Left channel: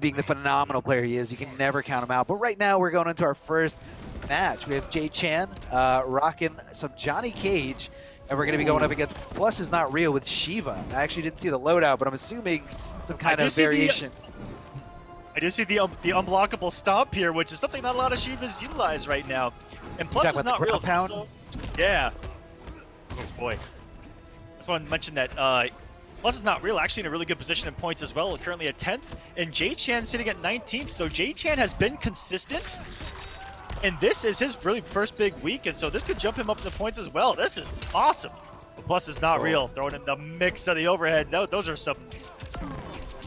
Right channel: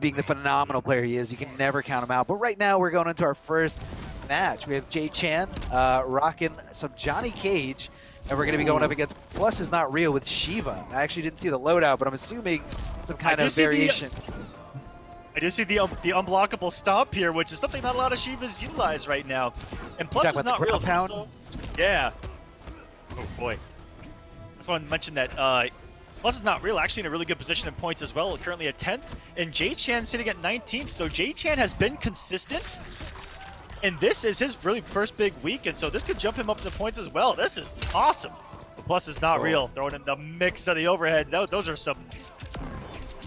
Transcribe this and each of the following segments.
being the phenomenal player he is, you can never count him out. But right now, we're going into our first match. We have JChan rocking some Johnny Cage, and we're going to be going up against Plusisnotreal with Shiva. I actually didn't see the loadout, but I'm assuming some kind of variation. I do see the unblockable stomp here, which is something not a lot of Shivas utilize right now. And Plusisnotreal. Pound? Yeah. Oh boy. I just want to mention that Plusisnotreal actually in a really good position in points as well, currently at 10th, and JChan sitting at 19th. So JChan has been consistent, and this is his really first big week, and so this could jump him up in the points as well. This is awesome. The Plusisnotreal throwing in the mix of the overhead. No, those are some.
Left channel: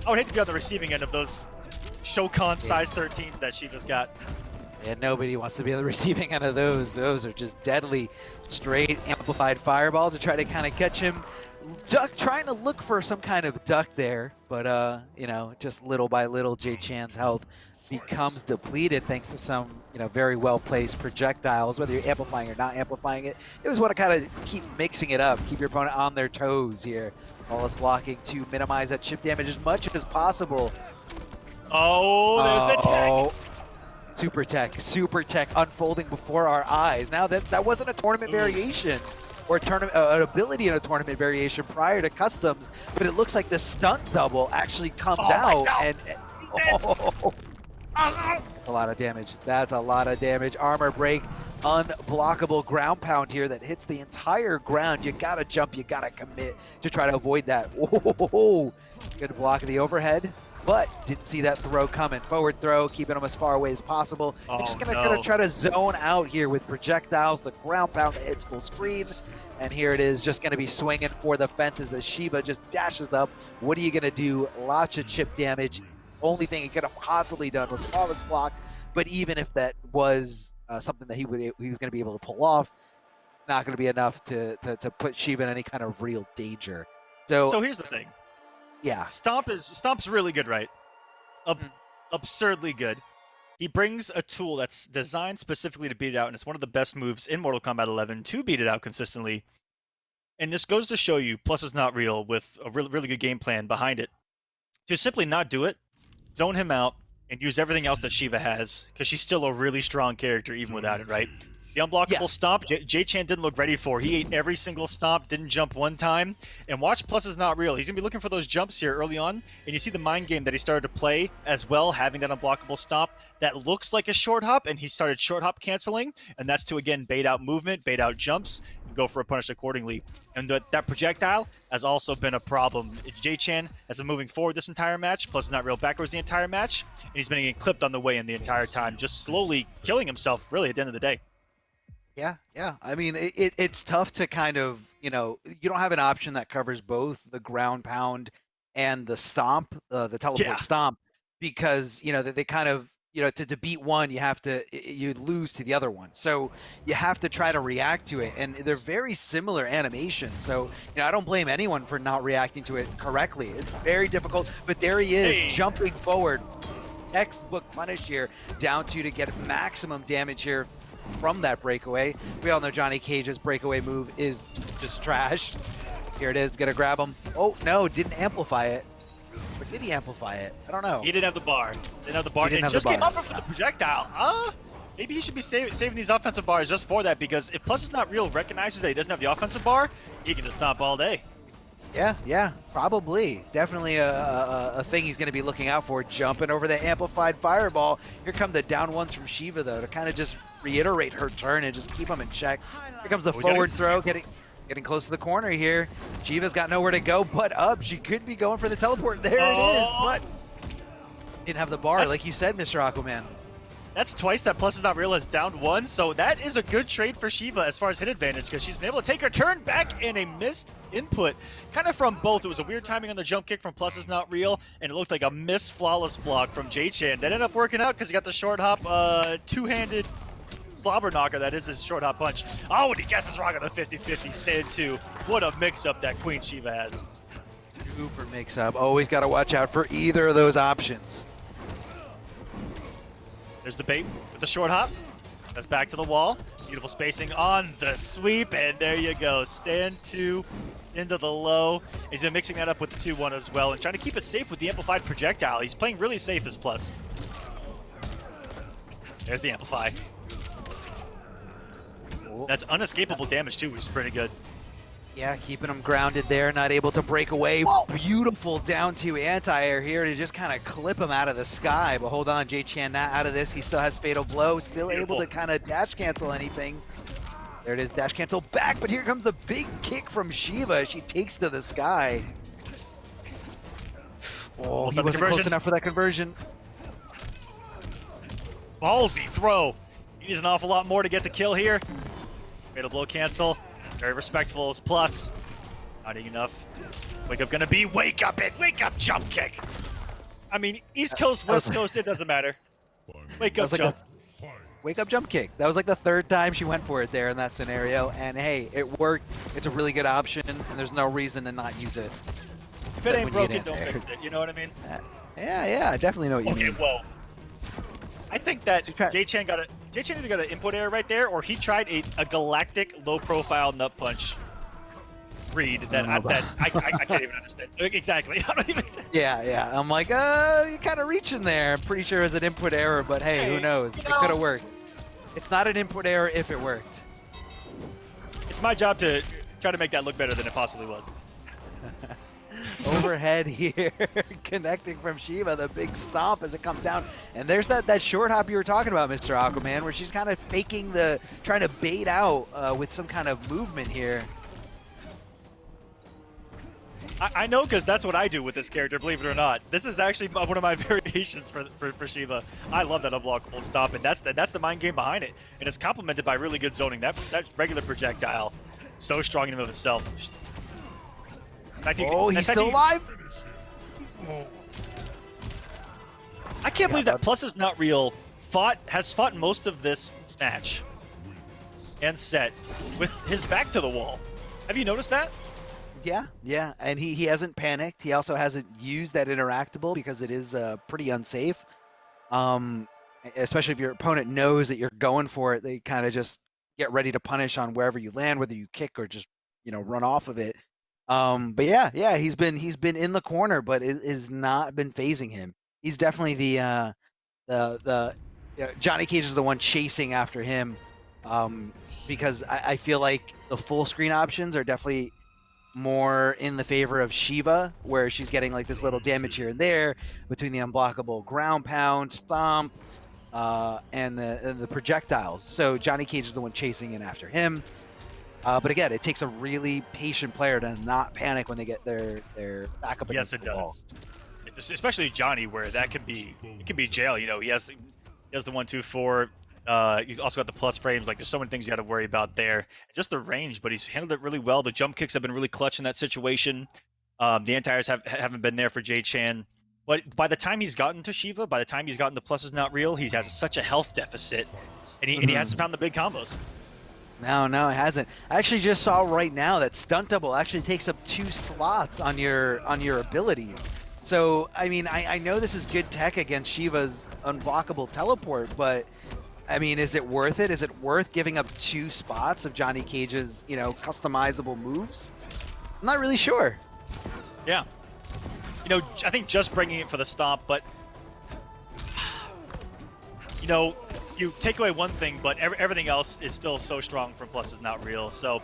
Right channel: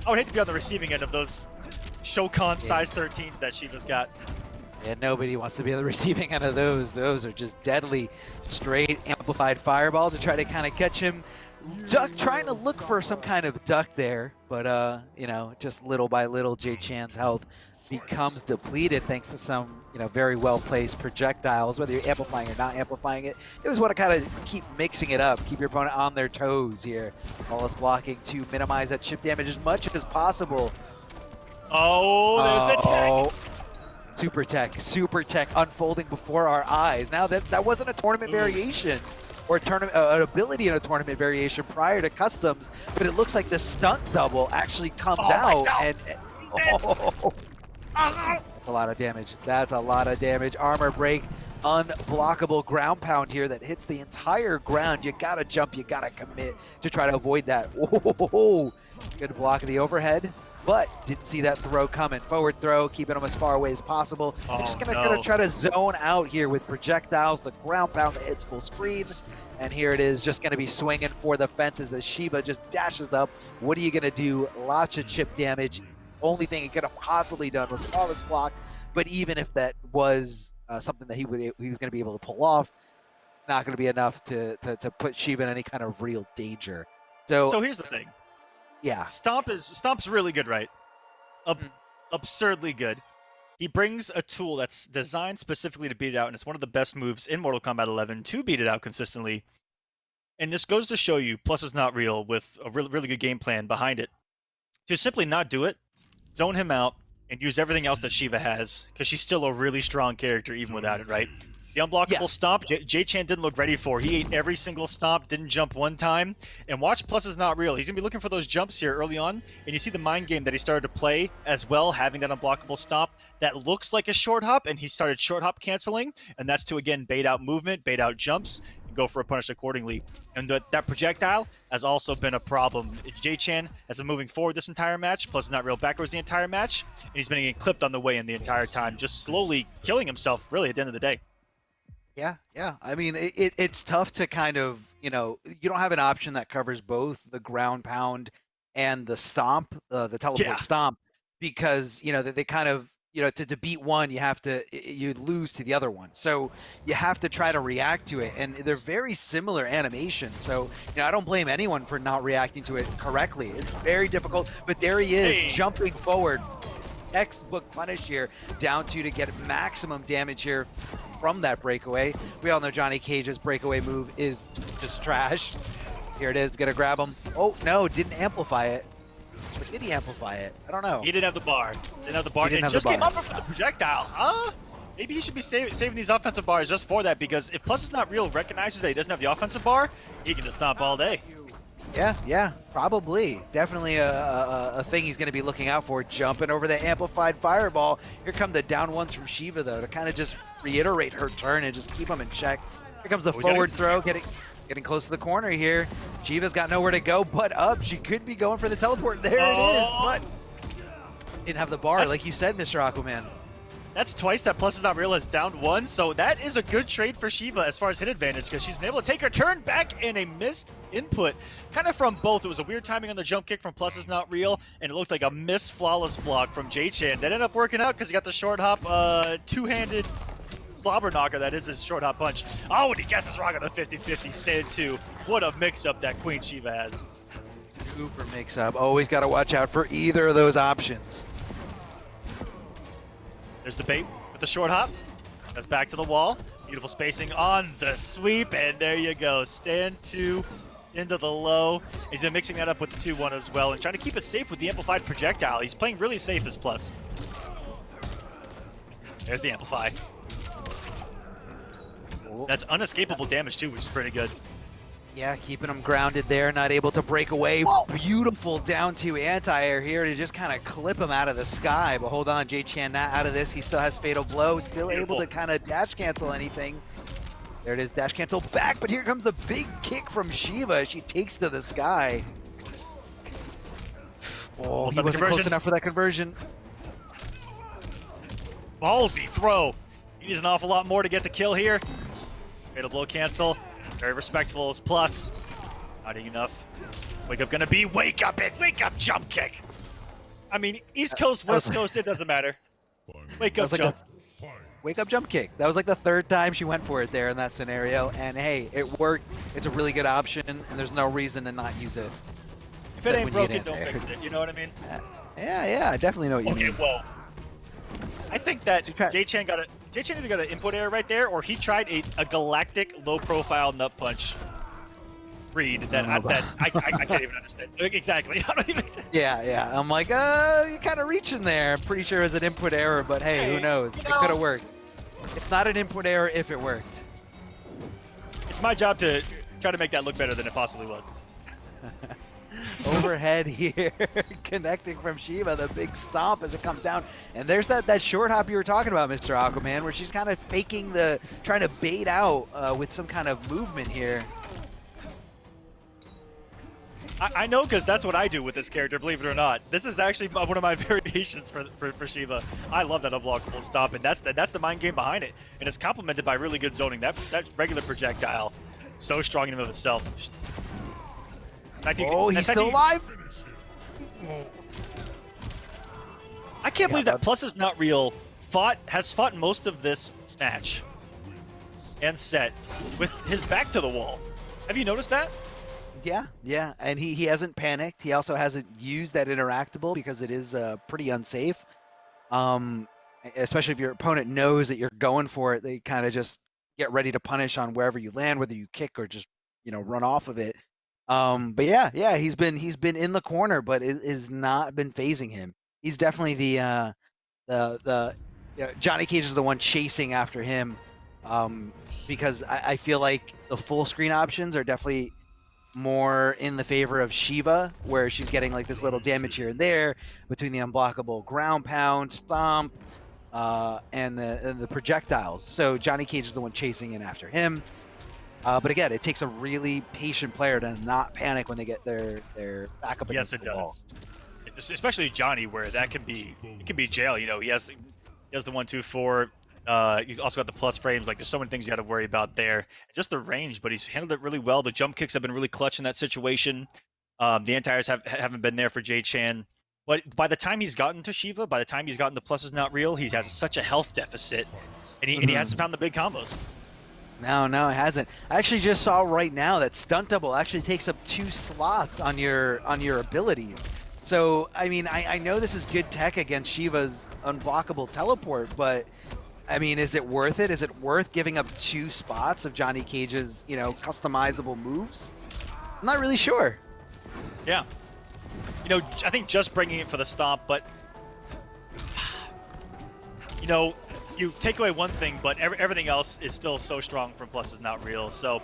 I would hate to be on the receiving end of those Shokan size 13s that Shiva's got. Yeah, nobody wants to be on the receiving end of those. Those are just deadly, straight, amplified fireball to try to kind of catch him. Trying to look for some kind of duck there, but you know, just little by little, JChan's health becomes depleted thanks to some, you know, very well-placed projectiles, whether you're amplifying or not amplifying it. You always want to kind of keep mixing it up, keep your opponent on their toes here, while it's blocking to minimize that chip damage as much as possible. Oh, there's the tech. Super tech unfolding before our eyes. Now that wasn't a tournament variation or an ability in a tournament variation prior to customs, but it looks like the stunt double actually comes out and a lot of damage. That's a lot of damage. Armor break, unblockable ground pound here that hits the entire ground. You gotta jump, you gotta commit to try to avoid that. Whoa, good block of the overhead, but didn't see that throw coming. Forward throw, keeping him as far away as possible. We're just gonna try to zone out here with projectiles. The ground pound that hits full screen, and here it is, just gonna be swinging for the fences as Shiva just dashes up. What are you gonna do? Lots of chip damage. Only thing he could have possibly done was flawless block, but even if that was something that he was going to be able to pull off, not going to be enough to put Shiva in any kind of real danger. So here's the thing. Yeah, Stomp's really good, right? Absurdly good. He brings a tool that's designed specifically to beat it out, and it's one of the best moves in Mortal Kombat 11 to beat it out consistently. And this goes to show you Plusisnotreal with a really good game plan behind it. To simply not do it, zone him out, and use everything else that Shiva has, because she's still a really strong character even without it, right? The unblockable stomp, JChan didn't look ready for. He ate every single stomp, didn't jump one time. And watch Plusisnotreal. He's going to be looking for those jumps here early on, and you see the mind game that he started to play as well, having that unblockable stomp that looks like a short hop, and he started short hop canceling, and that's to, again, bait out movement, bait out jumps, and go for a punish accordingly. And that projectile has also been a problem. JChan has been moving forward this entire match, Plusisnotreal backwards the entire match, and he's been getting clipped on the way in the entire time, just slowly killing himself, really, at the end of the day. Yeah. I mean, it's tough to kind of, you know, you don't have an option that covers both the ground pound and the stomp, the teleport stomp, because, you know, they kind of, you know, to beat one, you lose to the other one. So you have to try to react to it. And they're very similar animations. So, you know, I don't blame anyone for not reacting to it correctly. It's very difficult, but there he is, jumping forward. Textbook punish here, down to get maximum damage here from that breakaway. We all know Johnny Cage's breakaway move is just trash. Here it is, gonna grab him. Oh, no, didn't amplify it. Or did he amplify it? I don't know. He didn't have the bar. He just came up with the projectile. Maybe he should be saving these offensive bars just for that, because if Plusisnotreal recognizes that he doesn't have the offensive bar, he can just stomp all day. Yeah, probably. Definitely a thing he's going to be looking out for, jumping over the amplified fireball. Here come the down ones from Shiva, though, to kind of just reiterate her turn and just keep him in check. Here comes the forward throw, getting close to the corner here. Shiva's got nowhere to go but up. She could be going for the teleport. There it is, but didn't have the bar, like you said, Mr. Aquaman. That's twice that Plusisnotreal has downed one, so that is a good trade for Shiva as far as hit advantage, because she's been able to take her turn back in a missed input. Kind of from both. It was a weird timing on the jump kick from Plusisnotreal, and it looked like a missed flawless block from JChan. That ended up working out because he got the short hop, two-handed slobber knocker, that is his short hop punch. Oh, and he guesses wrong on the 50-50 stand two. What a mix-up that Queen Shiva has. Super mix-up. Always got to watch out for either of those options. There's the bait with the short hop. That's back to the wall. Beautiful spacing on the sweep, and there you go. Stand 2 into the low. He's been mixing that up with the 2-1 as well and trying to keep it safe with the amplified projectile. He's playing really safe as Plus. There's the amplify. That's unescapable damage too, which is pretty good. Yeah, keeping him grounded there, not able to break away. Beautiful down 2 anti-air here to just kind of clip him out of the sky. But hold on, JChan not out of this. He still has Fatal Blow, still able to kind of dash cancel anything. There it is, dash cancel back, but here comes the big kick from Shiva. She takes to the sky. Oh, he wasn't close enough for that conversion. Ballsy throw. He needs an awful lot more to get the kill here. Fatal Blow cancel. Very respectful as Plus. Not enough. Wake up gonna be wake up it. Wake up jump kick. I mean, East Coast, West Coast, it doesn't matter. Wake up jump. Wake up jump kick. That was like the 3rd time she went for it there in that scenario. And hey, it worked. It's a really good option. And there's no reason to not use it. If it ain't broken, don't fix it. You know what I mean? Yeah, I definitely know what you mean. Whoa. I think that JChan either got an input error right there, or he tried a galactic low-profile nut punch read that I can't even understand. Exactly. Yeah. I'm like, you're kind of reaching there. I'm pretty sure it was an input error, but hey, who knows? It could have worked. It's not an input error if it worked. It's my job to try to make that look better than it possibly was. Overhead here, connecting from Shiva, the big stomp as it comes down. And there's that short hop you were talking about, Mr. Aquaman, where she's kind of faking trying to bait out with some kind of movement here. I know, because that's what I do with this character, believe it or not. This is actually one of my variations for Shiva. I love that unblockable stomp, and that's the mind game behind it. And it's complemented by really good zoning. That regular projectile, so strong in and of itself. He's still alive? I can't believe that Plusisnotreal has fought most of this match and set with his back to the wall. Have you noticed that? Yeah, and he hasn't panicked. He also hasn't used that interactable because it is pretty unsafe. Especially if your opponent knows that you're going for it, they kind of just get ready to punish on wherever you land, whether you kick or just run off of it. But yeah, he's been in the corner, but it has not been phasing him. He's definitely the Johnny Cage is the one chasing after him, because I feel like the full screen options are definitely more in the favor of Shiva, where she's getting like this little damage here and there between the unblockable ground pound, stomp, and the projectiles. So Johnny Cage is the one chasing in after him. But again, it takes a really patient player to not panic when they get their back up against the wall. It's especially Johnny, where that can be jail. He has the 1-2-4. He's also got the plus frames. Like, there's so many things you got to worry about there. Just the range, but he's handled it really well. The jump kicks have been really clutch in that situation. The anti-airs haven't been there for JChan. But by the time he's gotten to Shiva, by the time he's gotten to Plusisnotreal, he has such a health deficit, and he hasn't found the big combos. No, it hasn't. I actually just saw right now that stunt double actually takes up 2 slots on your abilities. So, I mean, I know this is good tech against Shiva's unblockable teleport, but I mean, is it worth it? Is it worth giving up 2 spots of Johnny Cage's, customizable moves? I'm not really sure. Yeah. I think just bringing it for the stomp, but you take away one thing, but everything else is still so strong from Plusisnotreal. So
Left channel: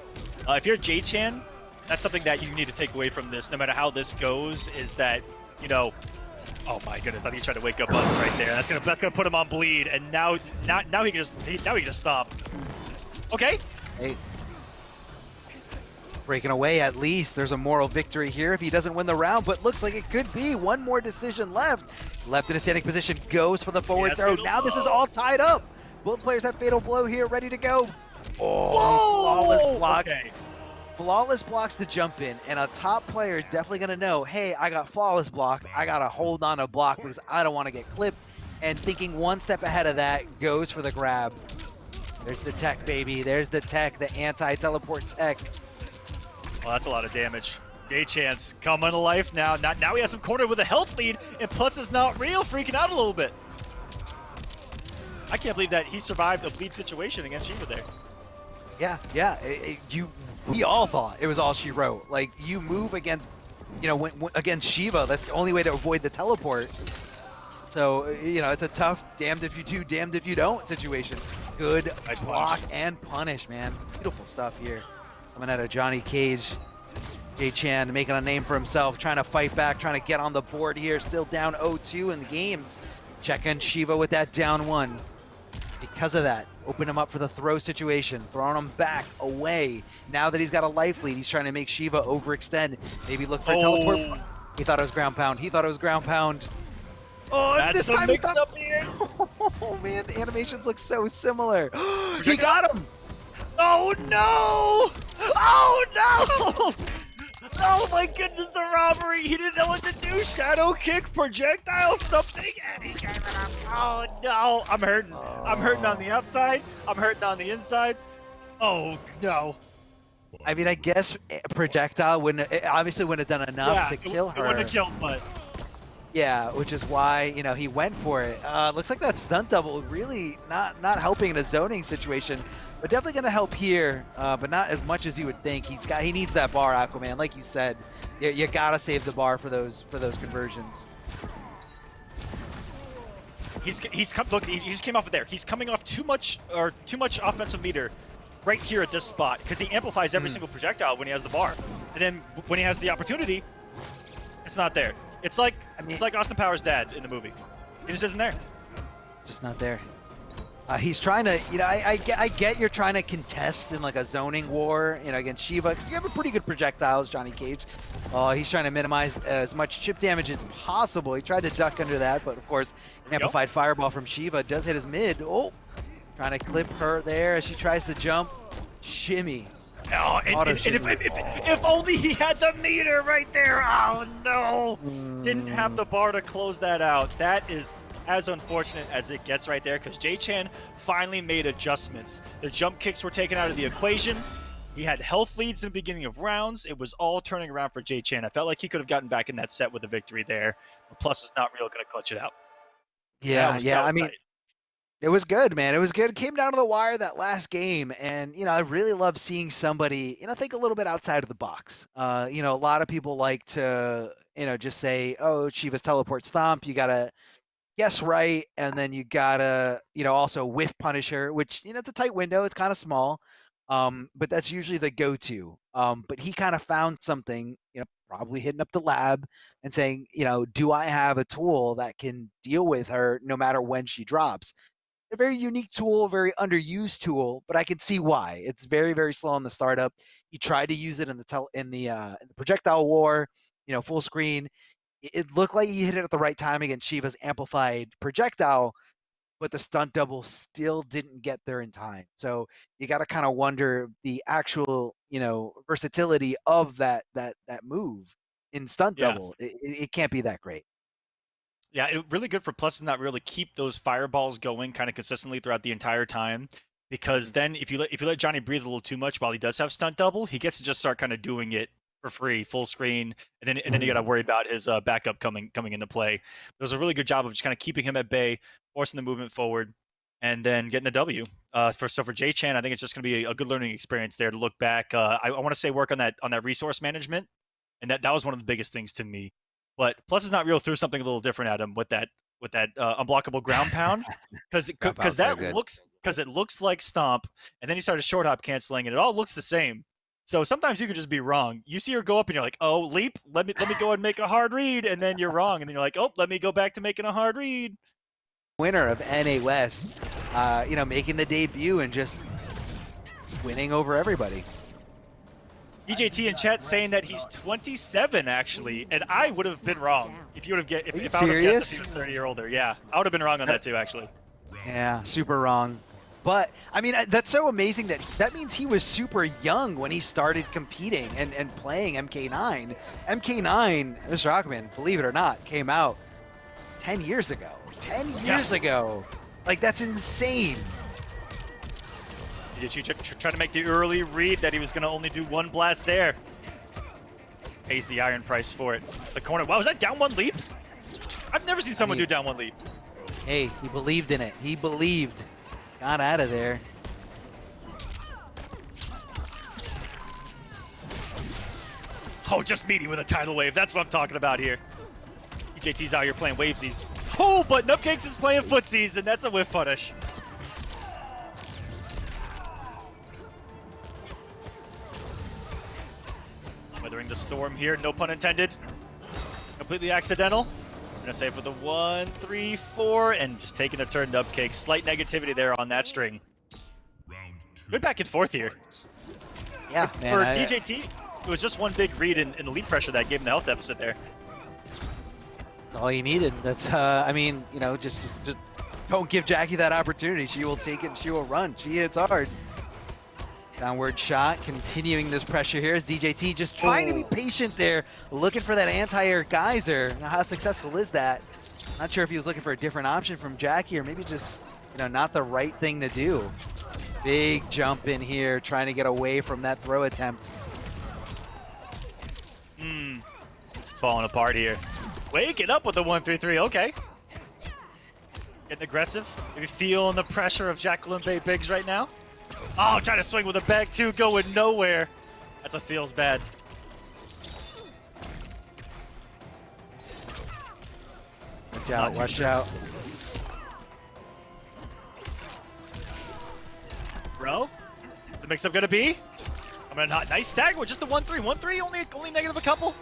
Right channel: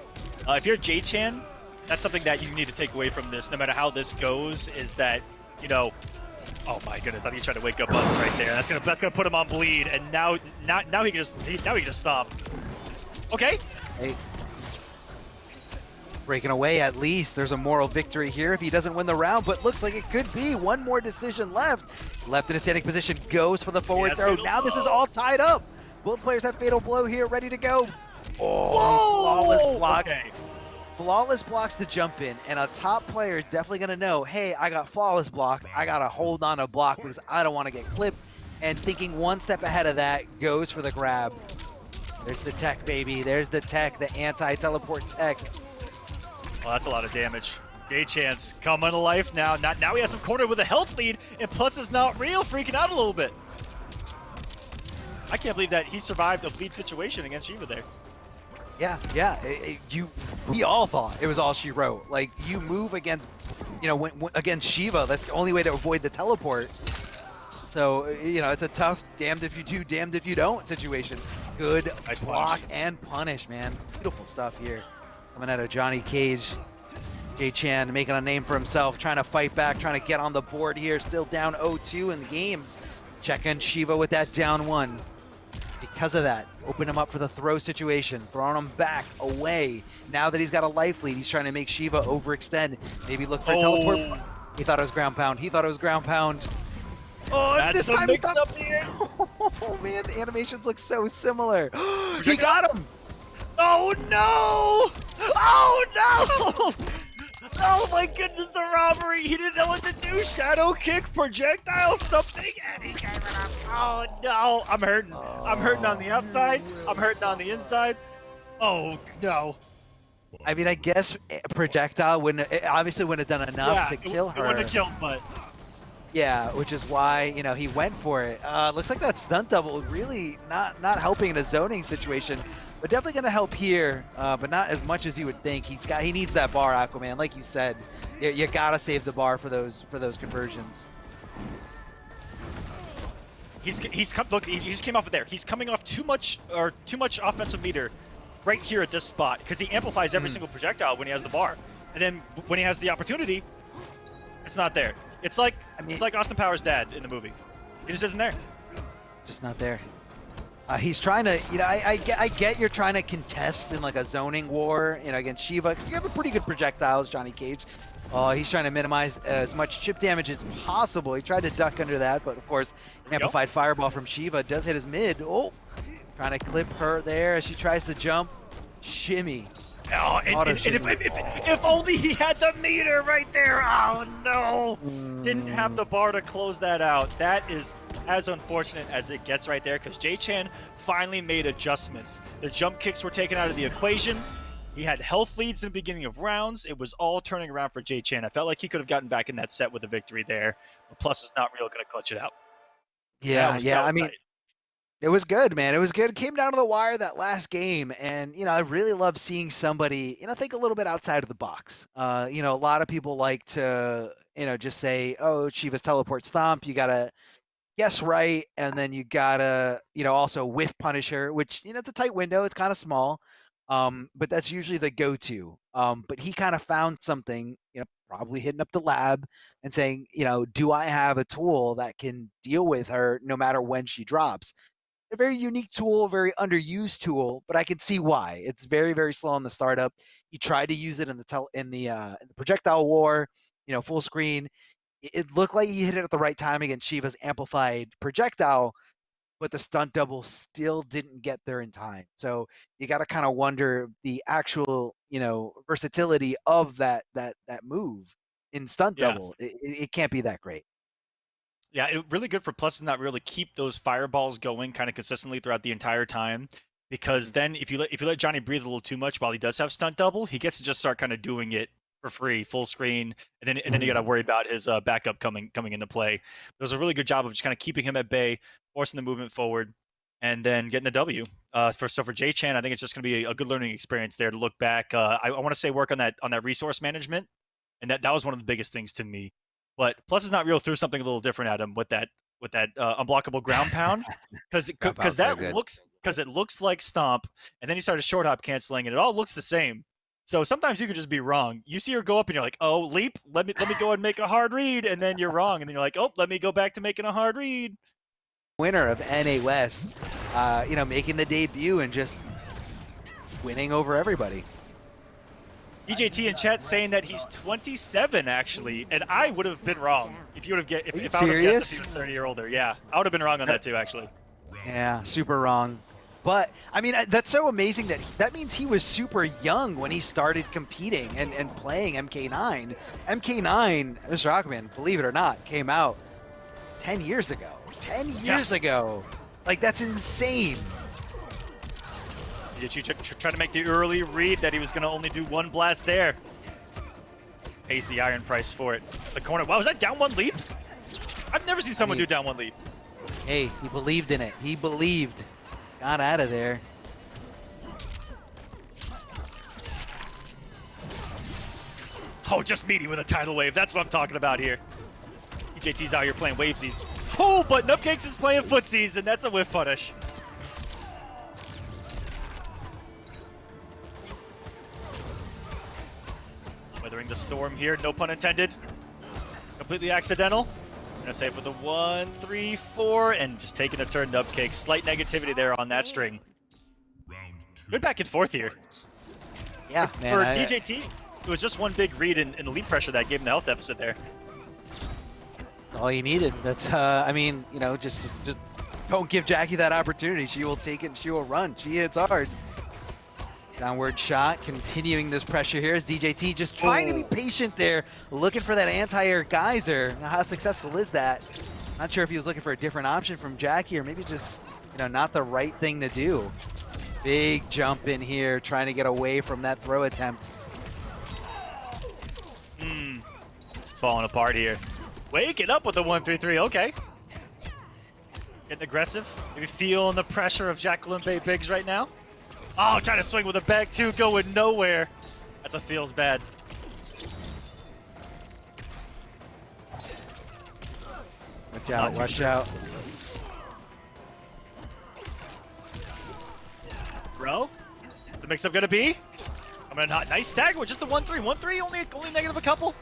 if you're JChan, that's something that you need to take away from this, no matter how this goes, is that, oh my goodness, I think he's trying to wake up Bugs right there. That's gonna put him on bleed, and now he can just stop. Okay. Hey. Breaking away, at least there's a moral victory here if he doesn't win the round, but looks like it could be one more decision left in a standing position, goes for the forward throw. Now this is all tied up. Both players have Fatal Blow here, ready to go. Flawless blocks. Okay. Flawless blocks to jump in, and a top player is definitely going to know, hey, I got flawless block, I got to hold on a block because I don't want to get clipped, and thinking one step ahead of that, goes for the grab. There's the tech, baby. There's the tech, the anti-teleport tech. Well, that's a lot of damage. JChan's coming to life now. Now he has him cornered with a health lead, and Plusisnotreal freaking out a little bit. I can't believe that he survived a lead situation against Shiva there. Yeah, yeah. We all thought it was all she wrote. Like, you move against, you know, against Shiva, that's the only way to avoid the teleport. So, you know, it's a tough damned if you do, damned if you don't situation. Good Nice block punish. and punish, man. Beautiful stuff here. Coming out of Johnny Cage. JChan making a name for himself, trying to fight back, trying to get on the board here. Still down 0-2 in the games. Checking Shiva with that down 1. Because of that, open him up for the throw situation, throwing him back, away. Now that he's got a life lead, he's trying to make Shiva overextend. Maybe look for a teleport. He thought it was ground pound. He thought it was ground pound. Oh, that's the mix-up here. Oh man, the animations look so similar. He got him. Oh no! Oh no! Oh my goodness, the robbery! He didn't know what to do. Shadow kick, projectile, something, and he gave it up. Oh no! I'm hurting. I'm hurting on the outside. I'm hurting on the inside. Oh no! I mean, I guess projectile wouldn't. It obviously wouldn't have done enough to kill her. It wouldn't have killed, but yeah, which is why, you know, he went for it. Looks like that stunt double really not helping in a zoning situation, but definitely gonna help here, but not as much as you would think. He needs that bar, Aquaman, like you said. You gotta save the bar for those conversions. Look, he just came off of there. He's coming off too much offensive meter right here at this spot because he amplifies every single projectile when he has the bar, and then when he has the opportunity, it's not there. It's like it's like Austin Powers' dad in the movie. He just isn't there. Just not there. He's trying to, you know, I get you're trying to contest in like a zoning war, you know, against Shiva, because you have a pretty good projectiles, Johnny Cage. He's trying to minimize as much chip damage as possible. He tried to duck under that, but of course, amplified fireball from Shiva does hit his mid. Oh, trying to clip her there as she tries to jump. Shimmy. Oh, and if only he had the meter right there. Oh no, didn't have the bar to close that out. That is as unfortunate as it gets right there, because JChan finally made adjustments. The jump kicks were taken out of the equation. He had health leads in the beginning of rounds. It was all turning around for JChan. I felt like he could have gotten back in that set with a victory there. The plus is not real going to clutch it out. Yeah, I mean, it was good, man. It was good. It came down to the wire that last game, and you know, I really love seeing somebody, you know, think a little bit outside of the box. You know, a lot of people like to, you know, just say, "Oh, Shiva's teleport stomp." You gotta guess right, and then you gotta, you know, also whiff Punisher, which, you know, it's a tight window. It's kind of small, but that's usually the go-to. But he kind of found something, you know, probably hitting up the lab and saying, you know, do I have a tool that can deal with her no matter when she drops? A very unique tool, very underused tool, but I can see why. It's very, very slow on the startup. He tried to use it in the projectile war, you know, full screen. It looked like he hit it at the right time against Shiva's amplified projectile, but the stunt double still didn't get there in time. So you got to kind of wonder the actual, you know, versatility of that move in stunt double. It can't be that great. Yeah, really good for Plus is not real to keep those fireballs going kind of consistently throughout the entire time, because then if you let Johnny breathe a little too much while he does have stunt double, he gets to just start kind of doing it for free, full screen, and then you got to worry about his backup coming into play. It was a really good job of just kind of keeping him at bay, forcing the movement forward, and then getting the W. For JChan, I think it's just going to be a good learning experience there to look back. I want to say work on that resource management, and that was one of the biggest things to me. But Plus is not real threw something a little different at him with that unblockable ground pound, because it looks like stomp, and then he started short hop canceling, and it all looks the same. So sometimes you could just be wrong. You see her go up, and you're like, "Oh, leap! Let me go and make a hard read," and then you're wrong, and then you're like, "Oh, let me go back to making a hard read." Winner of NA West, you know, making the debut and just winning over everybody. DJT in chat saying that he's 27 actually, and I would have been wrong if you would have if I would have guessed that he was 30 or older. Yeah, I would have been wrong on that too, actually. Yeah, super wrong. But I mean, that's so amazing that means he was super young when he started competing and playing MK9. MK9, Mr. Rockman, believe it or not, came out 10 years ago. 10 years ago. Like, that's insane. Try to make the early read that he was going to only do one blast there. Pays the iron price for it. The corner. Wow, was that down one leap? I've never seen someone do down one leap. Hey, he believed in it. He believed. Got out of there. Oh, just meeting with a tidal wave. That's what I'm talking about here. DJT's out here playing wavesies. Oh, but Nubcakes is playing footsies, and that's a whiff punish. Weathering the storm here, no pun intended. Completely accidental. Gonna save for the 1, 3, 4, and just taking a turn. Nubcakes. Slight negativity there on that string. Good back and forth here. Yeah, man. For DJT, it was just one big read in elite pressure that gave him the health deficit there. All you needed. That's, I mean, you know, just don't give Jackie that opportunity. She will take it and she will run. She hits hard. Downward shot, continuing this pressure here as DJT just trying to be patient there, looking for that anti-air geyser. Now, how successful is that? Not sure if he was looking for a different option from Jackie or maybe just, you know, not the right thing to do. Big jump in here, trying to get away from that throw attempt. Falling apart here. Waking up with the 1-3-3, okay. Getting aggressive. Maybe feeling the pressure of Jacqueline Bay Biggs right now. Oh, trying to swing with a bag too, going nowhere. That's a feels bad. Watch out, watch out. Bro, the mix-up gonna be? I'm gonna not nice stagger with just the 1-3. 1-3, only negative a couple.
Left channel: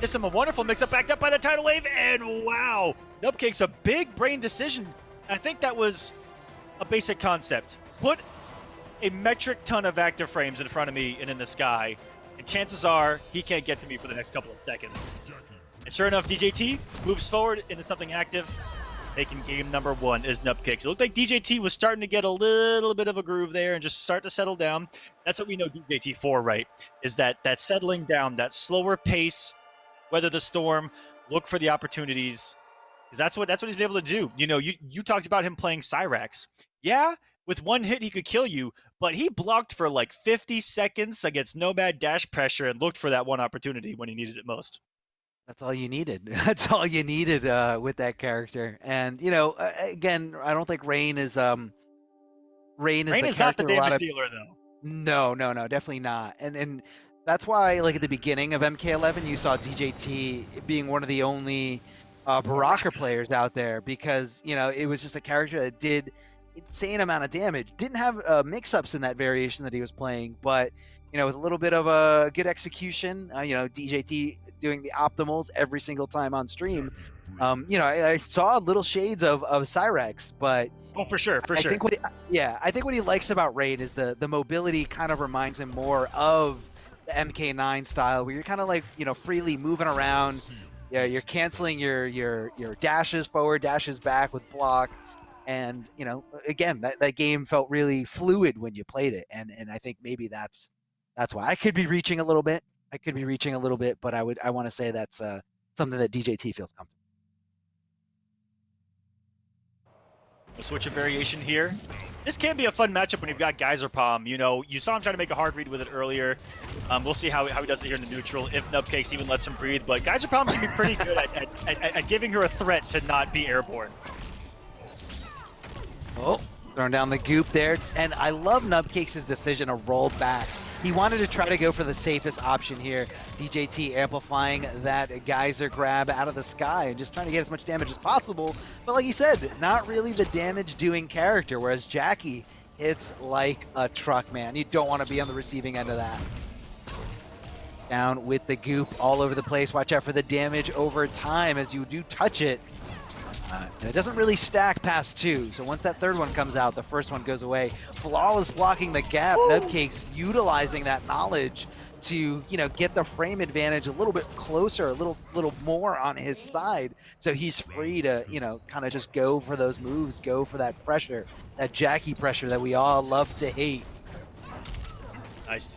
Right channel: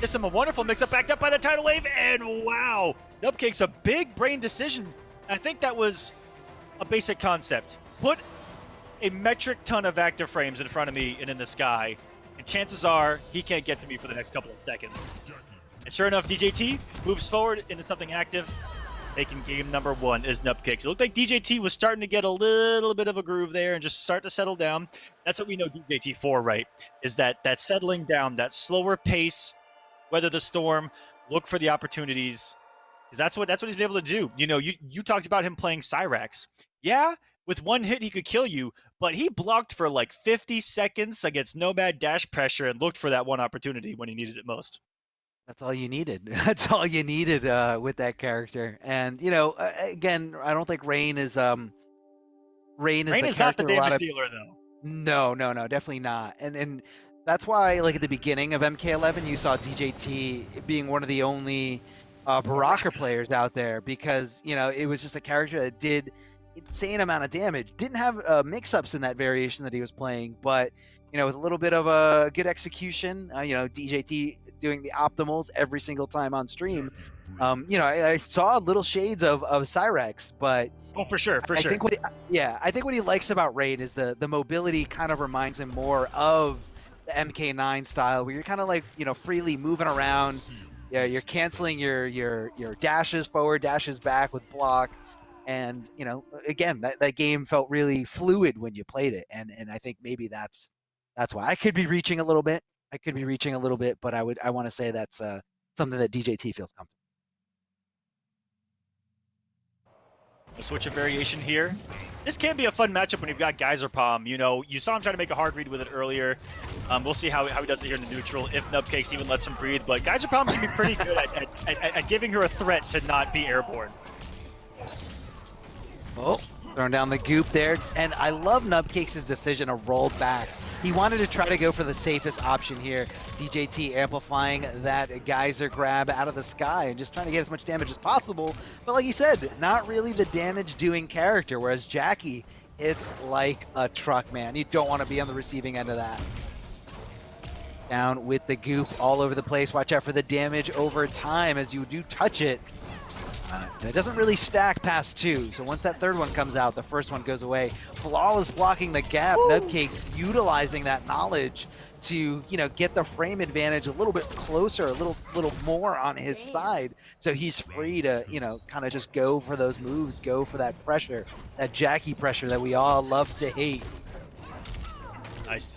Gives him a wonderful mix-up backed up by the tidal wave, and wow! Nubcakes, a big brain decision. I think that was a basic concept. Put a metric ton of active frames in front of me and in the sky, and chances are he can't get to me for the next couple of seconds. And sure enough, DJT moves forward into something active, making game number 1 is Nubcakes. It looked like DJT was starting to get a little bit of a groove there and just start to settle down. That's what we know DJT for, right? Is that settling down, that slower pace, weather the storm, look for the opportunities. That's what he's been able to do. You know, you talked about him playing Cyrax. Yeah, with one hit he could kill you, but he blocked for like 50 seconds against Nomad dash pressure and looked for that one opportunity when he needed it most. That's all you needed. That's all you needed with that character. And you know, again, I don't think Rain is Rain is not the damage dealer though. No, definitely not. And that's why, like at the beginning of MK11, you saw DJT being one of the only Baraka players out there because you know it was just a character that did insane amount of damage. Didn't have mix-ups in that variation that he was playing, but you know with a little bit of a good execution, you know DJT doing the optimals every single time on stream. You know I saw little shades of Cyrax, but oh for sure. I think what he likes about Raid is the mobility kind of reminds him more of the MK9 style, where you're kind of like you know freely moving around. Yeah, you're canceling your dashes forward, dashes back with block. And you know, again, that game felt really fluid when you played it, and I think maybe that's why. I could be reaching a little bit. But I want to say that's something that DJT feels comfortable. We'll switch a variation here. This can be a fun matchup when you've got Geyser Palm. You know, you saw him trying to make a hard read with it earlier. We'll see how he does it here in the neutral, if Nubcakes even lets him breathe. But Geyser Palm can be pretty good at giving her a threat to not be airborne. Oh, throwing down the goop there. And I love Nubcakes' decision to roll back. He wanted to try to go for the safest option here. DJT amplifying that geyser grab out of the sky and just trying to get as much damage as possible. But like you said, not really the damage-doing character, whereas Jackie hits like a truck, man. You don't want to be on the receiving end of that. Down with the goop all over the place. Watch out for the damage over time as you do touch it. It doesn't really stack past 2, so once that third one comes out, the first one goes away. Flawless blocking the gap. Nubcakes utilizing that knowledge to, you know, get the frame advantage a little bit closer, a little more on his side, so he's free to, you know, kind of just go for those moves, go for that pressure, that Jackie pressure that we all love to hate. Nice.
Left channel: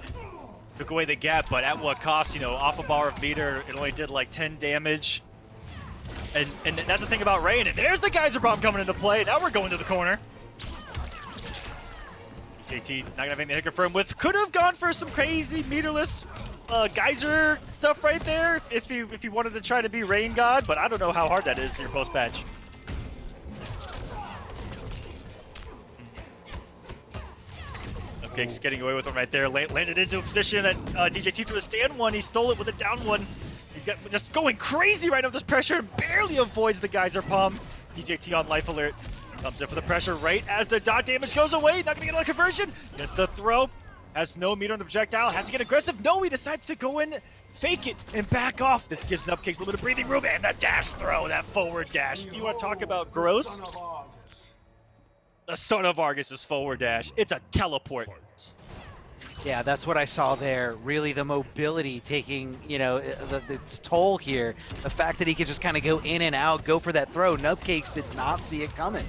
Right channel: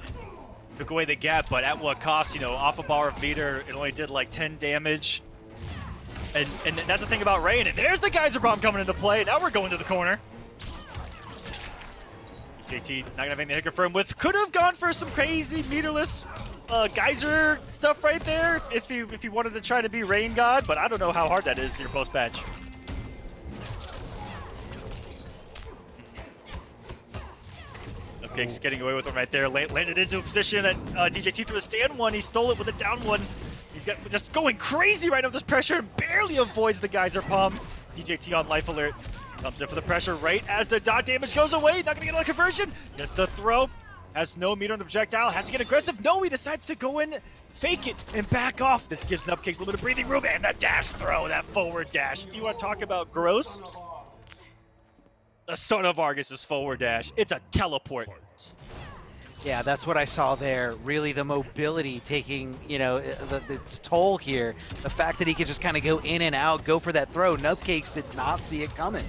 Took away the gap, but at what cost? You know, off a bar of meter, it only did like 10 damage. And that's the thing about Rain. And there's the Geyser Bomb coming into play. Now we're going to the corner. JT not gonna have anything to confirm with. Could have gone for some crazy meterless geyser stuff right there if he wanted to try to be Rain God, but I don't know how hard that is in your post patch. Nubcakes getting away with him right there. Landed into a position that DJT threw a stand one. He stole it with a down one. He's got just going crazy right off this pressure and barely avoids the geyser palm. DJT on life alert. Comes in for the pressure right as the dot damage goes away. Not gonna get another conversion. Just the throw. Has no meter on the projectile. Has to get aggressive. No, he decides to go in, fake it, and back off. This gives Nubcakes a little bit of breathing room. And the dash throw, that forward dash. You want to talk about gross? The son of Argus's forward dash. It's a teleport. Yeah, that's what I saw there. Really, the mobility taking, you know, the toll here. The fact that he could just kind of go in and out, go for that throw. Nubcakes did not see it coming.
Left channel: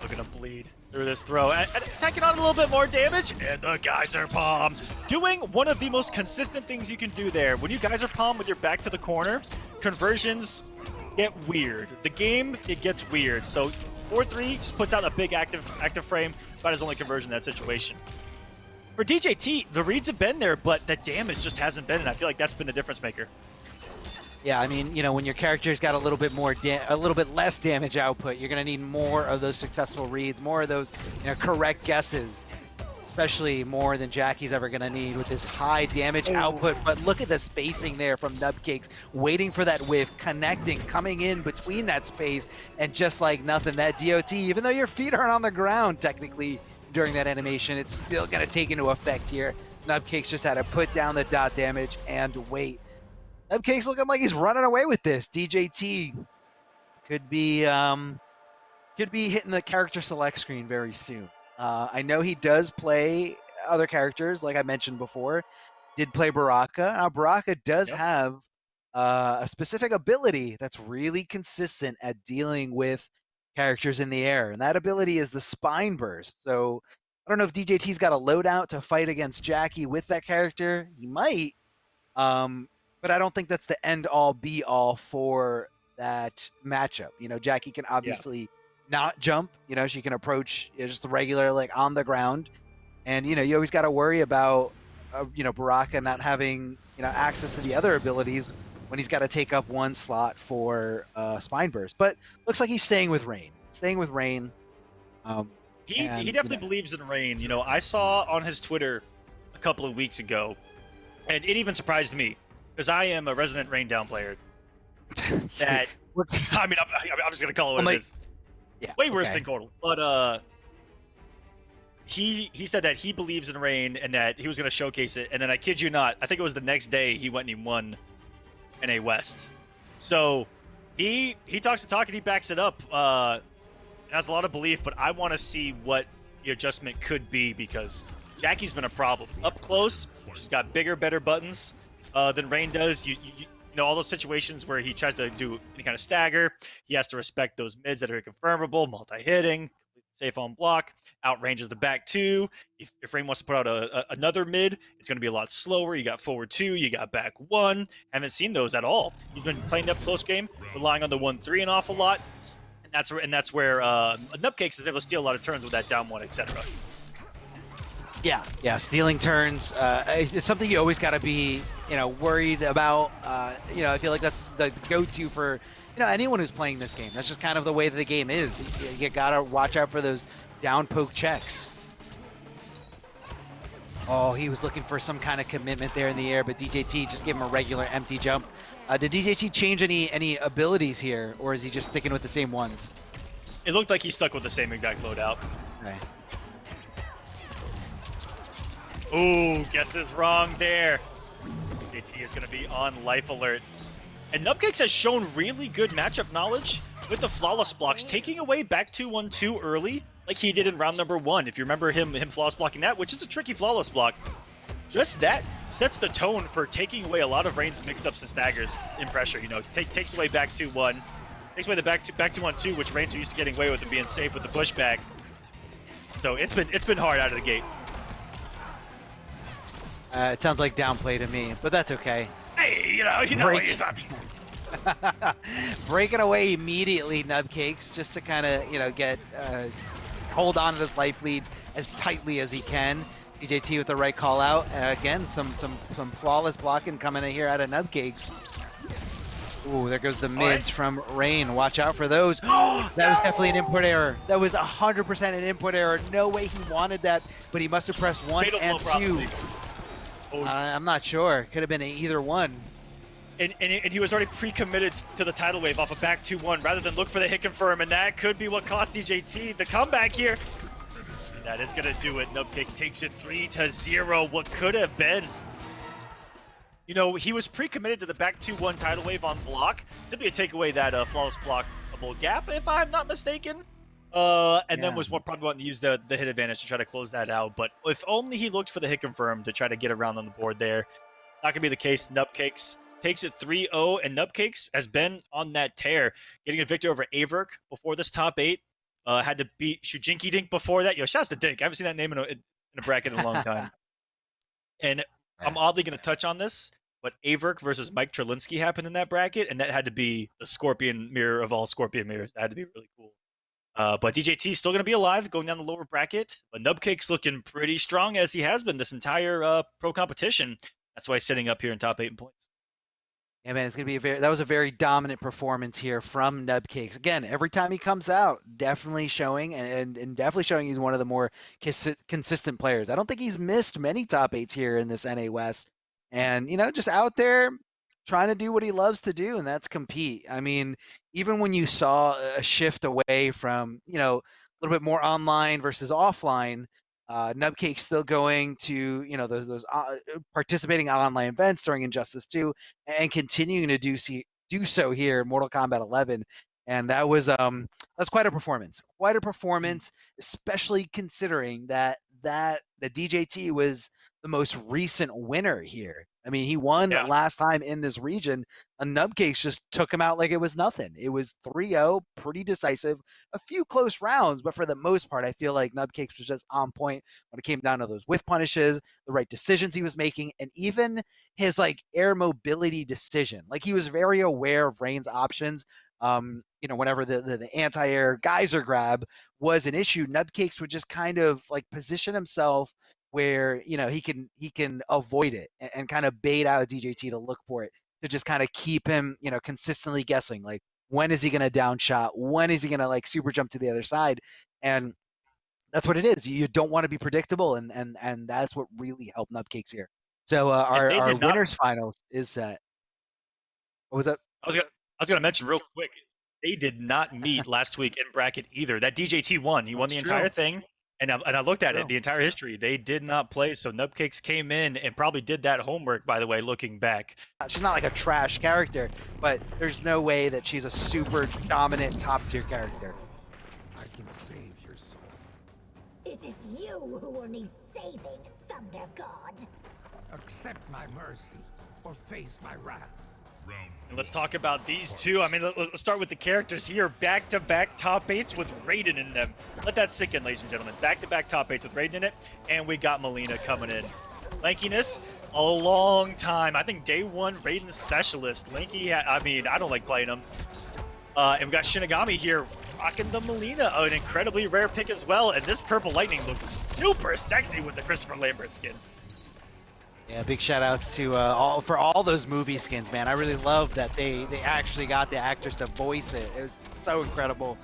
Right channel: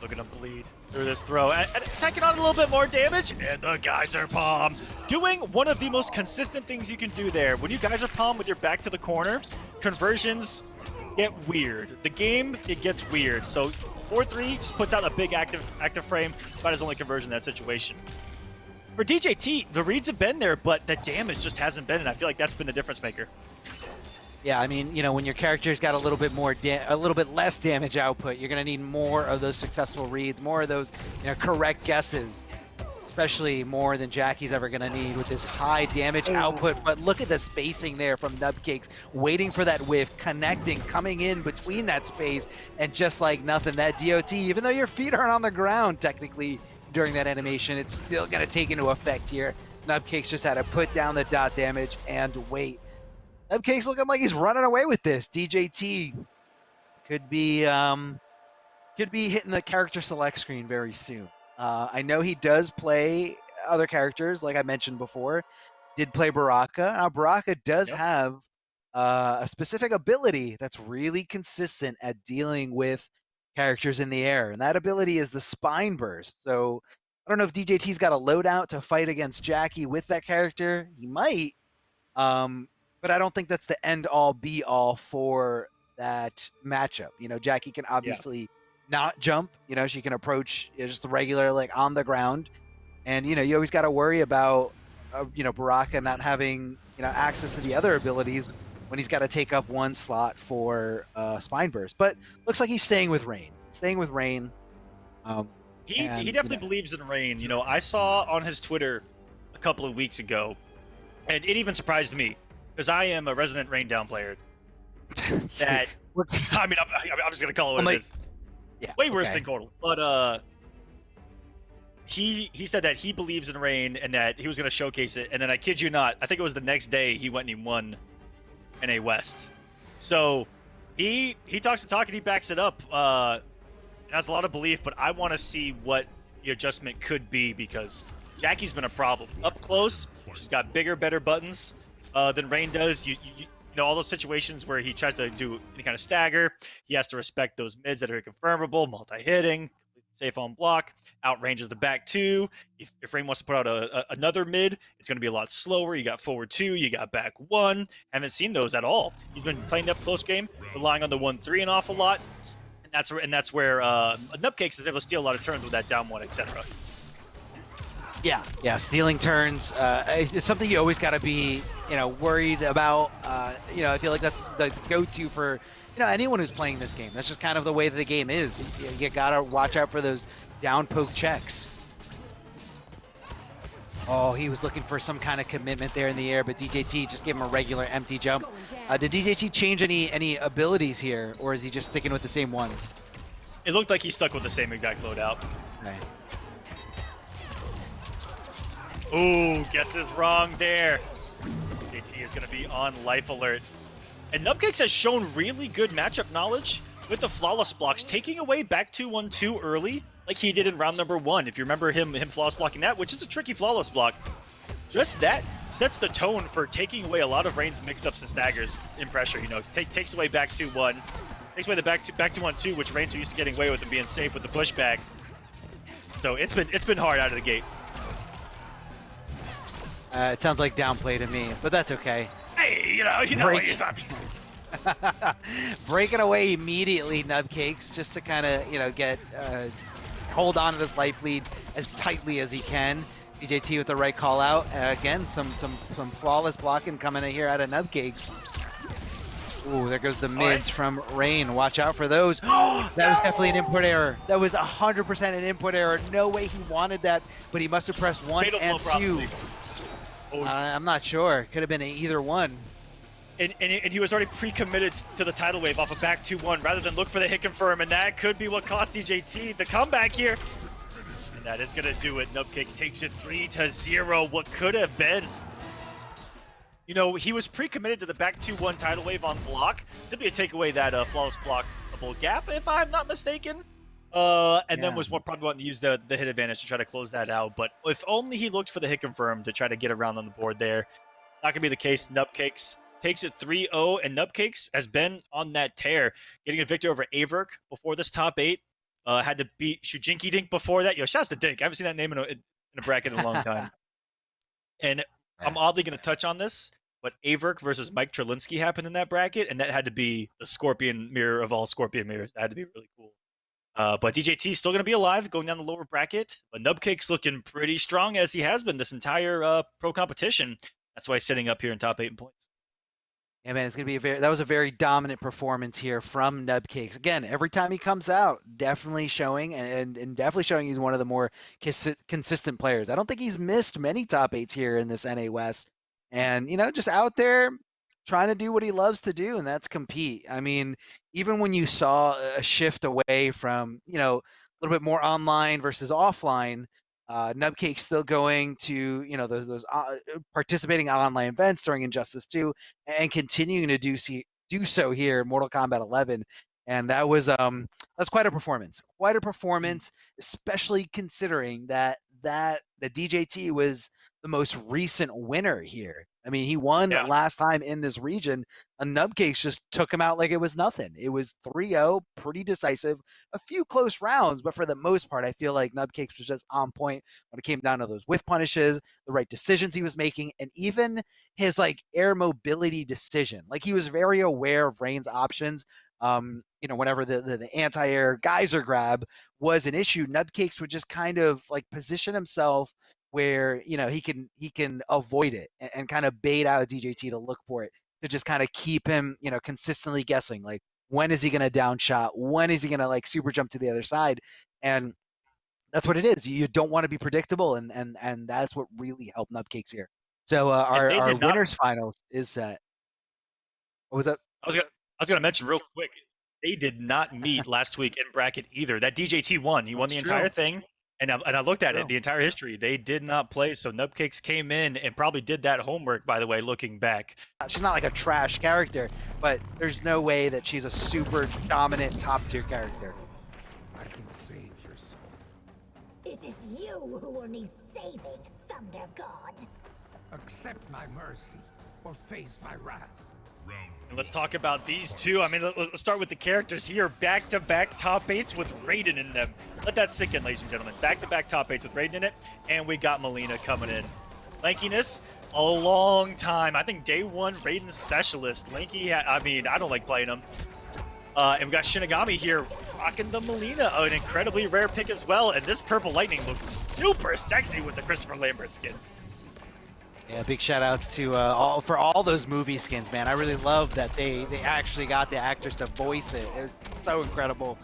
Look at him bleed through this throw. And taking on a little bit more damage. And the geyser palm. Doing one of the most consistent things you can do there. When you geyser palm with your back to the corner, conversions get weird. The game, it gets weird. So 4-3 just puts out a big active frame. About his only conversion in that situation. For DJT, the reads have been there, but the damage just hasn't been, and I feel like that's been the difference maker. Yeah, I mean, you know, when your character's got a little bit more, a little bit less damage output, you're gonna need more of those successful reads, more of those, you know, correct guesses. Especially more than Jackie's ever gonna need with this high damage output. But look at the spacing there from Nubcakes, waiting for that whiff, connecting, coming in between that space, and just like nothing, that DOT, even though your feet aren't on the ground technically during that animation, it's still gonna take into effect here. Nubcakes just had to put down the dot damage and wait. Nubcakes looking like he's running away with this. DJT could be hitting the character select screen very soon. I know he does play other characters, like I mentioned before. Did play Baraka. Now, Baraka does have a specific ability that's really consistent at dealing with characters in the air, and that ability is the Spine Burst. So I don't know if DJT's got a loadout to fight against Jackie with that character. He might, but I don't think that's the end-all, be-all for that matchup. You know, Jackie can obviously not jump. You know, she can approach just the regular, like, on the ground. And, you know, you always got to worry about, you know, Baraka not having, you know, access to the other abilities when he's got to take up one slot for Spine Burst. But looks like he's staying with Rain. He definitely believes in Rain. You know, I saw on his Twitter a couple of weeks ago, and it even surprised me, because I am a resident Rain down player. That, I mean, I'm just going to call it what it is. Yeah, way worse than Cordal. But he said that he believes in Rain and that he was going to showcase it. And then I kid you not, I think it was the next day he went and he won NA West. So he talks the talk and he backs it up. Has a lot of belief, but I want to see what the adjustment could be, because Jackie's been a problem. Up close, she's got bigger, better buttons than Rain does. You know, all those situations where he tries to do any kind of stagger, he has to respect those mids that are confirmable, multi-hitting, safe on block, outranges the back two. If Rain wants to put out another mid, it's going to be a lot slower. You got forward two, you got back one. Haven't seen those at all. He's been playing that close game, relying on the 1-3 an awful lot, and that's where Nubcakes has been able to steal a lot of turns with that down one, etc. Yeah, stealing turns. It's something you always got to be, you know, worried about. You know, I feel like that's the go-to for, you know, anyone who's playing this game. That's just kind of the way that the game is. You gotta watch out for those down poke checks. Oh, he was looking for some kind of commitment there in the air, but DJT just gave him a regular empty jump. Did DJT change any abilities here, or is he just sticking with the same ones? It looked like he stuck with the same exact loadout. Okay. Ooh, guesses wrong there. DJT is going to be on life alert. And Nubcakes has shown really good matchup knowledge with the flawless blocks, taking away back 2-1-2 early, like he did in round number 1. If you remember him flawless blocking that, which is a tricky flawless block, just that sets the tone for taking away a lot of Rain's mix-ups and staggers in pressure. You know, takes away back 2-1, takes away the back 2-1-2, which Rain's used to getting away with and being safe with the pushback. So it's been hard out of the gate. It sounds like downplay to me, but that's okay. Hey, you know he's up. Breaking away immediately, Nubcakes, just to kind of, you know, get hold on to this life lead as tightly as he can. DJT with the right call out. Again, some flawless blocking coming in here out of Nubcakes. Ooh, there goes the mids from Rain. Watch out for those. That was definitely an input error. That was 100% an input error. No way he wanted that, but he must have pressed 1 and 2. I'm not sure. Could have been either one. And he was already pre-committed to the tidal wave off of back 2-1 rather than look for the hit confirm, and that could be what cost DJT the comeback here. And that is going to do it. Nubcakes takes it 3-0. What could have been. You know, he was pre-committed to the back 2-1 tidal wave on block. Simply to take away that flawless blockable gap, if I'm not mistaken. And then was probably wanting to use the hit advantage to try to close that out. But if only he looked for the hit confirm to try to get around on the board there. Not going to be the case. Nubcakes takes it 3-0, and Nubcakes has been on that tear, getting a victory over AVirk before this top 8. Had to beat Shujinky Dink before that. Yo, shouts to Dink. I haven't seen that name in a bracket in a long time. And I'm oddly going to touch on this, but AVirk versus Mike Trelinsky happened in that bracket, and that had to be the Scorpion mirror of all Scorpion mirrors. That had to be really cool. But DJT is still going to be alive, going down the lower bracket. But Nubcakes looking pretty strong, as he has been this entire pro competition. That's why he's sitting up here in top 8 in points. Yeah, man, it's gonna be that was a very dominant performance here from Nubcakes. Again, every time he comes out, definitely showing and definitely showing he's one of the more consistent players. I don't think he's missed many top 8s here in this NA West, and just out there trying to do what he loves to do, and that's compete. I mean, even when you saw a shift away from a little bit more online versus offline. Nubcakes still going to those participating in online events during Injustice 2 and continuing to do so here in Mortal Kombat 11, and that's quite a performance, especially considering that the DJT was the most recent winner here. I mean, he won last time in this region, and Nubcakes just took him out like it was nothing. It was 3-0, pretty decisive, a few close rounds, but for the most part, I feel like Nubcakes was just on point when it came down to those whiff punishes, the right decisions he was making, and even his air mobility decision. He was very aware of Rain's options. Whenever the anti-air geyser grab was an issue, Nubcakes would just kind of position himself where he can avoid it and kind of bait out DJT to look for it, to just kind of keep him consistently guessing when is he going to down shot, when is he going to super jump to the other side. And that's what it is. You don't want to be predictable, and that's what really helped Nubcakes here. So our winners finals is set. What was that? I was gonna mention real quick, they did not meet last week in bracket either. That DJT won. He won the entire thing. And I looked at it, the entire history. They did not play, so Nubcakes came in and probably did that homework, by the way, looking back. She's not a trash character, but there's no way that she's a super dominant top-tier character. I can save your soul. It is you who will need saving, Thunder God. Accept my mercy, or face my wrath. And let's talk about these two. I mean, let's start with the characters here. Back-to-back top 8s with Raiden in them. Let that sink in, ladies and gentlemen. Back-to-back top 8s with Raiden in it. And we got Melina coming in. Lankyness, a long time. I think day 1 Raiden specialist. Lanky, I mean, I don't like playing him. And we got Shinigami here rocking the Melina, an incredibly rare pick as well. And this Purple Lightning looks super sexy with the Christopher Lambert skin. Yeah, big shout outs to all those movie skins, man. I really love that they actually got the actors to voice it. It was so incredible.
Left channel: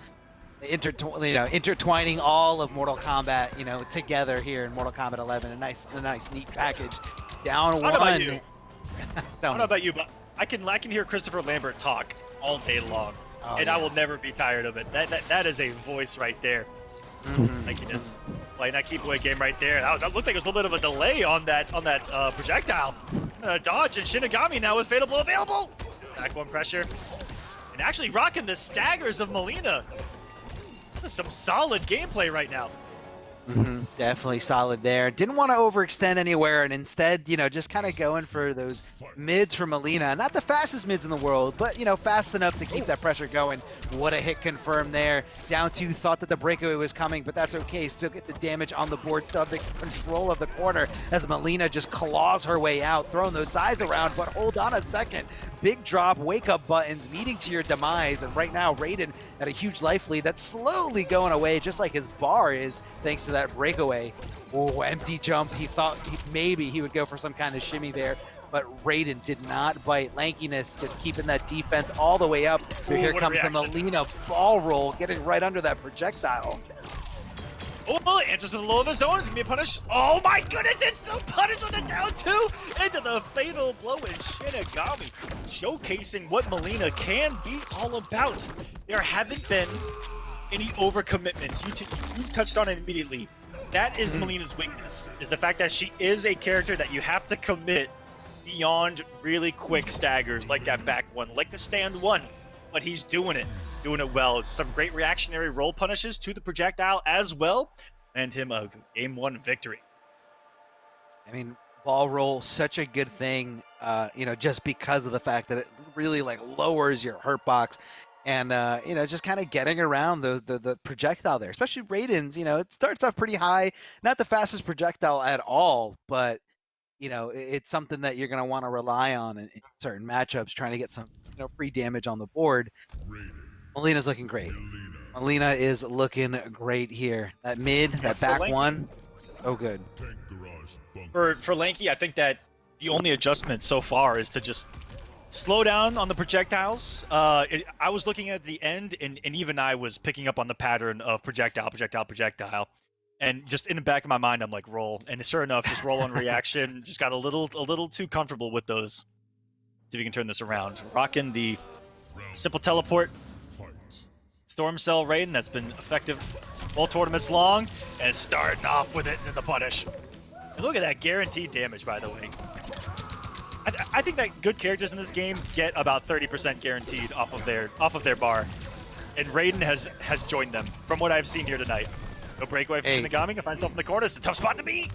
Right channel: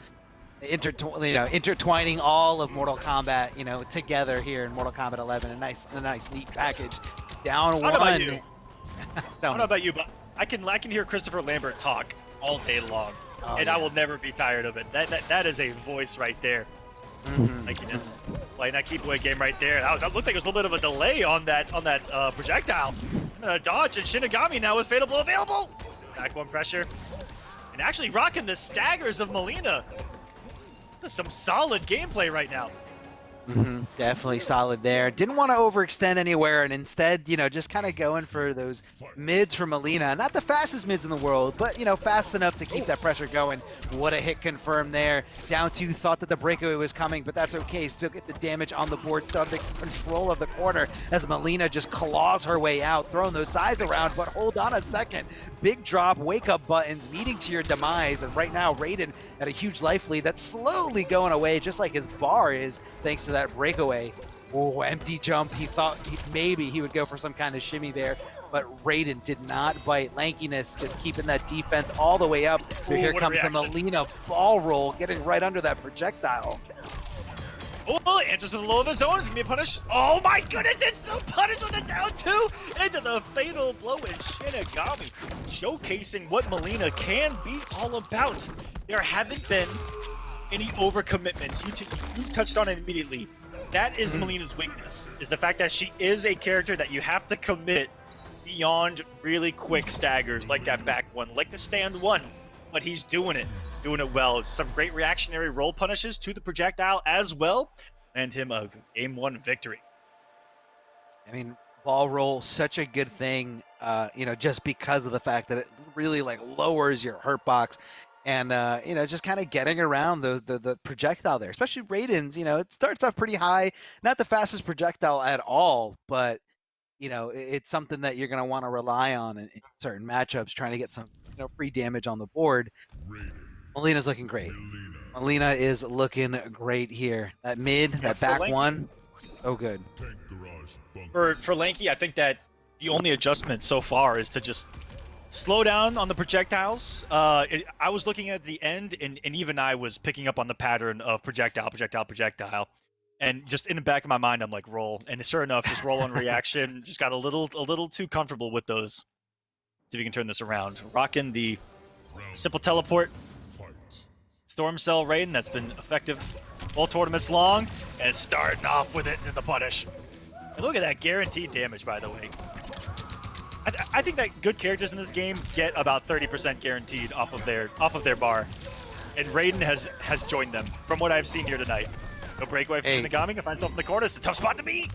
Intertwining all of Mortal Kombat, together here in Mortal Kombat 11. A nice neat package. Down one. I don't know about you, but I can hear Christopher Lambert talk all day long, and I will never be tired of it. That is a voice right there. Lankyness playing that keep away game right there. That looked like it was a little bit of a delay on that projectile. Dodge, and Shinigami now with Fatal Blow available. Back 1 pressure, and actually rocking the staggers of Melina. This is some solid gameplay right now. Definitely solid there. Didn't want to overextend anywhere, and instead, just kind of going for those mids for Melina. Not the fastest mids in the world, but, fast enough to keep that pressure going. What a hit confirmed there. Down 2, thought that the breakaway was coming, but that's okay. Still get the damage on the board, still have the control of the corner as Melina just claws her way out, throwing those sides around, but hold on a second. Big drop, wake-up buttons, meeting to your demise, and right now, Raiden at a huge life lead that's slowly going away, just like his bar is, thanks to that breakaway. Oh, empty jump. He thought maybe he would go for some kind of shimmy there, but Raiden did not bite. Lankyness just keeping that defense all the way up. Ooh, Here what a comes the reaction. Melina ball roll, getting right under that projectile. Oh, well, it answers with the low of his own. It's gonna be a punish. Oh my goodness, it's still punish with the down two into the fatal blow in Shinigami, showcasing what Melina can be all about. There haven't been any overcommitments. You touched on it immediately. That is Melina's weakness, is the fact that she is a character that you have to commit beyond really quick staggers, like that back one, like the stand one. But he's doing it well. Some great reactionary roll punishes to the projectile as well, and him a game one victory. I mean, ball roll, such a good thing, you know, just because of the fact that it really like lowers your hurt box. And, you know, just kind of getting around the projectile there, especially Raiden's, you know, it starts off pretty high, not the fastest projectile at all, but, you know, it's something that you're going to want to rely on in certain matchups, trying to get some, you know, free damage on the board. Melina's looking great. Melina is looking great here. That mid, that back one, so good. For Lanky, I think that the only adjustment so far is to just slow down on the projectiles. I was looking at the end, and even I was picking up on the pattern of projectile. And just in the back of my mind, I'm like, roll. And sure enough, just roll on reaction. Just got a little too comfortable with those. See if we can turn this around. Rocking the simple teleport. Storm Cell Raiden, that's been effective all tournaments long. And starting off with it in the punish. Look at that guaranteed damage, by the way. I think that good characters in this game get about 30% guaranteed off of their bar. And Raiden has joined them from what I've seen here tonight. No breakaway for Shinigami, can find himself in the corner. It's a tough spot to beat.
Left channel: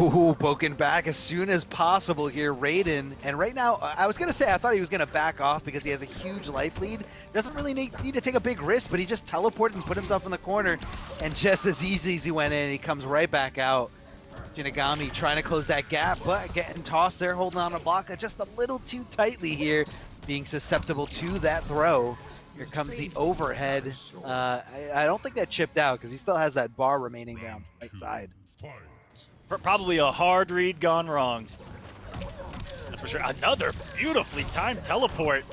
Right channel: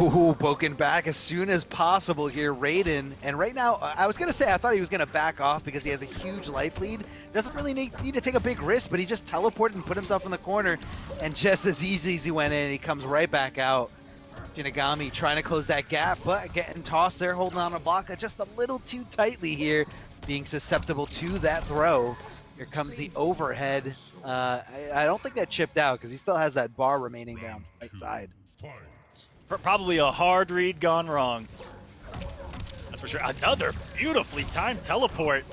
Ooh, poking back as soon as possible here, Raiden. And right now, I was going to say I thought he was going to back off because he has a huge life lead. Doesn't really need to take a big risk, but he just teleported and put himself in the corner. And just as easy as he went in, he comes right back out. Shinigami trying to close that gap, but getting tossed there, holding on a block just a little too tightly here, being susceptible to that throw. Here comes the overhead. I don't think that chipped out because he still has that bar remaining down the right side. Probably a hard read gone wrong. That's for sure. Another beautifully timed teleport.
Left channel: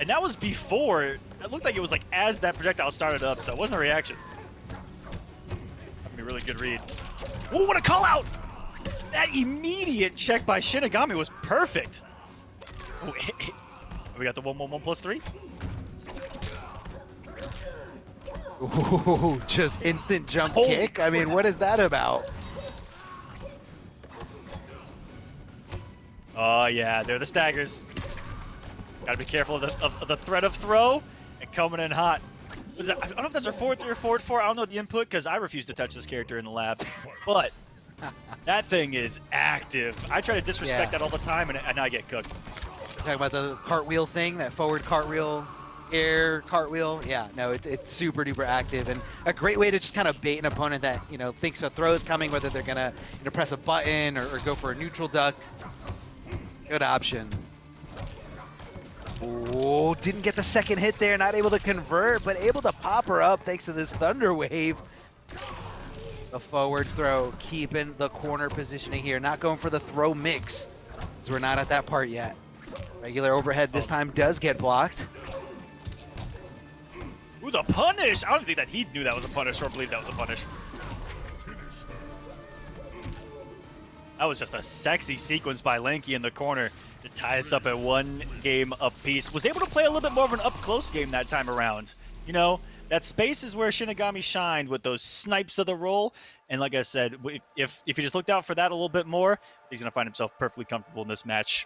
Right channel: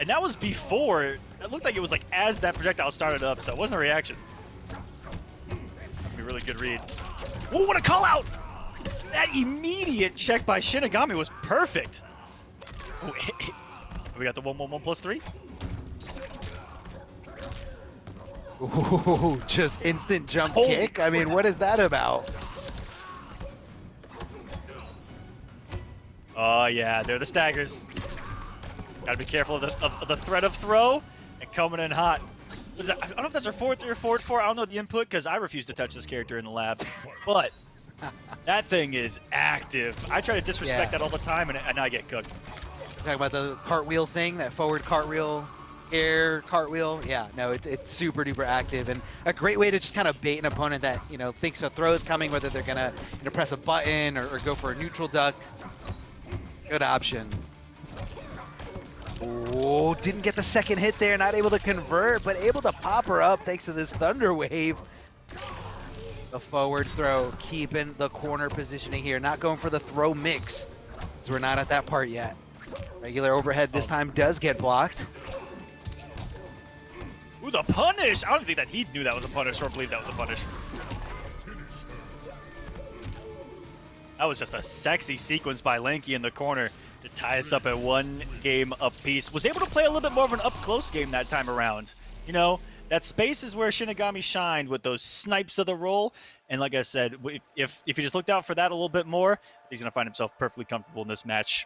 And that was before, it looked like it was like as that projectile started up, so it wasn't a reaction. A really good read. Ooh, what a call out! That immediate check by Shinigami was perfect. Ooh, we got the 1/1/1+3. Ooh, just instant jump kick. I mean, what is that about? Oh yeah, they're the staggers. Gotta be careful of the threat of throw and coming in hot. I don't know if that's our 4-3 or 4-4. I don't know the input because I refuse to touch this character in the lab. But that thing is active. I try to disrespect that all the time, and I get cooked. Talking about the cartwheel thing, that forward cartwheel, air cartwheel. Yeah, no, it's super duper active and a great way to just kind of bait an opponent that, you know, thinks a throw is coming, whether they're gonna, you know, press a button or go for a neutral duck. Good option. Oh, didn't get the second hit there, not able to convert, but able to pop her up thanks to this Thunder Wave. The forward throw, keeping the corner positioning here, not going for the throw mix, so we're not at that part yet. Regular overhead this time does get blocked. Ooh, the punish! I don't think that he knew that was a punish or believed that was a punish. That was just a sexy sequence by Lanky in the corner to tie us up at 1 game apiece. Was able to play a little bit more of an up-close game that time around. You know, that space is where Shinigami shined with those snipes of the roll. And like I said, if he just looked out for that a little bit more, he's going to find himself perfectly comfortable in this match.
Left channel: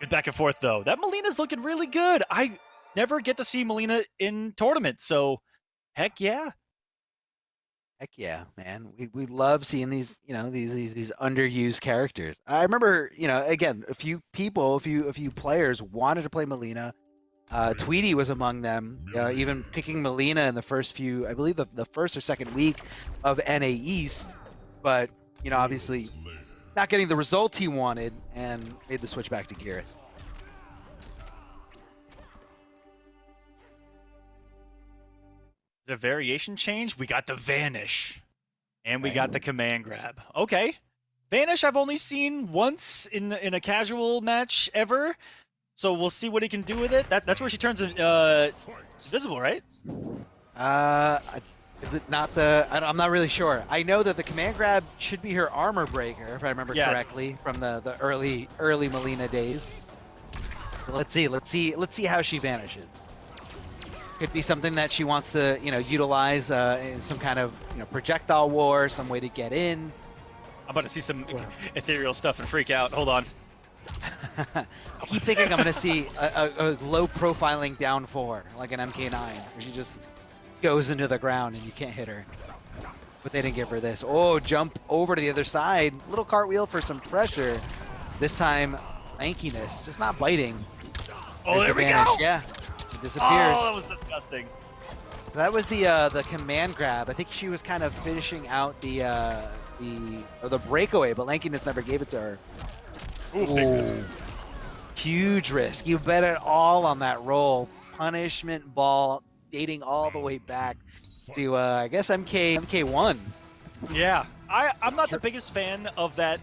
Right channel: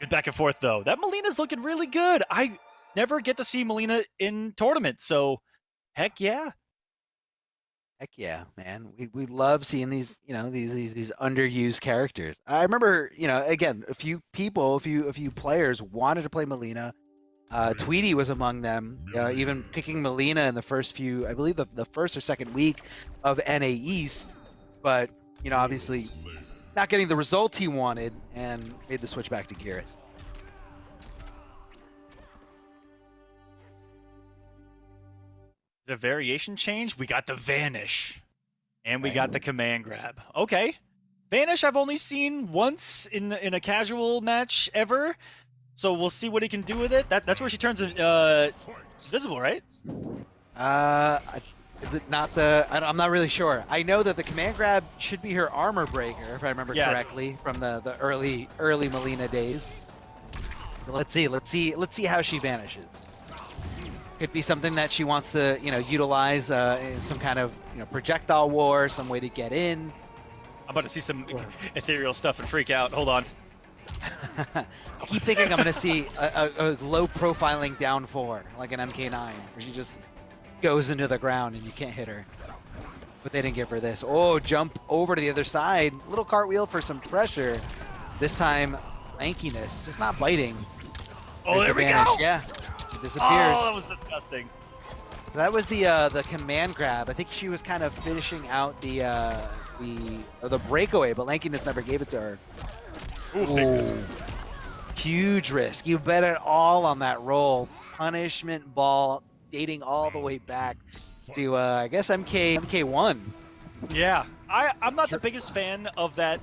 Good back and forth, though. That Melina's looking really good. I never get to see Melina in tournaments, so heck yeah. Heck yeah, man. We love seeing these, you know, these underused characters. I remember, you know, again, a few people, a few players wanted to play Melina. Tweety was among them, even picking Melina in the first few, I believe the first or second week of NA East, but, you know, obviously not getting the results he wanted and made the switch back to Geras. The variation change, we got the vanish. And we got the command grab. Okay. Vanish I've only seen once in a casual match ever, so we'll see what he can do with it. That's where she turns invisible, right? Is it not the? I'm not really sure. I know that the command grab should be her armor breaker, if I remember correctly, from the early Melina days. But let's see how she vanishes. Could be something that she wants to, utilize in some kind of, projectile war, some way to get in. I'm about to see some ethereal stuff and freak out. Hold on. I keep thinking I'm going to see a low profiling down 4, like an MK9, where she just goes into the ground and you can't hit her. But they didn't give her this. Oh, jump over to the other side. Little cartwheel for some pressure. This time, Lankyness. Just not biting. Oh, there we go. Yeah, it disappears. Oh, that was disgusting. So that was the command grab. I think she was kind of finishing out the breakaway, but Lankyness never gave it to her. Ooh. Huge risk. You bet it all on that roll. Punishment ball dating all the way back to I guess MK1. Yeah, I'm not the biggest fan of that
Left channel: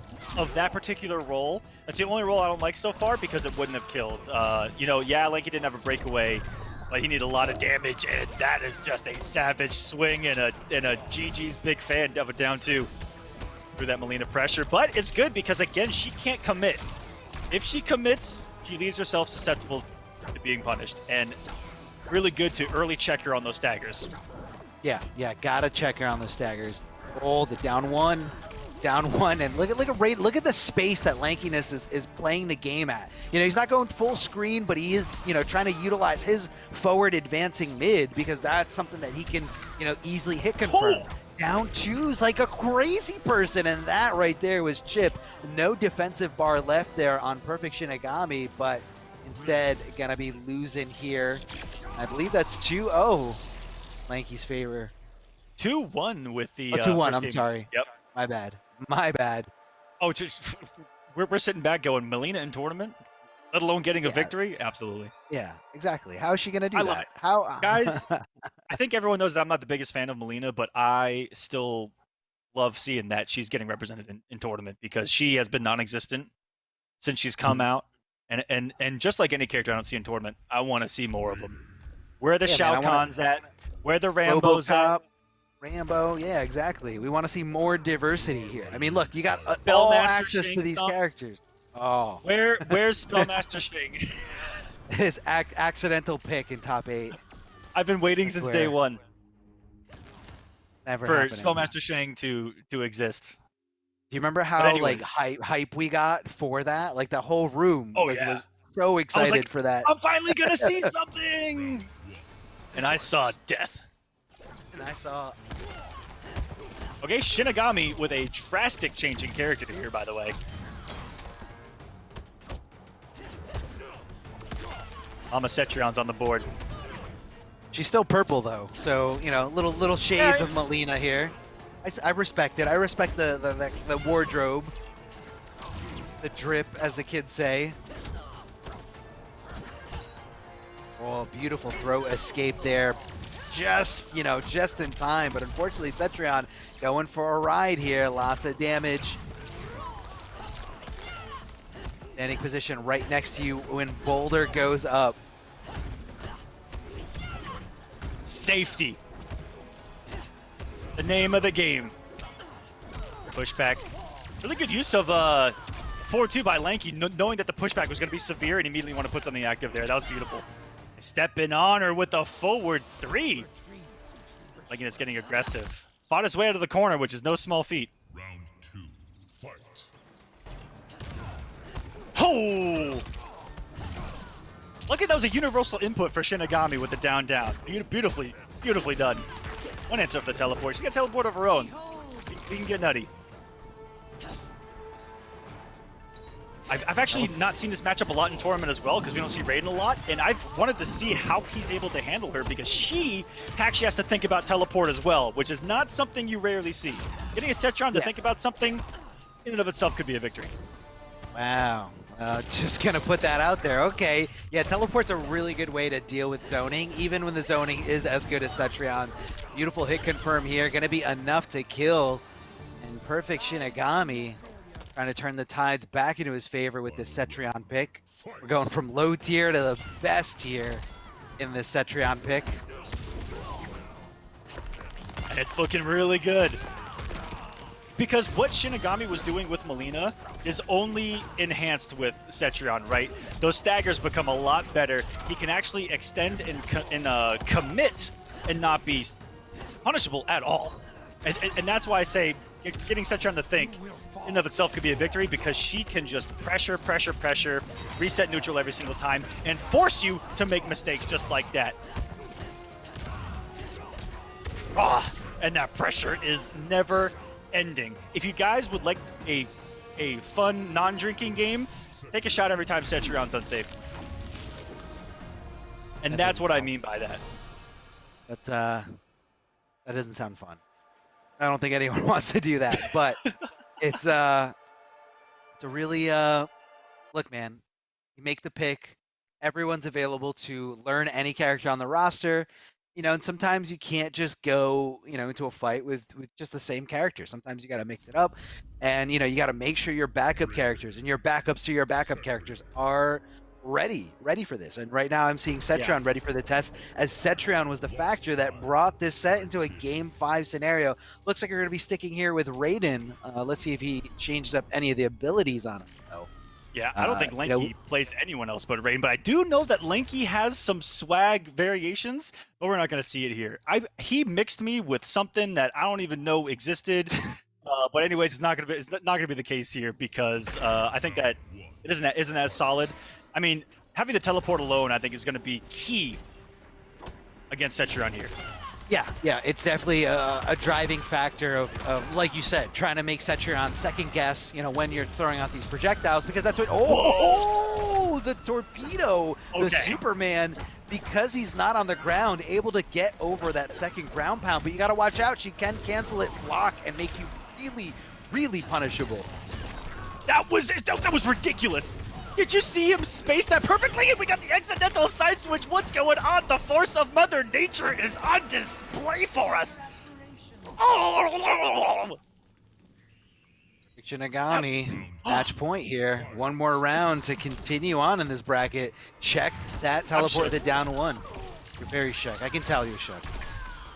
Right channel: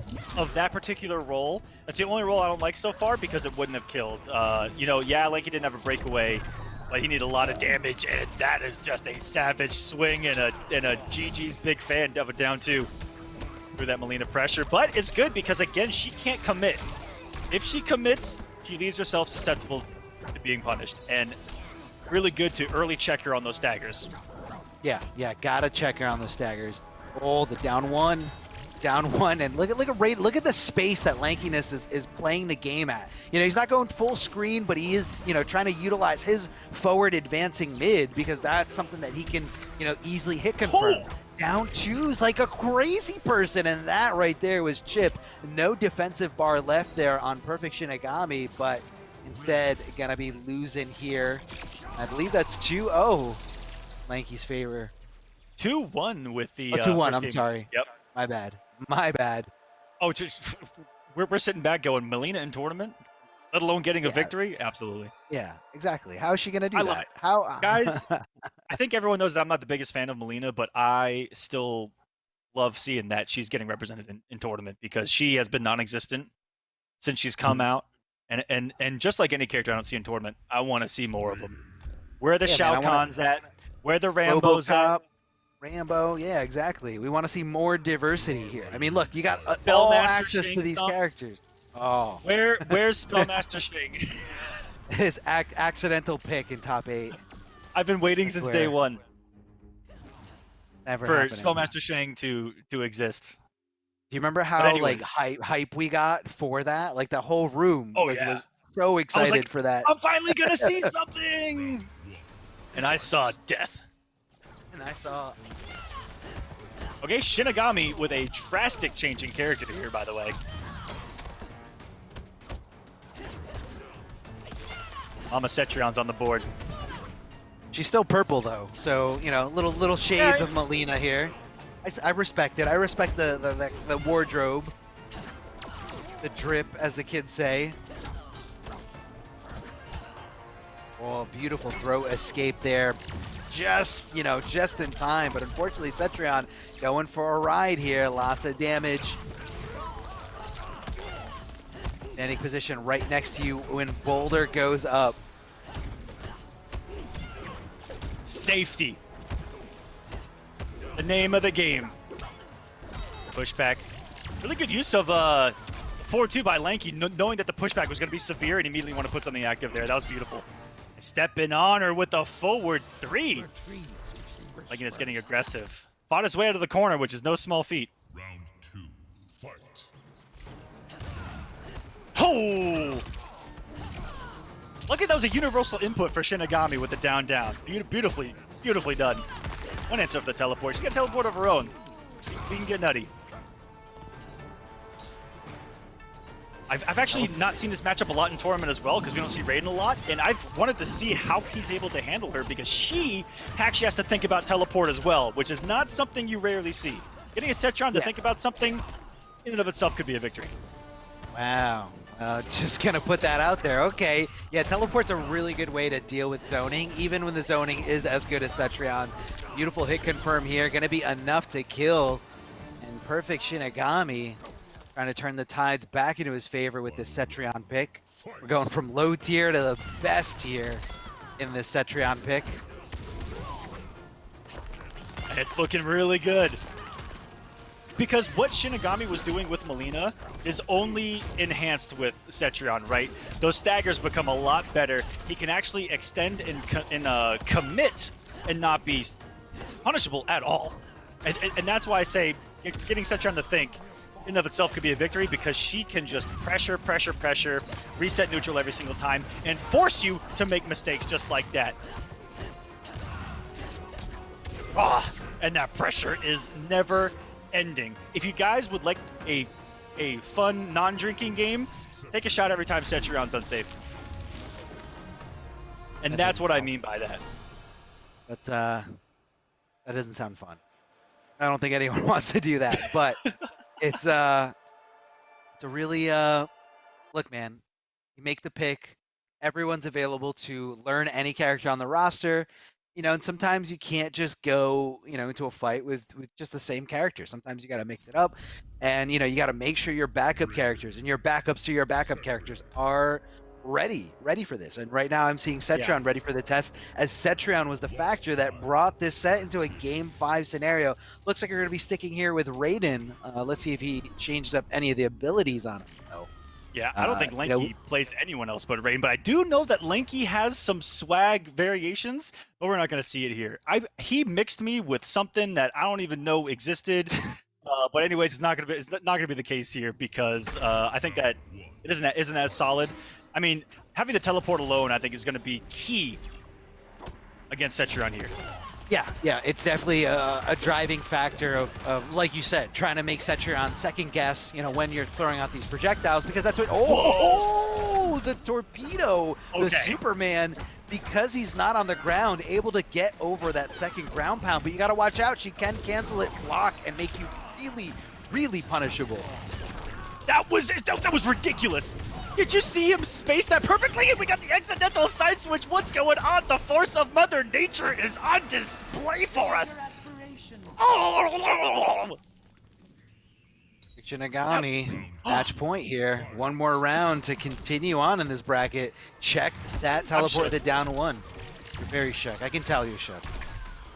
particular roll. That's the only roll I don't like so far because it wouldn't have killed. Lanky didn't have a breakaway, but he needed a lot of damage, and that is just a savage swing and a GG's big fan of a down 2 through that Melina pressure. But it's good because again she can't commit. If she commits, she leaves herself susceptible to being punished, and really good to early check her on those staggers. Yeah, gotta check her on those staggers. Oh, the down one, and look at the space that Lankyness is playing the game at. He's not going full screen, but he is, trying to utilize his forward advancing mid because that's something that he can, easily hit confirm. Oh. Down 2's like a crazy person, and that right there was chip. No defensive bar left there on PerfectShinigami, but instead gonna be losing here. I believe that's 2-0. Lanky's favor. 2-1 with the 2-1. I'm sorry. Yep. My bad. Oh, we're sitting back going Melina in tournament, let alone getting a victory. Absolutely. Yeah, exactly. How is she gonna do that? How, guys? I think everyone knows that I'm not the biggest fan of Melina, but I still love seeing that she's getting represented in tournament because she has been non-existent since she's come out. And just like any character I don't see in tournament, I want to see more of them. Where are the Shao Kahns at? Where are the Rambos at? Rambo, yeah, exactly. We want to see more diversity here. I mean, look, you got all access to these characters. Oh, where's Spellmaster Shing? His accidental pick in top 8. I've been waiting since day 1 for Spellmaster Shang to exist. Do you remember how hype we got for that? Like the whole room was so excited for that. I'm finally gonna see something, and I saw death. And I saw. Okay, Shinigami with a drastic change in character here, by the way. Cetrion's on the board. She's still purple though, so little shades of Melina here. I respect it. I respect the wardrobe, the drip, as the kids say. Oh, beautiful throw escape there. Just in time, but unfortunately Cetrion going for a ride here. Lots of damage. Standing position right next to you when Boulder goes up. Safety. The name of the game. Pushback. Really good use of 4-2 by Lanky, knowing that the pushback was going to be severe and immediately want to put something active there. That was beautiful. Stepping on her with a forward 3. Lankyness getting aggressive. Fought his way out of the corner, which is no small feat. Round 2, fight. Oh! Look at that was a universal input for Shinigami with the down. Beautifully done. One answer for the teleport. She got a teleport of her own. We can get nutty. I've actually not seen this matchup a lot in tournament as well because we don't see Raiden a lot, and I've wanted to see how he's able to handle her because she actually has to think about teleport as well, which is not something you rarely see. Getting a Cetrion to think about something in and of itself could be a victory. Wow. Just gonna put that out there. Okay. Yeah, teleport's a really good way to deal with zoning, even when the zoning is as good as Cetrion's. Beautiful hit confirm here. Gonna be enough to kill. And PerfectShinigami trying to turn the tides back into his favor with this Cetrion pick. We're going from low tier to the best tier in this Cetrion pick. And it's looking really good. Because what Shinigami was doing with Melina is only enhanced with Cetrion, right? Those staggers become a lot better. He can actually extend and commit and not be punishable at all. And that's why I say getting Cetrion to think in and of itself could be a victory, because she can just pressure, reset neutral every single time, and force you to make mistakes just like that. And that pressure is never ending. If you guys would like a fun non-drinking game, take a shot every time Cetrion's unsafe. And that's what I mean by that. That doesn't sound fun. I don't think anyone wants to do that, but it's a really look, man. You make the pick. Everyone's available to learn any character on the roster. You know, and sometimes you can't just go, you know, into a fight with just the same character. Sometimes you got to mix it up, and you know, you got to make sure your backup characters and your backups to your backup characters are ready for this. And right now I'm seeing Cetrion ready for the test, as Cetrion was the factor that brought this set into a game 5 scenario. Looks like you're going to be sticking here with Raiden. Let's see if he changed up any of the abilities on him. Yeah, I don't think Lanky plays anyone else but Raiden, but I do know that Lanky has some swag variations, but we're not going to see it here. He mixed me with something that I don't even know existed. But anyways, it's not going to be the case here, because I think that it isn't as solid. I mean, having to teleport alone, I think, is going to be key against Cetrion here. Yeah, it's definitely a driving factor of, like you said, trying to make Cetrion second guess, you know, when you're throwing out these projectiles, because that's what, the torpedo, the Superman, because he's not on the ground, able to get over that second ground pound, but you got to watch out. She can cancel it, block, and make you really, really punishable. That was ridiculous. Did you see him space that perfectly? And we got the accidental side switch. What's going on? The force of Mother Nature is on display for us. Shinigami, match point here. One more round to continue on in this bracket. Check that teleport to down 1. You're very shook. I can tell you're shook.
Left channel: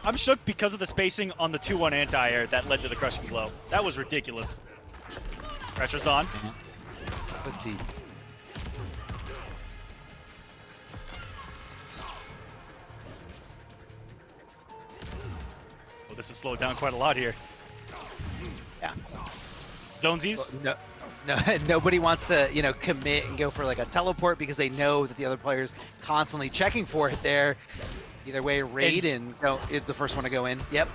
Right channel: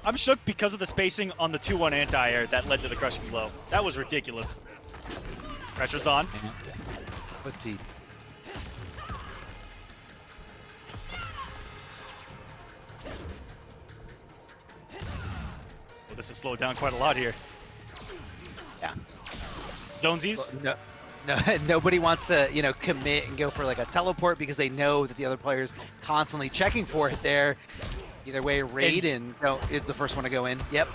I'm shook because of the spacing on the 2-1 anti-air that led to the crushing blow. That was ridiculous. Pressure's on. Let's see. This has slowed down quite a lot here. Yeah. Zonesies? No, nobody wants to, you know, commit and go for like a teleport, because they know that the other player's constantly checking for it there. Either way, Raiden is the first one to go in. Yep.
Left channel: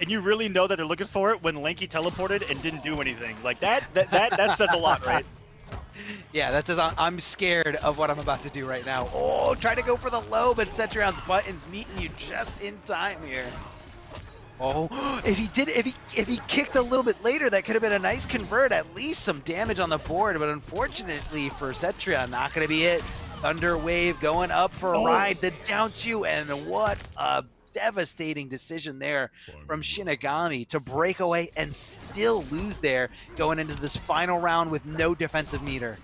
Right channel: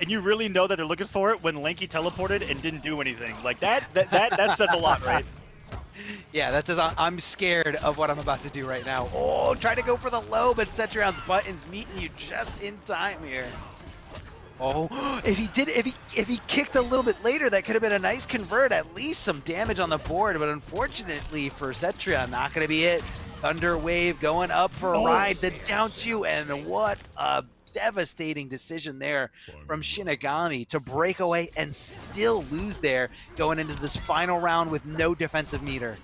And you really know that they're looking for it when Lanky teleported and didn't do anything. Like that says a lot, right? Yeah, that says I'm scared of what I'm about to do right now. Oh, try to go for the low, but Cetrion's buttons meeting you just in time here. Oh, if he kicked a little bit later, that could have been a nice convert, at least some damage on the board. But unfortunately for Cetrion, not going to be it. Thunder Wave going up for a ride, the down 2, and what a devastating decision there from Shinigami to break away and still lose there, going into this final round with no defensive meter.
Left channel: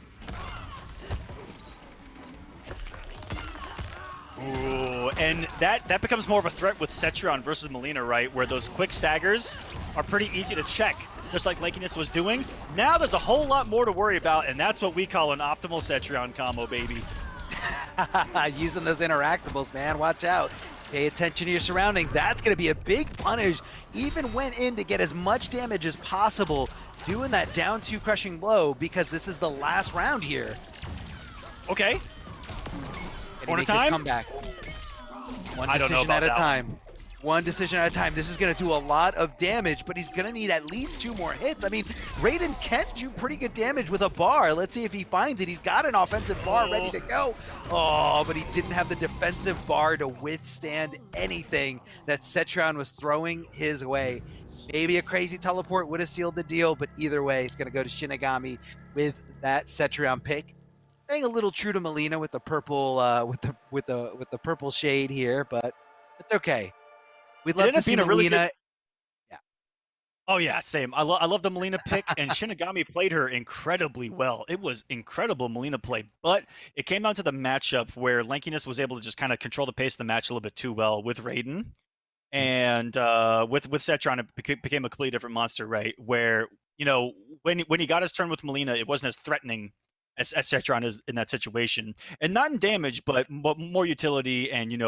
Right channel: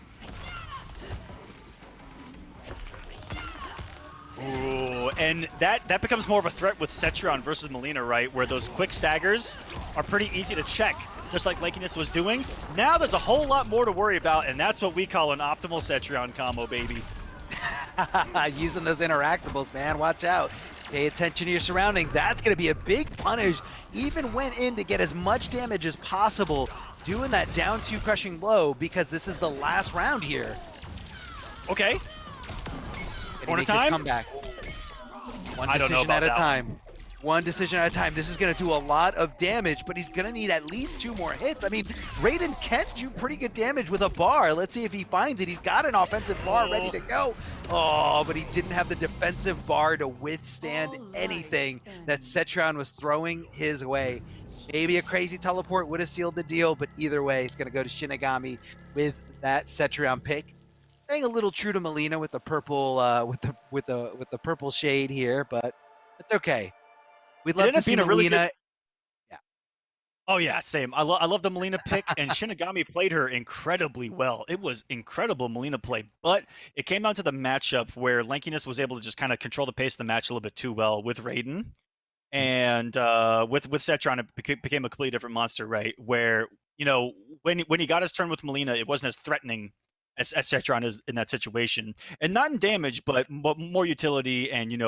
Ooh, and that becomes more of a threat with Cetrion versus Melina, right? Where those quick staggers are pretty easy to check, just like Lankyness was doing. Now there's a whole lot more to worry about, and that's what we call an optimal Cetrion combo, baby. Using those interactables, man. Watch out. Pay attention to your surrounding. That's going to be a big punish. Even went in to get as much damage as possible, doing that down 2 crushing blow, because this is the last round here. Okay. Can he make this comeback? One decision at a time. One decision at a time. This is going to do a lot of damage, but he's going to need at least 2 more hits. I mean, Raiden can do pretty good damage with a bar. Let's see if he finds it. He's got an offensive bar ready to go. Oh, but he didn't have the defensive bar to withstand anything that Cetrion was throwing his way. Maybe a crazy teleport would have sealed the deal, but either way, it's going to go to Shinigami with that Cetrion pick. Staying a little true to Melina with the purple, with the purple shade here, but it's okay. We'd love to see Melina. Oh yeah, same. I love the Melina pick, and Shinigami played her incredibly well. It was incredible Melina play, but it came down to the matchup where Lankyness was able to just kind of control the pace of the match a little bit too well with Raiden, and with JChan it became a completely different monster, right? Where when he got his turn with Melina, it wasn't as threatening as JChan is in that situation, and not in damage, but more utility and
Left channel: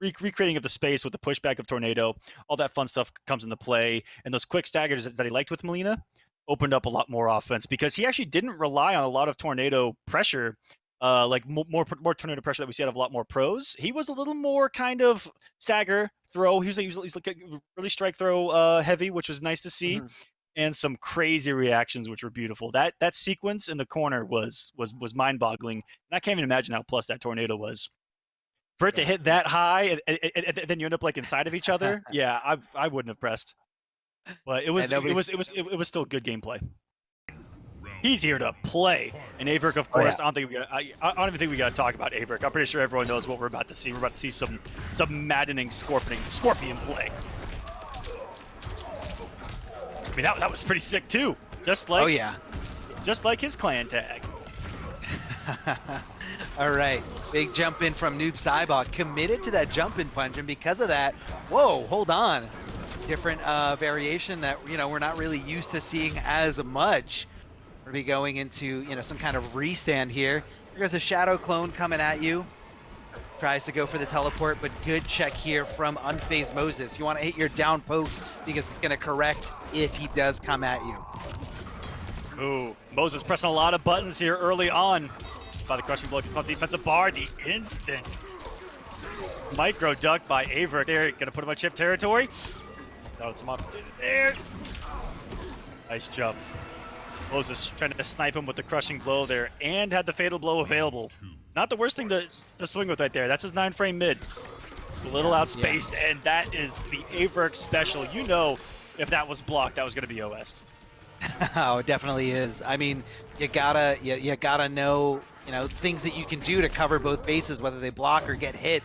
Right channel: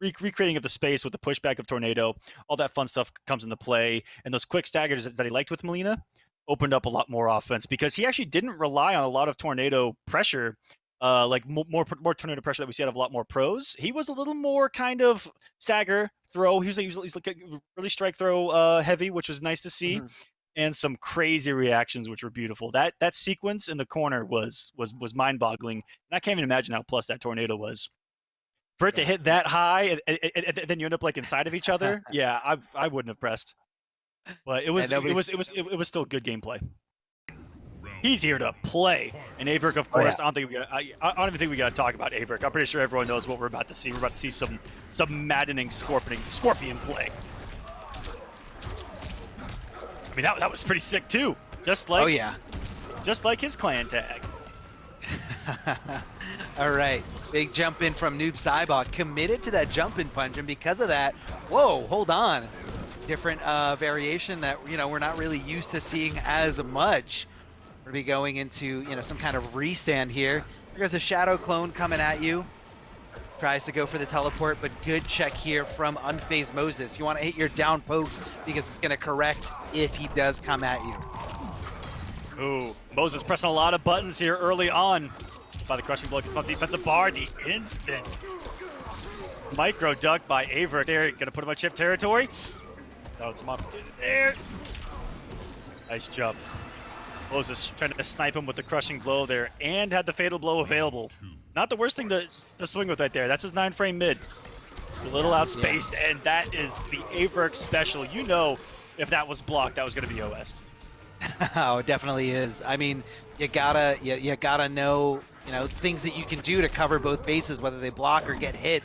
recreating of the space with the pushback of Tornado, all that fun stuff comes into play, and those quick staggers that he liked with Melina opened up a lot more offense because he actually didn't rely on a lot of Tornado pressure, like more Tornado pressure that we see out of a lot more pros. He was a little more kind of stagger throw. He's like really strike throw heavy, which was nice to see. Mm-hmm. And some crazy reactions, which were beautiful. That sequence in the corner was mind-boggling, and I can't even imagine how plus that Tornado was. For it to hit that high and then you end up like inside of each other, yeah, I wouldn't have pressed. But it was still good gameplay. He's here to play, and AVirk, of course. I don't even think we got to talk about AVirk. I'm pretty sure everyone knows what we're about to see. We're about to see some maddening scorpion play. I mean, that was pretty sick too. Just like just like his clan tag. All right, big jump in from Noob Saibot, committed to that jump in punch, and because of that, whoa, hold on, different variation that we're not really used to seeing as much. We'll be going into some kind of restand here. There's a shadow clone coming at you, tries to go for the teleport, but good check here from Unfazed Moses. You want to hit your down post because it's going to correct if he does come at you. Ooh, Moses pressing a lot of buttons here early on. By the crushing blow from defensive bar, the instant micro duck by AVirk there. Gonna put him on chip territory. Found some opportunity there. Nice jump. Moses trying to snipe him with the crushing blow there and had the fatal blow available. Not the worst thing to swing with right there. That's his 9-frame mid. It's a little outspaced, and that is the AVirk special. If that was blocked, that was gonna be OS. Oh, it definitely is. I mean, you gotta know things that you can do to cover both bases, whether they block or get hit.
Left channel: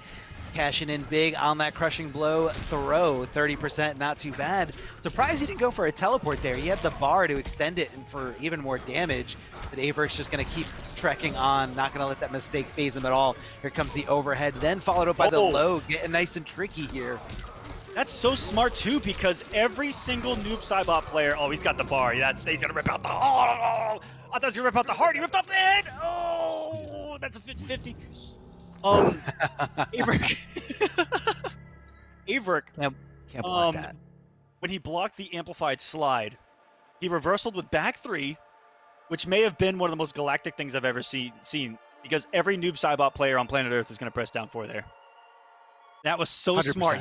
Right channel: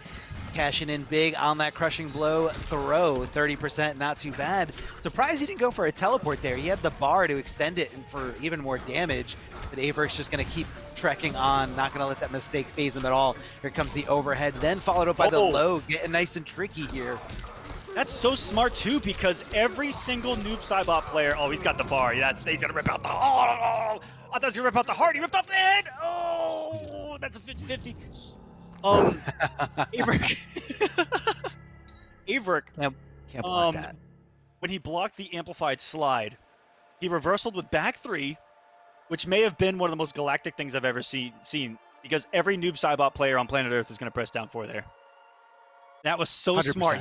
Cashing in big on that crushing blow throw, 30%, not too bad. Surprised he didn't go for a teleport there. He had the bar to extend it and for even more damage, but AVirk's just going to keep trekking on, not going to let that mistake phase him at all. Here comes the overhead, then followed up by the low, getting nice and tricky here. That's so smart too, because every single Noob Saibot player, he's got the bar. He's gonna rip out the. I thought he was gonna rip out the heart. He ripped off the head. Oh, that's a 50-50. AVirk. AVirk. Can't block that. When he blocked the amplified slide, he reversaled with back 3, which may have been one of the most galactic things I've ever seen. Because every Noob Saibot player on planet Earth is gonna press down 4 there. That was so 100%. Smart.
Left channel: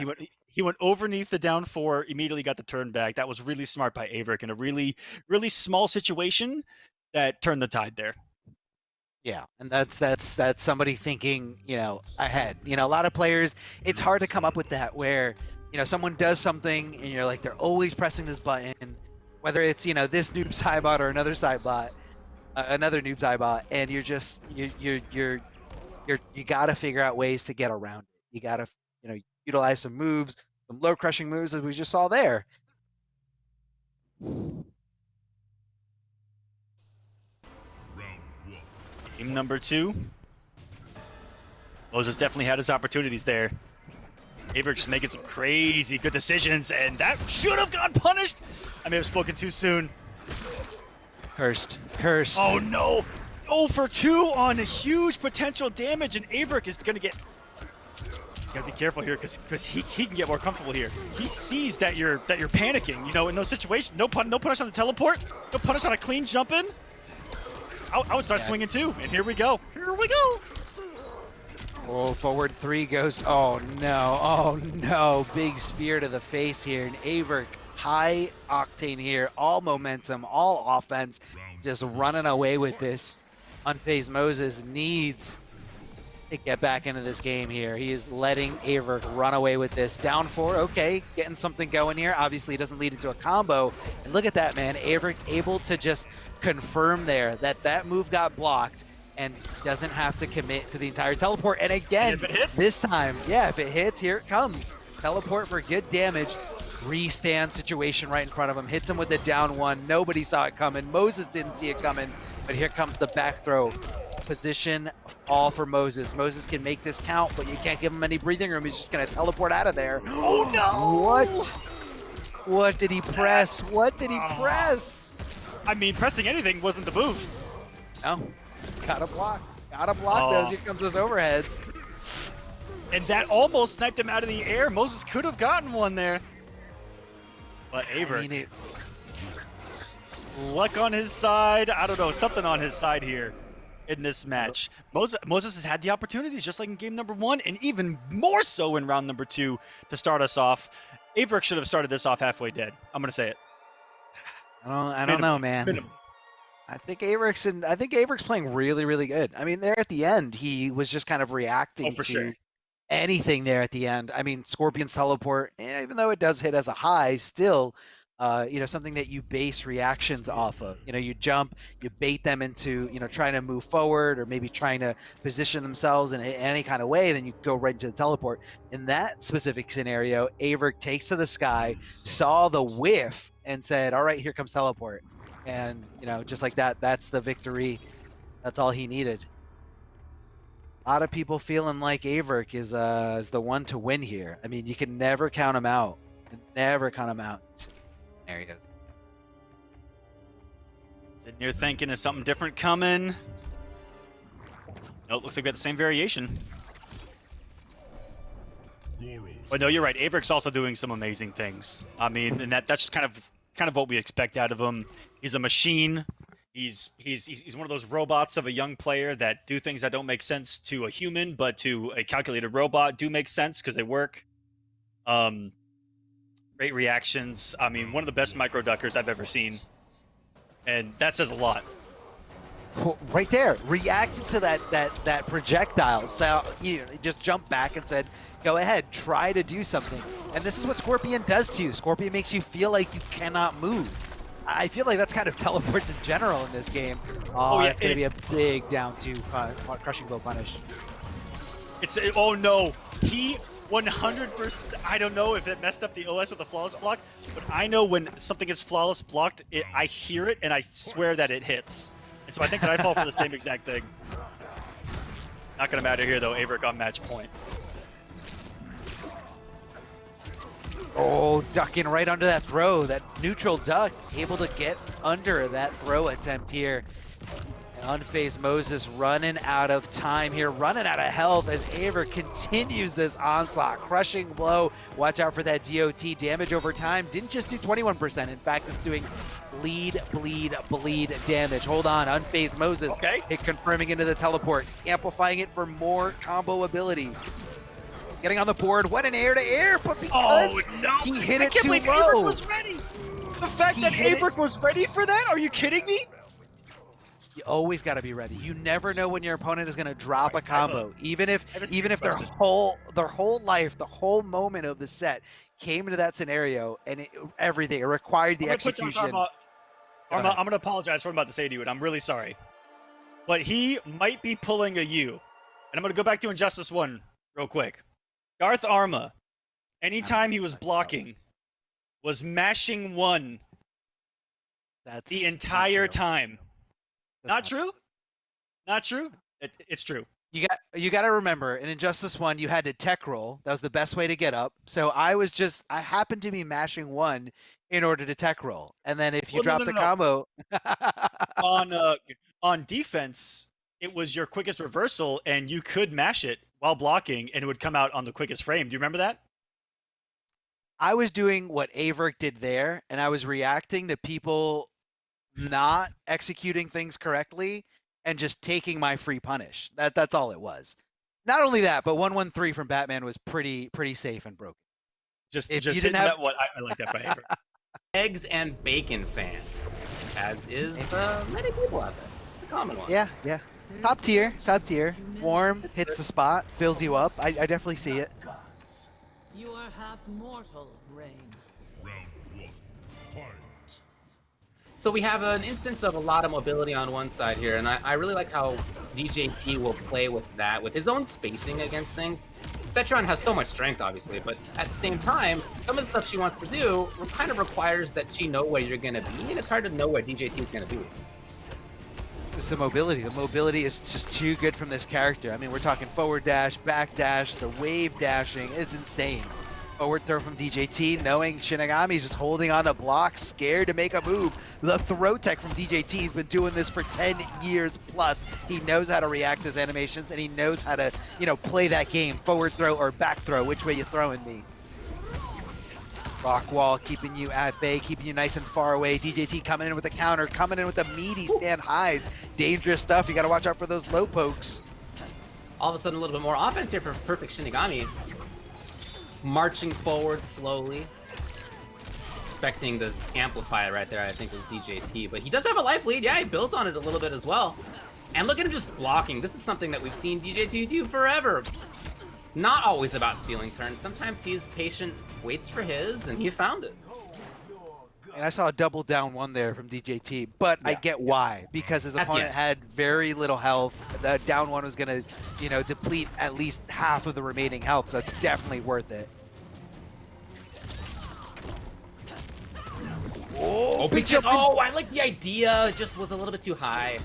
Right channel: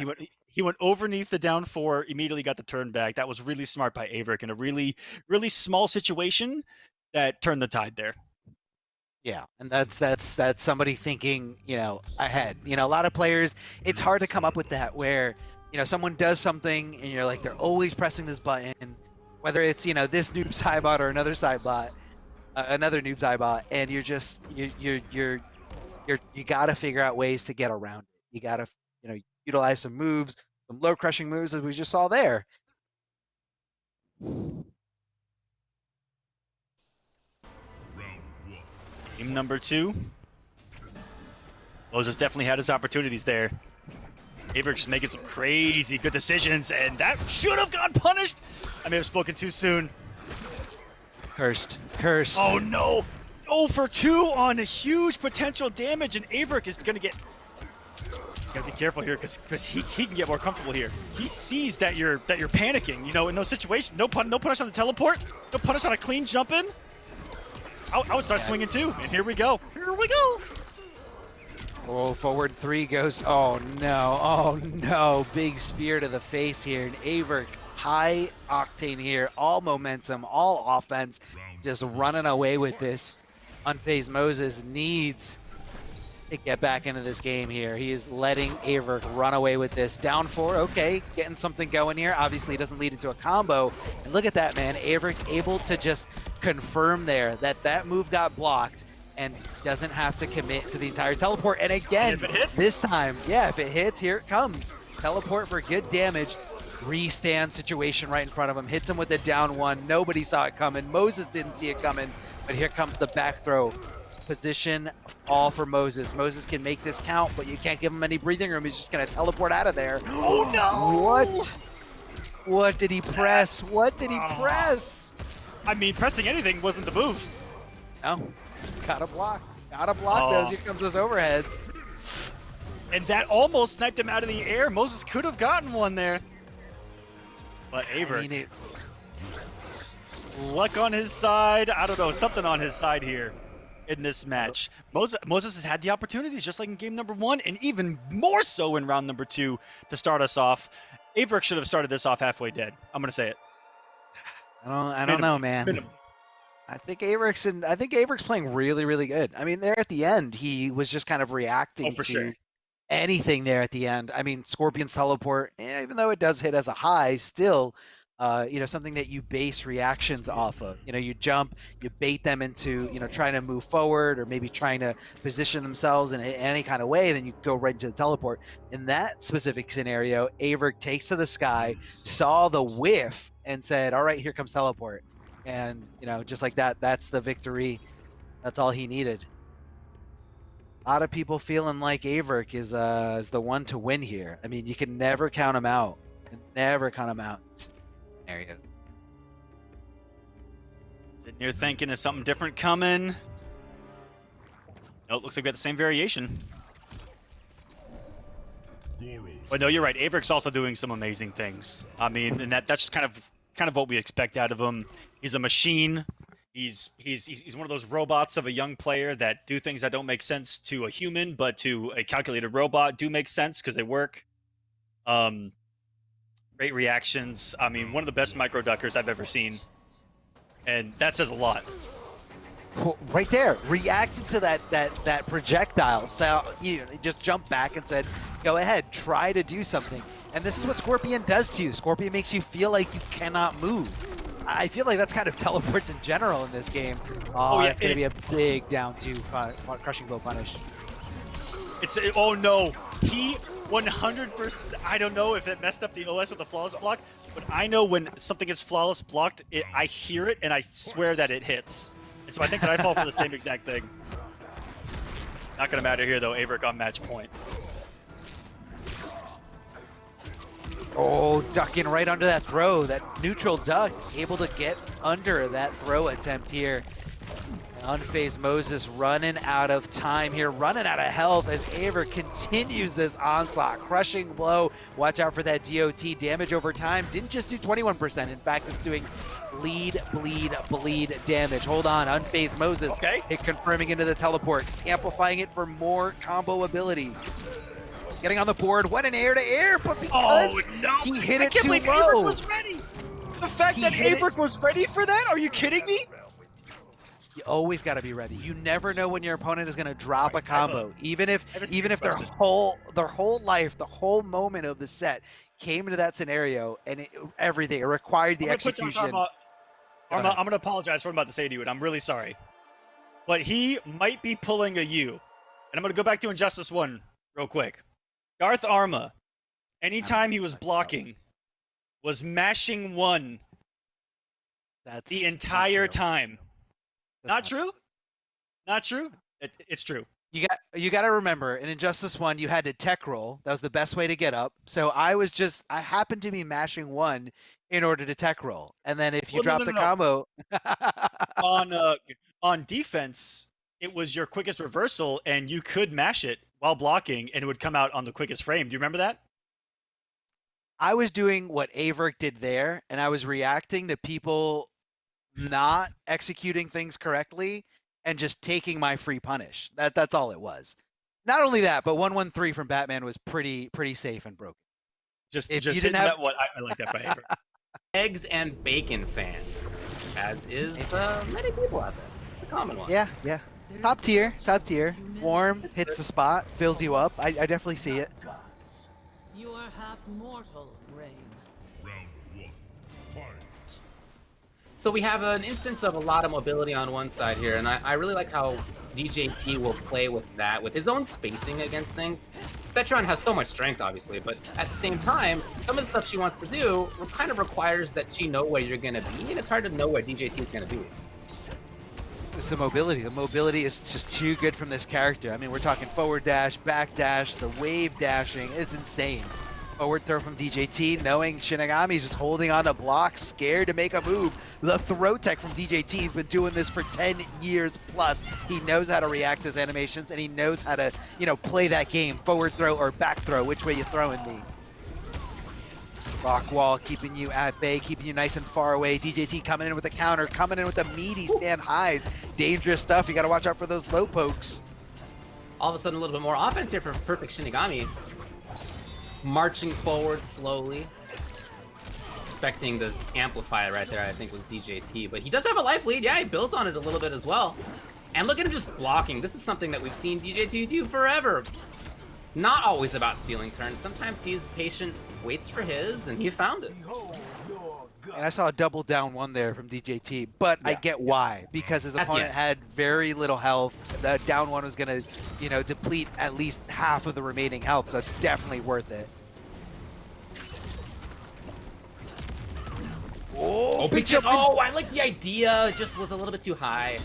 He went underneath the down 4, immediately got the turn back. That was really smart by AVirk in a really, really small situation that turned the tide there. Yeah, and that's somebody thinking, ahead. A lot of players, it's hard to come up with that where, someone does something and you're like, they're always pressing this button, whether it's, this Noob Saibot or another Noob Saibot, and you got to figure out ways to get around it. You got to, utilize some moves, some low crushing moves as we just saw there. Game number 2. Moses definitely had his opportunities there. AVirk just making some crazy good decisions, and that should have gone punished. I may have spoken too soon. Cursed. Oh no! 0 for 2 on a huge potential damage, and AVirk is gonna get. Gotta be careful here because he can get more comfortable here. He sees that you're panicking, in those situations. No punish on the teleport, no punish on a clean jump in. I would start swinging too, and here we go. Oh, forward 3 goes. Oh no, big spear to the face here, and AVirk high octane here, all momentum, all offense, just running away with this. Unfazed Moses needs to get back into this game here. He is letting AVirk run away with this. Down 4, okay, getting something going here. Obviously, it doesn't lead into a combo. And look at that, man. AVirk able to just confirm there that move got blocked and doesn't have to commit to the entire teleport. And again, this time, if it hits, here it comes. Teleport for good damage. restand situation right in front of him, hits him with the down one. Nobody saw it coming. Moses didn't see it coming, but here comes the back throw. Position all for Moses. Moses can make this count, but you can't give him any breathing room. He's just gonna teleport out of there. Oh no! What did he press? What did he press? I mean, pressing anything wasn't the move. No, gotta block. Gotta block those. Here comes those overheads. And that almost sniped him out of the air. Moses could have gotten one there. But AVirk, luck on his side. I don't know, something on his side here in this match. Moses has had the opportunities, just like in game number 1, and even more so in round number 2 to start us off. AVirk should have started this off halfway dead. I'm gonna say it. I don't know, man. I think AVirk's playing really, really good. I mean, there at the end, he was just kind of reacting to anything there at the end. I mean, Scorpion's teleport, even though it does hit as a high, still, something that you base reactions off of. You jump, you bait them into, trying to move forward or maybe trying to position themselves in any kind of way, then you go right into the teleport. In that specific scenario, AVirk takes to the sky, saw the whiff, and said, all right, here comes teleport. And, just like that, that's the victory. That's all he needed. A lot of people feeling like AVirk is the one to win here. I mean, you can never count him out. You can never count him out in scenarios. Sitting here thinking, is something different coming? Nope, looks like we got the same variation. But no, you're right. AVirk's also doing some amazing things. I mean, and that's just kind of what we expect out of him. He's a machine. He's one of those robots of a young player that do things that don't make sense to a human, but to a calculated robot do make sense because they work. Great reactions. I mean, one of the best micro duckers I've ever seen, and that says a lot. Well, right there, reacted to that projectile. So he just jumped back and said, "Go ahead, try to do something." And this is what Scorpion does to you. Scorpion makes you feel like you cannot move. I feel like that's kind of teleports in general in this game. Oh yeah, it's gonna be a big down to crushing blow punish. Oh no, he 100%. I don't know if it messed up the OS with the flawless block, but I know when something is flawless blocked, I hear it and I swear that it hits. And so I think that I fall for the same exact thing. Not gonna matter here though. AVirk on match point. Oh, ducking right under that throw. That neutral duck, able to get under that throw attempt here. Unfazed Moses running out of time here, running out of health as AVirk continues this onslaught. Crushing blow. Watch out for that DOT. Damage over time. Didn't just do 21%. In fact, it's doing bleed damage. Hold on. Unfazed Moses. Okay. Hit confirming into the teleport. Amplifying it for more combo ability. Getting on the board. What an air-to-air, but because he hit it too low. AVirk was ready. The fact that AVirk was ready for that? Are you kidding me? You always got to be ready. You never know when your opponent is going to drop a combo, even if their whole life, the whole moment of the set came into that scenario and everything. It required the execution. I'm going to apologize for what I'm about to say to you, and I'm really sorry. But he might be pulling a U. And I'm going to go back to Injustice 1 real quick. Darth Arma, anytime he was blocking, was mashing 1 the entire time. Not true? Not true? It's true. You got to remember, in Injustice 1, you had to tech roll. That was the best way to get up. So I happened to be mashing 1 in order to tech roll. And then if you drop the combo... On defense, it was your quickest reversal, and you could mash it while blocking, and it would come out on the quickest frame. Do you remember that? I was doing what AVirk did there, and I was reacting to people not executing things correctly and just taking my free punish. That's all it was. Not only that, but 113 from Batman was pretty safe and broken. Just hitting that one. I like that by AVirk. Eggs and bacon fan, as is many people out there. It's a common one. Yeah. Top tier. Warm, hits the spot, fills you up. I definitely see it. You are half mortal, Rain. Round 1, fight. So we have an instance of a lot of mobility on one side here, and I really like how DJT will play with that, with his own spacing against things. Setron has so much strength, obviously, but at the same time, some of the stuff she wants to do kind of requires that she know where you're going to be, and it's hard to know where DJT is going to be. It's the mobility. The mobility is just too good from this character. I mean, we're talking forward dash, back dash, the wave dashing. It's insane. Forward throw from DJT, knowing Shinigami's just holding on to blocks, scared to make a move. The throw tech from DJT, he's been doing this for 10 years plus. He knows how to react to his animations, and he knows how to, you know, play that game. Forward throw or back throw, which way you throwing me? Rock wall keeping you at bay, keeping you nice and far away. DJT coming in with a counter, coming in with the meaty stand highs. Dangerous stuff. You got to watch out for those low pokes. All of a sudden, a little bit more offense here for PerfectShinigami. Marching forward slowly. Expecting the amplify right there, I think, was DJT. But he does have a life lead. Yeah, he built on it a little bit as well. And look at him just blocking. This is something that we've seen DJT do forever. Not always about stealing turns. Sometimes he's patient, waits for his, and he found it. And I saw a double down one there from DJT, but I get why. Because his opponent had very little health. The down one was going to, you know, deplete at least half of the remaining health, so it's definitely worth it. Oh, oh, I like the idea. It just was a little bit too high.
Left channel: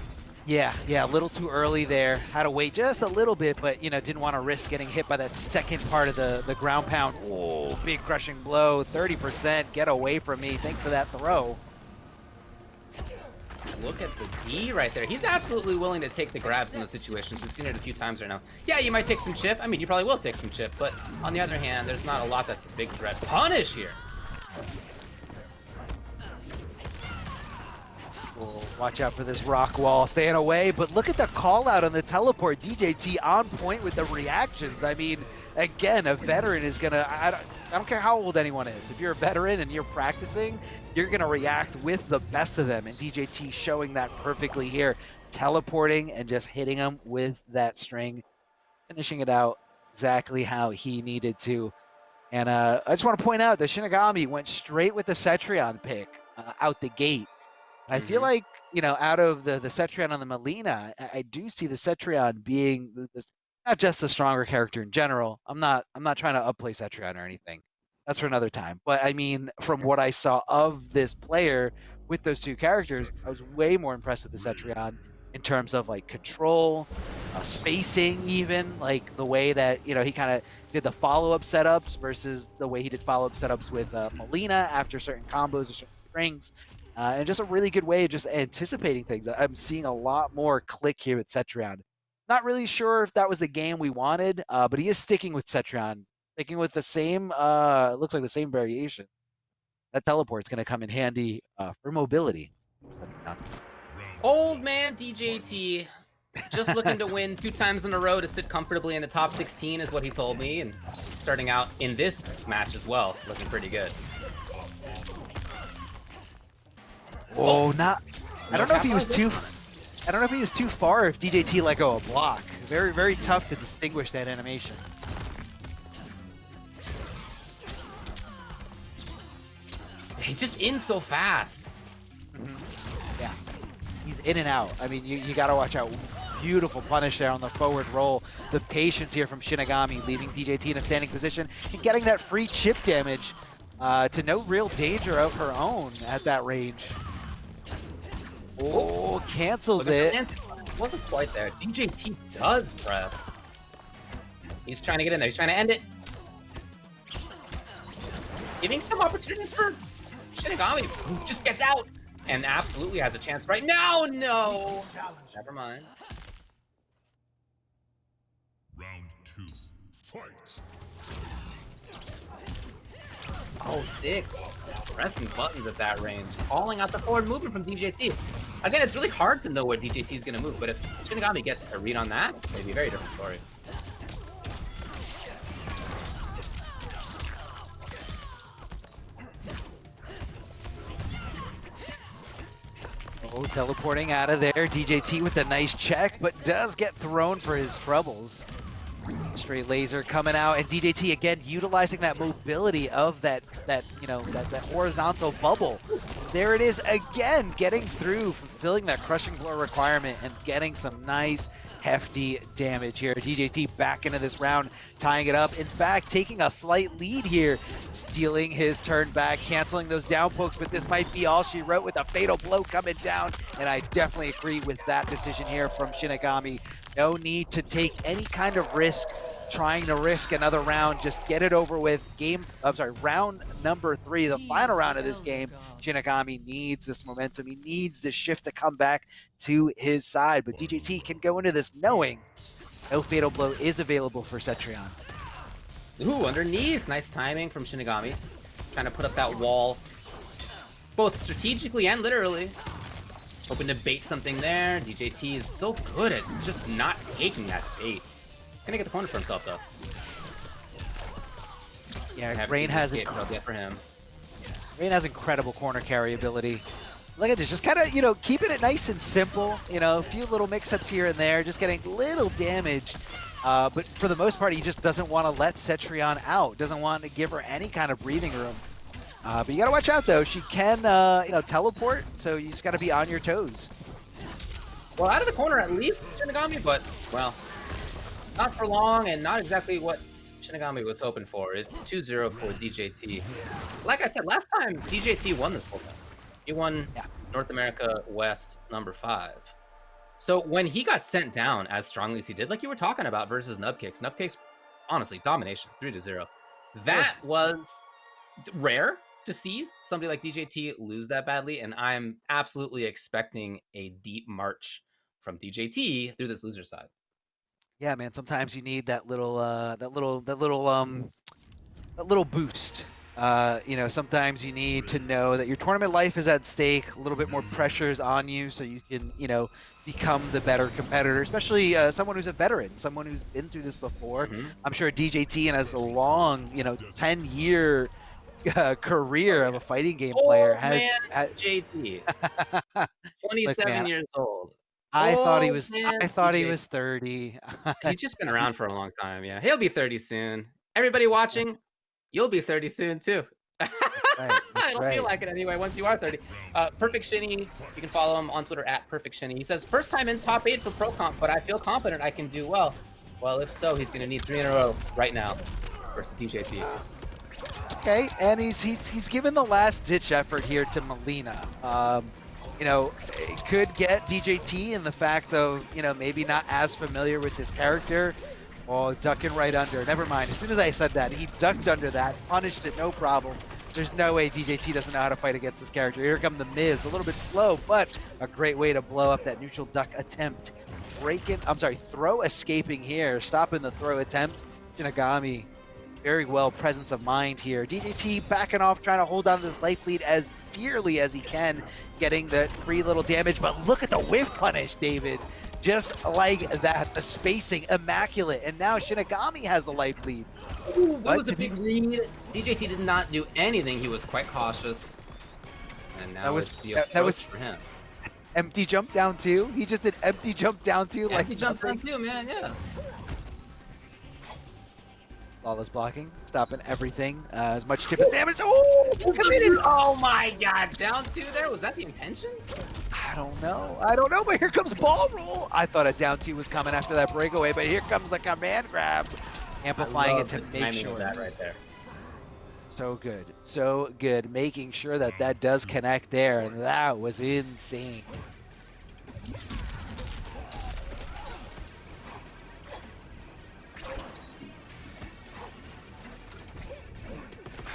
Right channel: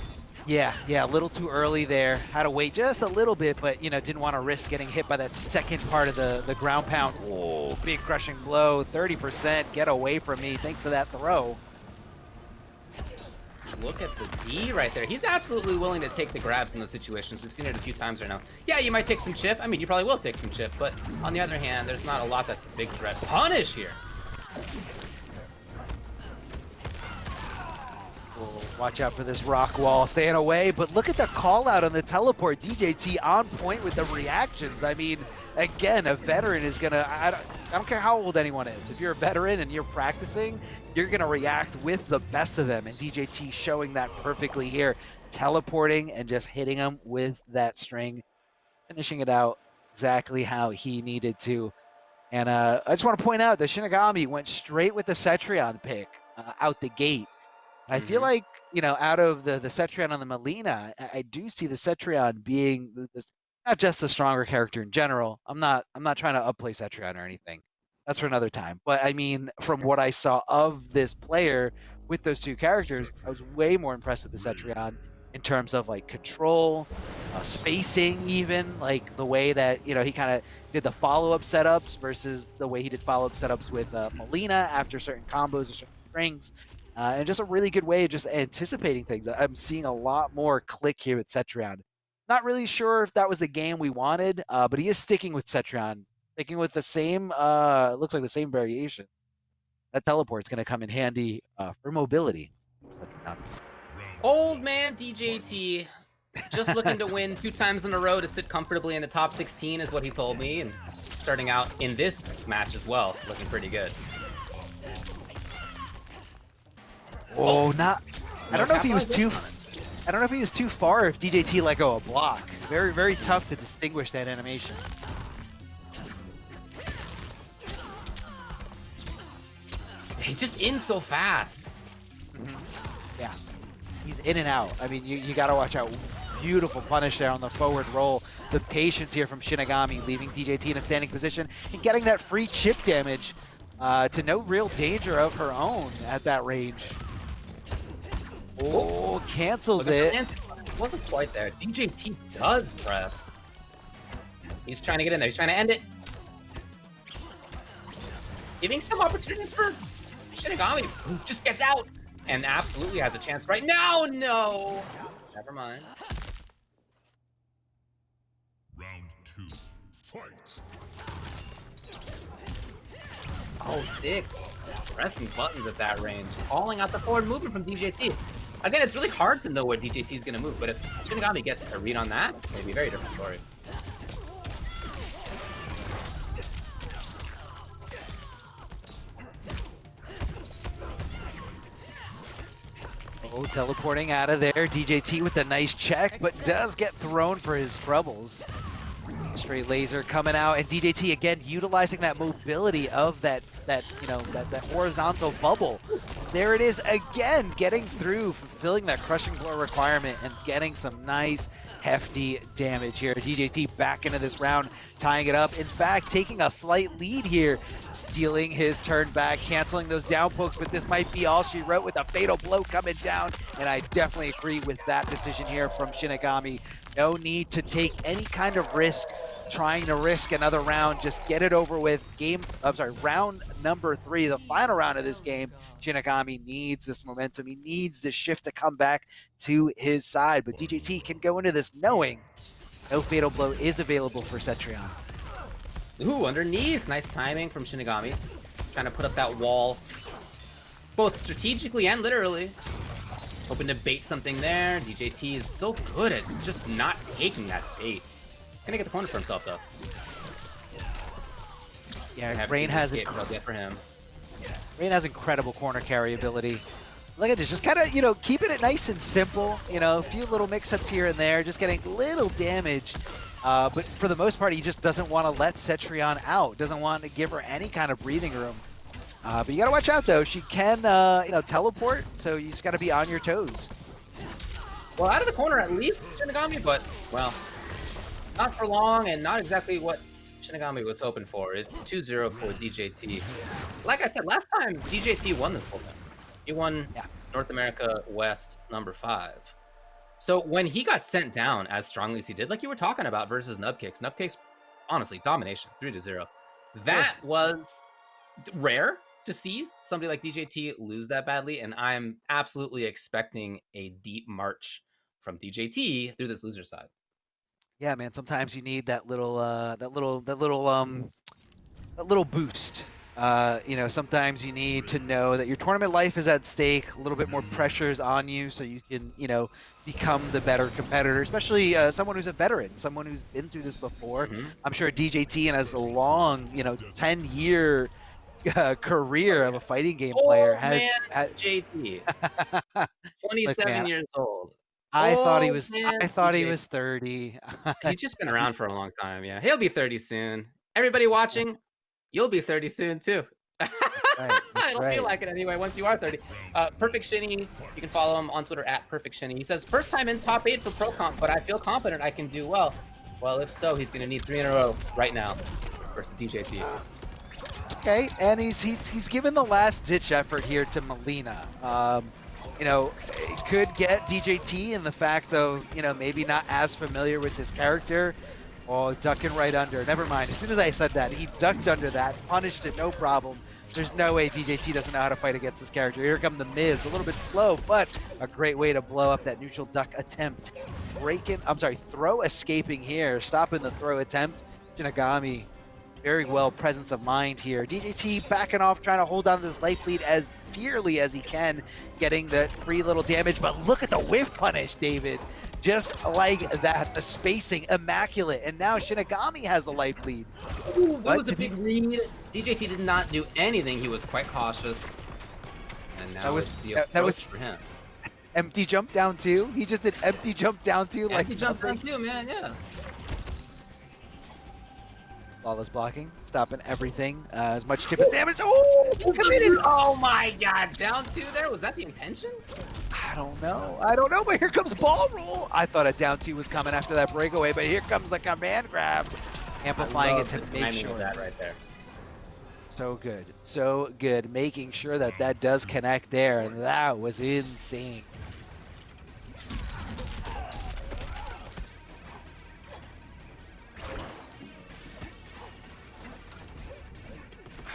Yeah, a little too early there. Had to wait just a little bit, but, you know, didn't want to risk getting hit by that second part of the ground pound. Oh, big crushing blow, 30%. Get away from me, thanks to that throw. Look at the D right there. He's absolutely willing to take the grabs in those situations. We've seen it a few times right now. Yeah, you might take some chip. I mean, you probably will take some chip, but on the other hand, there's not a lot that's a big threat. Punish here. Watch out for this rock wall, staying away, but look at the call out on the teleport. DJT on point with the reactions. I mean, again, a veteran is gonna, I don't care how old anyone is. If you're a veteran and you're practicing, you're gonna react with the best of them, and DJT showing that perfectly here. Teleporting and just hitting him with that string, finishing it out exactly how he needed to. And I just want to point out that Shinigami went straight with the Cetrion pick out the gate. I feel like, you know, out of the Cetrion on the Melina, I do see the Cetrion being not just the stronger character in general. I'm not trying to upplay Cetrion or anything. That's for another time. But I mean, from what I saw of this player with those two characters, I was way more impressed with the Cetrion in terms of like control, spacing, even like the way that, you know, he kind of did the follow-up setups versus the way he did follow-up setups with Melina after certain combos or certain strings. And just a really good way of just anticipating things. I'm seeing a lot more click here with Cetrion. Not really sure if that was the game we wanted, but he is sticking with Cetrion. Sticking with the same, looks like the same variation. That teleport's going to come in handy for mobility. Old man DJT, just looking to win 2 times in a row to sit comfortably in the top 16 is what he told me. And starting out in this match as well, looking pretty good. Oh, not. I don't know if he was too. I don't know if he was too far. If DJT let go a block, very, very tough to distinguish that animation. He's just in so fast. Yeah, he's in and out. I mean, you got to watch out. Beautiful punish there on the forward roll. The patience here from Shinigami, leaving DJT in a standing position and getting that free chip damage to no real danger of her own at that range. Oh, cancels it. Wasn't quite there. DJT does prep. He's trying to get in there. He's trying to end it. Giving some opportunities for Shinigami, who just gets out and absolutely has a chance right now. No. Never mind. Round 2. Fight. Oh, Dick. Pressing buttons at that range. Calling out the forward movement from DJT. Again, it's really hard to know where DJT is going to move, but if Shinigami gets a read on that, it's maybe a very different story. Oh, teleporting out of there. DJT with a nice check, but does get thrown for his troubles. Straight laser coming out, and DJT again utilizing that mobility of that horizontal bubble. There it is again, getting through, fulfilling that crushing blow requirement, and getting some nice hefty damage here. DJT back into this round, tying it up. In fact, taking a slight lead here, stealing his turn back, canceling those down pokes, but this might be all she wrote with a fatal blow coming down, and I definitely agree with that decision here from Shinigami. No need to take any kind of risk, trying to risk another round. Just get it over with. Round number 3, the final round of this game. Shinigami needs this momentum. He needs the shift to come back to his side. But DJT can go into this knowing no fatal blow is available for Cetrion. Ooh, underneath. Nice timing from Shinigami. Trying to put up that wall, both strategically and literally. Hoping to bait something there. DJT is so good at just not taking that bait. Gonna get the corner for himself, though. Yeah, Rain has it. For him. Rain has incredible corner carry ability. Look at this, just kind of, keeping it nice and simple. A few little mix-ups here and there, just getting little damage. But for the most part, he just doesn't want to let Cetrion out. Doesn't want to give her any kind of breathing room. But you gotta watch out, though. She can, teleport, so you just gotta be on your toes. Well, out of the corner at least, Shinigami, but, well, not for long, and not exactly what Shinigami was hoping for. It's 2-0 for DJT. Like I said, last time DJT won this whole thing. He won North America West number 5. So when he got sent down as strongly as he did, like you were talking about versus Nubcakes, honestly, domination, 3-0. That was rare to see somebody like DJT lose that badly, and I'm absolutely expecting a deep march from DJT through this loser side. Yeah, man. Sometimes you need that little boost. Sometimes you need to know that your tournament life is at stake. A little bit more pressure is on you, so you can, become the better competitor. Especially someone who's a veteran, someone who's been through this before. I'm sure DJT and has a long, 10-year career of a fighting game player. JT, 27 years old. I thought he was 30. He's just been around for a long time. Yeah, he'll be 30 soon. Everybody watching, you'll be 30 soon too. It'll feel like it anyway once you are 30. Perfect Shinny, you can follow him on Twitter at Perfect Shinny. He says, first time in top 8 for Pro Comp, but I feel confident I can do well. Well, if so, he's going to need 3 in a row right now versus DJT. Okay, and he's given the last ditch effort here to Melina. It could get DJT in the fact, though, maybe not as familiar with his character. Oh, ducking right under. Never mind. As soon as I said that, he ducked under that, punished it, no problem. There's no way DJT doesn't know how to fight against this character. Here come the Miz. A little bit slow, but a great way to blow up that neutral duck attempt. Throw escaping here. Stopping the throw attempt. Shinigami, very well presence of mind here. DJT backing off, trying to hold on to this life lead as dearly as he can, getting the free little damage. But look at the whiff punish, David. Just like that, the spacing, immaculate. And now Shinigami has the life lead. Ooh, that was a big lead. DJT did not do anything. He was quite cautious. And now it's the approach for him. Empty jump down 2. He just did empty jump down 2. Empty jump down 2, man, yeah. Flawless blocking, stopping everything. As much tip as damage. Oh, committed! Oh my god, down 2 there? Was that the intention? I don't know, but here comes ball roll. I thought a down 2 was coming after that breakaway, but here comes the command grab. Amplifying it to make sure. Of that right there. So good. Making sure that does connect there. And that was insane.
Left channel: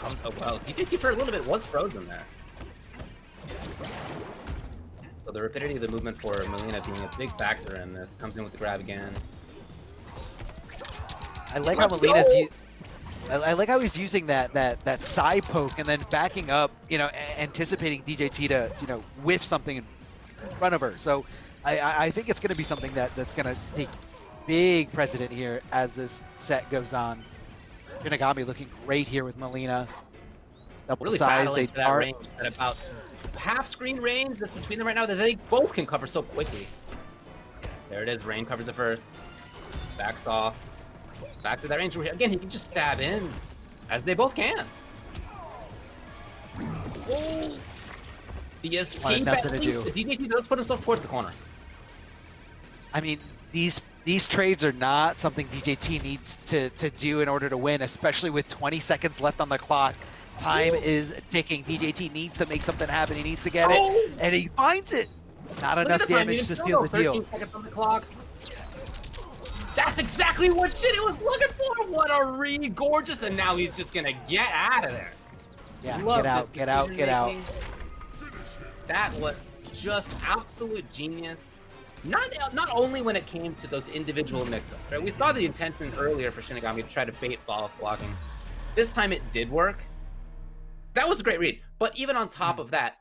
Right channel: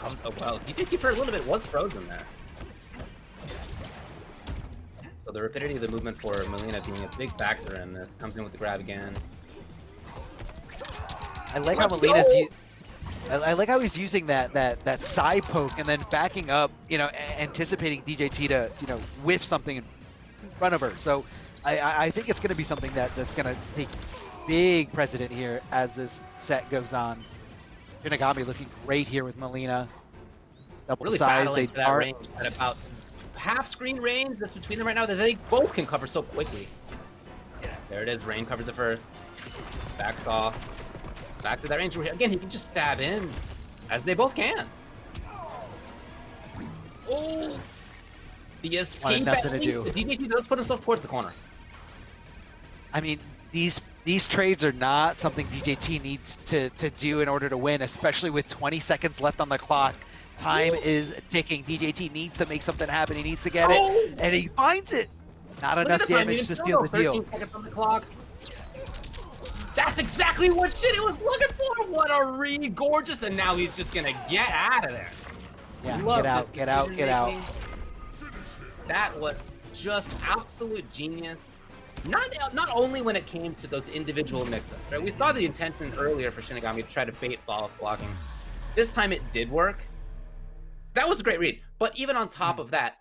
Oh, well, DJT for a little bit was frozen there. So the rapidity of the movement for Melina being a big factor in this. Comes in with the grab again. I like how he's using that side poke and then backing up, anticipating DJT to, whiff something in front of her. So I think it's going to be something that's going to take big precedent here as this set goes on. Shinigami looking great here with Melina. Double really size, battling for that range at about half screen range that's between them right now that they both can cover so quickly. There it is. Rain covers it first. Backs off. back to that range where, again, he can just stab in, as they both can. Oh! The escape at least. The DJT does put himself towards the corner. I mean, these trades are not something DJT needs to do in order to win, especially with 20 seconds left on the clock. Time is ticking. DJT needs to make something happen. He needs to get it, and he finds it. Not enough damage to steal the deal. 13 seconds on the clock. That's exactly what shit it was looking for. What a gorgeous, and now he's just gonna get out of there. Yeah, get out. That was just absolute genius. Not only when it came to those individual mix-ups, right? We saw the intention earlier for Shinigami to try to bait flawless blocking. This time it did work. That was a great read. But even on top of that,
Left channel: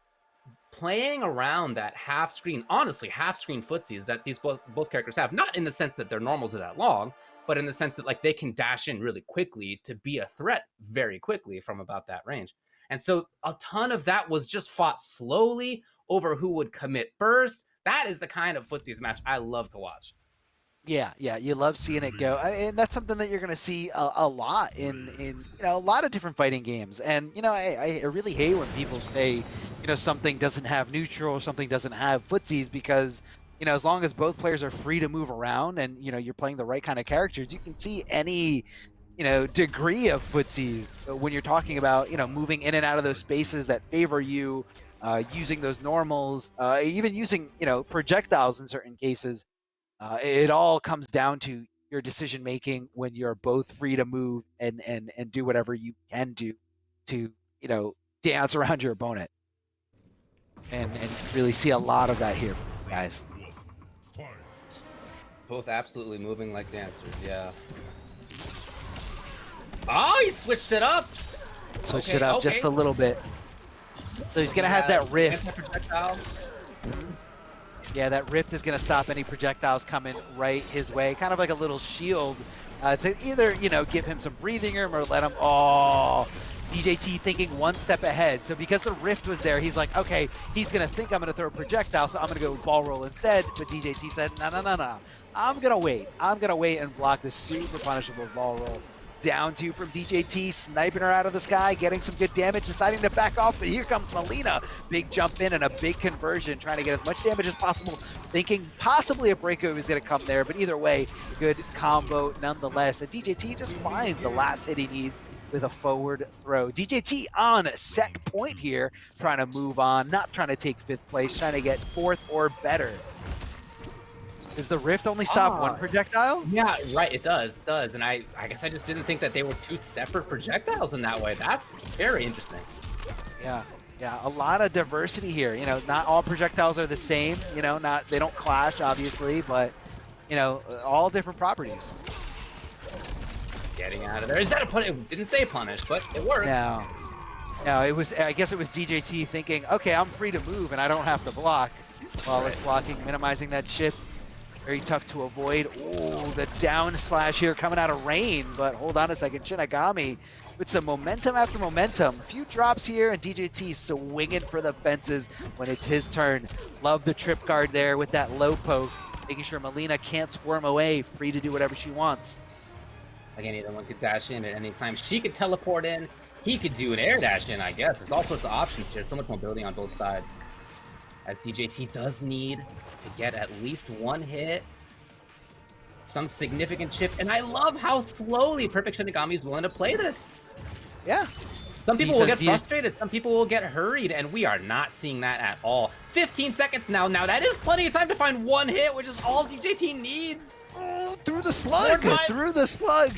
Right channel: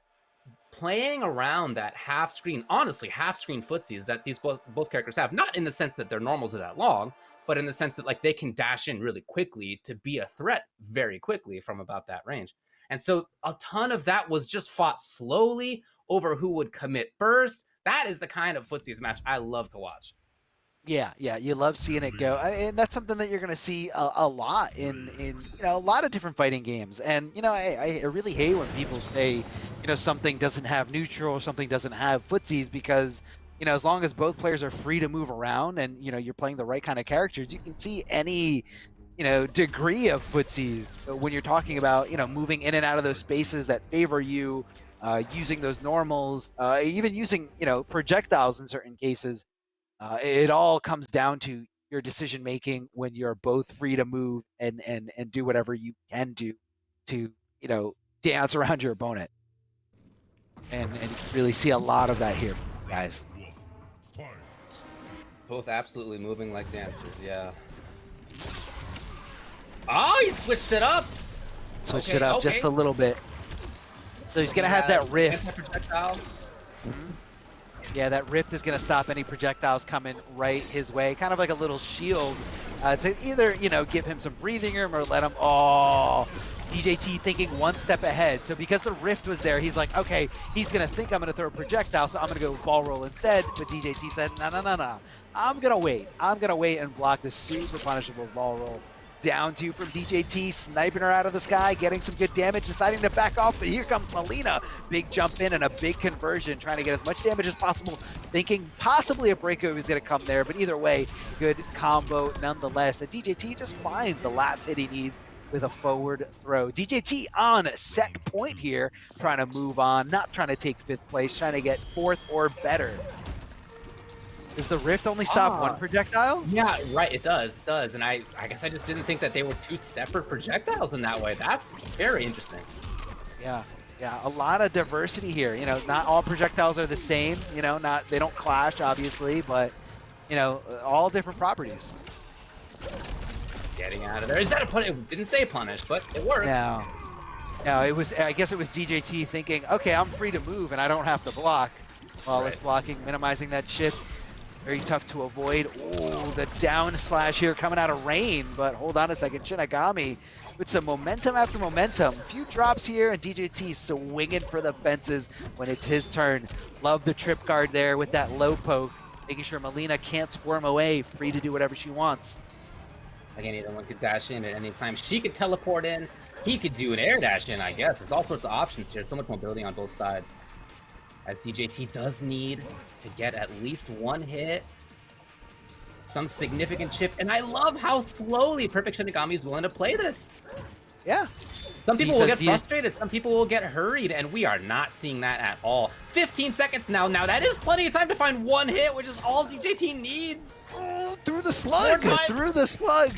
playing around that half-screen, honestly, half-screen footsies that these both characters have, not in the sense that their normals are that long, but in the sense that like they can dash in really quickly to be a threat very quickly from about that range. And so a ton of that was just fought slowly over who would commit first. That is the kind of footsies match I love to watch. Yeah, you love seeing it go, and that's something that you're going to see a lot in a lot of different fighting games. And I really hate when people say something doesn't have neutral or something doesn't have footsies, because as long as both players are free to move around and you're playing the right kind of characters, you can see any degree of footsies when you're talking about moving in and out of those spaces that favor you, using those normals, even using projectiles in certain cases. It all comes down to your decision making when you're both free to move and do whatever you can do to dance around your opponent, and really see a lot of that here, guys. Both absolutely moving like dancers. Yeah. Oh, he switched it up. Switched it up just a little bit. So he's gonna have that rift. Yeah, that rift is going to stop any projectiles coming right his way. Kind of like a little shield to either, give him some breathing room or let him... Oh, DJT thinking one step ahead. So because the rift was there, he's like, okay, he's going to think I'm going to throw a projectile, so I'm going to go ball roll instead. But DJT said, no. I'm going to wait. I'm going to wait and block this super punishable ball roll. Down two from DJT, sniping her out of the sky, getting some good damage, deciding to back off, but here comes Melina. Big jump in and a big conversion, trying to get as much damage as possible, thinking possibly a breakover is going to come there, but either way, good combo nonetheless. And DJT just finds the last hit he needs with a forward throw. DJT on set point here, trying to move on, not trying to take 5th place, trying to get 4th or better. Does the rift only stop one projectile? Yeah, right, it does. And I guess I just didn't think that they were 2 separate projectiles in that way. That's very interesting. Yeah, a lot of diversity here. Not all projectiles are the same. They don't clash, obviously, but all different properties. Getting out of there. Is that a punish? It didn't say punish, but it worked. No, it was. I guess it was DJT thinking, okay, I'm free to move and I don't have to block. While it's blocking, minimizing that shift. Very tough to avoid. Oh, the down slash here coming out of rain, but hold on a second. Shinigami with some momentum after momentum. A few drops here, and DJT swinging for the fences when it's his turn. Love the trip guard there with that low poke, making sure Melina can't squirm away, free to do whatever she wants. Again, either one could dash in at any time. She could teleport in. He could do an air dash in, I guess. There's all sorts of options here. So much mobility on both sides. As DJT does need to get at least one hit, some significant chip, and I love how slowly Perfect Shinigami is willing to play this. Yeah. Some people will get frustrated, some people will get hurried, and we are not seeing that at all. 15 seconds now. Now that is plenty of time to find one hit, which is all DJT needs. Through the slug! Through the slug!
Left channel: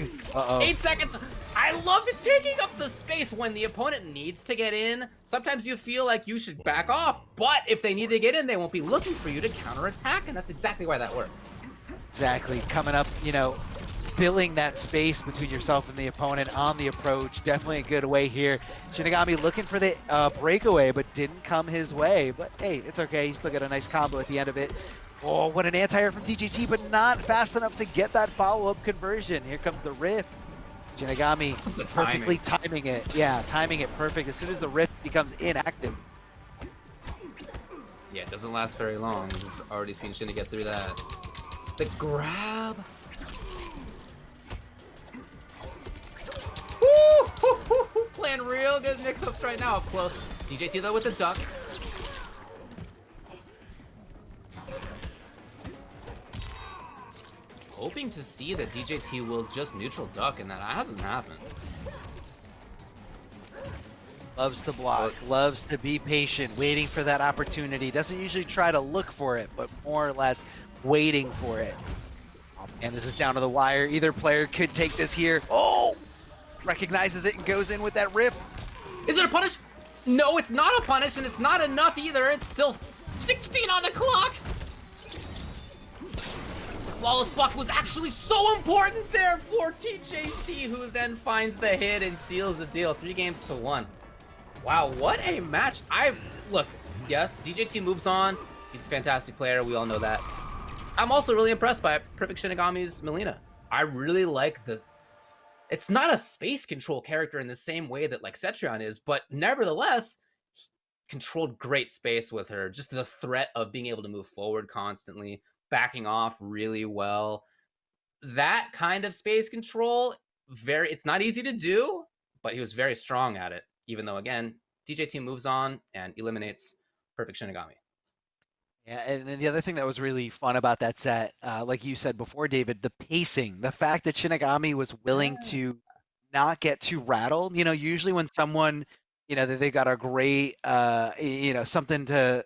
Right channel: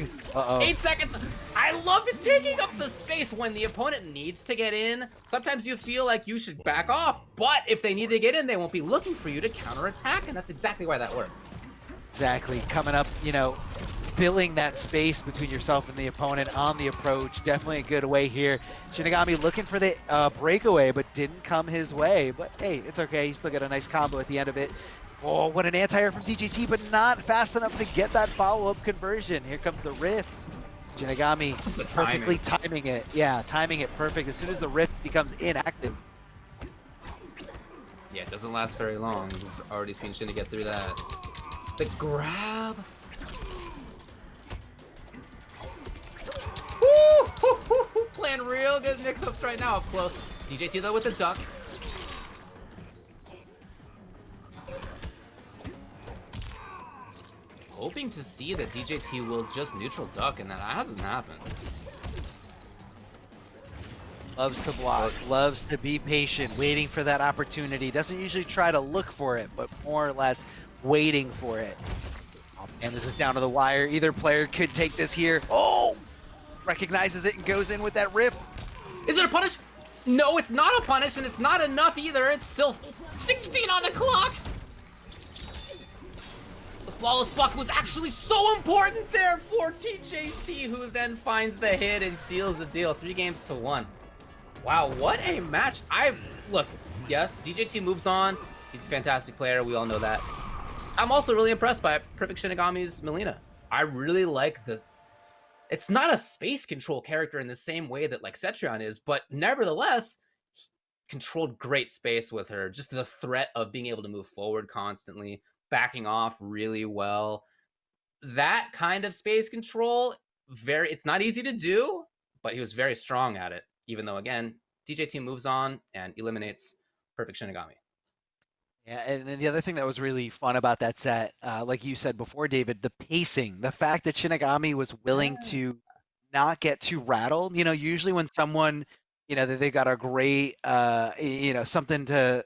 8 seconds! I love it taking up the space when the opponent needs to get in. Sometimes you feel like you should back off, but if they need to get in, they won't be looking for you to counterattack, and that's exactly why that worked. Exactly. Coming up, filling that space between yourself and the opponent on the approach. Definitely a good way here. Shinigami looking for the breakaway, but didn't come his way. But hey, it's okay. He still got a nice combo at the end of it. Oh, what an anti-air from DJT, but not fast enough to get that follow-up conversion. Here comes the rift. Shinigami perfectly timing it. Yeah, timing it perfect. As soon as the rift becomes inactive. Yeah, it doesn't last very long. We've already seen Shinny get through that. The grab. mix-ups right now up close. DJT though with the duck. Hoping to see that DJT will just neutral duck, and that hasn't happened. Loves to block, loves to be patient, waiting for that opportunity. Doesn't usually try to look for it, but more or less waiting for it. And this is down to the wire. Either player could take this here. Oh! Recognizes it and goes in with that riff. Is it a punish? No, it's not a punish, and it's not enough either. It's still 16 on the clock. The flawless block was actually so important there for TJT, who then finds the hit and seals the deal. 3-1. Wow, what a match. Look, yes, DJT moves on. He's a fantastic player. We all know that. I'm also really impressed by PerfectShinigami's Melina. I really like this. It's not a space control character in the same way that like Cetrion is, but nevertheless, he controlled great space with her. Just the threat of being able to move forward constantly, backing off really well. That kind of space control, it's not easy to do, but he was very strong at it. Even though, again, DJT moves on and eliminates PerfectShinigami. Yeah, and then the other thing that was really fun about that set, like you said before, David, the pacing, the fact that Shinigami was willing to not get too rattled. You know, usually when someone, you know, they got a great, you know, something to,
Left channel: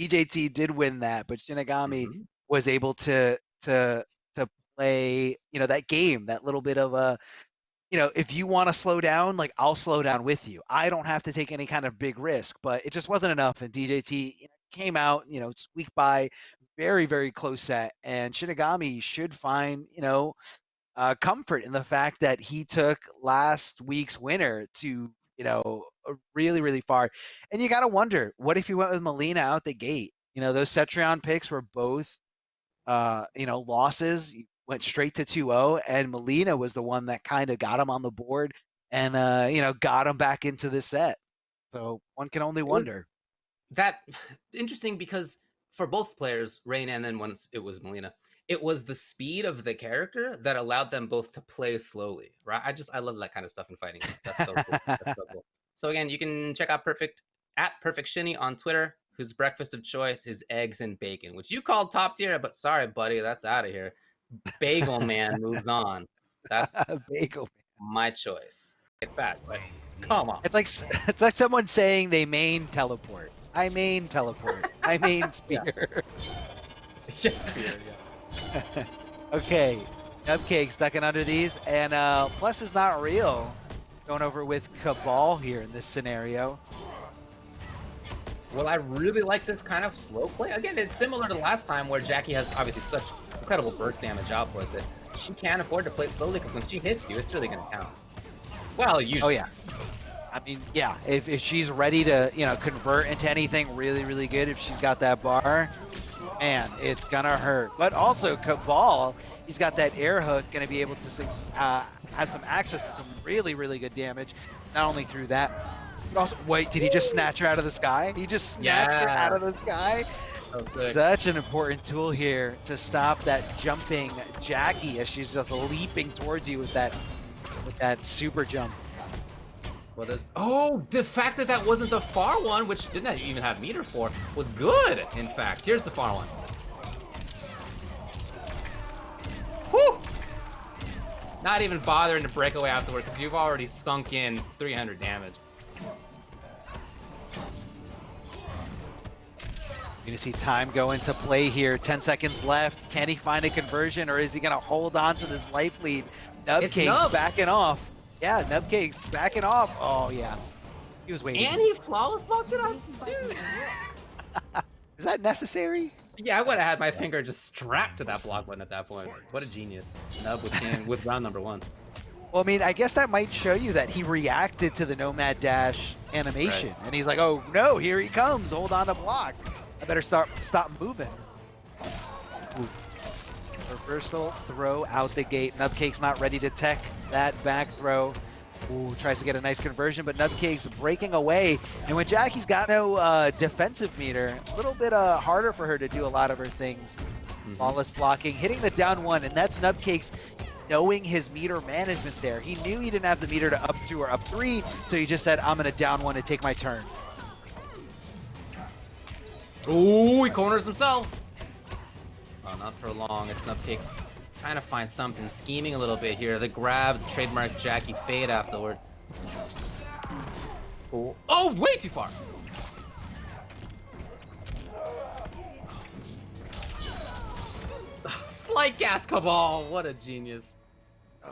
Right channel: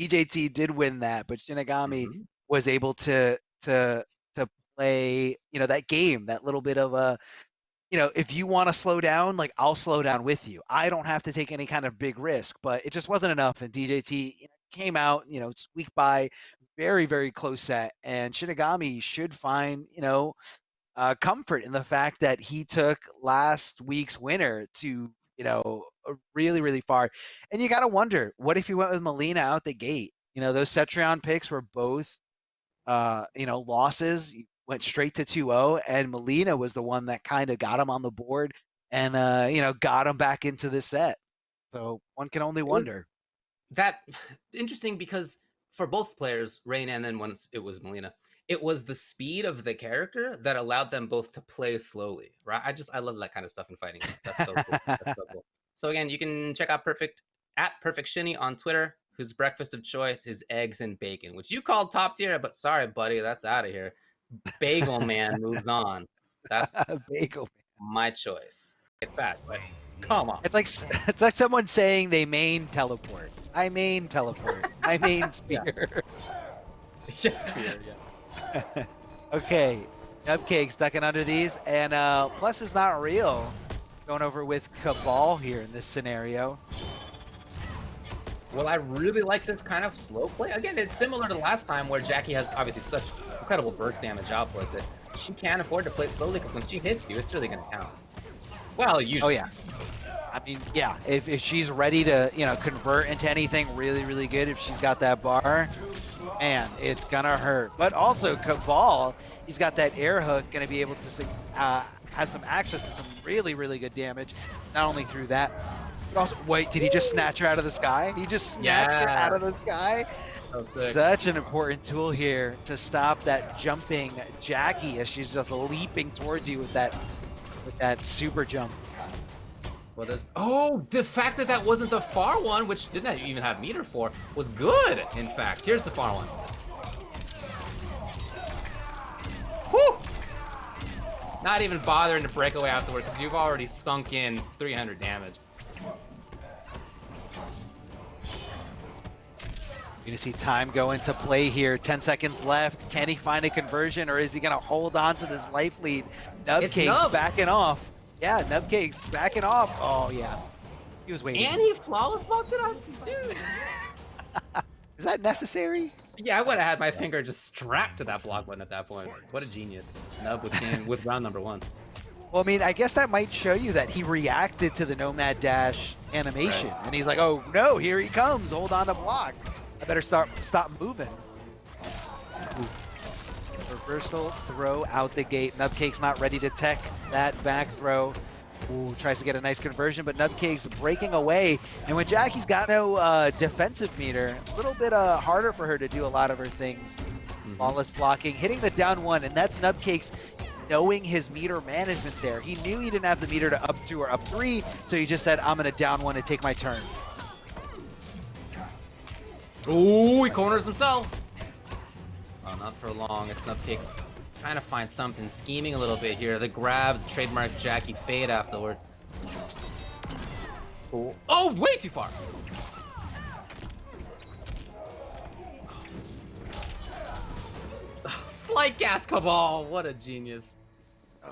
DJT did win that, but Shinigami was able to play, you know, that game, that little bit of a, you know, if you want to slow down, like I'll slow down with you. I don't have to take any kind of big risk, but it just wasn't enough. And DJT came out, you know, squeaked by, very, very close set. And Shinigami should find, you know, comfort in the fact that he took last week's winner to, you know, really, really far. And you got to wonder, what if he went with Melina out the gate? You know, those Cetrion picks were both, you know, losses. Went straight to 2-0, and Melina was the one that kind of got him on the board and, you know, got him back into the set. So one can only wonder. That interesting because for both players, Rain and then once it was Melina, it was the speed of the character that allowed them both to play slowly, right? I love that kind of stuff in fighting games. That's so cool. That's so cool. So again, you can check out @PerfectShini on Twitter, whose breakfast of choice is eggs and bacon, which you called top tier, but sorry, buddy, that's out of here. Bagel Man moves on. That's Bagel Man. My choice. It's bad, but come on. It's like someone saying they main teleport. I main teleport. I main spear. Yes, spear. Yeah. Okay, Nubcakes ducking under these, and plus is not real. Going over with Cabal here in this scenario. Well, I really like this kind of slow play. Again, it's similar to last time where Jackie has obviously such incredible burst damage output that she can't afford to play slowly because when she hits you, it's really going to count. Well, usually. Oh, yeah. I mean, yeah, if she's ready to, you know, convert into anything really, really good, if she's got that bar, man, it's going to hurt. But also, Cabal, he's got that air hook, going to be able to have some access to some really, really good damage, not only through that. Also, wait, did he just snatch her out of the sky? He just snatched her out of the sky? Such an important tool here to stop that jumping Jackie as she's just leaping towards you with that super jump. Well, the fact that wasn't the far one, which didn't even have meter for, was good, in fact. Here's the far one. Whew! Not even bothering to break away afterward because you've already sunk in 300 damage. You're going to see time go into play here. 10 seconds left. Can he find a conversion, or is he going to hold on to this life lead? Nubcakes backing off. Yeah, Nubcakes backing off. Oh, yeah. He was waiting. And he flawless blocked it on. Dude. Is that necessary? Yeah, I would have had my finger just strapped to that block button at that point. What a genius. Nub with round number 1. Well, I mean, I guess that might show you that he reacted to the Nomad Dash animation. Right. And he's like, oh, no, here he comes. Hold on to block. I better stop moving. Ooh. Reversal throw out the gate. Nubcakes not ready to tech that back throw. Ooh, tries to get a nice conversion, but Nubcakes breaking away. And when Jackie's got no defensive meter, a little bit harder for her to do a lot of her things. Flawless blocking, hitting the down one, and that's Nubcakes knowing his meter management there. He knew he didn't have the meter to up 2 or up 3, so he just said, I'm going to down 1 and take my turn. Ooh, he corners himself. Oh, not for long. It's Nubcakes trying to find something, scheming a little bit here. The grab, the trademark Jackie fade afterward. Ooh. Oh, way too far. Slight gas Cabal, what a genius.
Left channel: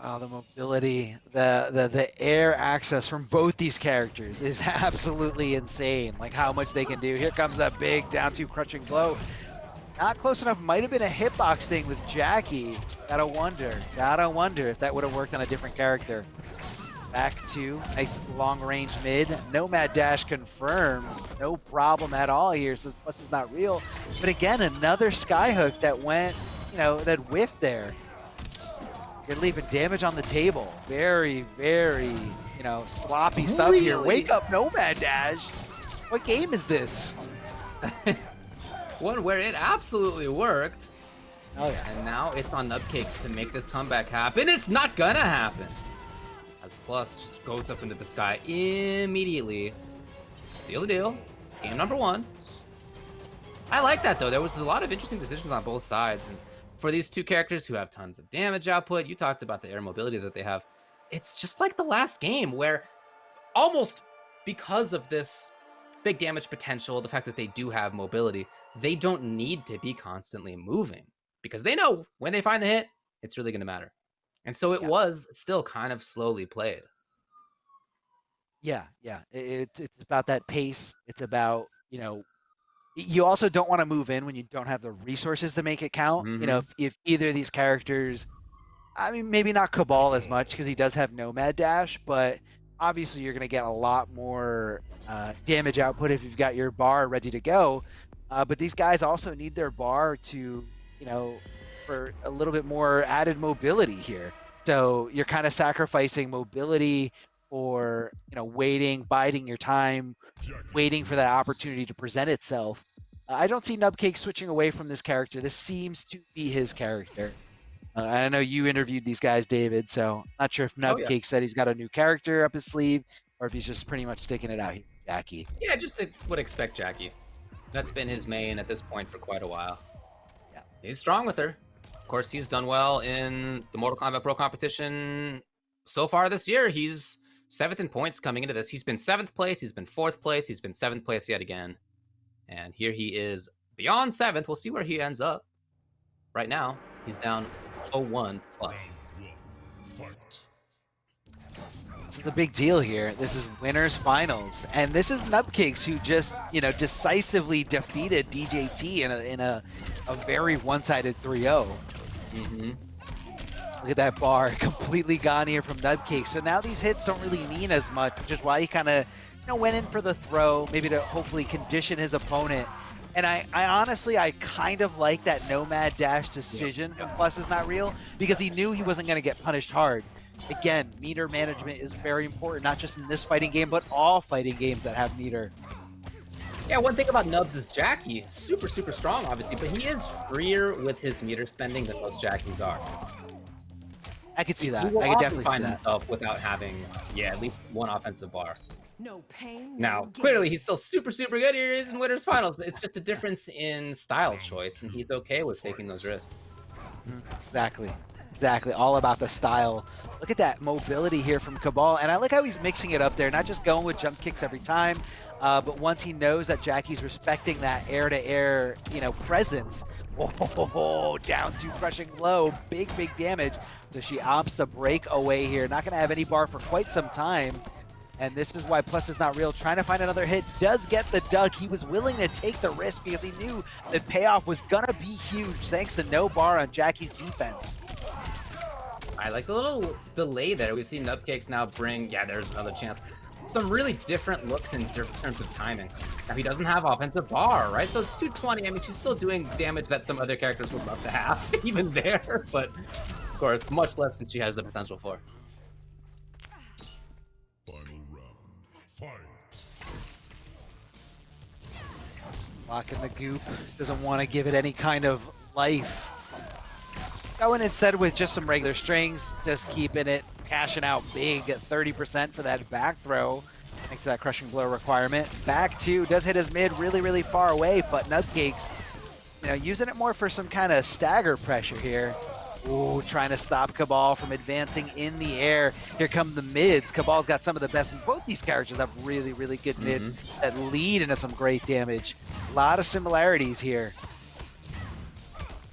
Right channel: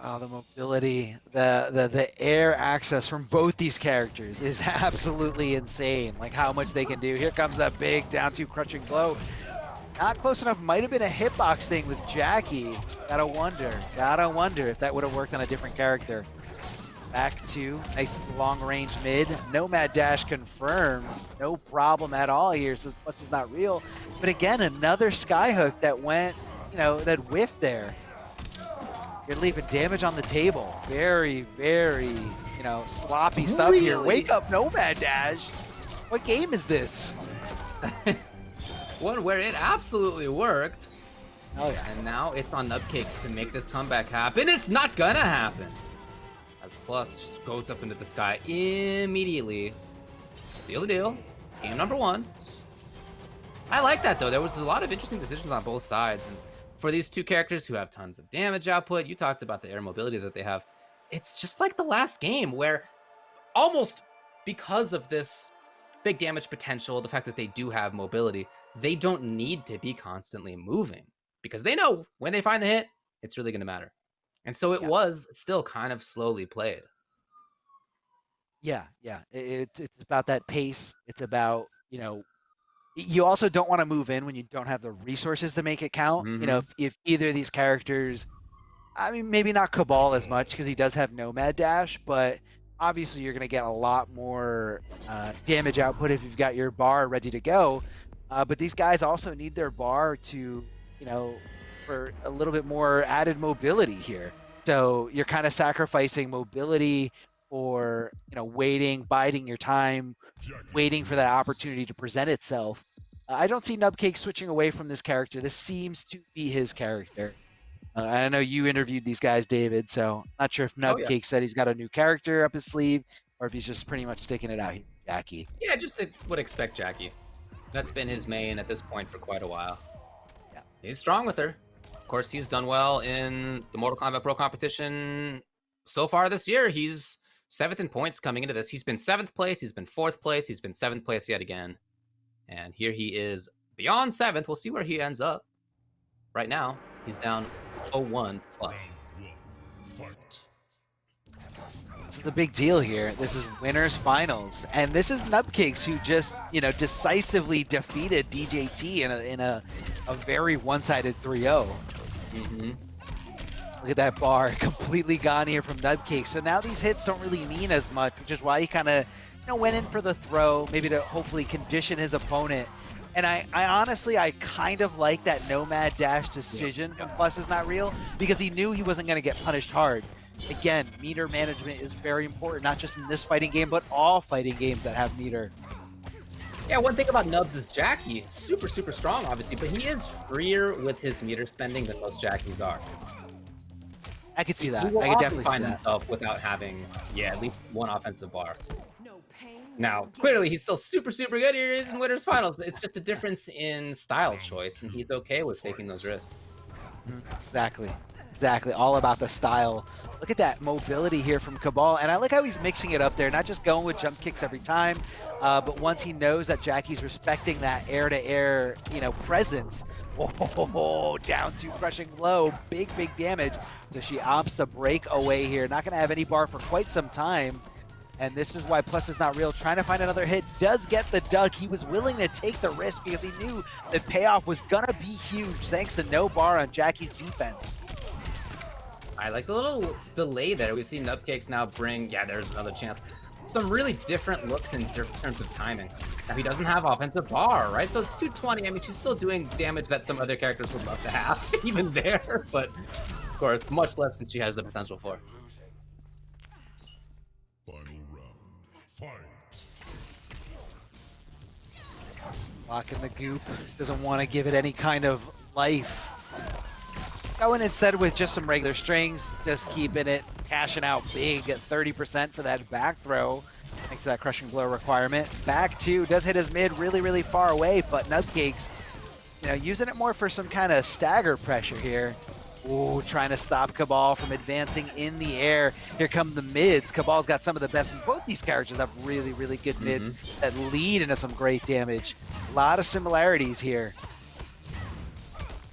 Oh, the mobility, the air access from both these characters is absolutely insane. Like how much they can do. Here comes that big down 2 crushing blow. Not close enough. Might have been a hitbox thing with Jackie. Gotta wonder if that would have worked on a different character. Back to nice long range mid. Nomad dash confirms. No problem at all here. Says plus is not real. But again, another skyhook that went, that whiffed there. You're leaving damage on the table. Very, very, sloppy stuff here. Wake up, Nomad dash. What game is this? One where it absolutely worked. Oh, and now it's on Nubcakes to make this comeback happen. It's not gonna happen. As Plus just goes up into the sky immediately. Seal the deal. It's game number 1. I like that though. There was a lot of interesting decisions on both sides. And for these two characters who have tons of damage output, you talked about the air mobility that they have. It's just like the last game where almost because of this big damage potential, the fact that they do have mobility, they don't need to be constantly moving because they know when they find the hit, it's really going to matter. And so it was still kind of slowly played. Yeah. It's about that pace. It's about, you also don't want to move in when you don't have the resources to make it count. If either of these characters, I mean, maybe not Cabal as much because he does have Nomad Dash, but obviously you're going to get a lot more damage output if you've got your bar ready to go. But these guys also need their bar to, for a little bit more added mobility here. So you're kind of sacrificing mobility for, waiting, biding your time, waiting for that opportunity to present itself. I don't see Nubcakes switching away from this character. This seems to be his character. I know you interviewed these guys, David, so I'm not sure if Nubcakes said he's got a new character up his sleeve or if he's just pretty much sticking it out here. Jackie. Yeah, just would expect Jackie. That's been his main at this point for quite a while. Yeah. He's strong with her. Of course, he's done well in the Mortal Kombat Pro competition so far this year. He's 7th in points coming into this. He's been 7th place. He's been 4th place. He's been 7th place yet again. And here he is beyond 7th. We'll see where he ends up. Right now, he's down 0-1 plus. Fight. This is the big deal here. This is winners finals. And this is Nubcakes who just, decisively defeated DJT in a very one-sided 3-0. Look at that bar, completely gone here from Nubcakes. So now these hits don't really mean as much, which is why he kind of went in for the throw, maybe to hopefully condition his opponent. And I honestly, I kind of like that Nomad Dash decision from Plus is not real because he knew he wasn't going to get punished hard. Again, meter management is very important, not just in this fighting game, but all fighting games that have meter. Yeah, one thing about Nubs is Jackie, super, super strong, obviously, but he is freer with his meter spending than most Jackies are. I can see that. He will I can often definitely find see that. himself without having, at least one offensive bar. No pain. Now, clearly, he's still super, super good. Here he is in Winners Finals, but it's just a difference in style choice, and he's okay with taking those risks. Exactly. All about the style. Look at that mobility here from Cabal, and I like how he's mixing it up there, not just going with jump kicks every time, but once he knows that Jackie's respecting that air-to-air, presence. Oh, down to crushing blow, big damage. So she opts to break away here. Not going to have any bar for quite some time. And this is why Plus is not real. Trying to find another hit. Does get the duck. He was willing to take the risk because he knew the payoff was going to be huge thanks to no bar on Jackie's defense. I like the little delay there. We've seen Nubcakes now bring, there's another chance. Some really different looks in terms of timing. Now, he doesn't have offensive bar, right? So it's 220. I mean, she's still doing damage that some other characters would love to have, even there. But, of course, much less than she has the potential for. Final round. Fight. Locking the goop. Doesn't want to give it any kind of life. Going instead with just some regular strings, just keeping it, cashing out big at 30% for that back throw. Thanks to that crushing blow requirement. Back two does hit his mid really, really far away, but Nubcakes, you know, using it more for some kind of stagger pressure here. Ooh, trying to stop Cabal from advancing in the air. Here come the mids. Cabal's got some of the best. Both these characters have really, really good mids that lead into some great damage. A lot of similarities here.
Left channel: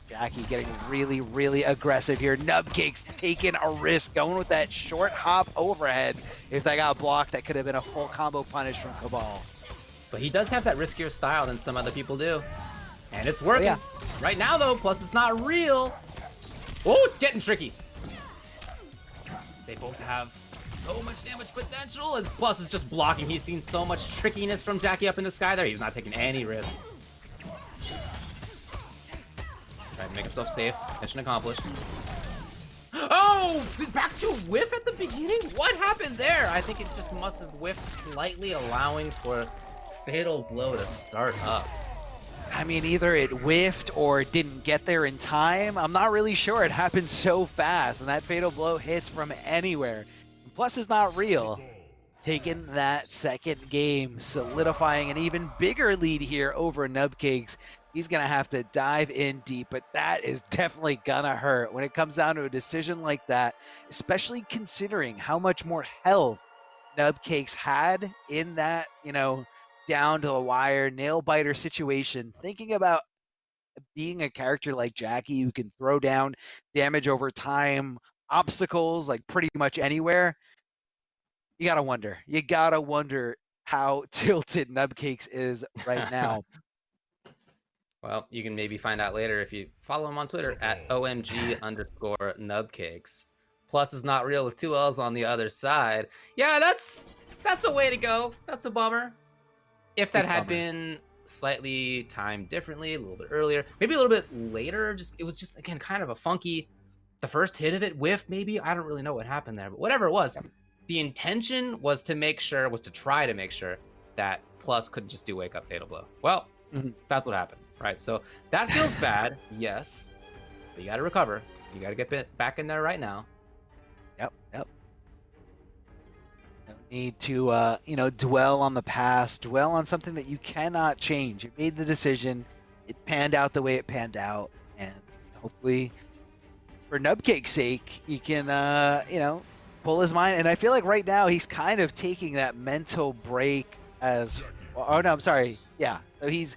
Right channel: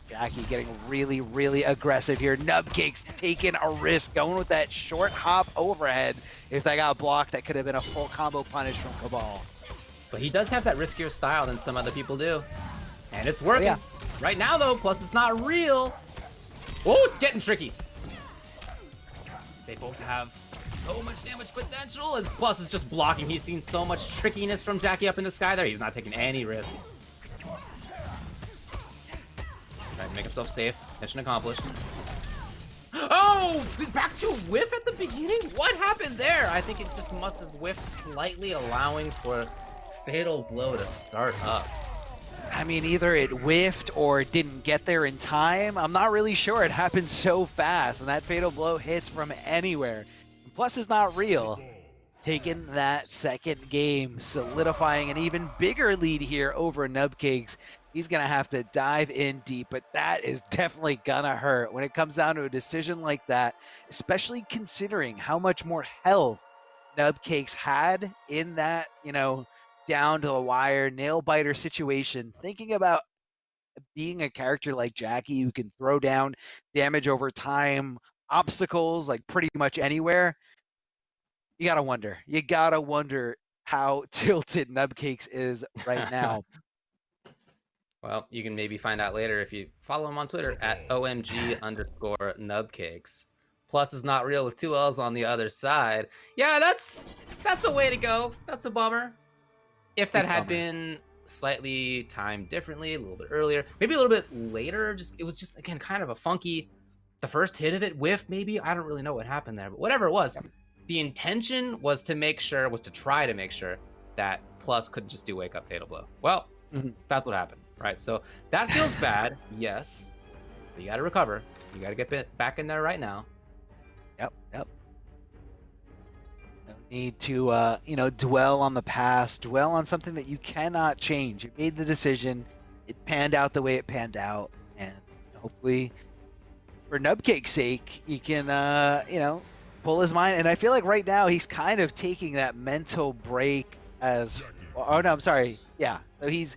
Jackie getting really, really aggressive here. Nubcakes taking a risk, going with that short hop overhead. If that got blocked, that could have been a full combo punish from Cabal. But he does have that riskier style than some other people do. And it's working. Yeah. Right now, though, plus it's not real. Oh, getting tricky. They both have so much damage potential as Plus is just blocking. He's seen so much trickiness from Jackie up in the sky there. He's not taking any risks. Trying to make himself safe. Mission accomplished. Oh, back to whiff at the beginning? What happened there? I think it just must have whiffed slightly, allowing for Fatal Blow to start up. I mean, either it whiffed or it didn't get there in time. I'm not really sure. It happened so fast, and that Fatal Blow hits from anywhere. Plus is not real. Taking that second game, solidifying an even bigger lead here over Nubcakes. He's going to have to dive in deep, but that is definitely going to hurt when it comes down to a decision like that, especially considering how much more health Nubcakes had in that, you know, down to the wire, nail biter situation. Thinking about being a character like Jackie who can throw down damage over time, obstacles, like pretty much anywhere, you gotta wonder how tilted Nubcakes is right now. Well, you can maybe find out later if you follow him on Twitter at OMG_Nubcakes. Plus is not real with 2 L's on the other side. Yeah, that's a way to go. That's a bummer. If that had been slightly timed differently, a little bit earlier, maybe a little bit later, it was just, again, kind of a funky, the first hit of it, whiff maybe, I don't really know what happened there, but whatever it was, the intention was to try to make sure that Plus couldn't just do wake up Fatal Blow. Well, that's what happened, right? So that feels bad, yes, but you got to recover. You got to get back in there right now. Yep. No need to, you know, dwell on the past, dwell on something that you cannot change. You made the decision. It panned out the way it panned out, and hopefully, for Nubcake's sake, he can, you know, pull his mind. And I feel like right now he's kind of taking that mental break as. Oh no, I'm sorry. Yeah, so he's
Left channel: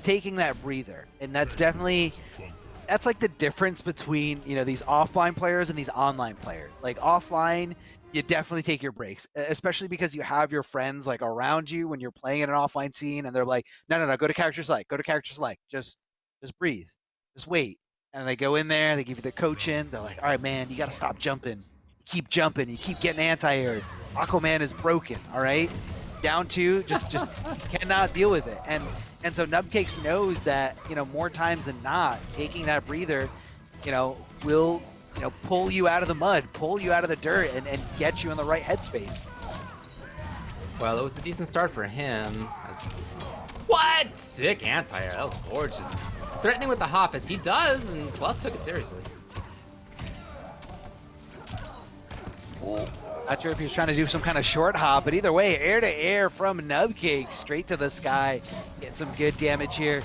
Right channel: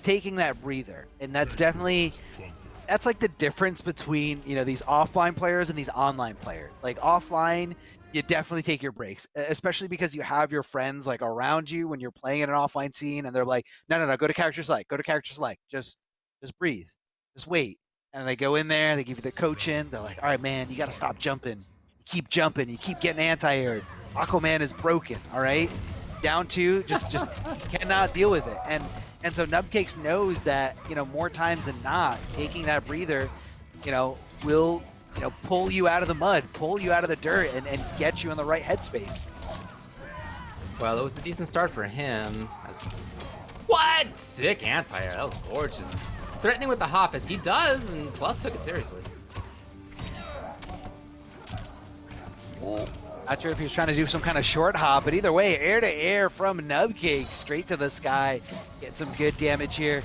taking that breather, and that's definitely. That's like the difference between, you know, these offline players and these online players. Like offline, you definitely take your breaks, especially because you have your friends like around you when you're playing in an offline scene, and they're like, no, go to character select, just breathe, just wait. And they go in there, they give you the coaching. They're like, all right, man, you got to stop jumping. You keep jumping, you keep getting anti-air. Aquaman is broken, all right? Down two, just cannot deal with it. And so Nubcakes knows that, you know, more times than not, taking that breather, you know, will, you know, pull you out of the mud, pull you out of the dirt, and get you in the right headspace. Well, it was a decent start for him. What? Sick anti-air. That was gorgeous. Threatening with the hop as he does, and Plus took it seriously. Not sure if he's trying to do some kind of short hop, but either way, air to air from Nubcakes, straight to the sky. Get some good damage here.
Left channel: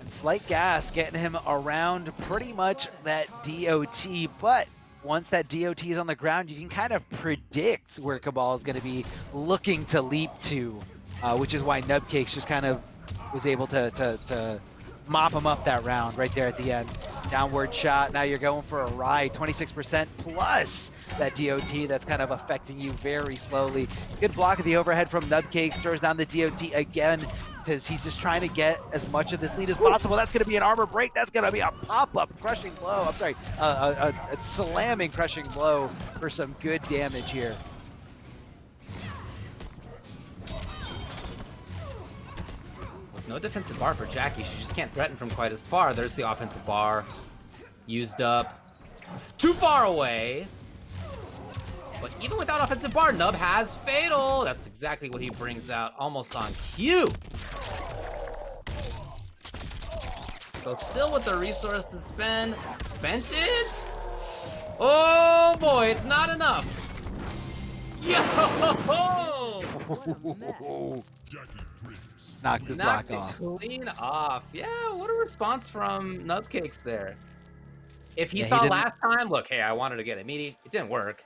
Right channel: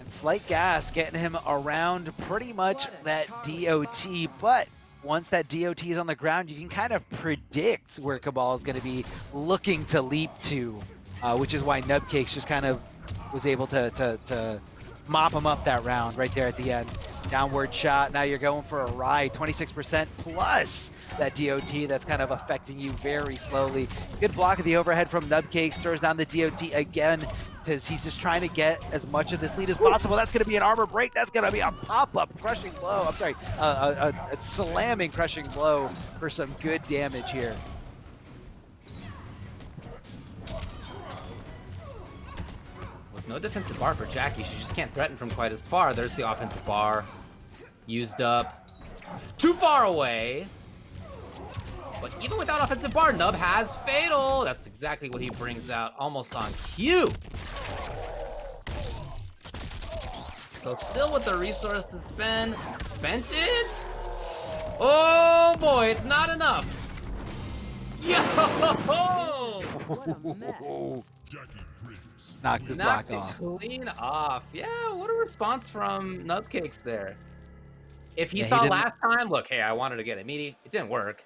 And slight gas getting him around pretty much that DOT, but once that DOT is on the ground, you can kind of predict where Cabal is going to be looking to leap to, which is why Nubcakes just kind of was able to mop him up that round right there at the end. Downward shot, now you're going for a ride, 26% plus that DOT that's kind of affecting you very slowly. Good block of the overhead from Nubcakes, throws down the DOT again because he's just trying to get as much of this lead as possible. That's going to be an armor break, that's going to be a pop-up crushing blow, I'm sorry, a slamming crushing blow for some good damage here. No defensive bar for Jackie. She just can't threaten from quite as far. There's the offensive bar. Used up. Too far away. But even without offensive bar, Nub has Fatal. That's exactly what he brings out almost on cue. So still with the resource to spend. Spent it? Oh boy, it's not enough. Yo! What a mess. Jackie Briggs. Knocked his Knocked block it off. clean off. Yeah, what a response from Nubcakes there. If he Yeah, he saw didn't- last time, look, hey, I wanted to get a meaty. It didn't work.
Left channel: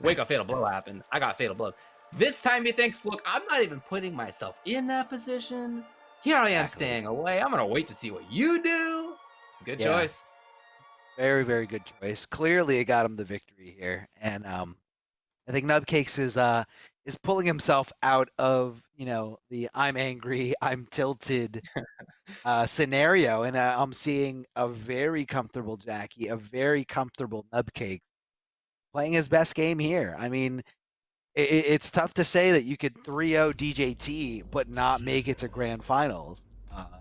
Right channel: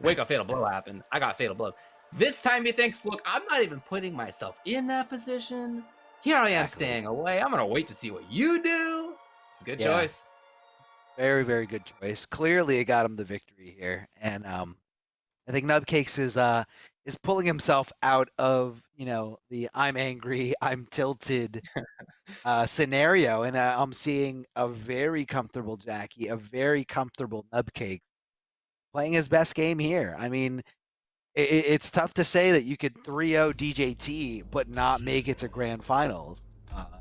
Wake up fatal blow happened. I got fatal blow. This time he thinks, look, I'm not even putting myself in that position. Here I am staying away. I'm gonna wait to see what you do. It's a good choice. Very, very good choice. Clearly, it got him the victory here, and I think Nubcakes is pulling himself out of the I'm angry, I'm tilted scenario, and I'm seeing a very comfortable Jackie, a very comfortable Nubcakes playing his best game here. I mean, it's tough to say that you could 3-0 DJT but not make it to grand finals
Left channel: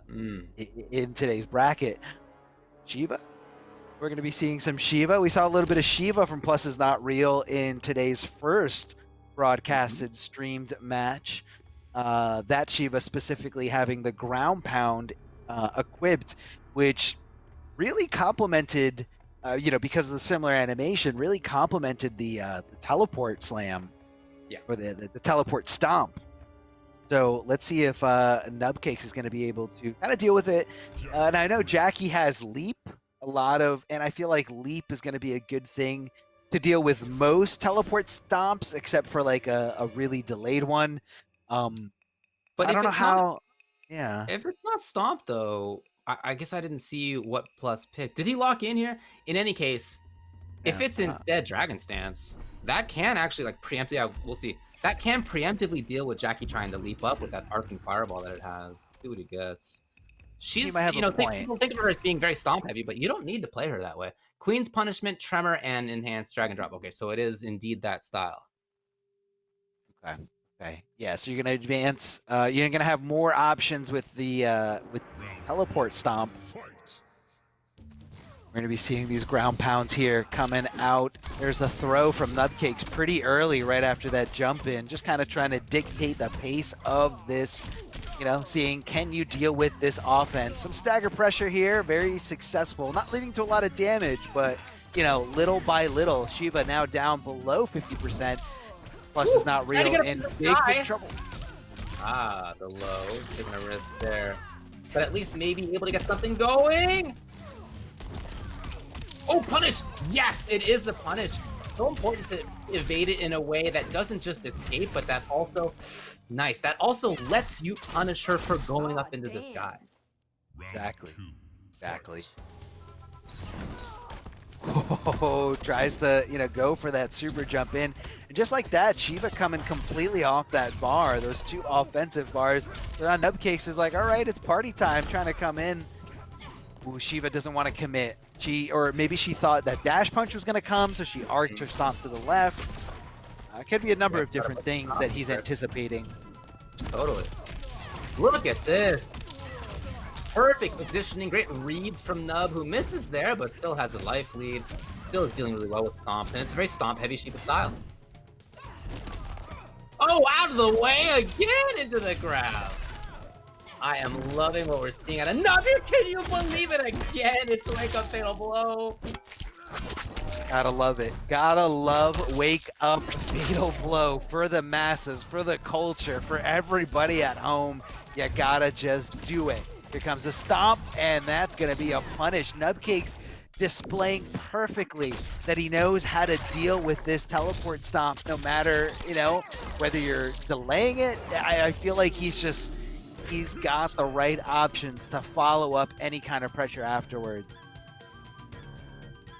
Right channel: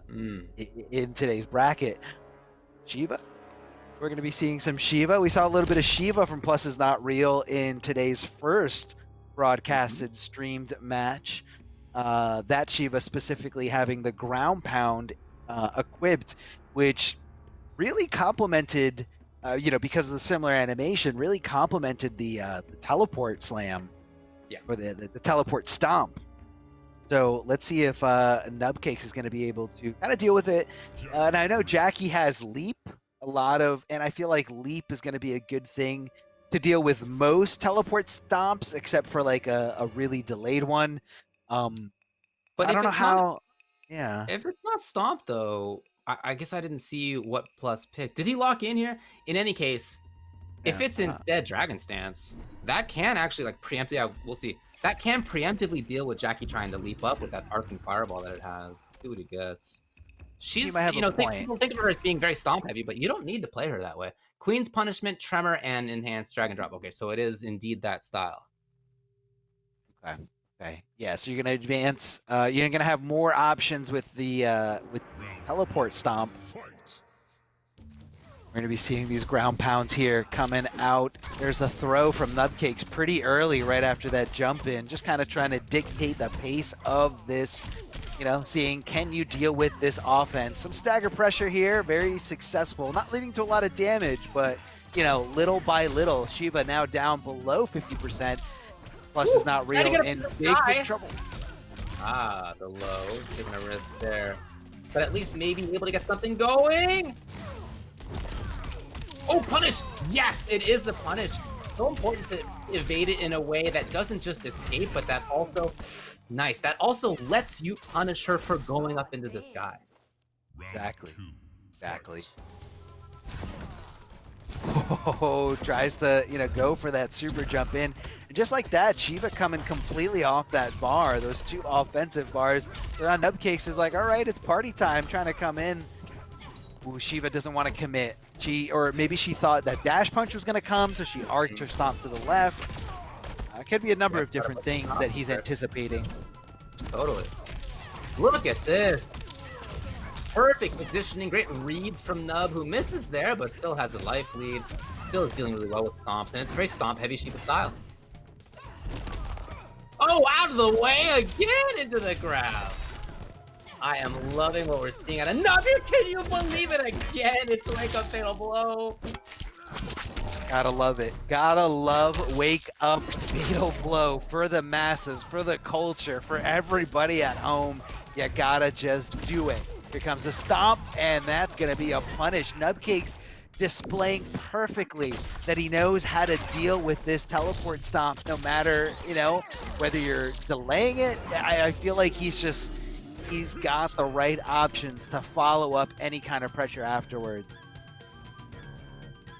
in today's bracket. Shiva? We're going to be seeing some Shiva. We saw a little bit of Shiva from Plusisnotreal in today's first broadcasted streamed match. That Shiva specifically having the ground pound equipped, which really complemented, because of the similar animation, really complemented the teleport slam. Yeah. Or the teleport stomp. So let's see if Nubcakes is going to be able to kind of deal with it. And I know Jackie has leap. And I feel like leap is going to be a good thing to deal with most teleport stomps, except for like a really delayed one. But I if don't know it's how. not, Yeah. if it's not stomp though, I guess I didn't see what plus pick. Did he lock in here? In any case, if it's instead Dragon Stance, that can actually like preempt. Yeah, we'll see. That can preemptively deal with Jackie trying to leap up with that arcing fireball that it has. Let's see what he gets. She's, people think of her as being very stomp heavy, but you don't need to play her that way. Queen's Punishment, Tremor, and Enhanced Drag and Drop. Okay, so it is indeed that style. Okay. Yeah, so you're gonna advance. You're gonna have more options with the teleport stomp. Fight. We're going to be seeing these ground pounds here coming out. There's a throw from Nubcakes pretty early right after that jump in, just kind of trying to dictate the pace of this, seeing can you deal with this offense. Some stagger pressure here, very successful, not leading to a lot of damage, but, little by little, Shiva now down below 50%. Plusisnotreal in big trouble. Ah, the low, taking a risk there. But at least maybe able to get something going. Oh, punish! Yes, it is the punish. So important to evade it in a way that doesn't just escape, but that also, nice. That also lets you punish her for going up into the sky. Exactly. Oh, tries to, go for that super jump in. And just like that, Shiva coming completely off that bar, those two offensive bars. So now Nubcakes is like, all right, it's party time, trying to come in. Ooh, Shiva doesn't want to commit. Or maybe she thought that dash punch was going to come, so she arced her stomp to the left. Could be a number of different things that he's anticipating. Totally. Look at this. Perfect positioning. Great reads from Nub, who misses there, but still has a life lead. Still is dealing really well with stomps, and it's a very stomp-heavy Shiva style. Oh, out of the way again into the ground. I am loving what we're seeing at another. Can you believe it again? It's Wake Up Fatal Blow. Gotta love it. Gotta love Wake Up Fatal Blow for the masses, for the culture, for everybody at home. You gotta just do it. Here comes the stomp, and that's gonna be a punish. Nubcakes displaying perfectly that he knows how to deal with this teleport stomp, no matter, whether you're delaying it. I feel like he's got the right options to follow up any kind of pressure afterwards.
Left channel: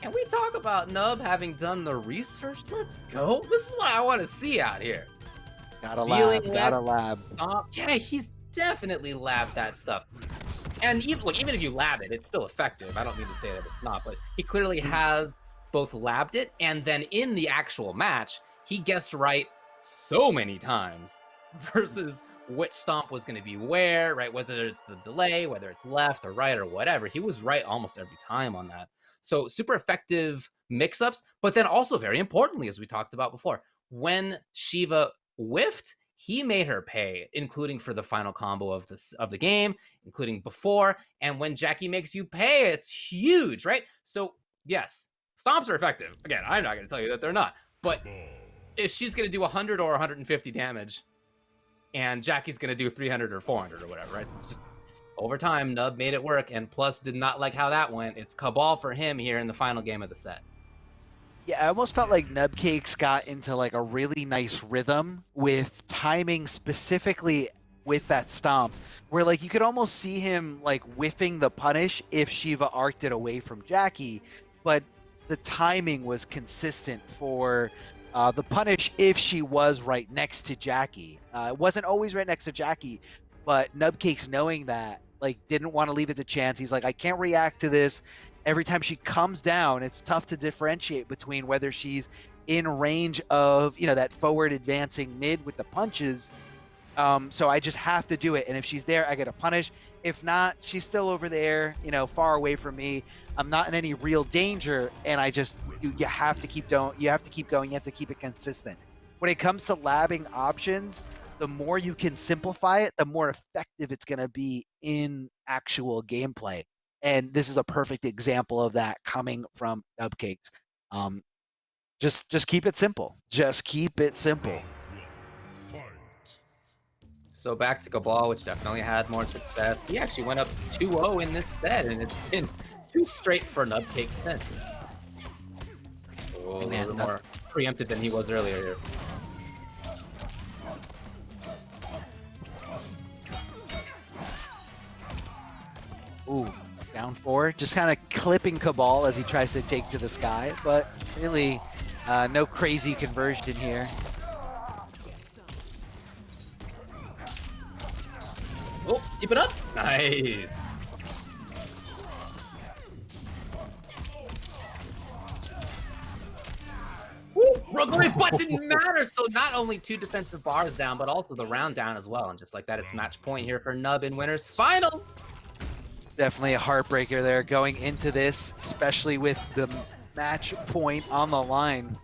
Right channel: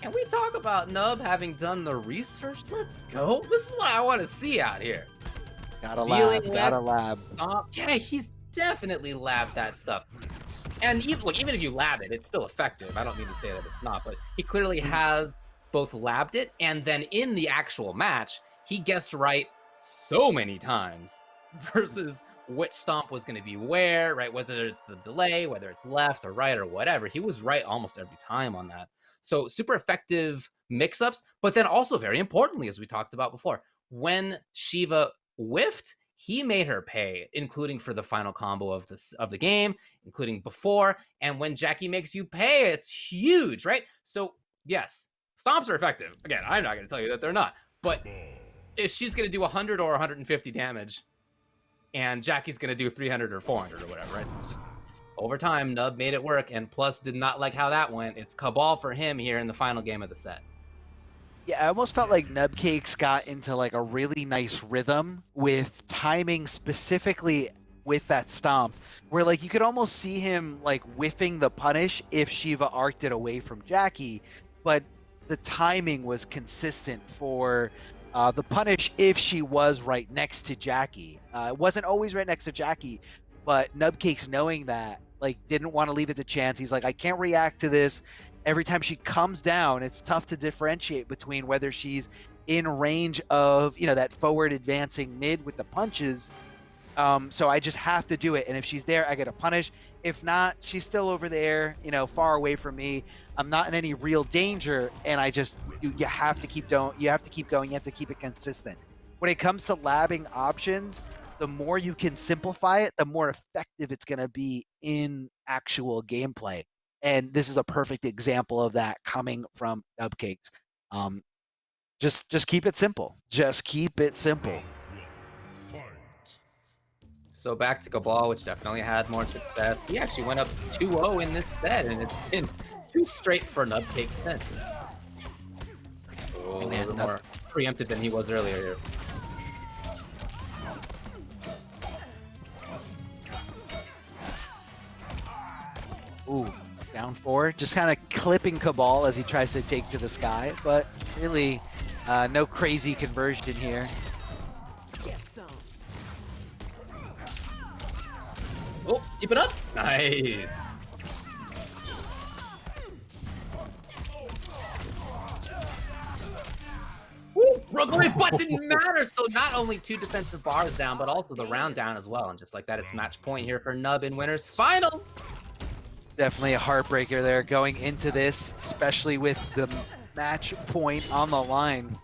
Can we talk about Nub having done the research? Let's go. This is what I want to see out here. Gotta lab. Yeah, he's definitely labbed that stuff. And even if you lab it, it's still effective. I don't mean to say that it's not, but he clearly has both labbed it, and then in the actual match, he guessed right so many times versus which stomp was going to be where, right? Whether it's the delay, whether it's left or right or whatever. He was right almost every time on that. So super effective mix-ups, but then also very importantly, as we talked about before, when Shiva whiffed, he made her pay, including for the final combo of the game, including before. And when Jackie makes you pay, it's huge, right? So yes, stomps are effective. Again, I'm not going to tell you that they're not, but if she's going to do 100 or 150 damage, and Jackie's going to do 300 or 400 or whatever, right? It's just over time, Nub made it work, and Plus did not like how that went. It's Cabal for him here in the final game of the set. Yeah, I almost felt like Nubcakes got into like a really nice rhythm with timing specifically with that stomp, where like you could almost see him like whiffing the punish if Shiva arced it away from Jackie, but the timing was consistent for the punish if she was right next to Jackie. It wasn't always right next to Jackie, but Nubcakes, knowing that, like, didn't want to leave it to chance. He's like, I can't react to this. Every time she comes down, it's tough to differentiate between whether she's in range of, you know, that forward advancing mid with the punches. So I just have to do it. And if she's there, I get a punish. If not, she's still over there, you know, far away from me. I'm not in any real danger. And I just, you have to keep going. You have to keep going. You have to keep it consistent. When it comes to labbing options, the more you can simplify it, the more effective it's going to be in actual gameplay. And this is a perfect example of that coming from Nubcakes. Just keep it simple. Just keep it simple. Fight. So back to Cabal, which definitely had more success. He actually went up 2-0 in this set, and it's been too straight for Nubcakes since. Oh, a little bit more preemptive than he was earlier here. Ooh, down 4. Just kind of clipping Cabal as he tries to take to the sky, but really no crazy conversion here. Oh, keep it up. Nice. Woo, broke away, but didn't matter. So not only 2 defensive bars down, but also the round down as well. And just like that, it's match point here for Nub in winners finals. Definitely a heartbreaker there going into this, especially with the match point on the line.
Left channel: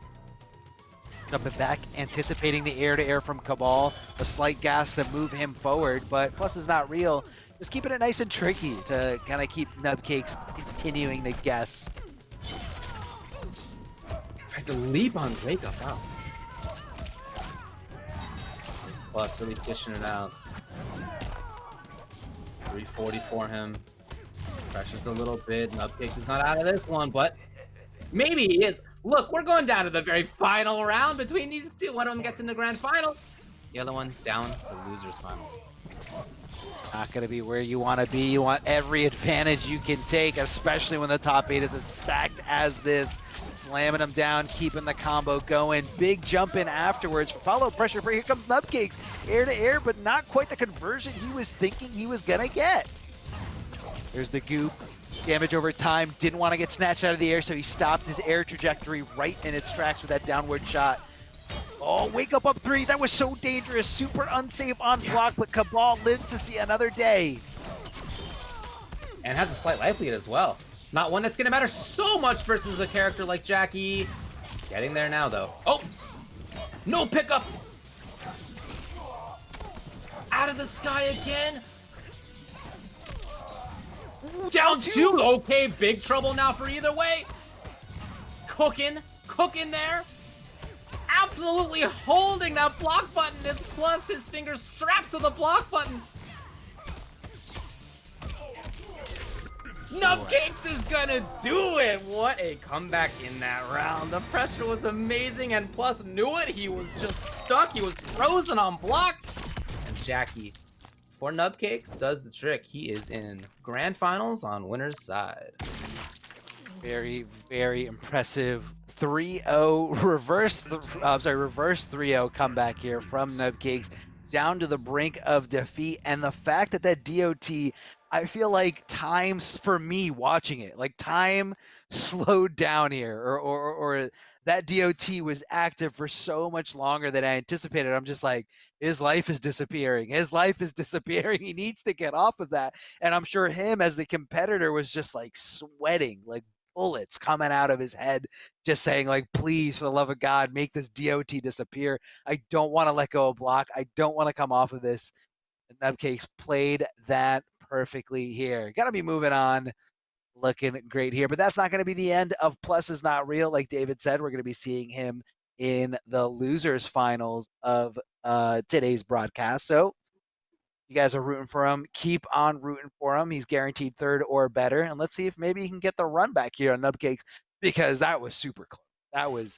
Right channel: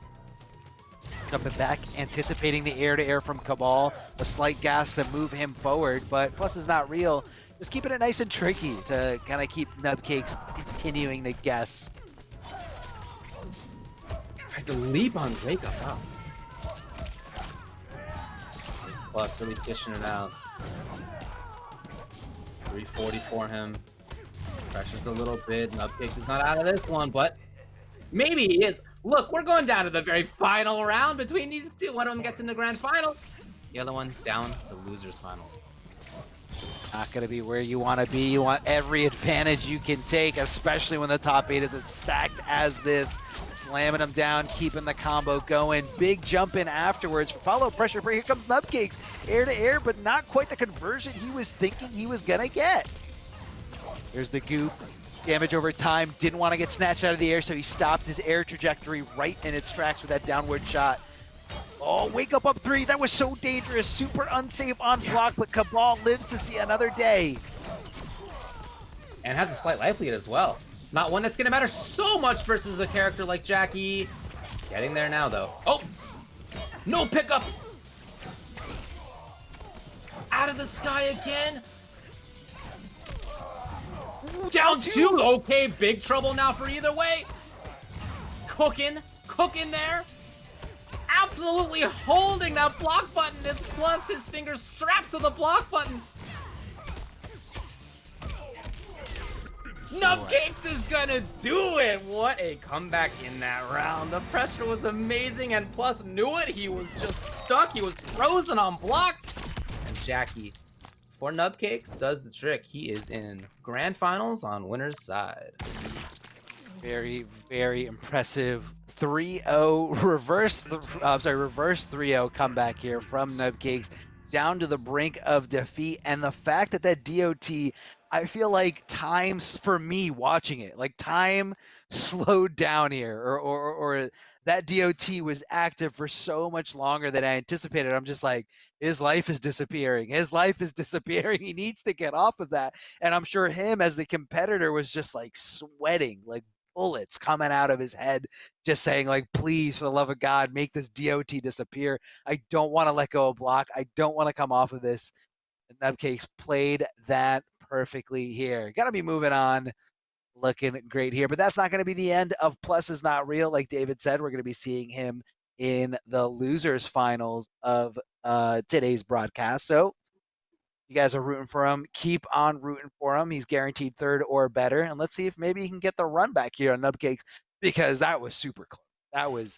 Jumping back, anticipating the air-to-air from Cabal. A slight gas to move him forward, but Plus is not real. Just keeping it nice and tricky to kind of keep Nubcakes continuing to guess. Tried to leap on Wake Up. Wow. Plus really dishing it out. 340 for him. Pressures a little bit. Nubcakes is not out of this one, but maybe he is. Look, we're going down to the very final round between these two. One of them gets in the grand finals. The other one down to losers finals. Not going to be where you want to be. You want every advantage you can take, especially when the top 8 is as stacked as this. Slamming them down, keeping the combo going. Big jump in afterwards. Follow pressure. Here comes Nubcakes. Air to air, but not quite the conversion he was thinking he was going to get. There's the goop. Damage over time. Didn't want to get snatched out of the air, so he stopped his air trajectory right in its tracks with that downward shot. Oh, Wake Up 3. That was so dangerous. Super unsafe on block, but Cabal lives to see another day. And has a slight life lead as well. Not one that's going to matter so much versus a character like Jackie. Getting there now, though. Oh! No pickup! Out of the sky again! Down 2! Okay, big trouble now for either way. Cooking there. Absolutely holding that block button. This Plus, his fingers strapped to the block button. Nubcakes is gonna do it! What a comeback in that round. The pressure was amazing, and Plus knew it. He was just stuck. He was frozen on block. And Jackie, for Nubcakes, does the trick. He is in grand finals on winner's side. Very, very impressive 3-0 reverse 3-0 comeback here from Nubcakes, down to the brink of defeat. And the fact that that DOT, I feel like times for me watching it, like time slowed down here, or that DOT was active for so much longer than I anticipated. I'm just like, his life is disappearing. His life is disappearing. He needs to get off of that. And I'm sure him as the competitor was just like sweating, like bullets coming out of his head, just saying like, please, for the love of God, make this DOT disappear. I don't want to let go of block. I don't want to come off of this. And Nubcakes played that perfectly here. Got to be moving on. Looking great here, but that's not going to be the end of Plus Is Not Real. Like David said, we're going to be seeing him in the losers finals of today's broadcast. So you guys are rooting for him. Keep on rooting for him. He's guaranteed third or better. And let's see if maybe he can get the run back here on Nubcakes, because that was super close. That was,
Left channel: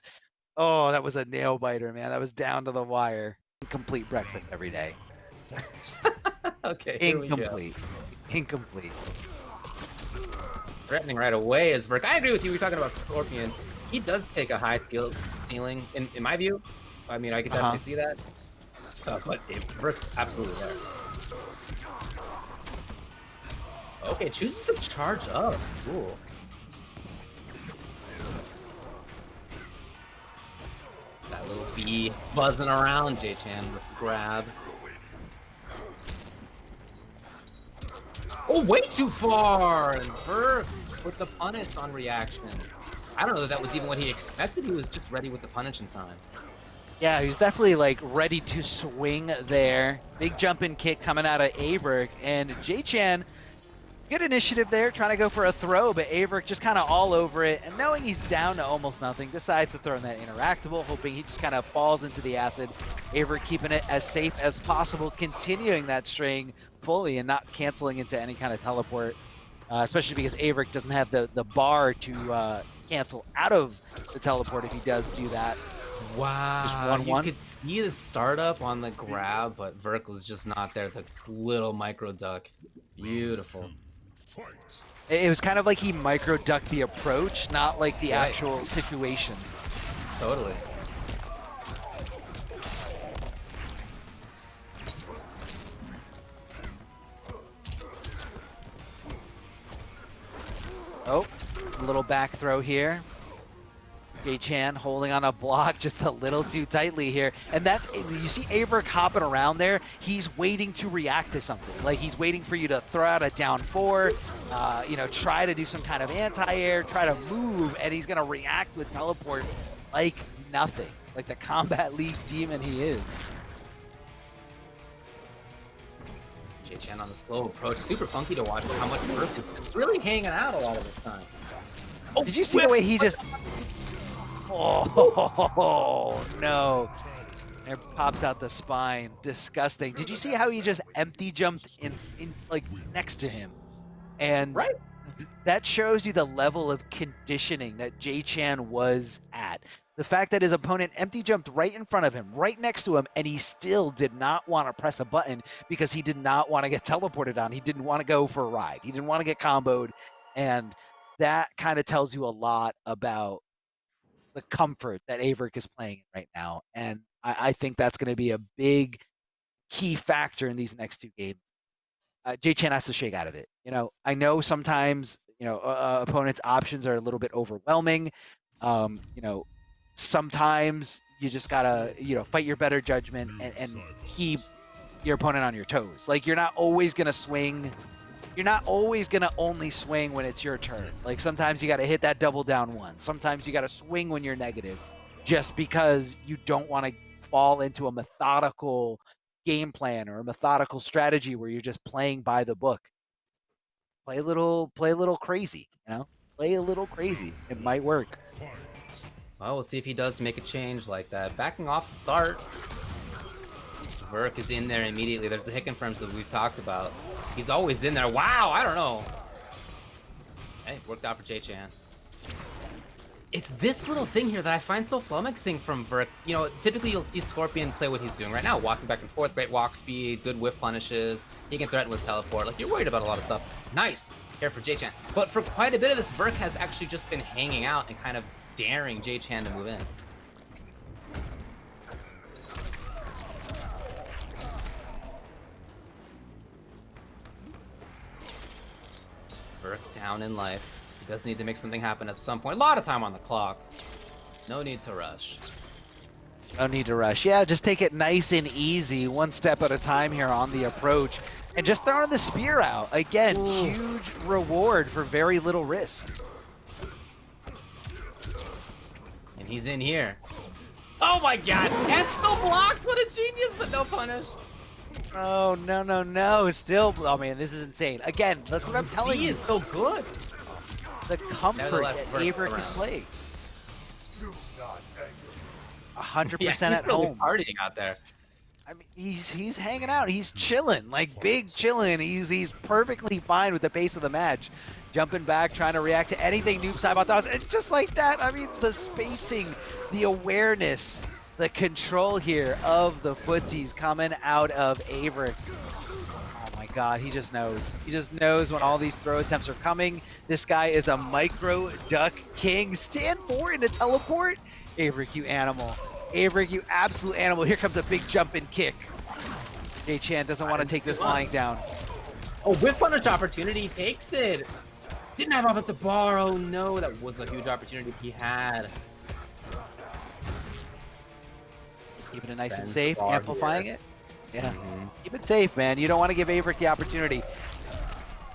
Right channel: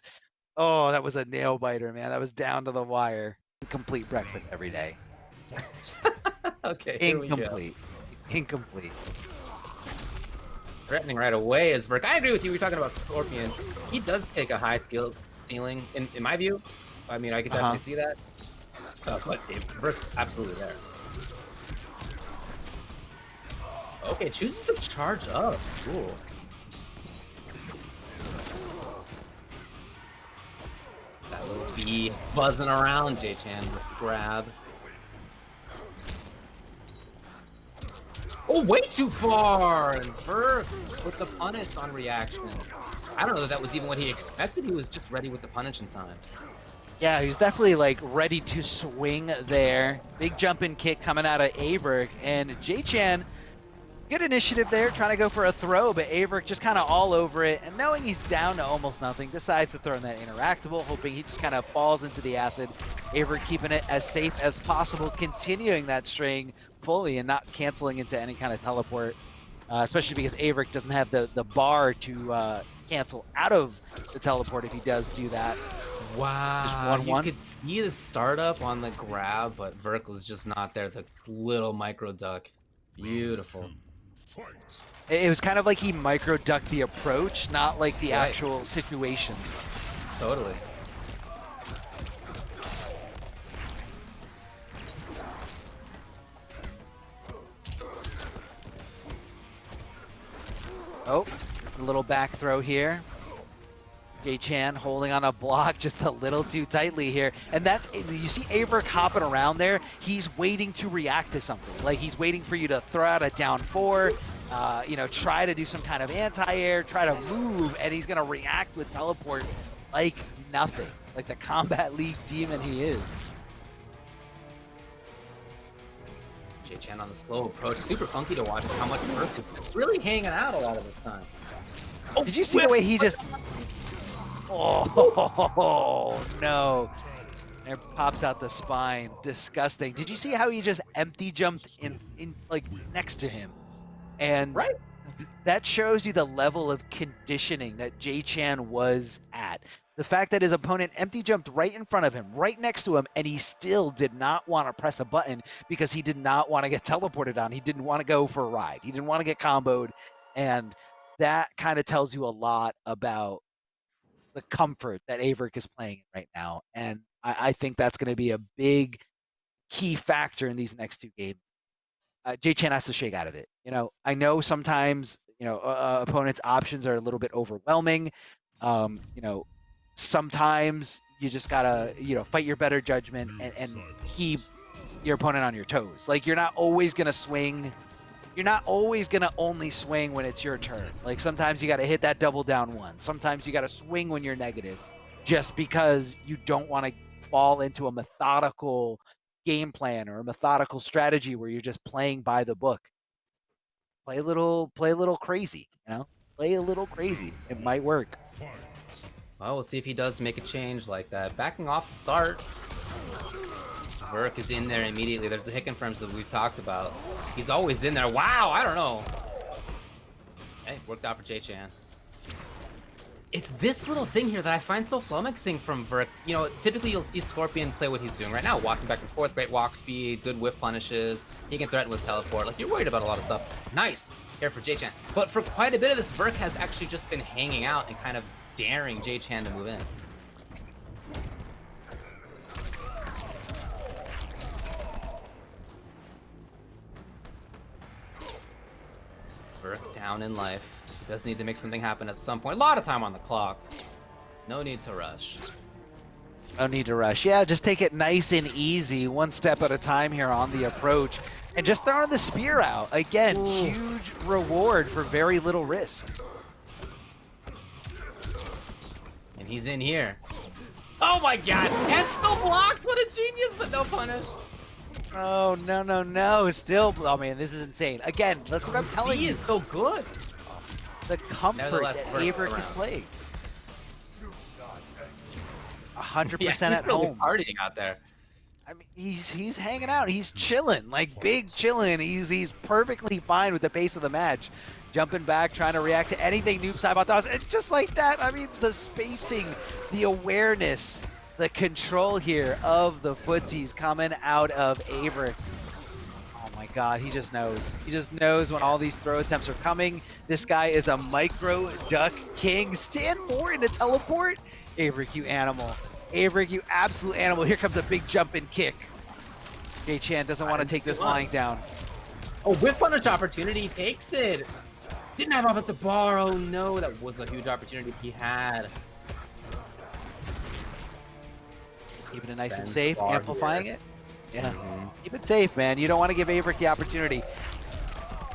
oh, that was a nail biter, man. That was down to the wire. Incomplete breakfast every day. Okay, here we go. Incomplete. Threatening right away is AVirk. I agree with you. We're talking about Scorpion. He does take a high skill ceiling, in my view. I mean, I could definitely see that. But AVirk's absolutely there. Okay, chooses to charge up. Cool. That little bee buzzing around JChan with the grab. Oh, way too far! And AVirk with the punish on reaction. I don't know if that was even what he expected. He was just ready with the punish in time. Yeah, he was definitely like ready to swing there. Big jumping kick coming out of AVirk, and JChan, good initiative there, trying to go for a throw, but AVirk just kind of all over it, and knowing he's down to almost nothing, decides to throw in that interactable, hoping he just kind of falls into the acid. AVirk keeping it as safe as possible, continuing that string fully and not canceling into any kind of teleport, especially because AVirk doesn't have the bar to cancel out of the teleport if he does do that. Wow, you could see the startup on the grab, but AVirk was just not there. The little micro duck. Beautiful. Fight. It was kind of like he micro ducked the approach, not like the actual situation. Totally. Oh, a little back throw here. JChan holding on a block just a little too tightly here. And that's, you see AVirk hopping around there. He's waiting to react to something. Like he's waiting for you to throw out a down four, you know, try to do some kind of anti-air, try to move, and he's going to react with teleport like nothing. Like the Combat League demon he is. JChan on the slow approach. Super funky to watch how much AVirk is really hanging out a lot of the time. Oh, did you see the way he just... Oh, no. There pops out the spine. Disgusting. Did you see how he just empty jumped in like next to him? And that shows you the level of conditioning that JChan was at. The fact that his opponent empty jumped right in front of him, right next to him, and he still did not want to press a button because he did not want to get teleported on. He didn't want to go for a ride. He didn't want to get comboed. And that kind of tells you a lot about the comfort that AVirk is playing right now. And I think that's going to be a big key factor in these next two games. JChan has to shake out of it. You know, I know sometimes, you know, opponents' options are a little bit overwhelming. You know, sometimes you just gotta, you know, fight your better judgment and keep your opponent on your toes. Like, you're not always gonna swing. You're not always gonna only swing when it's your turn. Like, sometimes you gotta hit that double down one. Sometimes you gotta swing when you're negative, just because you don't want to fall into a methodical game plan or a methodical strategy where you're just playing by the book. Play a little crazy, you know? Play a little crazy. It might work. Well, we'll see if he does make a change like that. Backing off to start. AVirk is in there immediately. There's the hit confirms that we've talked about. He's always in there. Wow, I don't know. Hey, worked out for JChan. It's this little thing here that I find so flummoxing from AVirk. You know, typically you'll see Scorpion play what he's doing right now. Walking back and forth, great walk speed, good whiff punishes. He can threaten with teleport. Like, you're worried about a lot of stuff. Nice here for JChan. But for quite a bit of this, AVirk has actually just been hanging out and kind of daring JChan to move in. AVirk down in life. He does need to make something happen at some point. A lot of time on the clock. No need to rush. No need to rush. Yeah, just take it nice and easy, one step at a time here on the approach. And just throwing the spear out. Again, huge reward for very little risk. And he's in here. Oh my god! And still blocked! What a genius, but no punish. Oh, no, no, no. Still, oh man, this is insane. Again, that's what I'm telling He you. is so good. The comfort Nevertheless, that Verk AVirk around. can play. 100% Yeah, he's at really home. partying out there. I mean, he's hanging out. He's chilling, like big chilling. He's perfectly fine with the pace of the match, jumping back, trying to react to anything Nubcakes does, and just like that. I mean, the spacing, the awareness, the control here of the footsies coming out of AVirk. Oh my God, he just knows. He just knows when all these throw attempts are coming. This guy is a micro duck king. Stand forward to teleport. AVirk, you animal. AVirk, you absolute animal. Here comes a big jump and kick. JChan doesn't want to take this line down. Oh, whiff punish opportunity, takes it. Didn't have offensive bar. Oh no, that was a huge opportunity he had. Keeping it nice and Spend safe, bar amplifying here. it. Yeah, keep it safe, man. You don't want to give AVirk the opportunity.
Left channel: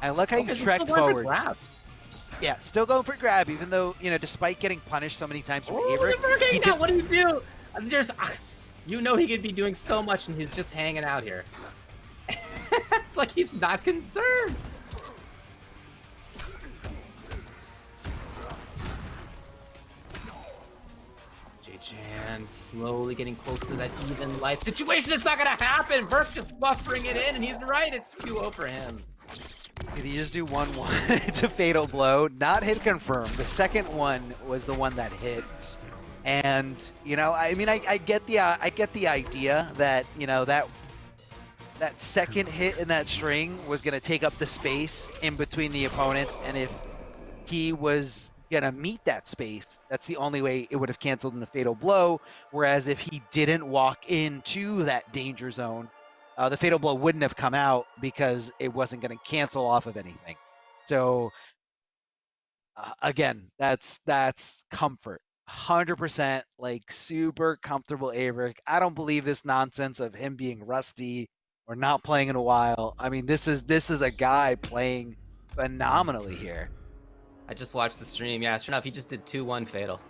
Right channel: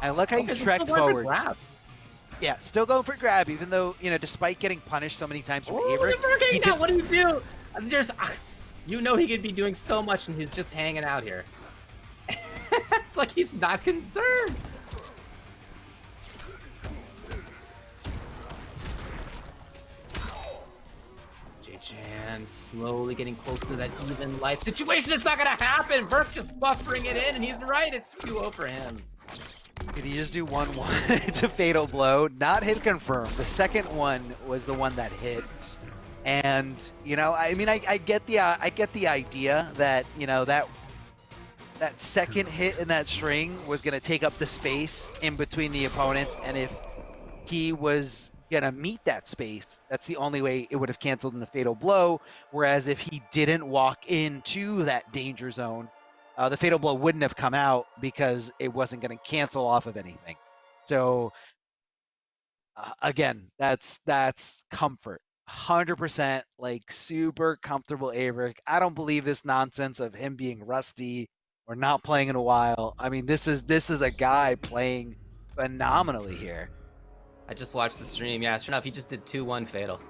I look how you trekked forward. Yeah, still going for grab, even though, you know, despite getting punished so many times from Oh, AVirk. look at hanging out. What do you do? There's, you know, he could be doing so much, and he's just hanging out here. It's like he's not concerned. JChan slowly getting close to that even life situation. It's not gonna happen. Verk just buffering it in, and he's right. It's 2-0 for him. Did he just do 1-1? It's a fatal blow. Not hit confirmed. The second one was the one that hit. And, you know, I mean, I get the idea that, you know, that second hit in that string was going to take up the space in between the opponents. And if he was going to meet that space, that's the only way it would have canceled in the fatal blow. Whereas if he didn't walk into that danger zone, the fatal blow wouldn't have come out because it wasn't going to cancel off of anything. So again, that's comfort. 100% like super comfortable AVirk. I don't believe this nonsense of him being rusty or not playing in a while. I mean, this is a guy playing phenomenally here. I just watched the stream. Yeah, sure enough, he just did 2-1 fatal.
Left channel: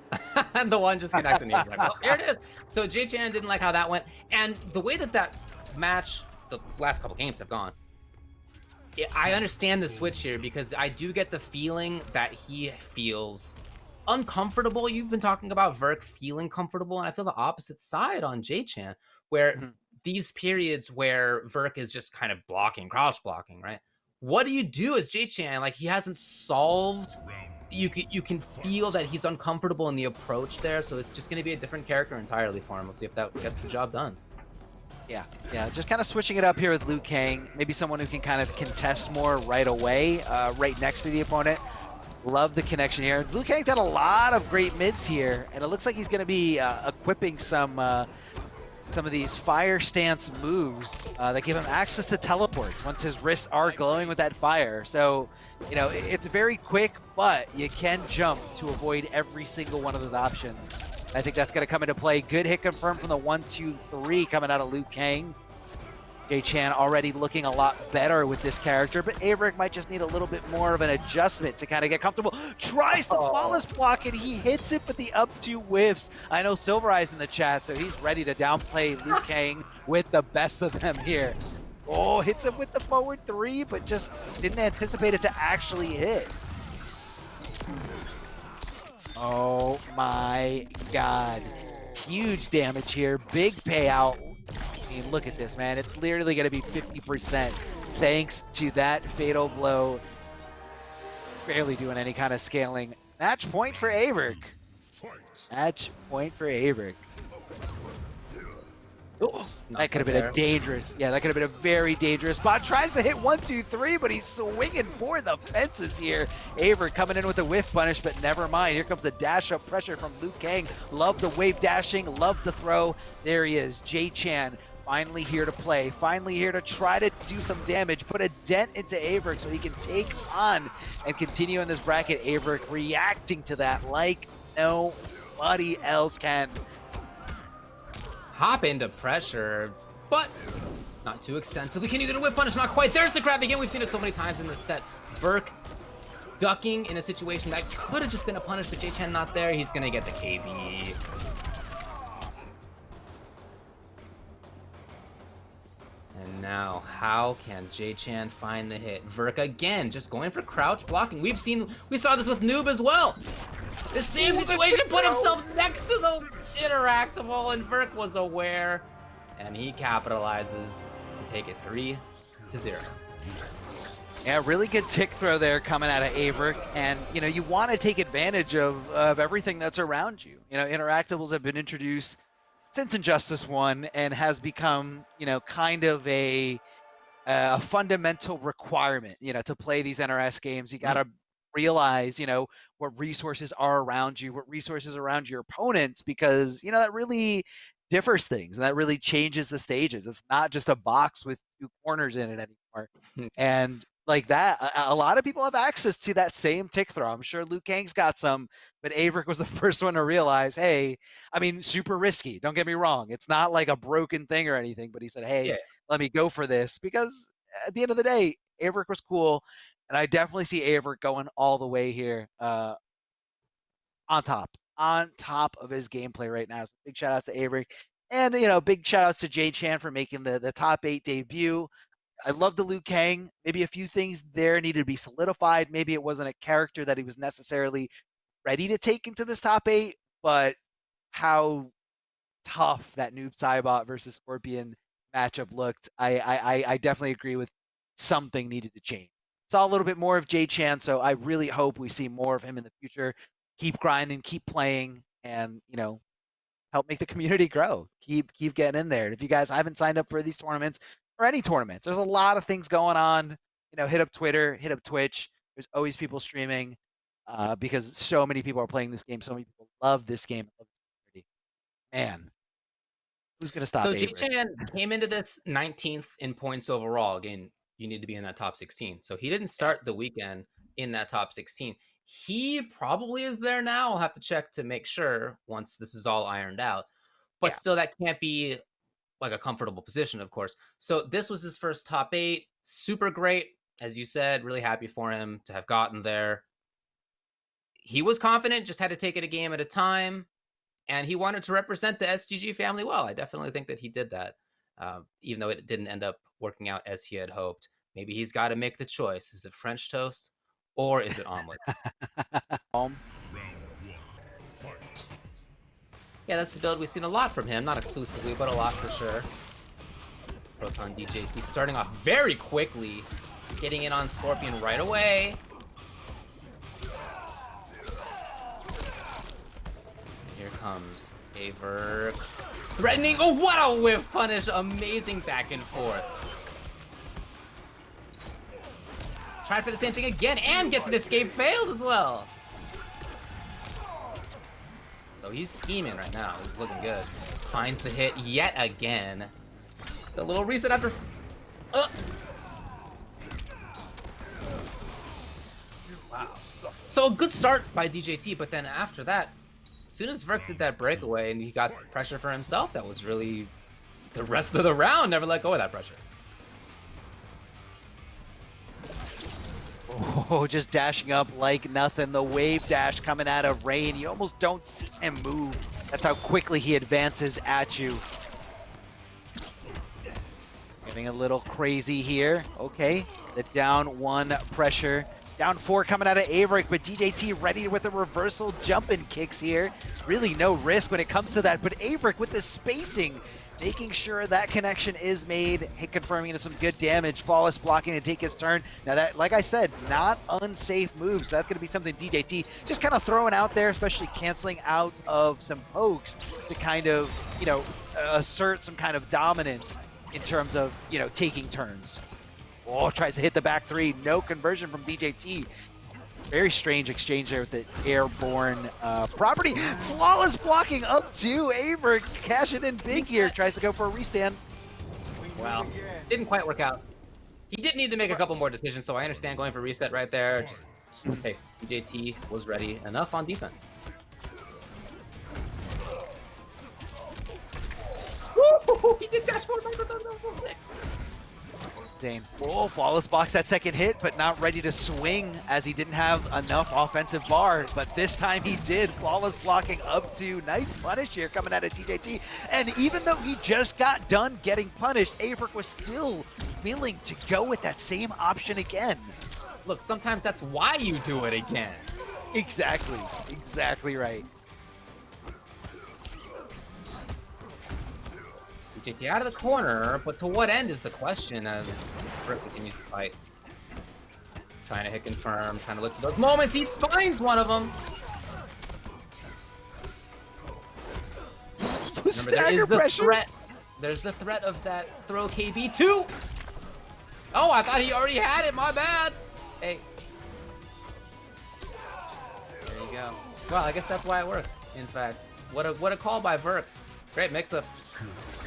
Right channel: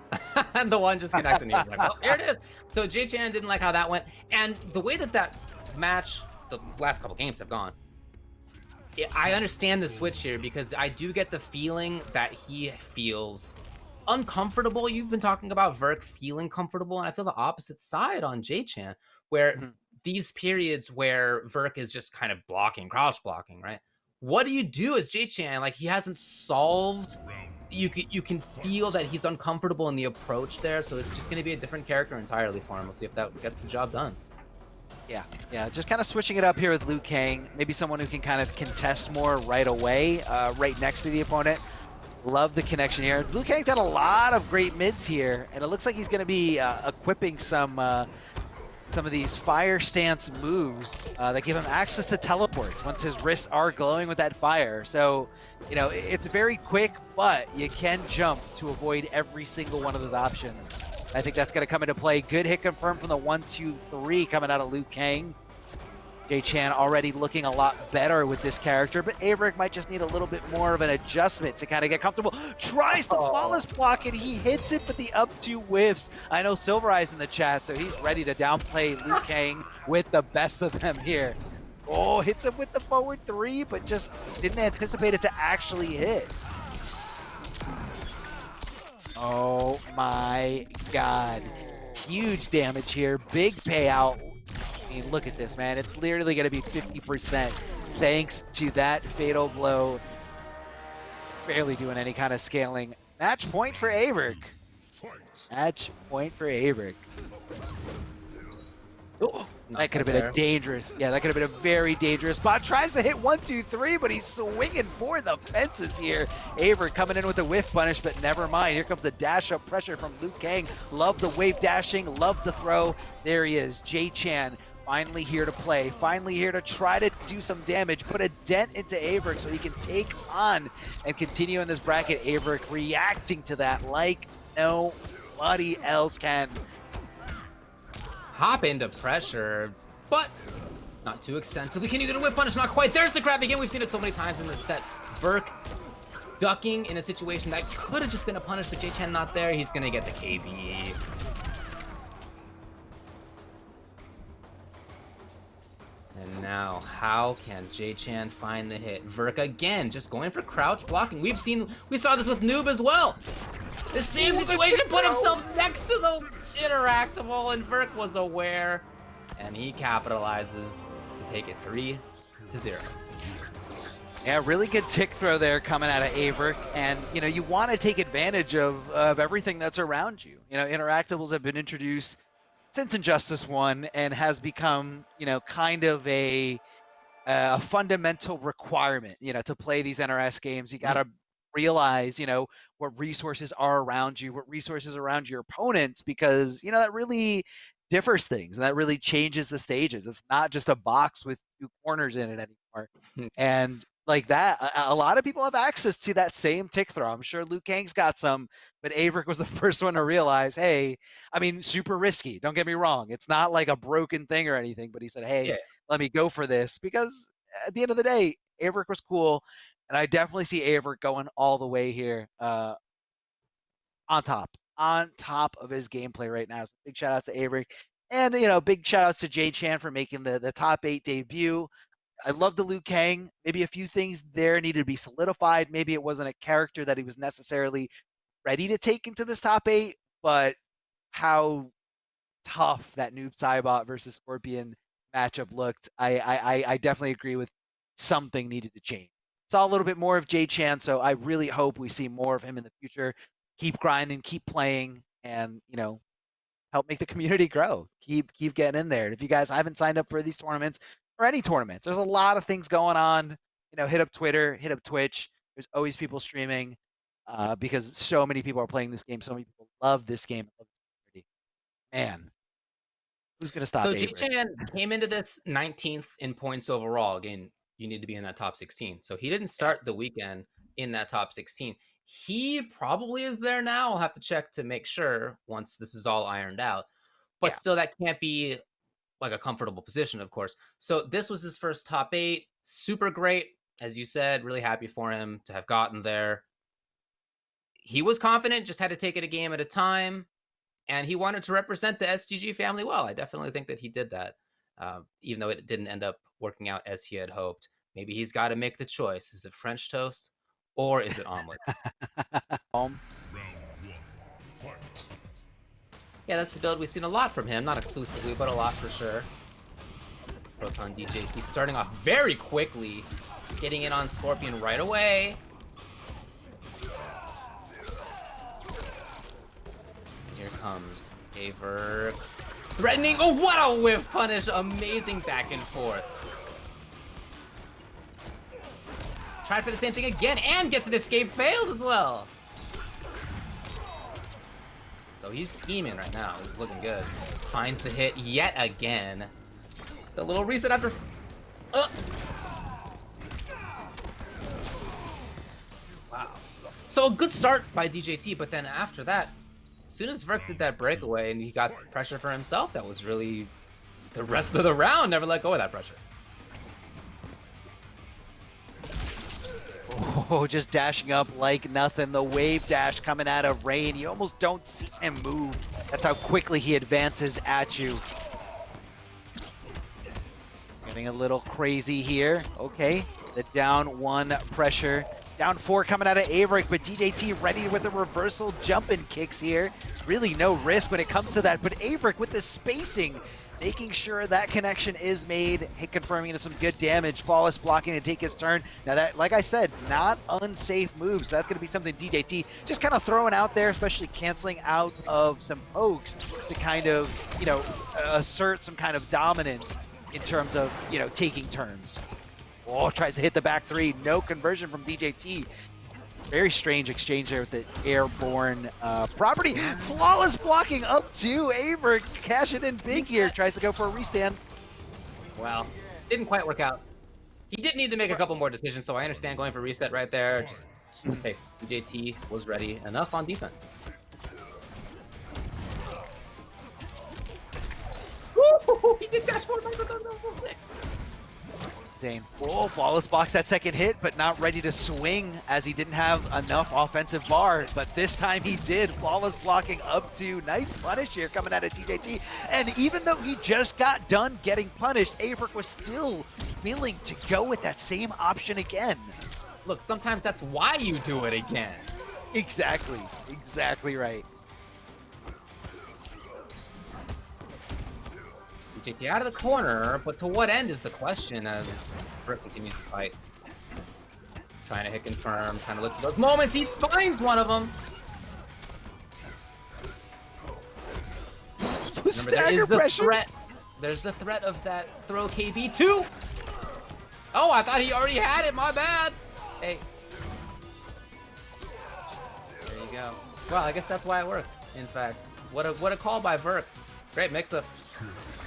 And the one just connected, and he was like, oh, here it is. So JChan didn't like how that went. And the way that match, the last couple games have gone, I understand the switch here because I do get the feeling that he feels uncomfortable. You've been talking about Verk feeling comfortable, and I feel the opposite side on JChan, where these periods where Verk is just kind of blocking, crouch blocking, right? What do you do as JChan? Like, he hasn't solved. You can feel that he's uncomfortable in the approach there, so it's just going to be a different character entirely for him. We'll see if that gets the job done. Yeah, just kind of switching it up here with Liu Kang. Maybe someone who can kind of contest more right away, right next to the opponent. Love the connection here. Liu Kang's got a lot of great mids here, and it looks like he's going to be equipping some of these fire stance moves that give him access to teleports once his wrists are glowing with that fire. So, you know, it's very quick, but you can jump to avoid every single one of those options. I think that's going to come into play. Good hit confirmed from the 1-2-3 coming out of Liu Kang. JChan already looking a lot better with this character, but AVirk might just need a little bit more of an adjustment to kind of get comfortable. Tries the flawless block, and he hits it, but the up two whiffs. I know Silver Eyes in the chat, so he's ready to downplay Liu Kang with the best of them here. Oh, hits him with the forward 3, but just didn't anticipate it to actually hit. Oh my God. Huge damage here. Big payout. I mean, look at this, man. It's literally going to be 50% thanks to that fatal blow. Barely doing any kind of scaling. Match point for AVirk. Match point for AVirk. Oh, that could have been a dangerous, that could have been a very dangerous spot. Tries to hit 1-2-3, but he's swinging for the fences here. AVirk coming in with a whiff punish, but never mind. Here comes the dash up pressure from Liu Kang. Love the wave dashing, love the throw. There he is, JChan. Finally here to play, finally here to try to do some damage, put a dent into AVirk so he can take on and continue in this bracket. AVirk reacting to that like nobody else can. Hop into pressure, but not too extensively. Can you get a whip punish? Not quite. There's the grab again. We've seen it so many times in this set. Verk ducking in a situation that could have just been a punish, but JChan not there. He's gonna get the KB. And now, how can JChan find the hit? AVirk again, just going for crouch blocking. We saw this with Noob as well. The same situation, put himself next to the interactable, and AVirk was aware, and he capitalizes to take it 3-0. Yeah, really good tick throw there coming out of AVirk, and you want to take advantage of everything that's around you. Interactables have been introduced since Injustice 1 and has become kind of a fundamental requirement to play these NRS games. You got to realize what resources are around you, what resources are around your opponents, because that really differs things and that really changes the stages. It's not just a box with 2 corners in it anymore. And like that, a lot of people have access to that same tick throw. I'm sure Liu Kang's got some, but AVirk was the first one to realize, hey, I mean, super risky, don't get me wrong, it's not like a broken thing or anything, but he said, hey, let me go for this, because at the end of the day, AVirk was cool, and I definitely see AVirk going all the way here, on top of his gameplay right now. So big shout outs to AVirk, and big shout outs to JChan for making the top 8 debut. I love the Liu Kang. Maybe a few things there needed to be solidified. Maybe it wasn't a character that he was necessarily ready to take into this top 8, but how tough that Noob Saibot versus Scorpion matchup looked, I definitely agree with something needed to change. Saw a little bit more of JChan, so I really hope we see more of him in the future. Keep grinding, keep playing, and help make the community grow. Keep getting in there. And if you guys haven't signed up for these tournaments, or any tournaments, there's a lot of things going on. Hit up Twitter, hit up Twitch. There's always people streaming, because so many people are playing this game. So many people love this game. Man, who's gonna stop? So JChan came into this 19th in points overall. Again, you need to be in that top 16. So he didn't start the weekend in that top 16. He probably is there now. I'll have to check to make sure once this is all ironed out. But still, that can't be like a comfortable position, of course. So this was his first top 8. Super great, as you said. Really happy for him to have gotten there. He was confident, just had to take it a game at a time, and he wanted to represent the STG family well. I definitely think that he did that, even though it didn't end up working out as he had hoped. Maybe he's got to make the choice. Is it French toast or is it omelet? Round 1, fight. Yeah, that's the build we've seen a lot from him. Not exclusively, but a lot for sure. Proton DJT starting off very quickly, getting in on Scorpion right away. Here comes AVirk. Threatening. Oh, what a whiff punish. Amazing back and forth. Tried for the same thing again and gets an escape, failed as well. So he's scheming right now. He's looking good. Finds the hit yet again. The little reset after. Wow. So a good start by DJT, but then after that, as soon as AVirk did that breakaway and he got pressure for himself, that was really the rest of the round. Never let go of that pressure. Oh, just dashing up like nothing. The wave dash coming out of Rain. You almost don't see him move. That's how quickly he advances at you. Getting a little crazy here. Okay, the down 1 pressure. Down 4 coming out of AVirk, but DJT ready with the reversal jumping kicks here. Really no risk when it comes to that, but AVirk with the spacing, making sure that connection is made, confirming into some good damage, flawless blocking to take his turn. Now that, like I said, not unsafe moves. So that's going to be something DJT just kind of throwing out there, especially canceling out of some pokes to kind of, assert some kind of dominance in terms of, taking turns. Oh, tries to hit the back 3. No conversion from DJT. Very strange exchange there with the airborne property. Flawless blocking up to AVirk. Cashing in big here. Tries to go for a restand. Well, didn't quite work out. He did need to make a couple more decisions, so I understand going for reset right there. Just, hey, DJT was ready enough on defense. Woo! He did dash forward. insane. Oh, Flawless blocks that second hit, but not ready to swing as he didn't have enough offensive bar. But this time he did. Flawless blocking up to. Nice punish here coming out of DJT. And even though he just got done getting punished, AVirk was still willing to go with that same option again. Look, sometimes that's why you do it again. Exactly. Exactly right. DJT out of the corner, but to what end is the question as AVirk continues to fight. Trying to hit confirm, trying to look for those moments. He finds one of them. Remember, there is the threat. There's the threat of that throw KB2. Oh, I thought he already had it. My bad. Hey. There you go. Well, I guess that's why it worked. In fact, what a call by AVirk. Great mix-up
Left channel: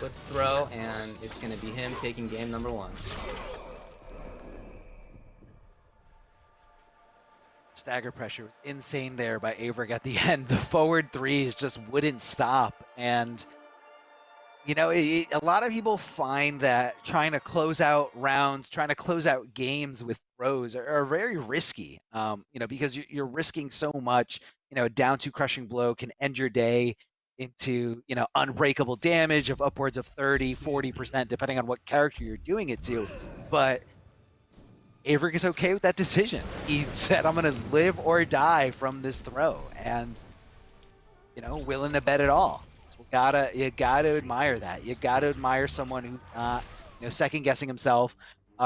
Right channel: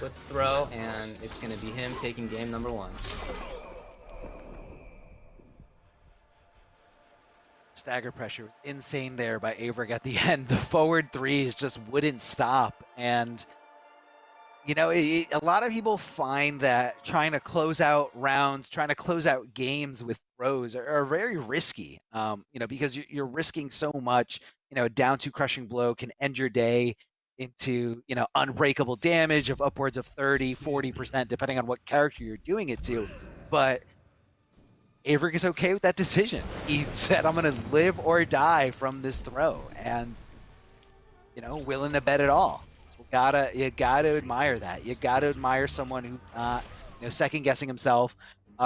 with throw, and it's going to be him taking game number 1. Stagger pressure was insane there by AVirk at the end. The forward threes just wouldn't stop. And, you know, a lot of people find that trying to close out rounds, trying to close out games with throws are very risky, you know, because you're risking so much. You know, down to crushing blow can end your day into, you know, unbreakable damage of upwards of 30-40% depending on what character you're doing it to. But AVirk is okay with that decision. He said, I'm gonna live or die from this throw, and, you know, willing to bet it all. You gotta admire that. You gotta admire someone who's not, you know, second guessing himself,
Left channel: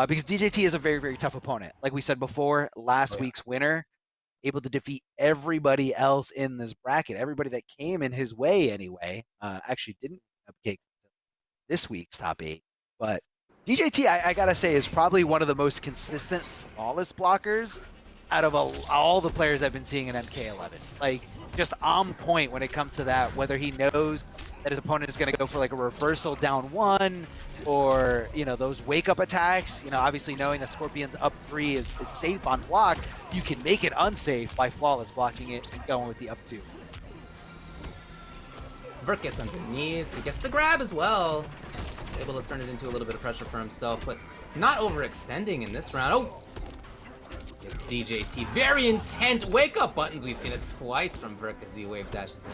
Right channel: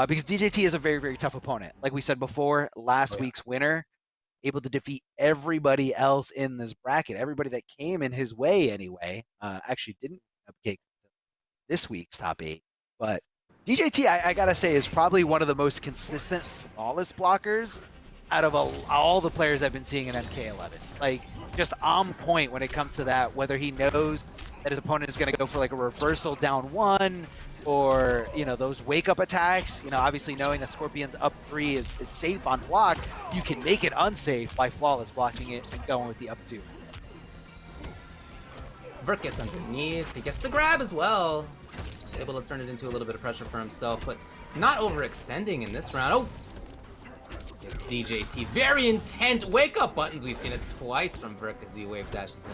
because DJT is a very, very tough opponent. Like we said before, last week's winner, able to defeat everybody else in this bracket, everybody that came in his way anyway. Actually didn't Nubcakes this week's top 8, but DJT, I gotta say, is probably one of the most consistent flawless blockers out of all the players I've been seeing in MK11. Like, just on point when it comes to that, whether he knows that his opponent is going to go for like a reversal down 1 or, you know, those wake up attacks. You know, obviously knowing that Scorpion's up 3 is safe on block, you can make it unsafe by flawless blocking it and going with the up 2. AVirk gets underneath, he gets the grab as well. Able to turn it into a little bit of pressure for himself, but not overextending in this round. Oh! It's DJT. Very intent wake-up buttons. We've seen it twice from AVirk as he wave dashes in.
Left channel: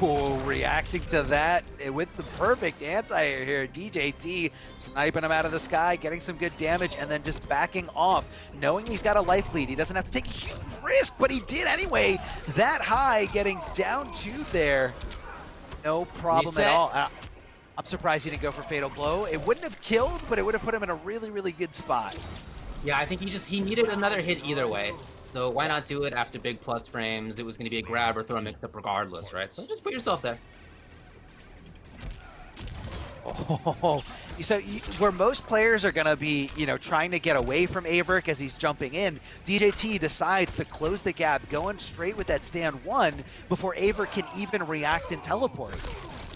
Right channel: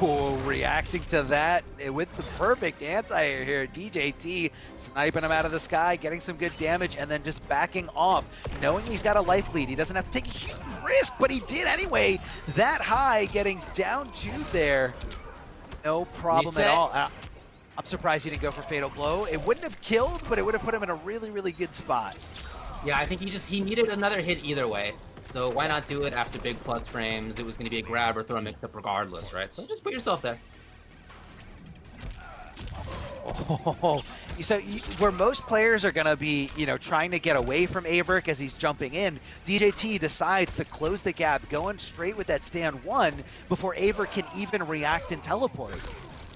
Oh, reacting to that with the perfect anti-air here. DJT sniping him out of the sky, getting some good damage, and then just backing off, knowing he's got a life lead. He doesn't have to take a huge risk, but he did anyway. That high, getting down 2 there. No problem at all. I'm surprised he didn't go for Fatal Blow. It wouldn't have killed, but it would have put him in a really, really good spot. Yeah, I think he needed another hit either way. So why not do it after big plus frames? It was going to be a grab or throw a mix-up regardless, right? So just put yourself there. Oh, so where most players are going to be, you know, trying to get away from AVirk as he's jumping in, DJT decides to close the gap, going straight with that stand 1 before AVirk can even react and teleport.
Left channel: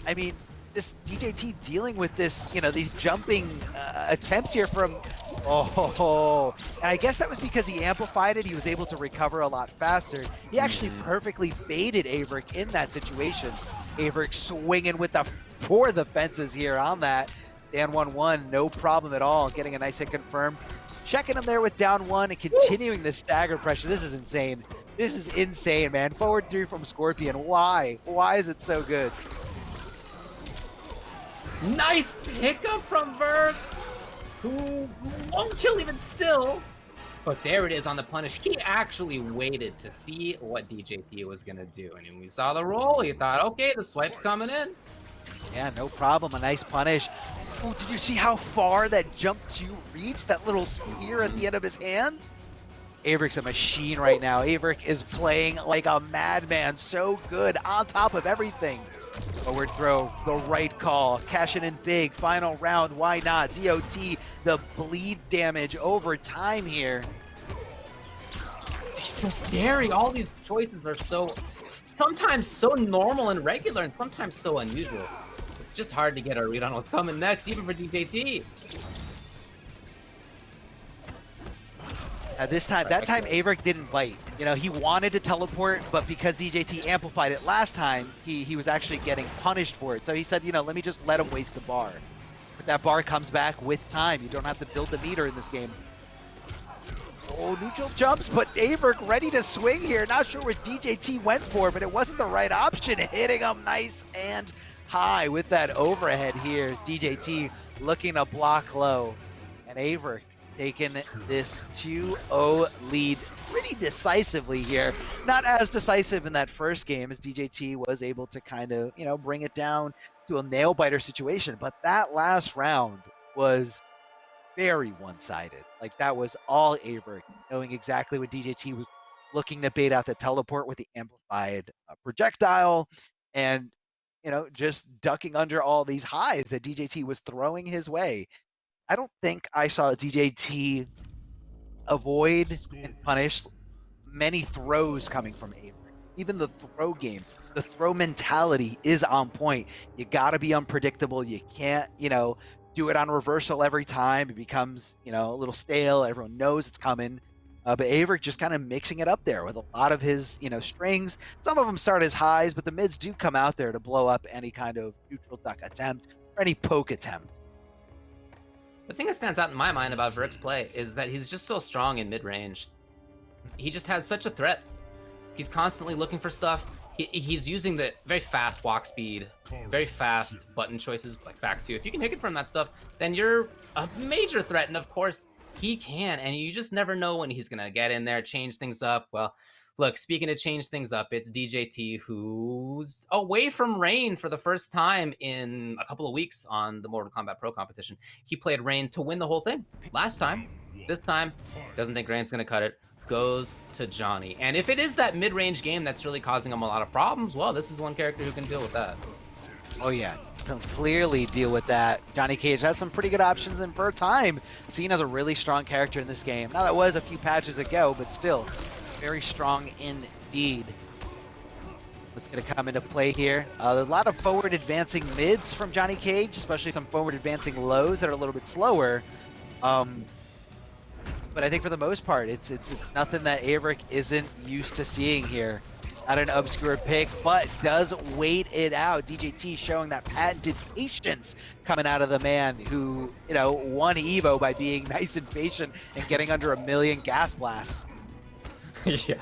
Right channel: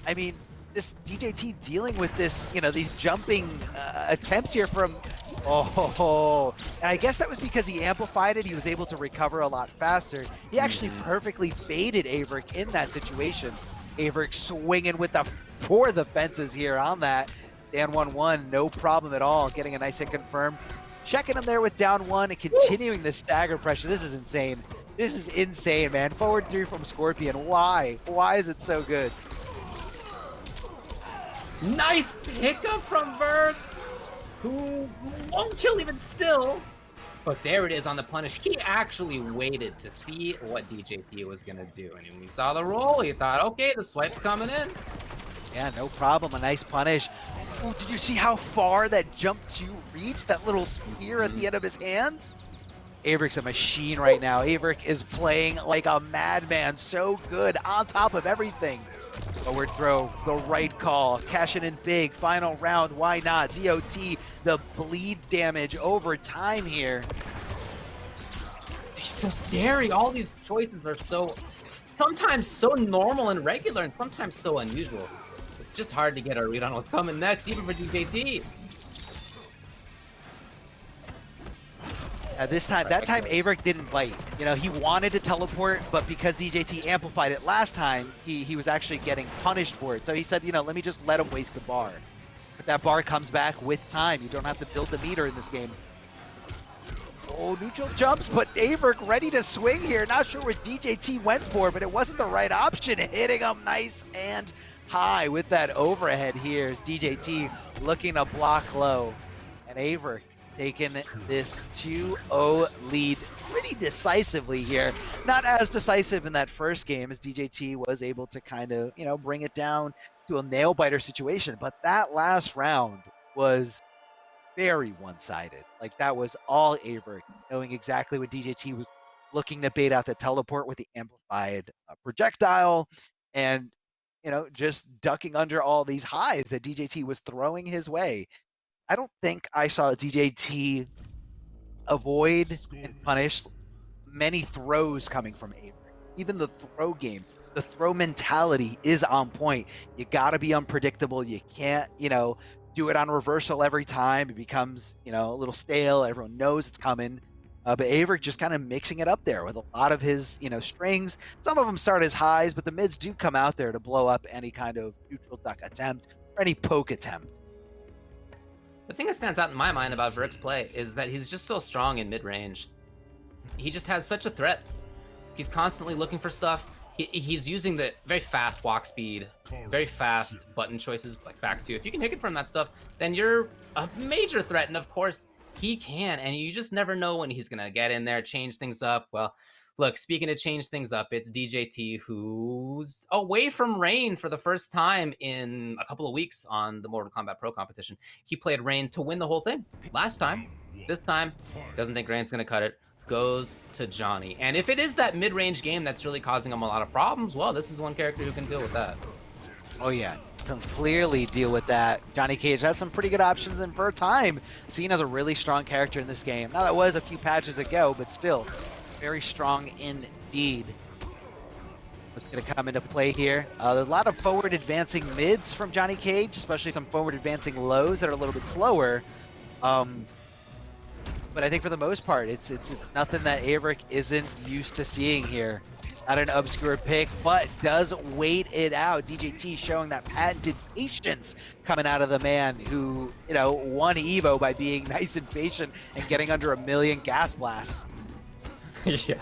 I mean, this DJT dealing with this, you know, these jumping attempts here from, and I guess that was because he amplified it. He was able to recover a lot faster. He actually perfectly baited AVirk in that situation. AVirk swinging with for the fences here on that. Down 1-1, no problem at all. Getting a nice hit confirmed. Checking him there with down 1 and continuing the stagger pressure. This is insane. This is insane, man. Forward 3 from Scorpion. Why? Why is it so good? Nice pickup from AVirk, who won't kill even still. But there it is on the punish. He actually waited to see what DJT was going to do. And when we saw the roll, he thought, okay, the swipe's coming in. Yeah, no problem. A nice punish. Ooh, did you see how far that jump 2 reached? That little spear at the end of his hand? AVirk's a machine right now. AVirk is playing like a madman. So good on top of everything. Forward throw, the right call. Cashing in big. Final round. Why not? DOT, the bleed damage over time here. He's so scary. All these choices are sometimes so normal and regular, and sometimes so unusual. It's just hard to get a read on what's coming next, even for DJT. That time AVirk didn't bite. You know, he wanted to teleport, but because DJT amplified it last time, he was actually getting punished for it. So he said, you know, let me just let him waste the bar. But that bar comes back with time. You don't have to build the meter in this game. Oh, neutral jumps, but AVirk ready to swing here. Not sure what DJT went for, but it wasn't the right option. Hitting him nice and high with that overhead here. DJT looking to block low. And AVirk taking this 2-0 lead pretty decisively here. Not as decisive in that first game as DJT was able to kind of, you know, bring it down to a nail-biter situation. But that last round was very one-sided. Like, that was all AVirk, knowing exactly what DJT was looking to bait out the teleport with the amplified projectile, and, you know, just ducking under all these highs that DJT was throwing his way. I don't think I saw DJT avoid and punish many throws coming from AVirk. Even the throw game, the throw mentality is on point. You gotta be unpredictable. You can't, you know, do it on reversal every time. It becomes, you know, a little stale. Everyone knows it's coming. But AVirk just kind of mixing it up there with a lot of his, you know, strings. Some of them start as highs, but the mids do come out there to blow up any kind of neutral duck attempt or any poke attempt. The thing that stands out in my mind about Virk's play is that he's just so strong in mid-range. He just has such a threat. He's constantly looking for stuff. He's using the very fast walk speed, very fast button choices, like back to you. If you can hit it from that stuff, then you're a major threat. And of course, he can, and you just never know when he's gonna get in there, change things up. Well, look, speaking of change things up, it's DJT who's away from Rain for the first time in a couple of weeks on the Mortal Kombat Pro competition. He played Rain to win the whole thing last time. This time, doesn't think Rain's gonna cut it. Goes to Johnny. And if it is that mid-range game that's really causing him a lot of problems, well, this is one character who can deal with that. Oh yeah, can clearly deal with that. Johnny Cage has some pretty good options, and for a time, seen as a really strong character in this game. Now, that was a few patches ago, but still, very strong indeed. What's going to come into play here? A lot of forward advancing mids from Johnny Cage, especially some forward advancing lows that are a little bit slower. But I think for the most part, it's nothing that AVirk isn't used to seeing here. Not an obscure pick, but does wait it out. DJT showing that patented patience coming out of the man who, you know, won Evo by being nice and patient and getting under 1,000,000 gas blasts. Yeah.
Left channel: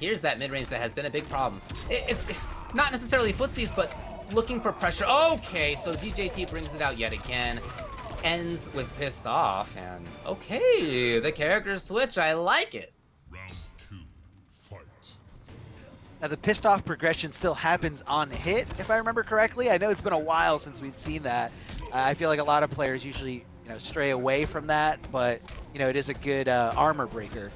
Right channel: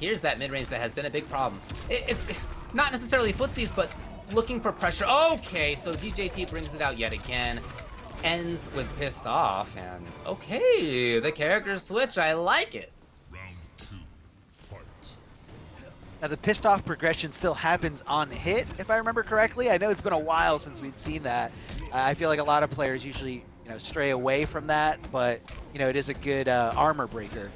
Here's that mid-range that has been a big problem. It's not necessarily footsies, but looking for pressure. Okay, so DJT brings it out yet again. Ends with pissed off, and okay, the character switch, I like it. Round 2, fight. Now, the pissed off progression still happens on hit, if I remember correctly. I know it's been a while since we've seen that. I feel like a lot of players usually, you know, stray away from that, but, you know, it is a good armor breaker.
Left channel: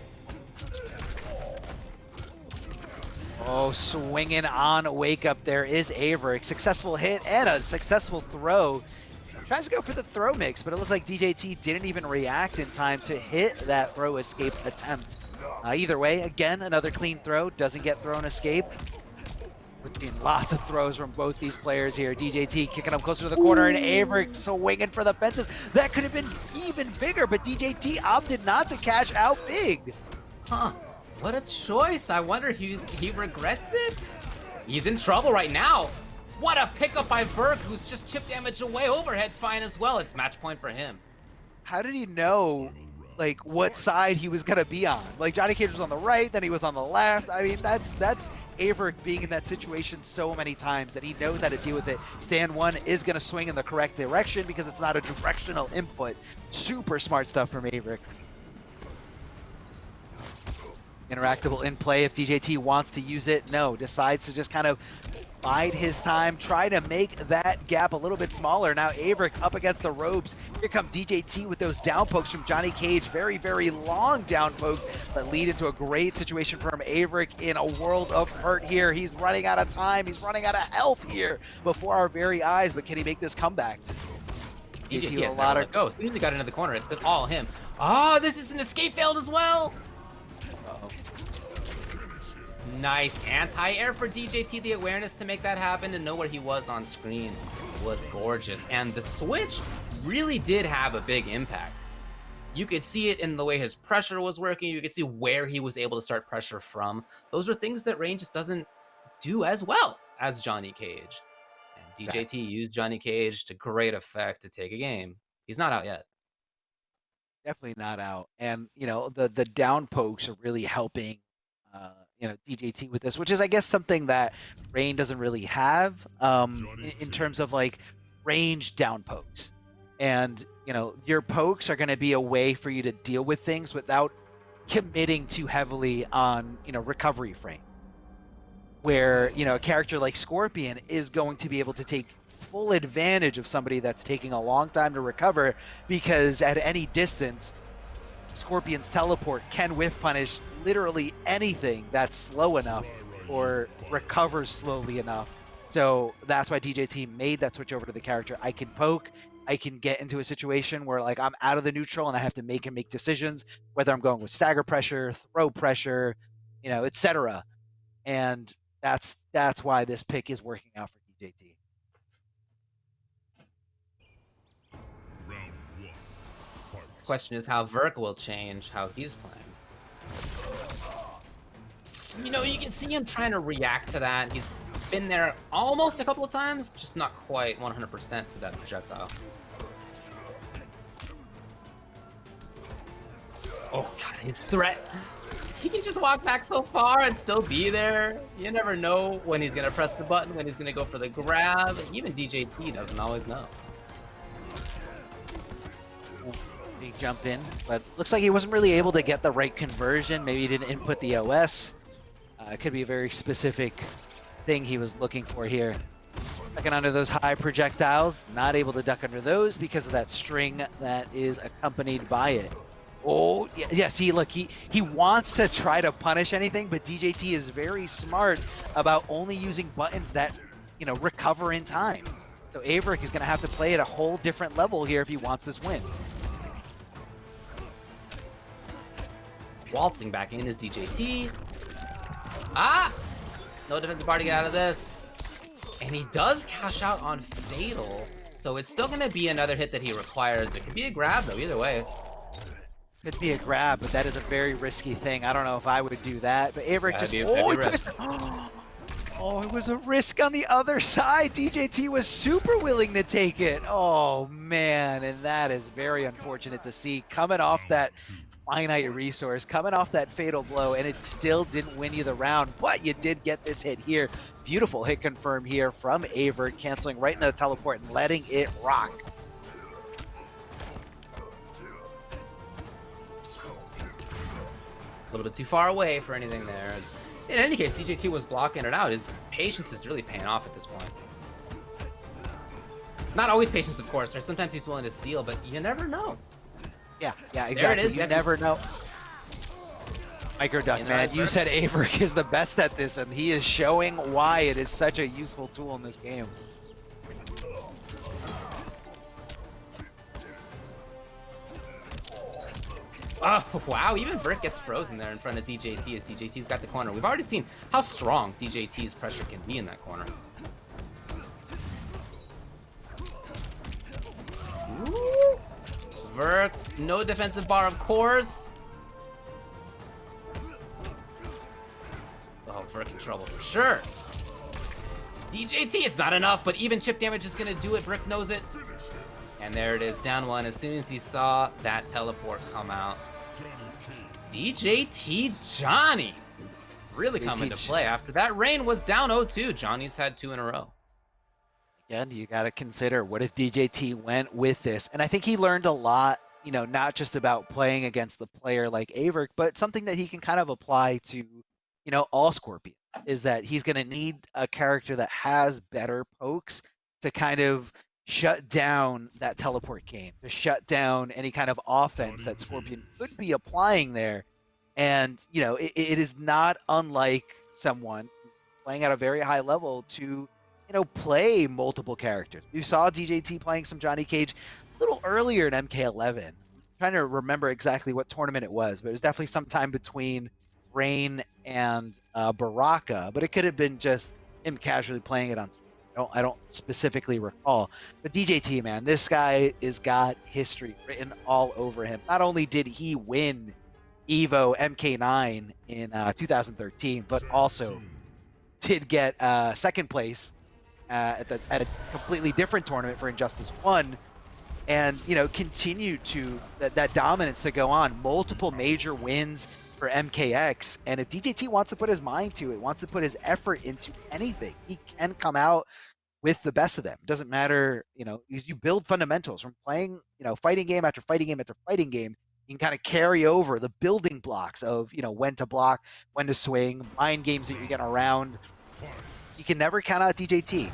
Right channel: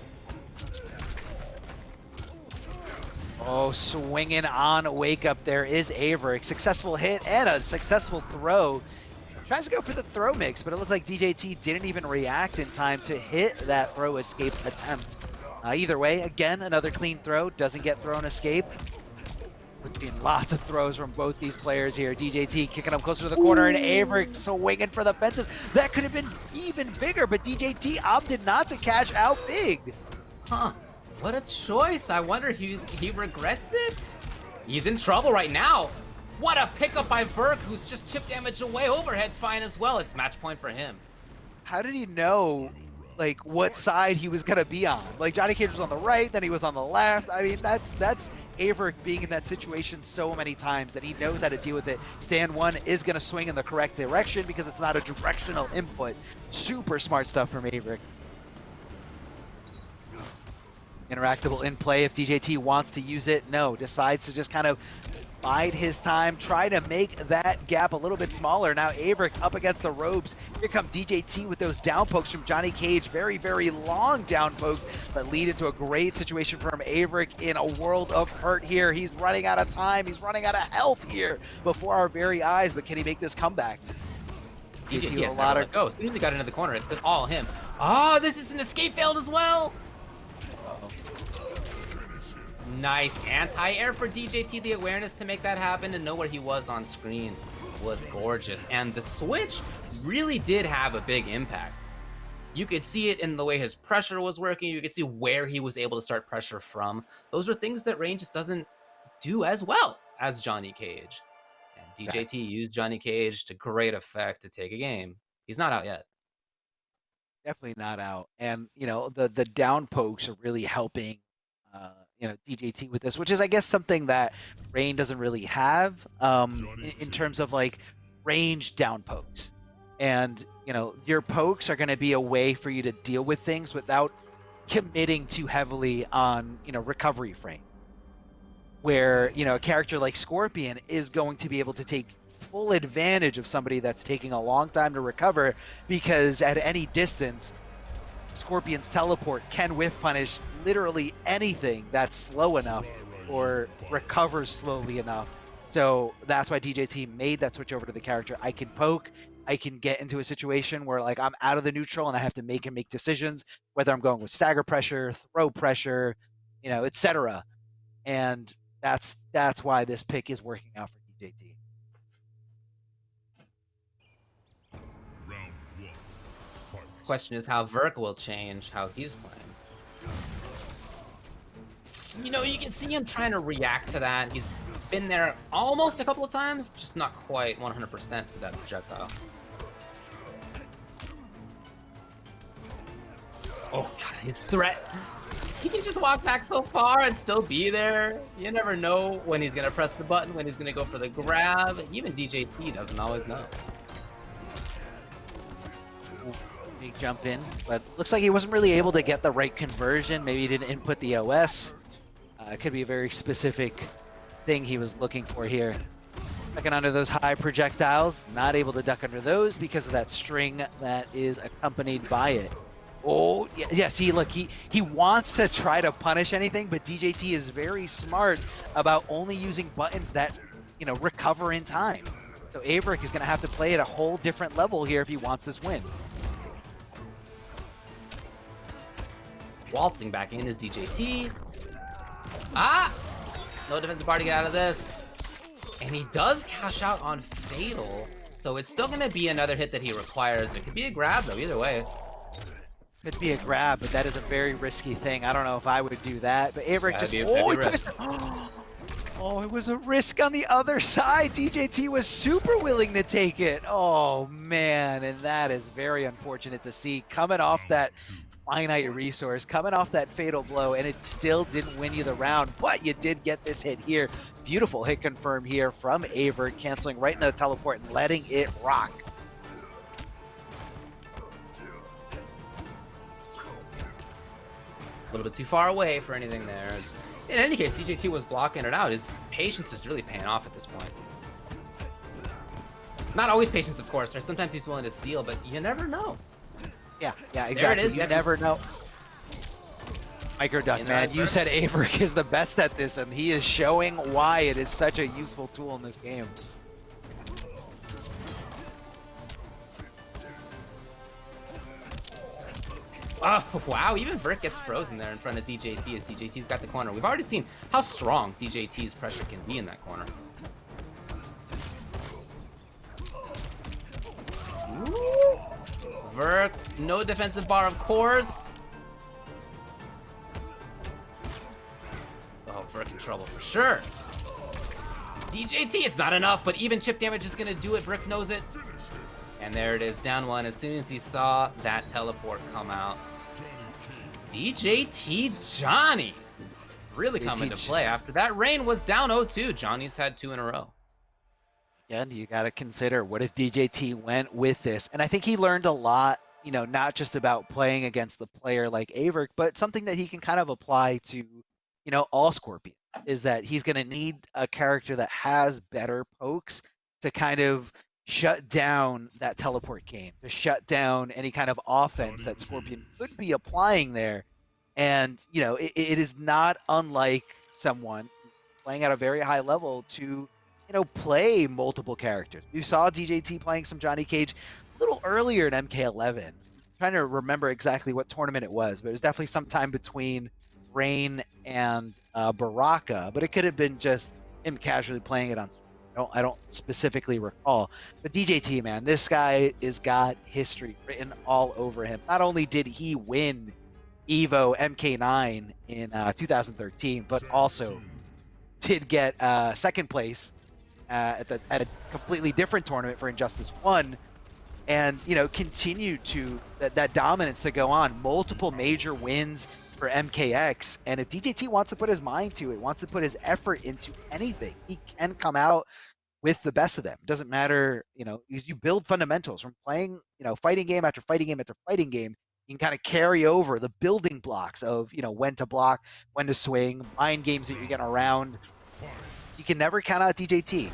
Oh, swinging on wake up there is AVirk. Successful hit and a successful throw. Tries to go for the throw mix, but it looks like DJT didn't even react in time to hit that throw escape attempt. Either way, again, another clean throw. Doesn't get thrown escape. Between lots of throws from both these players here. DJT kicking up closer to the corner, and AVirk swinging for the fences. That could have been even bigger, but DJT opted not to cash out big. Huh. What a choice. I wonder he regrets it? He's in trouble right now. What a pickup by AVirk, who's just chip damage away. Overhead's fine as well. It's match point for him. How did he know, like, what side he was going to be on? Like, Johnny Cage was on the right, then he was on the left. I mean, that's AVirk being in that situation so many times that he knows how to deal with it. Stand 1 is going to swing in the correct direction because it's not a directional input. Super smart stuff from AVirk. Interactable in play if DJT wants to use it. No, decides to just kind of bide his time, try to make that gap a little bit smaller. Now AVirk up against the ropes. Here come DJT with those down pokes from Johnny Cage. Very, very long down pokes that lead into a great situation from AVirk in a world of hurt here. He's running out of time. He's running out of health here before our very eyes, but can he make this comeback? DJT has never let go. As soon as he got into the corner, it's been all him. Oh, this is an escape failed as well. Nice anti-air for DJT. The awareness to make that happen and know where he was on screen was gorgeous. And the switch really did have a big impact. You could see it in the way his pressure was working. You could see where he was able to start pressure from. Those are things that Rain just doesn't do as well as Johnny Cage. And DJT used Johnny Cage to great effect to take a game. He's not out yet. Definitely not out. And the down pokes are really helping DJT with this, which is I guess something that Rain doesn't really have in terms of like range down pokes. And your pokes are going to be a way for you to deal with things without committing too heavily on recovery frame, where a character like Scorpion is going to be able to take full advantage of somebody that's taking a long time to recover, because at any distance Scorpion's teleport can whiff punish literally anything that's slow enough or recovers slowly enough. So that's why DJT made that switch over to the character. I can poke, I can get into a situation where like I'm out of the neutral and I have to make decisions whether I'm going with stagger pressure, throw pressure, etc. And that's why this pick is working out for DJT. Round 1. Fight. Question is how Virk will change how he's playing. You can see him trying to react to that. He's been there almost a couple of times, just not quite 100% to that projectile. Oh god, his threat. He can just walk back so far and still be there. You never know when he's gonna press the button, when he's gonna go for the grab. Even DJT doesn't always know. Big jump in, but looks like he wasn't really able to get the right conversion. Maybe he didn't input the OS. It could be a very specific thing he was looking for here. Ducking under those high projectiles, not able to duck under those because of that string that is accompanied by it. Oh, yeah, see, look, he wants to try to punish anything, but DJT is very smart about only using buttons that, recover in time. So AVirk is going to have to play at a whole different level here if he wants this win. Waltzing back in is DJT. Ah! No defensive bar to get out of this. And he does cash out on Fatal, so it's still going to be another hit that he requires. It could be a grab, though, either way. Could be a grab, but that is a very risky thing. I don't know if I would do that, but AVirk just... Oh, it was a risk on the other side. DJT was super willing to take it. Oh, man, and that is very unfortunate to see. Coming off that finite resource, coming off that fatal blow, and it still didn't win you the round, but you did get this hit here. Beautiful hit confirm here from AVirk, canceling right into the teleport and letting it rock. A little bit too far away for anything there. In any case, DJT was blocking it out. His patience is really paying off at this point. Not always patience, of course. Or sometimes he's willing to steal, but you never know. Yeah, exactly. There it is. You never know. Micro duck, man. You said AVirk is the best at this, and he is showing why it is such a useful tool in this game. Oh, wow. Even Virk gets frozen there in front of DJT as DJT's got the corner. We've already seen how strong DJT's pressure can be in that corner. Ooh. Virk, no defensive bar, of course. Oh, Virk in trouble for sure. DJT is not enough, but even chip damage is going to do it. Virk knows it. And there it is, down one as soon as he saw that teleport come out. DJT Johnny really coming to play. After that Rain was down 0-2. Johnny's had 2 in a row. Again, you got to consider, what if DJT went with this? And I think he learned a lot, not just about playing against the player like AVirk, but something that he can kind of apply to, all Scorpion, is that he's going to need a character that has better pokes to kind of shut down that teleport game, to shut down any kind of offense that Scorpion could be applying there. And, it is not unlike someone playing at a very high level to, play multiple characters. We saw DJT playing some Johnny Cage a little earlier in MK11. I'm trying to remember exactly what tournament it was, but it was definitely sometime between Rain and Baraka, but it could have been just him casually playing it on. I don't specifically recall, but DJT, man, this guy has got history written all over him. Not only did he win Evo MK9 in 2013, but also did get second place at a completely different tournament for Injustice 1, and continue to that dominance to go on. Multiple major wins for MKX, and if DJT wants to put his mind to it, wants to put his effort into anything, he can come out with the best of them. It doesn't matter, you build fundamentals from playing, fighting game after fighting game after fighting game. You can kind of carry over the building blocks of, when to block, when to swing, mind games that you're getting around. You can never count out DJT.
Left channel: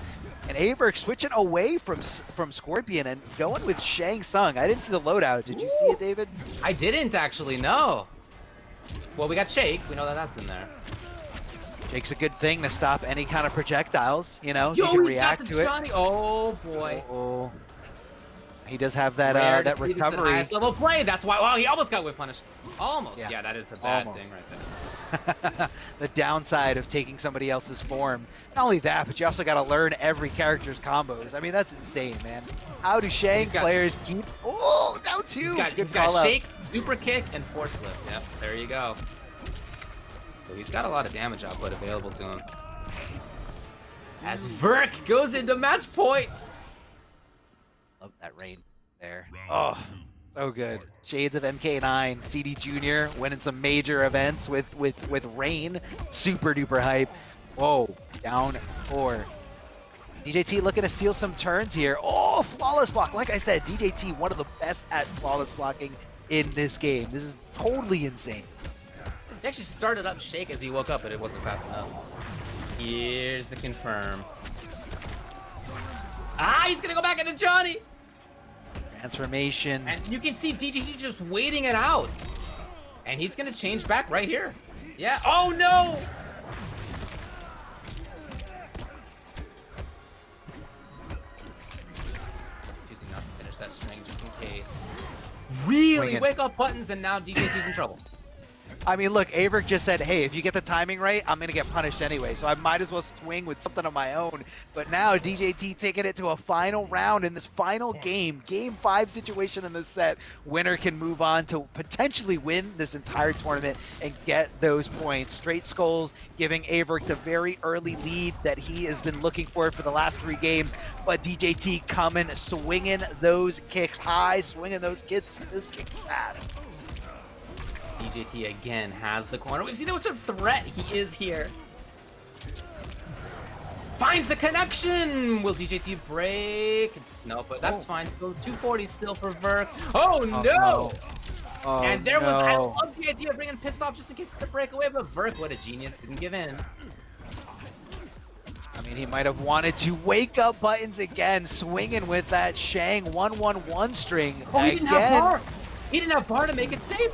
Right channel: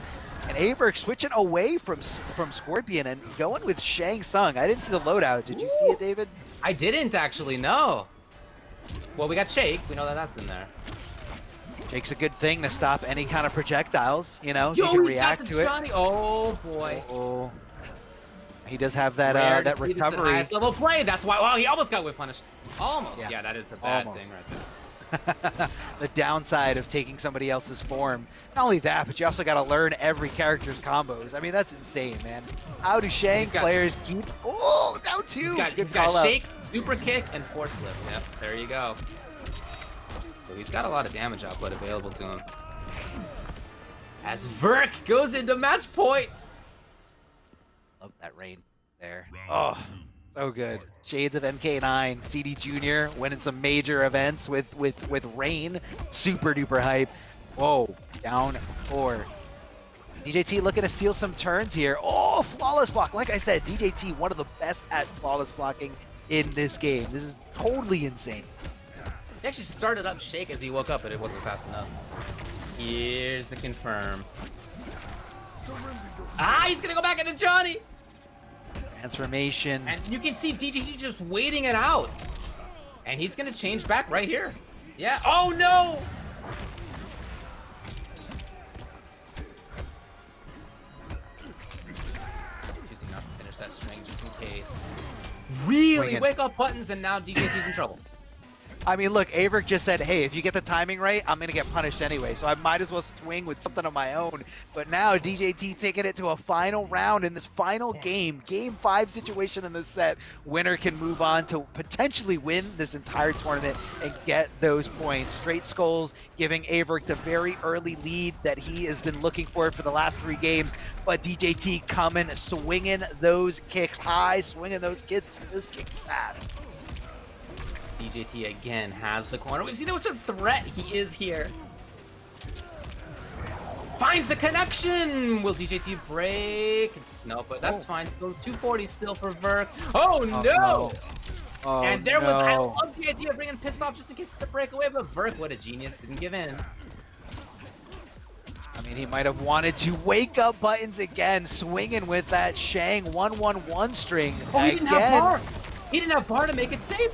And AVirk switching away from Scorpion and going with Shang Tsung. I didn't see the loadout. Did you see it, David? I didn't actually, no. Well, we got Shake. We know that that's in there. Shake's a good thing to stop any kind of projectiles, Yo, he can he's got react the to Johnny. Oh, boy. Oh. He does have that Rare that defeat, it's an recovery. highest level play. That's why. Wow, he almost got whip punished. Almost. Yeah. Yeah, that is a bad Almost. thing right there. The downside of taking somebody else's form. Not only that, but you also got to learn every character's combos. I mean, that's insane, man. How do Shang players keep... Oh, down two. He's got Shake, Super Kick, and Force Lift. Yep, there you go. So he's got a lot of damage output available to him. As Virk goes into match point. Love that rain there. Oh, so good. Shades of MK9, CD Jr. winning some major events with Rain. Super duper hype. Whoa, down 4. DJT looking to steal some turns here. Oh, flawless block. Like I said, DJT, one of the best at flawless blocking in this game. This is totally insane. He actually started up Shake as he woke up, but it wasn't fast enough. Here's the confirm. Ah, he's gonna go back into Johnny. Transformation. And you can see DJT just waiting it out. And he's gonna change back right here. Yeah. Oh no! Choosing not to finish that string just in case. Really wake up buttons, and now DJT's in trouble. I mean, look, AVirk just said, hey, if you get the timing right, I'm going to get punished anyway, so I might as well swing with something of my own. But now DJT taking it to a final round in this final game 5 situation in this set. Winner can move on to potentially win this entire tournament and get those points. Straight Skulls giving AVirk the very early lead that he has been looking for the last 3 games. But DJT coming, swinging those kicks high, swinging those kicks fast. DJT again has the corner. We've seen how much of a threat he is here. Finds the connection. Will DJT break? No, but that's fine. So 240 still for Virk. Oh no! And there was, I love the idea of bringing Pissed Off just in case the breakaway, but Virk, what a genius, didn't give in. I mean, he might have wanted to wake up buttons again, swinging with that Shang 1-1-1 string. Oh, he didn't have bar. He didn't have bar to make it safe.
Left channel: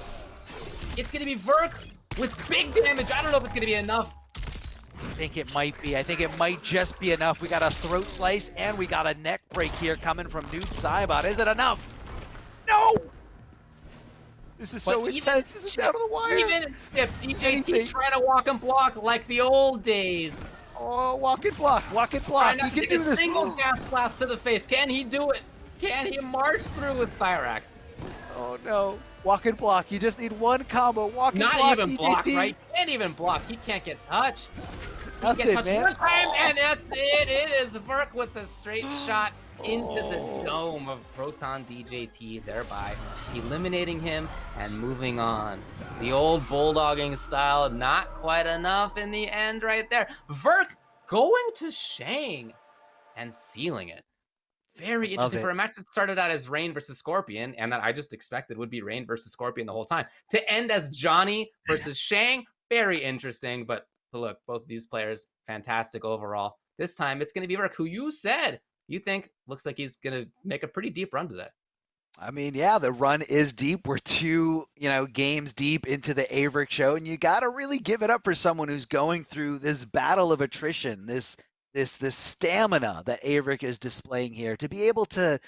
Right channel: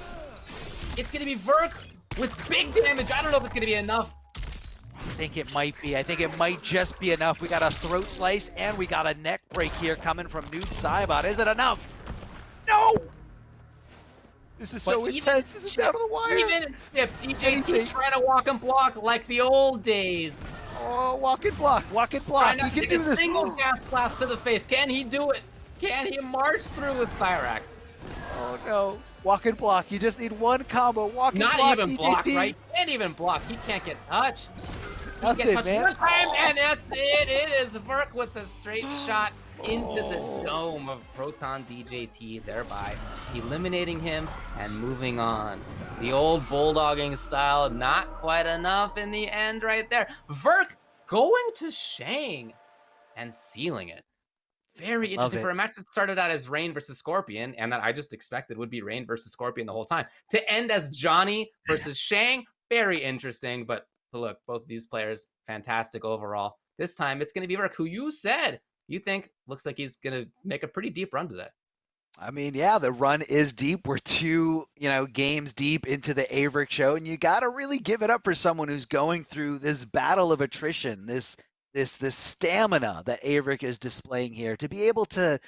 It's going to be Virk with big damage. I don't know if it's going to be enough. I think it might be. I think it might just be enough. We got a throat slice and we got a neck break here coming from Noob Saibot. Is it enough? No! This is so intense. This is down to the wire. Even if DJT trying to walk and block like the old days. Oh, walk and block. Trying not to take a single gas blast to the face. Can he do it? Can he march through with Cyrax? Oh no. Walk and block. You just need one combo. Walk and block. Not even DJT. block, right? Can't even block. He can't get touched. He Nothing, gets touched man. one time, and that's it. It is Virk with a straight shot into the dome of Proton DJT, thereby eliminating him and moving on. The old bulldogging style, not quite enough in the end right there. Virk going to Shang and sealing it. Very interesting for a match that started out as Rain versus Scorpion, and that I just expected would be Rain versus Scorpion the whole time. To end as Johnny versus Shang, very interesting. But look, both of these players, fantastic overall. This time, it's going to be Virk, who you said you think looks like he's going to make a pretty deep run today. I mean, yeah, the run is deep. We're 2, games deep into the AVirk show, and you got to really give it up for someone who's going through this battle of attrition, this stamina that AVirk is displaying here to be able to,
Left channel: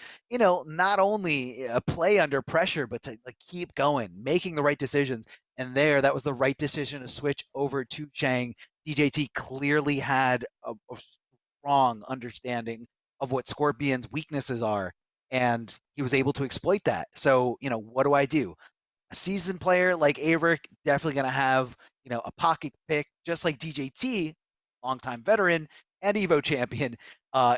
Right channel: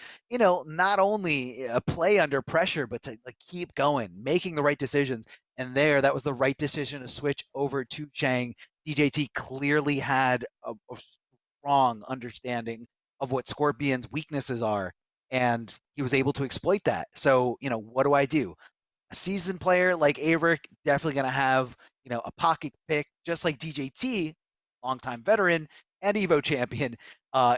not only play under pressure, but to keep going, making the right decisions. And that was the right decision to switch over to Shang. DJT clearly had a strong understanding of what Scorpion's weaknesses are, and he was able to exploit that. So, what do I do? A seasoned player like AVirk definitely going to have, a pocket pick, just like DJT, longtime veteran and Evo champion,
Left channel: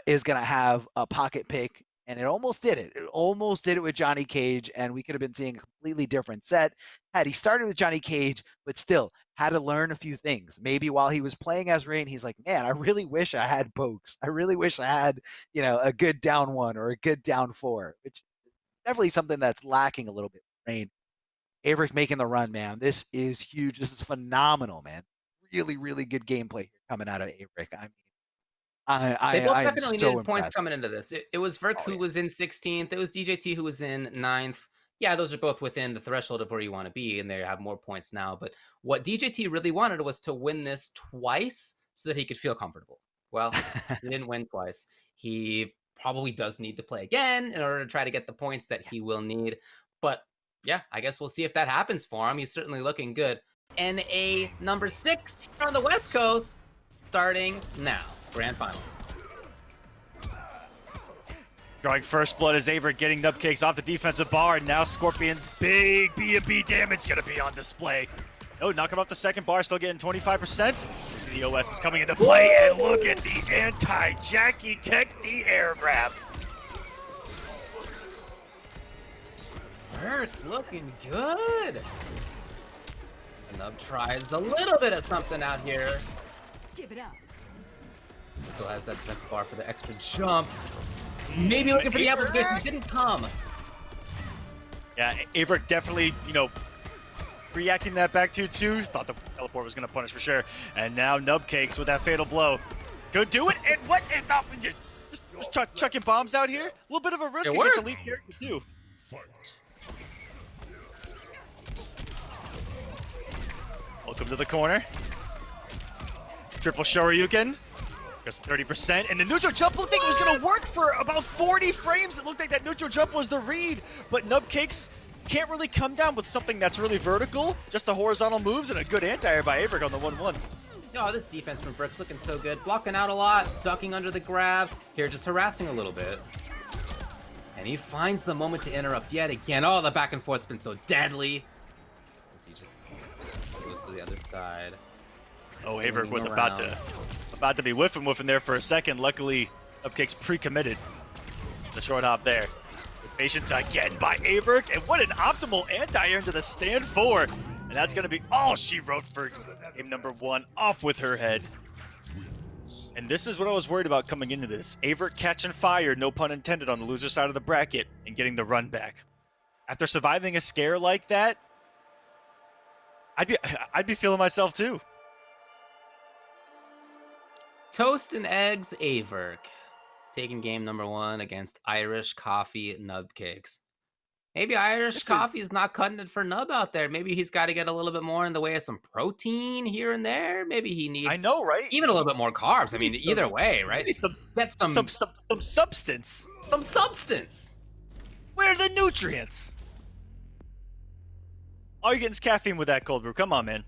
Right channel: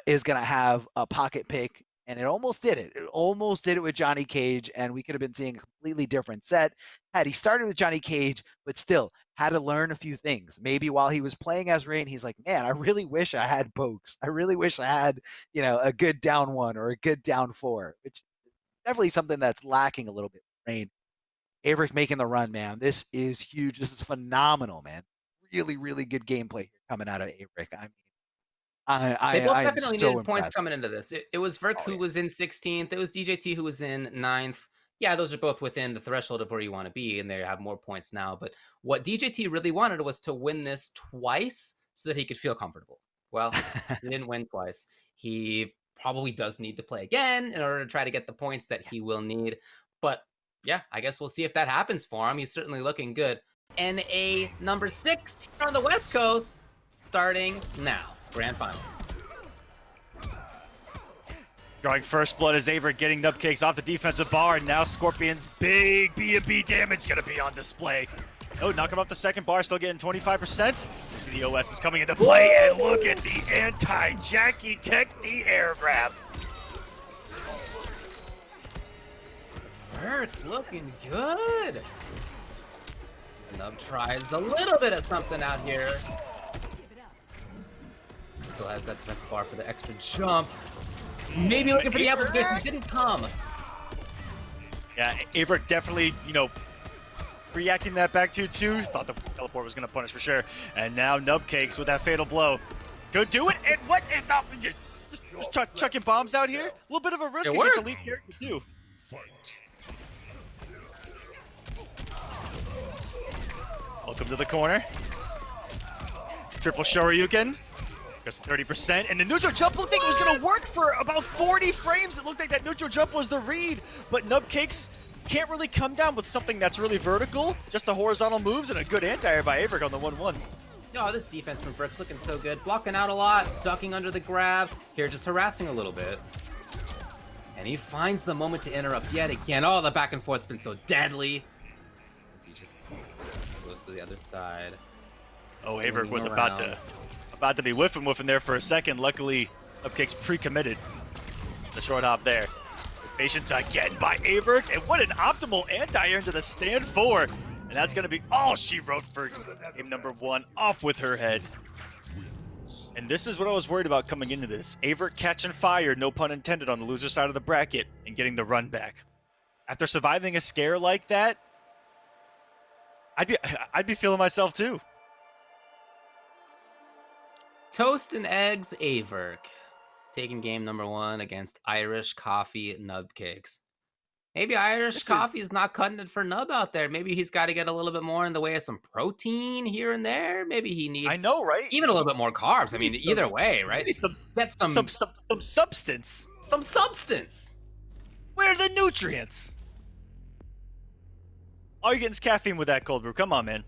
is going to have a pocket pick. And it almost did it. It almost did it with Johnny Cage, and we could have been seeing a completely different set had he started with Johnny Cage, but still had to learn a few things. Maybe while he was playing as Rain, he's like, man, I really wish I had pokes. I really wish I had, a good down 1 or a good down 4, which is definitely something that's lacking a little bit. Rain. AVirk making the run, man. This is huge. This is phenomenal, man. Really, really good gameplay coming out of AVirk. They both definitely needed impressed. points coming into this. It was Virk who was in 16th. It was DJT who was in 9th. Yeah, those are both within the threshold of where you want to be, and they have more points now. But what DJT really wanted was to win this twice so that he could feel comfortable. Well, he didn't win twice. He probably does need to play again in order to try to get the points that he will need. But yeah, I guess we'll see if that happens for him. He's certainly looking good. NA number 6 here on the West Coast, starting now. Grand Finals. Drawing first blood as AVirk getting Nubcakes off the defensive bar, and now Scorpion's big B&B damage gonna be on display. Oh, knocking off the second bar, still getting 25%. The OS is coming into play, and look at the anti-Jackie Technique air grab. Virk looking good. Nub tries a little bit of something out here. Give it up. Still has that defensive bar for the extra jump. Maybe looking for the application. It didn't come. Yeah, AVirk definitely, reacting that back to 2. Thought the teleport was going to punish for sure. And now Nubcakes with that fatal blow. Go do it. And what? Just chucking bombs out here? A little bit of a risk It against worked. elite character too. Fight. Welcome to the corner. Triple Shoryuken. Goes 30%, and the neutral jump looked like it was going to work for about 40 frames. It looked like that neutral jump was the read, but Nubcakes can't really come down with something that's really vertical. Just the horizontal moves and a good anti-air by AVirk on the 1-1. Oh, this defense from Virk's looking so good. Blocking out a lot, ducking under the grab. Here, just harassing a little bit. And he finds the moment to interrupt yet again. Oh, the back and forth's been so deadly. As he just goes to the other side. Oh, AVirk was around. about to be whiffing there for a second. Luckily, Nubcakes pre-committed the short hop there. Patience again by AVirk, and what an optimal anti-air into the stand 4. And that's going to be all she wrote for game number 1, off with her head. And this is what I was worried about coming into this. AVirk catching fire, no pun intended, on the loser side of the bracket and getting the run back. After surviving a scare like that, I'd be feeling myself too. Toast and Eggs AVirk taking game number 1 against Irish Coffee Nubcakes. Maybe Irish Coffee is not cutting it for Nub out there. Maybe he's got to get a little bit more in the way of some protein here and there. Maybe he needs, I know, right? even a little bit more carbs. I mean, either way, right? Get some substance. Some substance. Where are the nutrients? All you're getting is caffeine with that cold brew. Come on, man.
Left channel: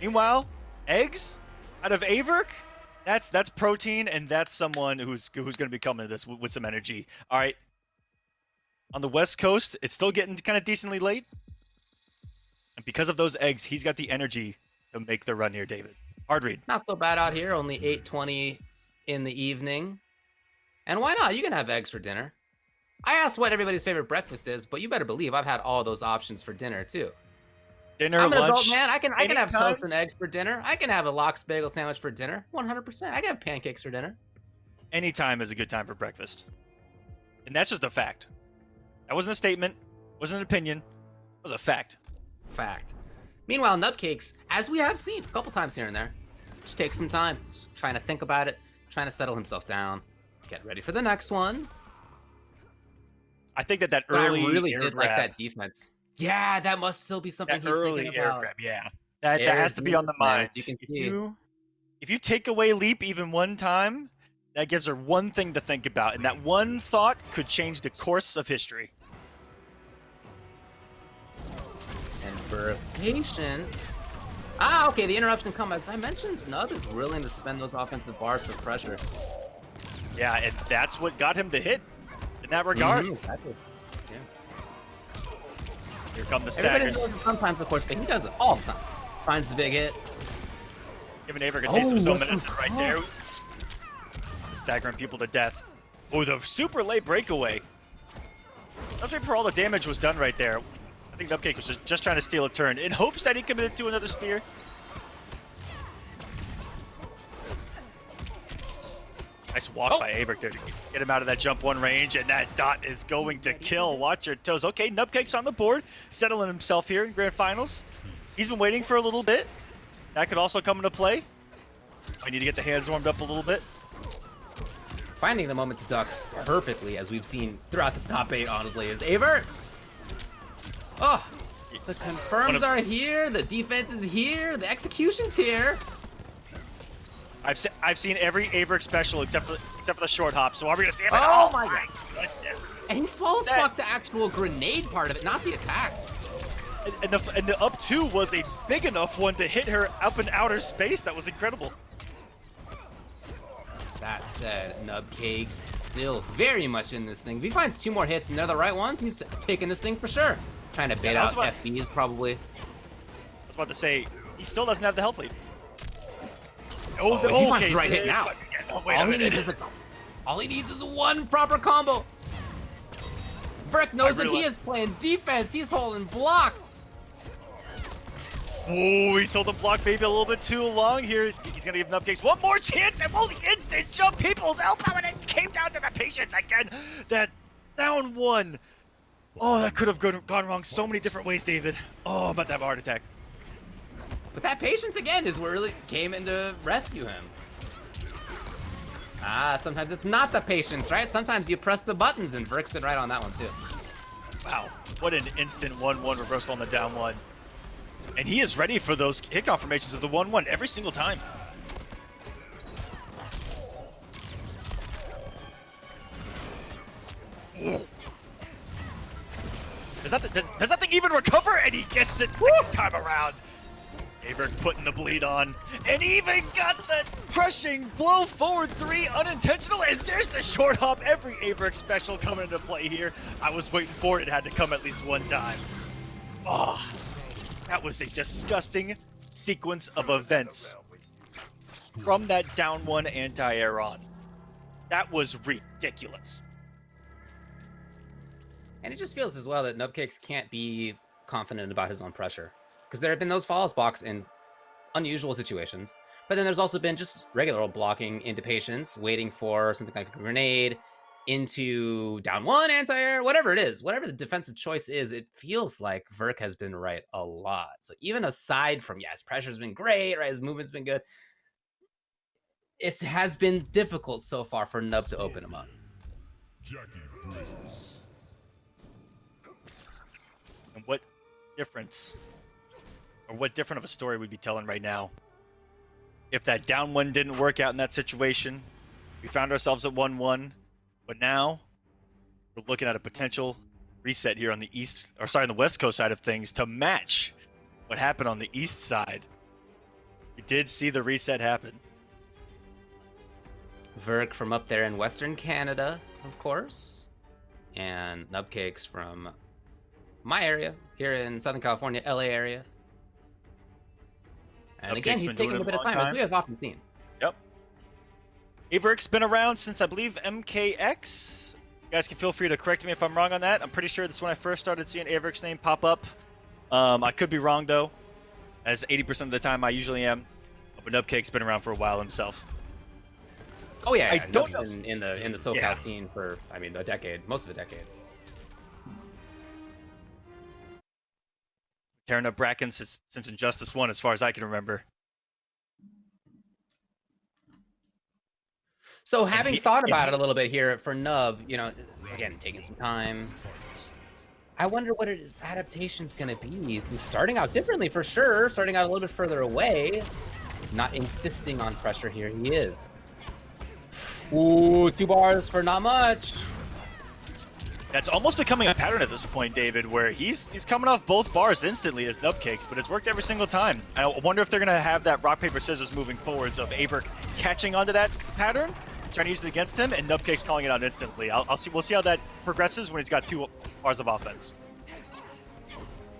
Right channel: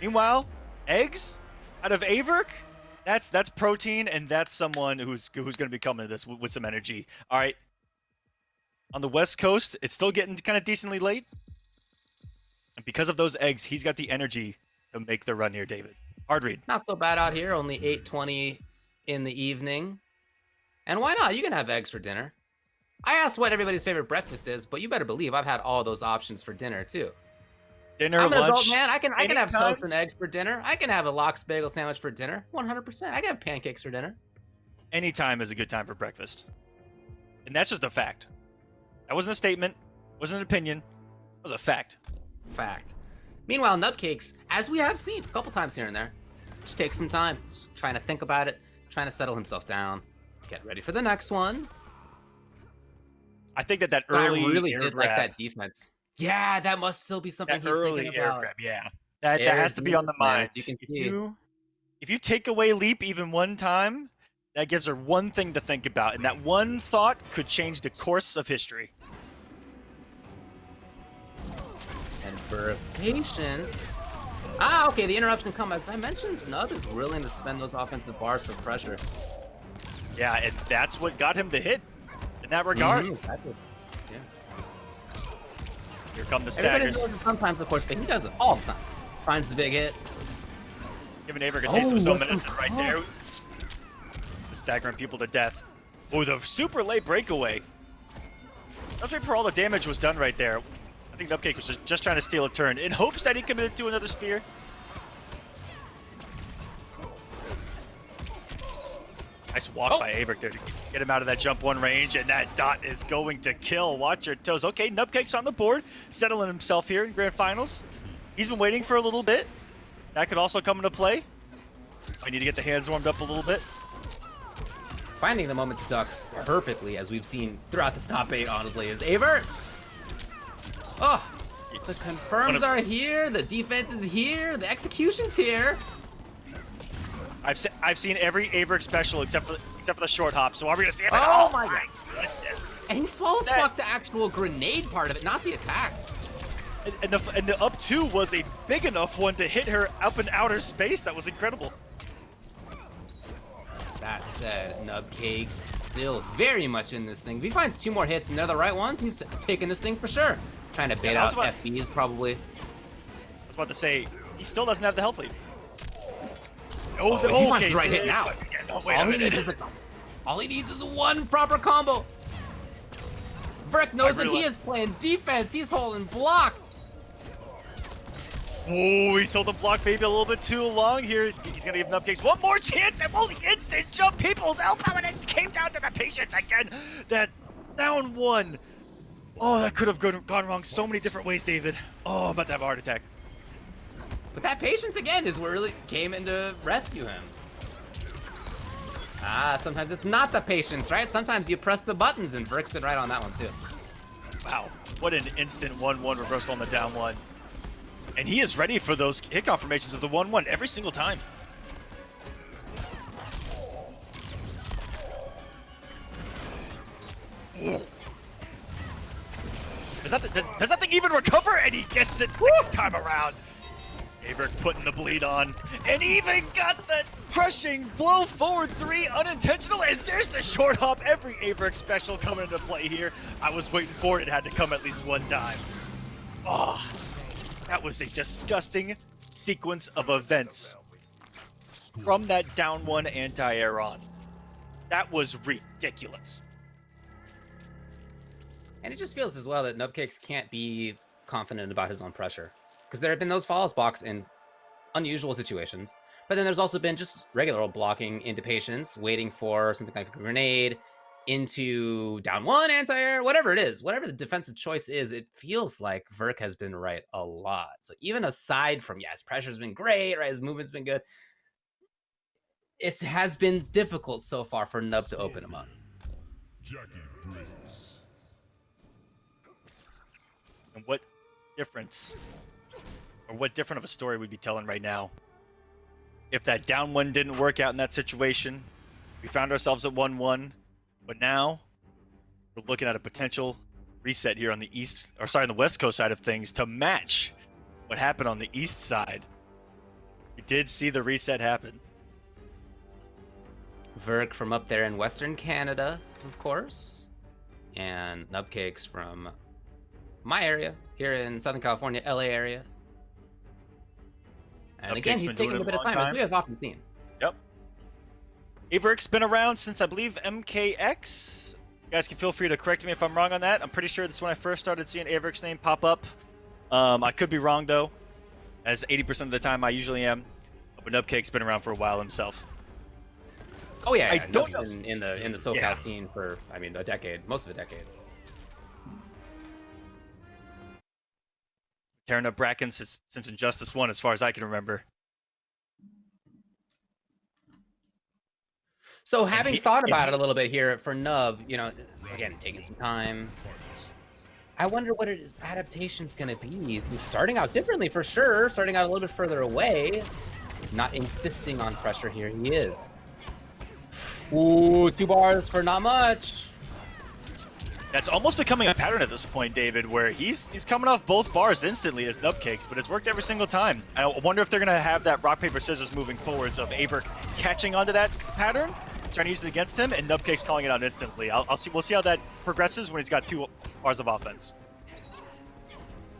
Meanwhile, eggs out of AVirk. That's protein, and that's someone who's going to be coming to this with some energy. All right. On the West Coast, it's still getting kind of decently late. And because of those eggs, he's got the energy to make the run here, David. Hard read. Not so bad out here. Only 8:20 in the evening. And why not? You can have eggs for dinner. I asked what everybody's favorite breakfast is, but you better believe I've had all those options for dinner too. Dinner, I'm an lunch, adult man. I can have anytime. toast and eggs for dinner. I can have a lox bagel sandwich for dinner. 100%. I can have pancakes for dinner. Any time is a good time for breakfast. And that's just a fact. That wasn't a statement. Wasn't an opinion. It was a fact. Fact. Meanwhile, Nubcakes, as we have seen a couple times here and there, just takes some time, trying to think about it, trying to settle himself down, get ready for the next one. I think that But I early really air did like grab, that defense. Yeah, that must still be something that he's early thinking air about. grab, yeah. That Air has to be on the man, mind. as you can see. If you take away Leap even one time, that gives her one thing to think about, and that one thought could change the course of history. And for patient. Okay, the interruption come. As I mentioned, Nub is willing to spend those offensive bars for pressure. Yeah, and that's what got him the hit in that regard. Exactly. Yeah. Here come the Everybody staggers. does it sometimes, of course, but he does it all the time. Finds the big hit. Giving AVirk a taste of his own what's medicine right there. Staggering people to death. Oh, the super late breakaway. That's right before all the damage was done right there. I think Nubcake was just trying to steal a turn in hopes that he committed to another spear. Nice walk by AVirk there to get him out of that jump one range, and that dot is going to kill. Watch your toes. Okay, Nubcake's on the board, settling himself here in Grand Finals. He's been waiting for a little bit. That could also come into play. I need to get the hands warmed up a little bit. Finding the moment to duck perfectly, as we've seen throughout the top 8, honestly, is AVirk. Oh, the confirms are here, the defense is here, the execution's here. I've seen every AVirk special except for the short hop, so are we gonna see it? Oh my god. And he false blocked the actual grenade part of it, not the attack. And the up 2 was a big enough one to hit her up in outer space. That was incredible. That said, Nubcakes still very much in this thing. If he finds 2 more hits and they're the right ones, he's taking this thing for sure. Trying to bait out FBs probably. I was about to say, he still doesn't have the health lead. Oh, he finds the right hit now. All he needs is one proper combo. AVirk knows that he is playing defense. He's holding block. Oh, he's holding block maybe a little bit too long here. He's gonna give Nubcakes one more chance and will instant jump people's L-power, and it came down to the patience again. That down 1. Oh, that could have gone wrong so many different ways, David. Oh, I'm about to have a heart attack. But that patience again is what really came in to rescue him. Sometimes it's not the patience, right? Sometimes you press the buttons, and AVirk's been right on that one too. Wow, what an instant 1-1 reversal on the down 1. And he is ready for those hit confirmations of the 1-1 every single time. Does that thing even recover? And he gets it second time around. AVirk putting the bleed on, and even got the crushing blow forward 3 unintentional, and there's the short hop. Every AVirk special coming into play here. I was waiting for it. It had to come at least one time. Oh, that was a disgusting sequence of events from that down 1 anti-air on. That was ridiculous. And it just feels as well that Nubcakes can't be confident about his own pressure. Because there have been those false blocks in unusual situations, but then there's also been just regular old blocking into patience, waiting for something like a grenade, into down 1, anti-air, whatever it is, whatever the defensive choice is, it feels like AVirk has been right a lot. So even aside from, his pressure's been great, right, his movement's been good, it has been difficult so far for Nub to open him up. And what difference, or what different of a story we'd be telling right now if that down 1 didn't work out in that situation? We found ourselves at 1-1, but now we're looking at a potential reset here on the the West Coast side of things to match what happened on the East side. We did see the reset happen. AVirk from up there in Western Canada, of course, and Nubcakes from my area here in Southern California, LA area. And again, he's taking a bit of time, as we have often seen. Yep. AVirk's been around since, I believe, MKX. You guys can feel free to correct me if I'm wrong on that. I'm pretty sure that's when I first started seeing AVirk's name pop up. I could be wrong, though, as 80% of the time I usually am. But Nubcake's been around for a while himself. Oh, yeah. Nub's been in the SoCal scene for, a decade, most of a decade. Tearing up Bracken since Injustice 1, as far as I can remember. So having thought about it a little bit here for Nub, again, taking some time, I wonder what his adaptation's going to be. He's starting out differently for sure, starting out a little bit further away, not insisting on pressure here. He is. Ooh, 2 bars for not much. That's almost becoming a pattern at this point, David, where he's coming off both bars instantly as Nubcakes, but it's worked every single time. I wonder if they're going to have that rock, paper, scissors moving forward, so if AVirk catching onto that pattern, trying to use it against him, and Nubcakes calling it out instantly. We'll see how that progresses when he's got 2 bars of offense.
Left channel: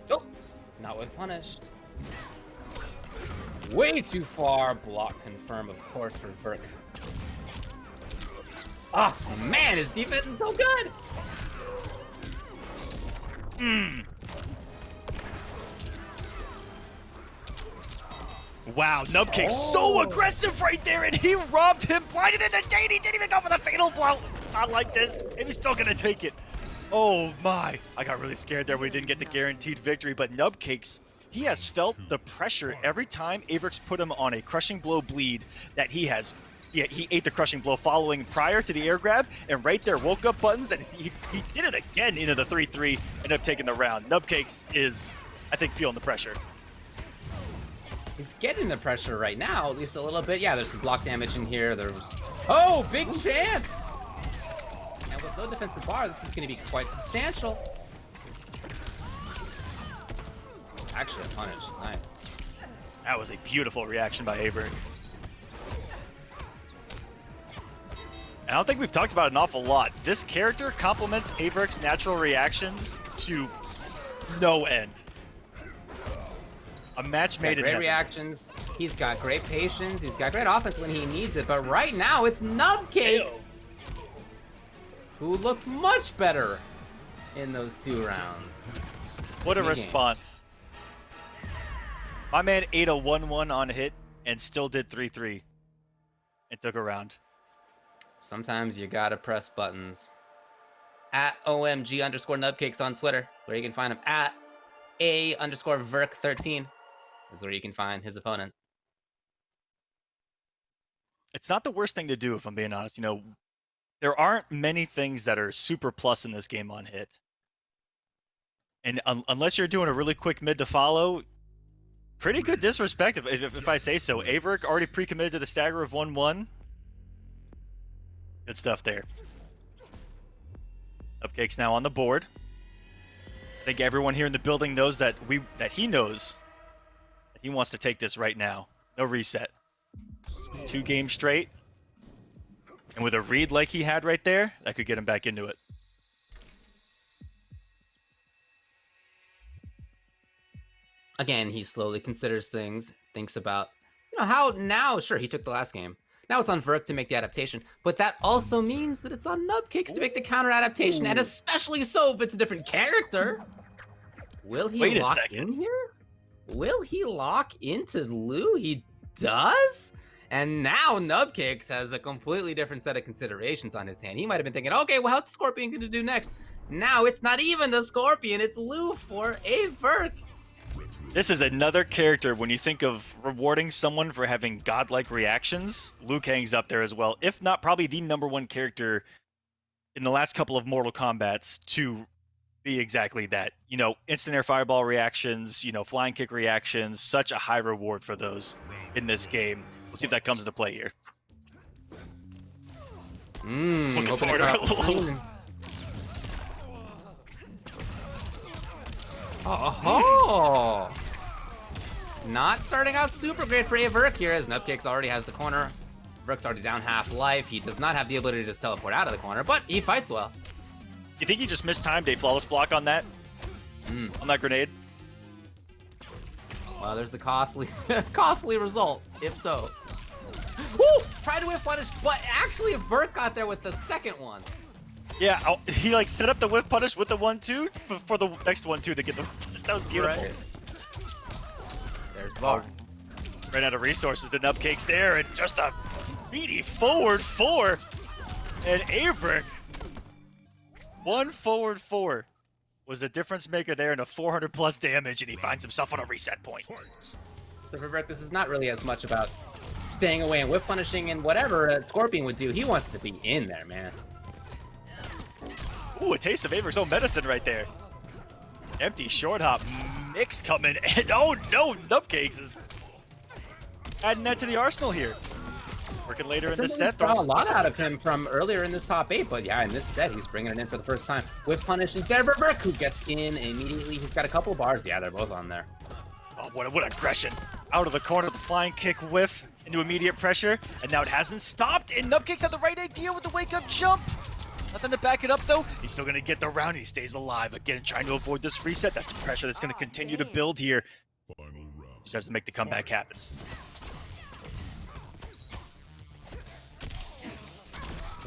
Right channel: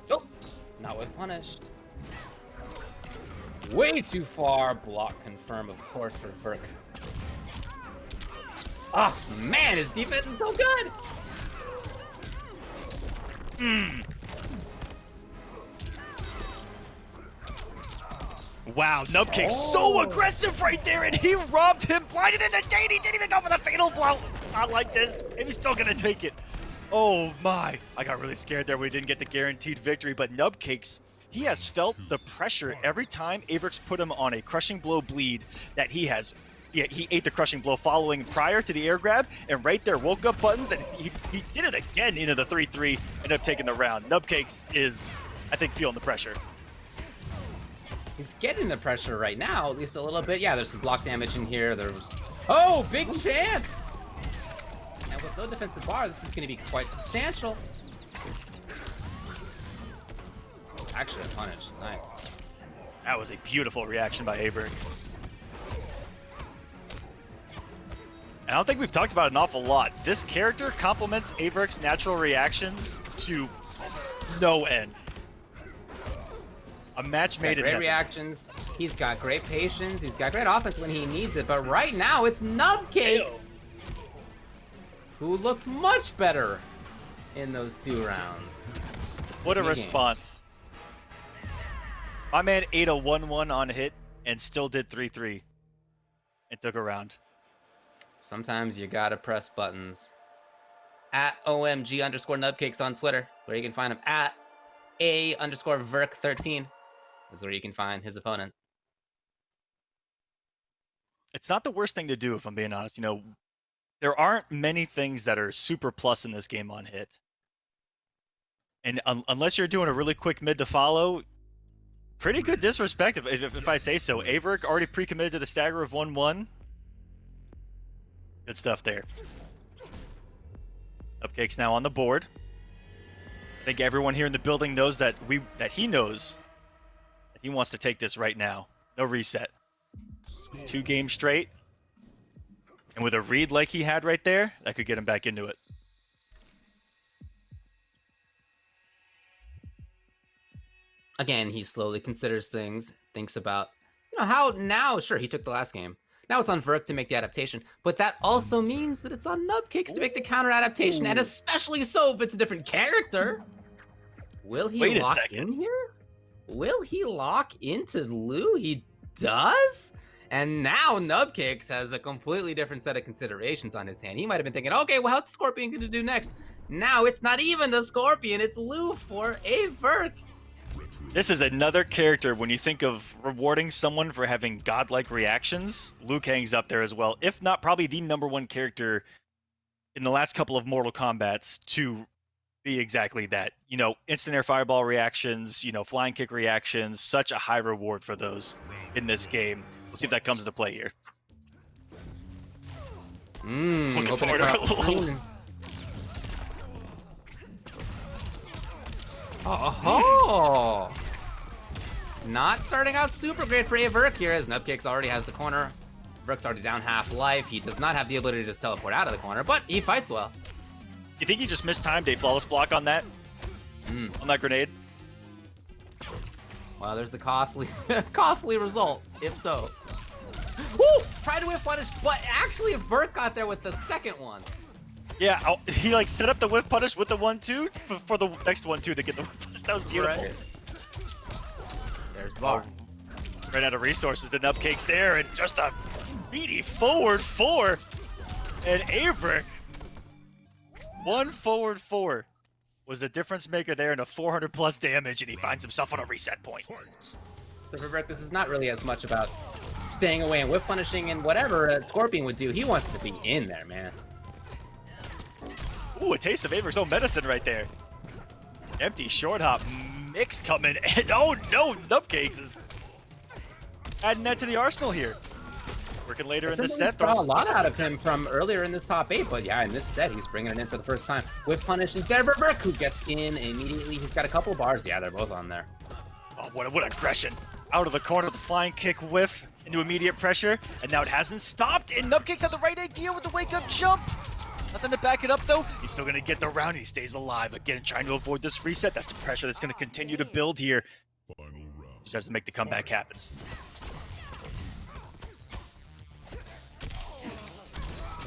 Nope, not with punished. Way too far. Block confirm, of course, for AVirk. Oh, man, his defense is so good. Wow, Nubcakes so aggressive right there, and he robbed him, blinded in the gate. He didn't even go for the fatal blow. Not like this. He was still gonna take it. Oh my! I got really scared there when we didn't get the guaranteed victory. But Nubcakes, he has felt the pressure every time AVirk's put him on a crushing blow bleed that he has. Yeah, he ate the crushing blow following prior to the air grab, and right there woke up buttons, and he did it again into the 3-3, ended up taking the round. Nubcakes is, I think, feeling the pressure. He's getting the pressure right now, at least a little bit. Yeah, there's some block damage in here. Oh, big chance! And with no defensive bar, this is going to be quite substantial. Actually, a punish. Nice. That was a beautiful reaction by AVirk. And I don't think we've talked about it an awful lot. This character complements AVirk's natural reactions to no end. A match made in great heaven. reactions. He's got great patience. He's got great offense when he needs it. But right now, it's Nubcakes, who looked much better in those 2 rounds. What a response. My man ate a 1-1 on hit and still did 3-3. It took a round. Sometimes you gotta press buttons. At OMG_Nubcakes on Twitter, where you can find him. At A_Virk13 is where you can find his opponent. It's not the worst thing to do, if I'm being honest. You know, there aren't many things that are super plus in this game on hit. And unless you're doing a really quick mid to follow, pretty good disrespect, if I say so. AVirk already pre-committed to the stagger of 1-1. Good stuff there. Nubcakes now on the board. I think everyone here in the building knows that he knows that he wants to take this right now. No reset. 2 games straight. And with a read like he had right there, that could get him back into it. Again, he slowly considers things, thinks about, how now, sure, he took the last game. Now it's on AVirk to make the adaptation, but that also means that it's on Nubcakes to make the counter adaptation, and especially so if it's a different character. Will he lock in here? Will he lock into Lou? He does? And now Nubcakes has a completely different set of considerations on his hand. He might have been thinking, okay, well, what's Scorpion going to do next? Now it's not even the Scorpion, it's Lou for AVirk. This is another character, when you think of rewarding someone for having godlike reactions, Liu Kang's up there as well. If not, probably the #1 character in the last couple of Mortal Kombats to be exactly that. You know, instant air fireball reactions, flying kick reactions, such a high reward for those in this game. We'll see if that comes into play here. Hoping to cut off the screen. Oh, not starting out super great for AVirk here, as Nubcakes already has the corner. AVirk's already down half life. He does not have the ability to just teleport out of the corner, but he fights well. You think he just mistimed a flawless block on that? On that grenade? Well, there's the costly result, if so. Woo! Tried to whip punish, but actually AVirk got there with the second one. Yeah, he set up the whip punish with the 1-2 for the next 1-2 to get the. That was beautiful. Right. There's the bar. Ran out of resources to Nubcakes there, and just a beady forward 4. And AVirk, 1 forward 4 was the difference maker there, and a 400 plus damage, and he finds himself on a reset point. So for AVirk, this is not really as much about staying away and whip punishing and whatever Scorpion would do. He wants to be in there, man. Ooh, a taste of AVirk's own medicine right there. Empty short hop mix coming, and oh no, Nubcakes is adding that to the arsenal here. Working later in the set. Saw a lot out of him from earlier in this top 8, but yeah, in this set, he's bringing it in for the first time. Whip punish is there for AVirk, who gets in immediately. He's got a couple bars. Yeah, they're both on there. Oh, what aggression. Out of the corner, the flying kick whiff into immediate pressure, and now it hasn't stopped, and Nubcakes had the right idea with the wake-up jump. Nothing to back it up, though. He's still going to get the round. He stays alive. Again, trying to avoid this reset. That's the pressure that's going to continue to build here. Final round. He tries to make the comeback happen.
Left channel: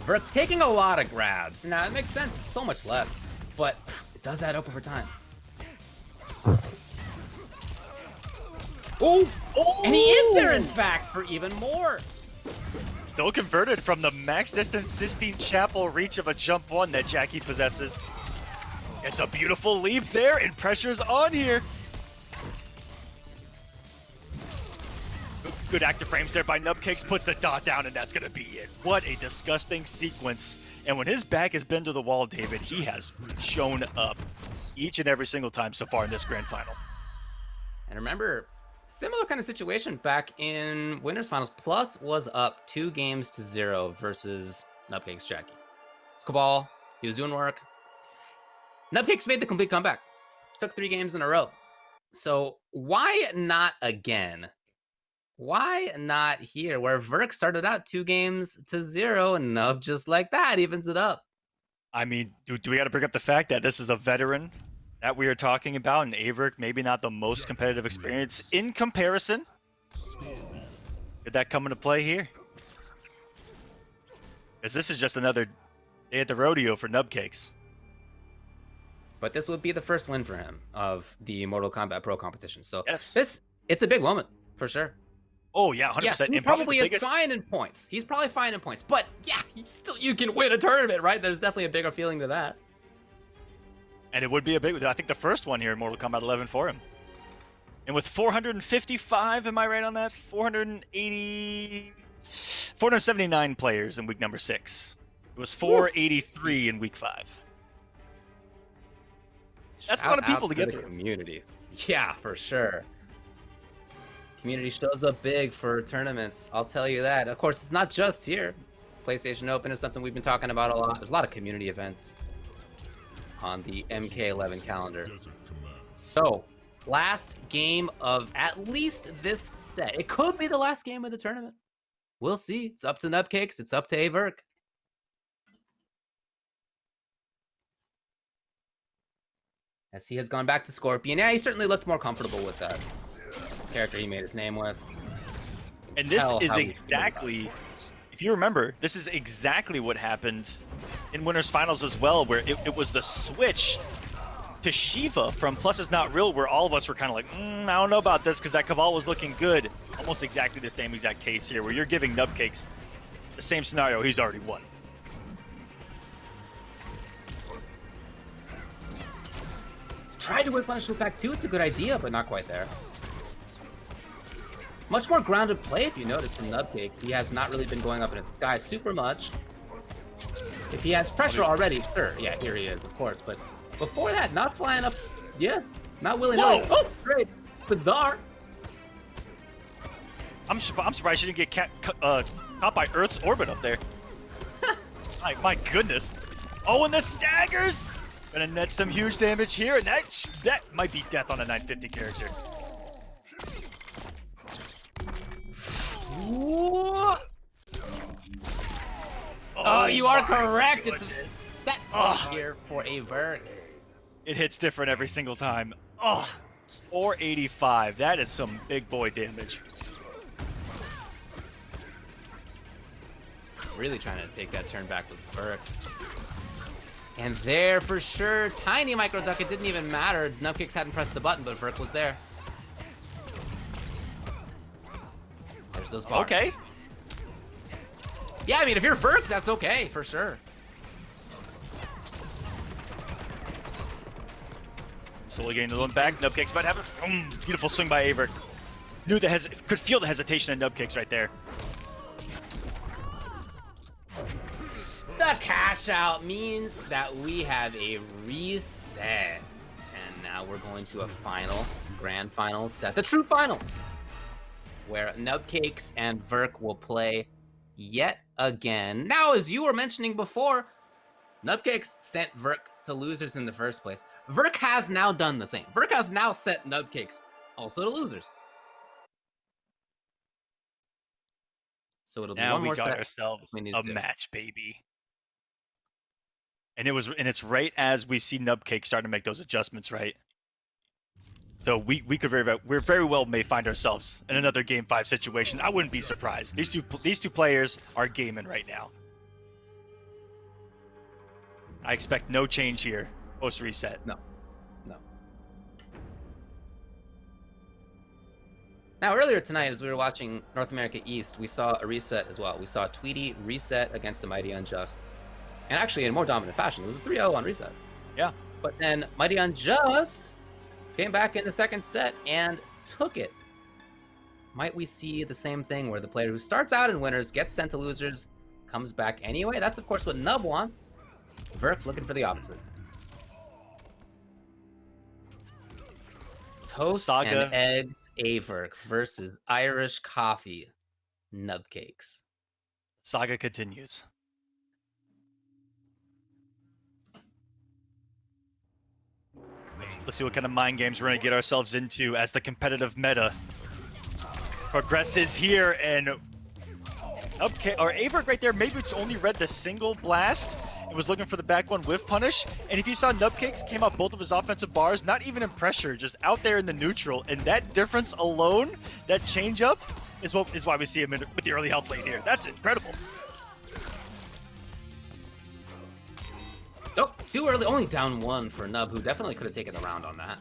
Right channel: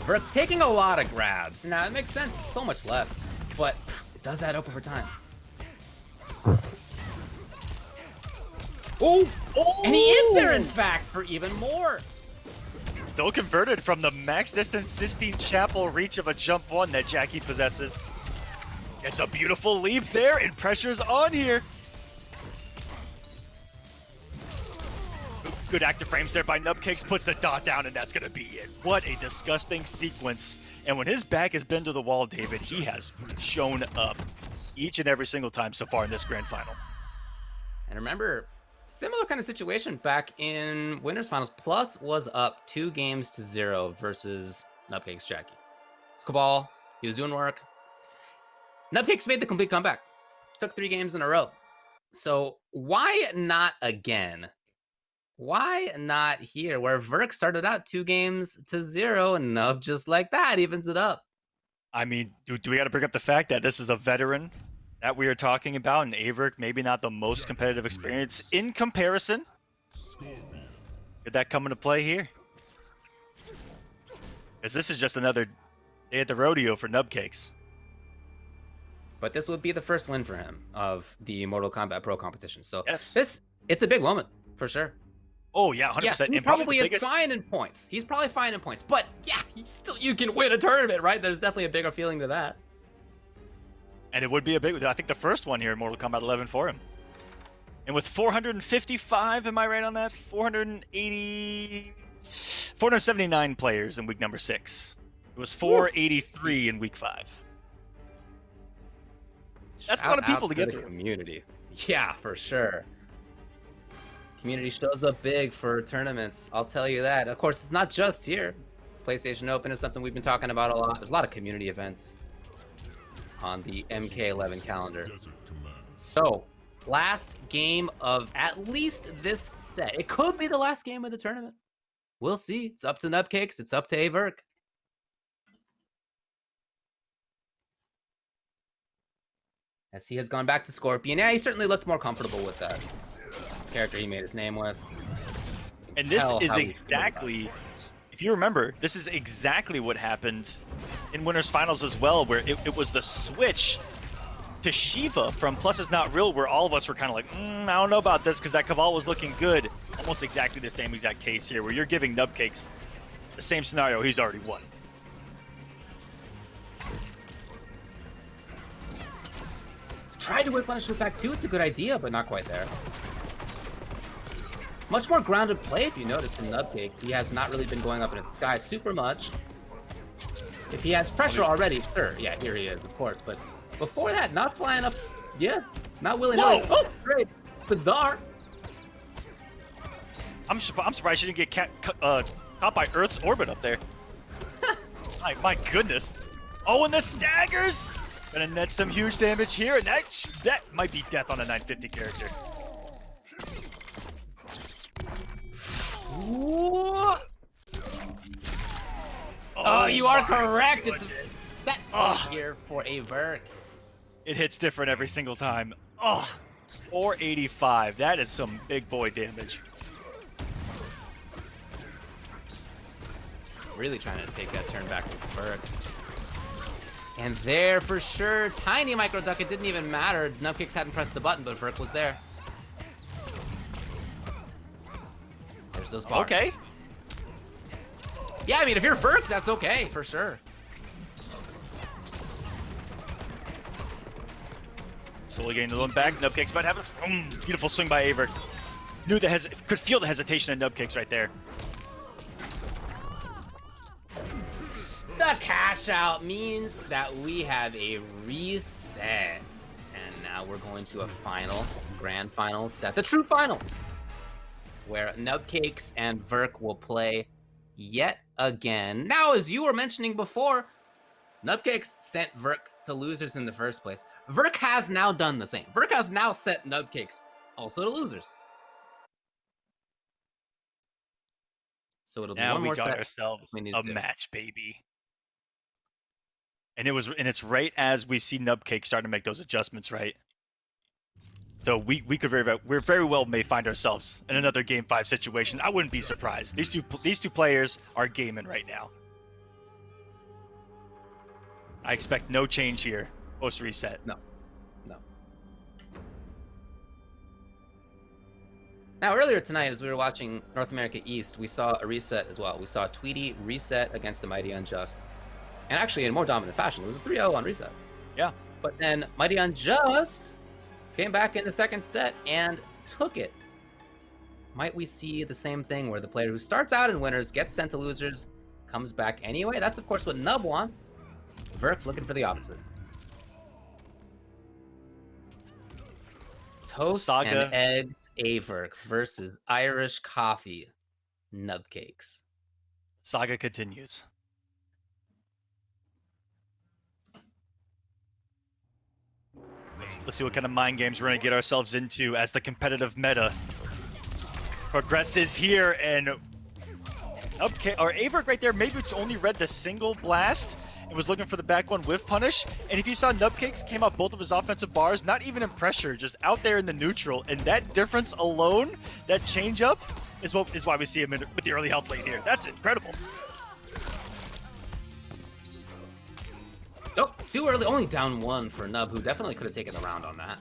Virk taking a lot of grabs. Now, it makes sense. It's so much less. But it does add up over time. Oh! And he is there, in fact, for even more. Still converted from the max distance Sistine Chapel reach of a jump 1 that Jackie possesses. It's a beautiful leap there, and pressure's on here. Good active frames there by Nubcakes, puts the dot down, and that's going to be it. What a disgusting sequence. And when his back has been to the wall, David, he has shown up each and every single time so far in this grand final. And remember, similar kind of situation back in Winners Finals. Plus was up 2-0 versus Nubcakes Jackie. Skabal, he was doing work. Nubcakes made the complete comeback. Took 3 games in a row. So why not again? Why not here, where Virk started out 2-0 and Nub just like that evens it up? I mean, do we got to bring up the fact that this is a veteran that we are talking about, and AVirk maybe not the most competitive experience in comparison? Did that come into play here? Because this is just another day at the rodeo for Nubcakes. But this would be the first win for him of the Mortal Kombat Pro competition. So yes. It's a big moment for sure. Oh yeah, 100%. Yes, he probably is fine in points. He's probably fine in points. But yeah, you can win a tournament, right? There's definitely a bigger feeling to that. And it would be a big, I think the first one here in Mortal Kombat 11 for him. And with 455, am I right on that? 479 players in week number 6. It was 483 in week 5. That's a lot of people to get through. Community. Yeah, for sure. Community shows up big for tournaments. I'll tell you that. Of course, it's not just here. PlayStation Open is something we've been talking about a lot. There's a lot of community events on the MK11 calendar. So, last game of at least this set. It could be the last game of the tournament. We'll see. It's up to Nubcakes. It's up to AVirk. As he has gone back to Scorpion. Yeah, he certainly looked more comfortable with that character he made his name with. And this is exactly, if you remember, this is exactly what happened in Winners Finals as well, where it was the switch to Shiva from Plus Is Not Real, where all of us were kind of like, I don't know about this, because that Caval was looking good. Almost exactly the same exact case here, where you're giving Nubcakes the same scenario he's already won. Tried to whip punishment back too. It's a good idea, but not quite there. Much more grounded play, if you notice, from Nubcakes. He has not really been going up in the sky super much. If he has pressure already, sure. Yeah, here he is, of course. But before that, not flying up. Yeah, not willy-nilly. Oh, great. Bizarre. I'm surprised she didn't get caught by Earth's orbit up there. my goodness. Oh, and the staggers. Gonna net some huge damage here, and that might be death on a 950 character. Oh, you are correct. It's a set push here for AVirk. It hits different every single time. Oh, 485. That is some big boy damage. Really trying to take that turn back with Virk. And there for sure, tiny micro duck. It didn't even matter. Nubcakes hadn't pressed the button, but Virk was there. There's those bars. Okay. Yeah, I mean, if you're Virk, that's okay, for sure. Slowly getting the one back. Nubcakes might have it. Beautiful swing by AVirk. Could feel the hesitation in Nubcakes right there. The cash out means that we have a reset. And now we're going to a grand final set. The true finals. Where Nubcakes and Virk will play yet again. Now, as you were mentioning before, Nubcakes sent Virk to losers in the first place. Virk has now done the same. Virk has now sent Nubcakes also to losers. So it'll be now one more got set. Ourselves a match, baby. And it's right as we see Nubcakes starting to make those adjustments, right? So we could very well may find ourselves in another Game 5 situation. I wouldn't be surprised. These two players are gaming right now. I expect no change here post reset. No. Now, earlier tonight, as we were watching North America East, we saw a reset as well. We saw Tweety reset against the Mighty Unjust. And actually, in more dominant fashion. It was a 3-0 on reset. Yeah. But then Mighty Unjust came back in the second set and took it. Might we see the same thing where the player who starts out in winners gets sent to losers, comes back anyway? That's, of course, what Nub wants. Virk's looking for the opposite. Toast Saga. and eggs AVirk versus Irish coffee Nubcakes. Saga continues. Let's see what kind of mind games we're going to get ourselves into as the competitive meta progresses here. And AVirk right there, maybe it's only read the single blast and was looking for the back one with punish. And if you saw Nubcakes came out both of his offensive bars, not even in pressure, just out there in the neutral. And that difference alone, that change up, is why we see him with the early health lane here. That's incredible. Oh, too early. Only down one for Nub, who definitely could have taken the round on that.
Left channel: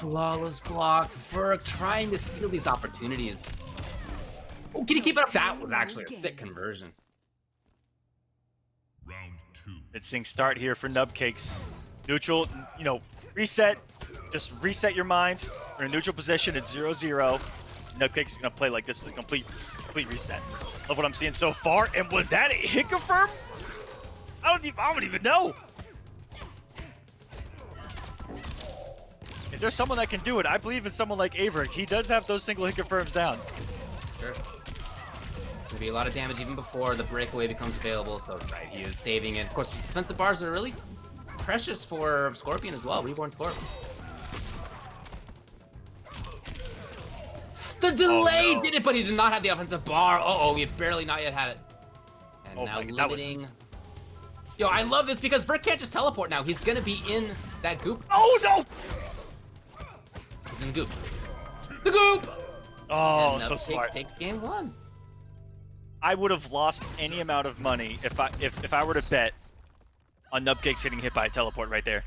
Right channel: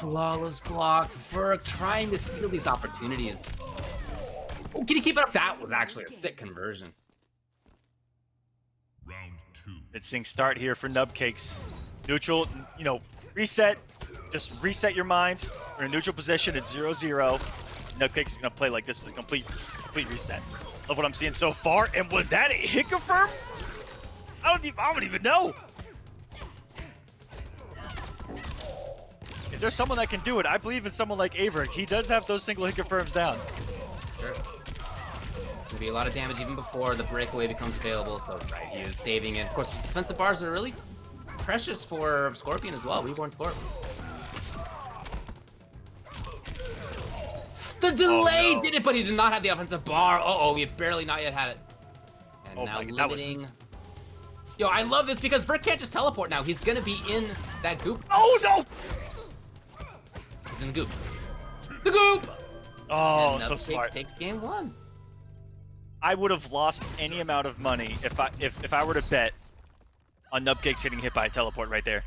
Flawless block. Virk trying to steal these opportunities. Oh, can he keep it up? That was actually a sick conversion. Round 2. Mid-sync start here for Nubcakes. Neutral, reset. Just reset your mind. We're in a neutral position at 0-0. Nubcakes is going to play like this is a complete reset. Love what I'm seeing so far. And was that a hit confirm? I don't even know. If there's someone that can do it, I believe in someone like AVirk. He does have those single hit confirms down. Sure. Gonna be a lot of damage even before the breakaway becomes available, so right, he is saving it. Of course, defensive bars are really precious for Scorpion as well, Reborn Scorpion. The delay did it, but he did not have the offensive bar. Uh-oh, we have barely not yet had it. And now limiting... Yo, I love this because Virk can't just teleport now. He's gonna be in that goop. Oh, no! He's in the goop. The goop! Oh, And so Nubcakes smart. takes game 1. I would have lost any amount of money if I were to bet on Nubcakes getting hit by a teleport right there.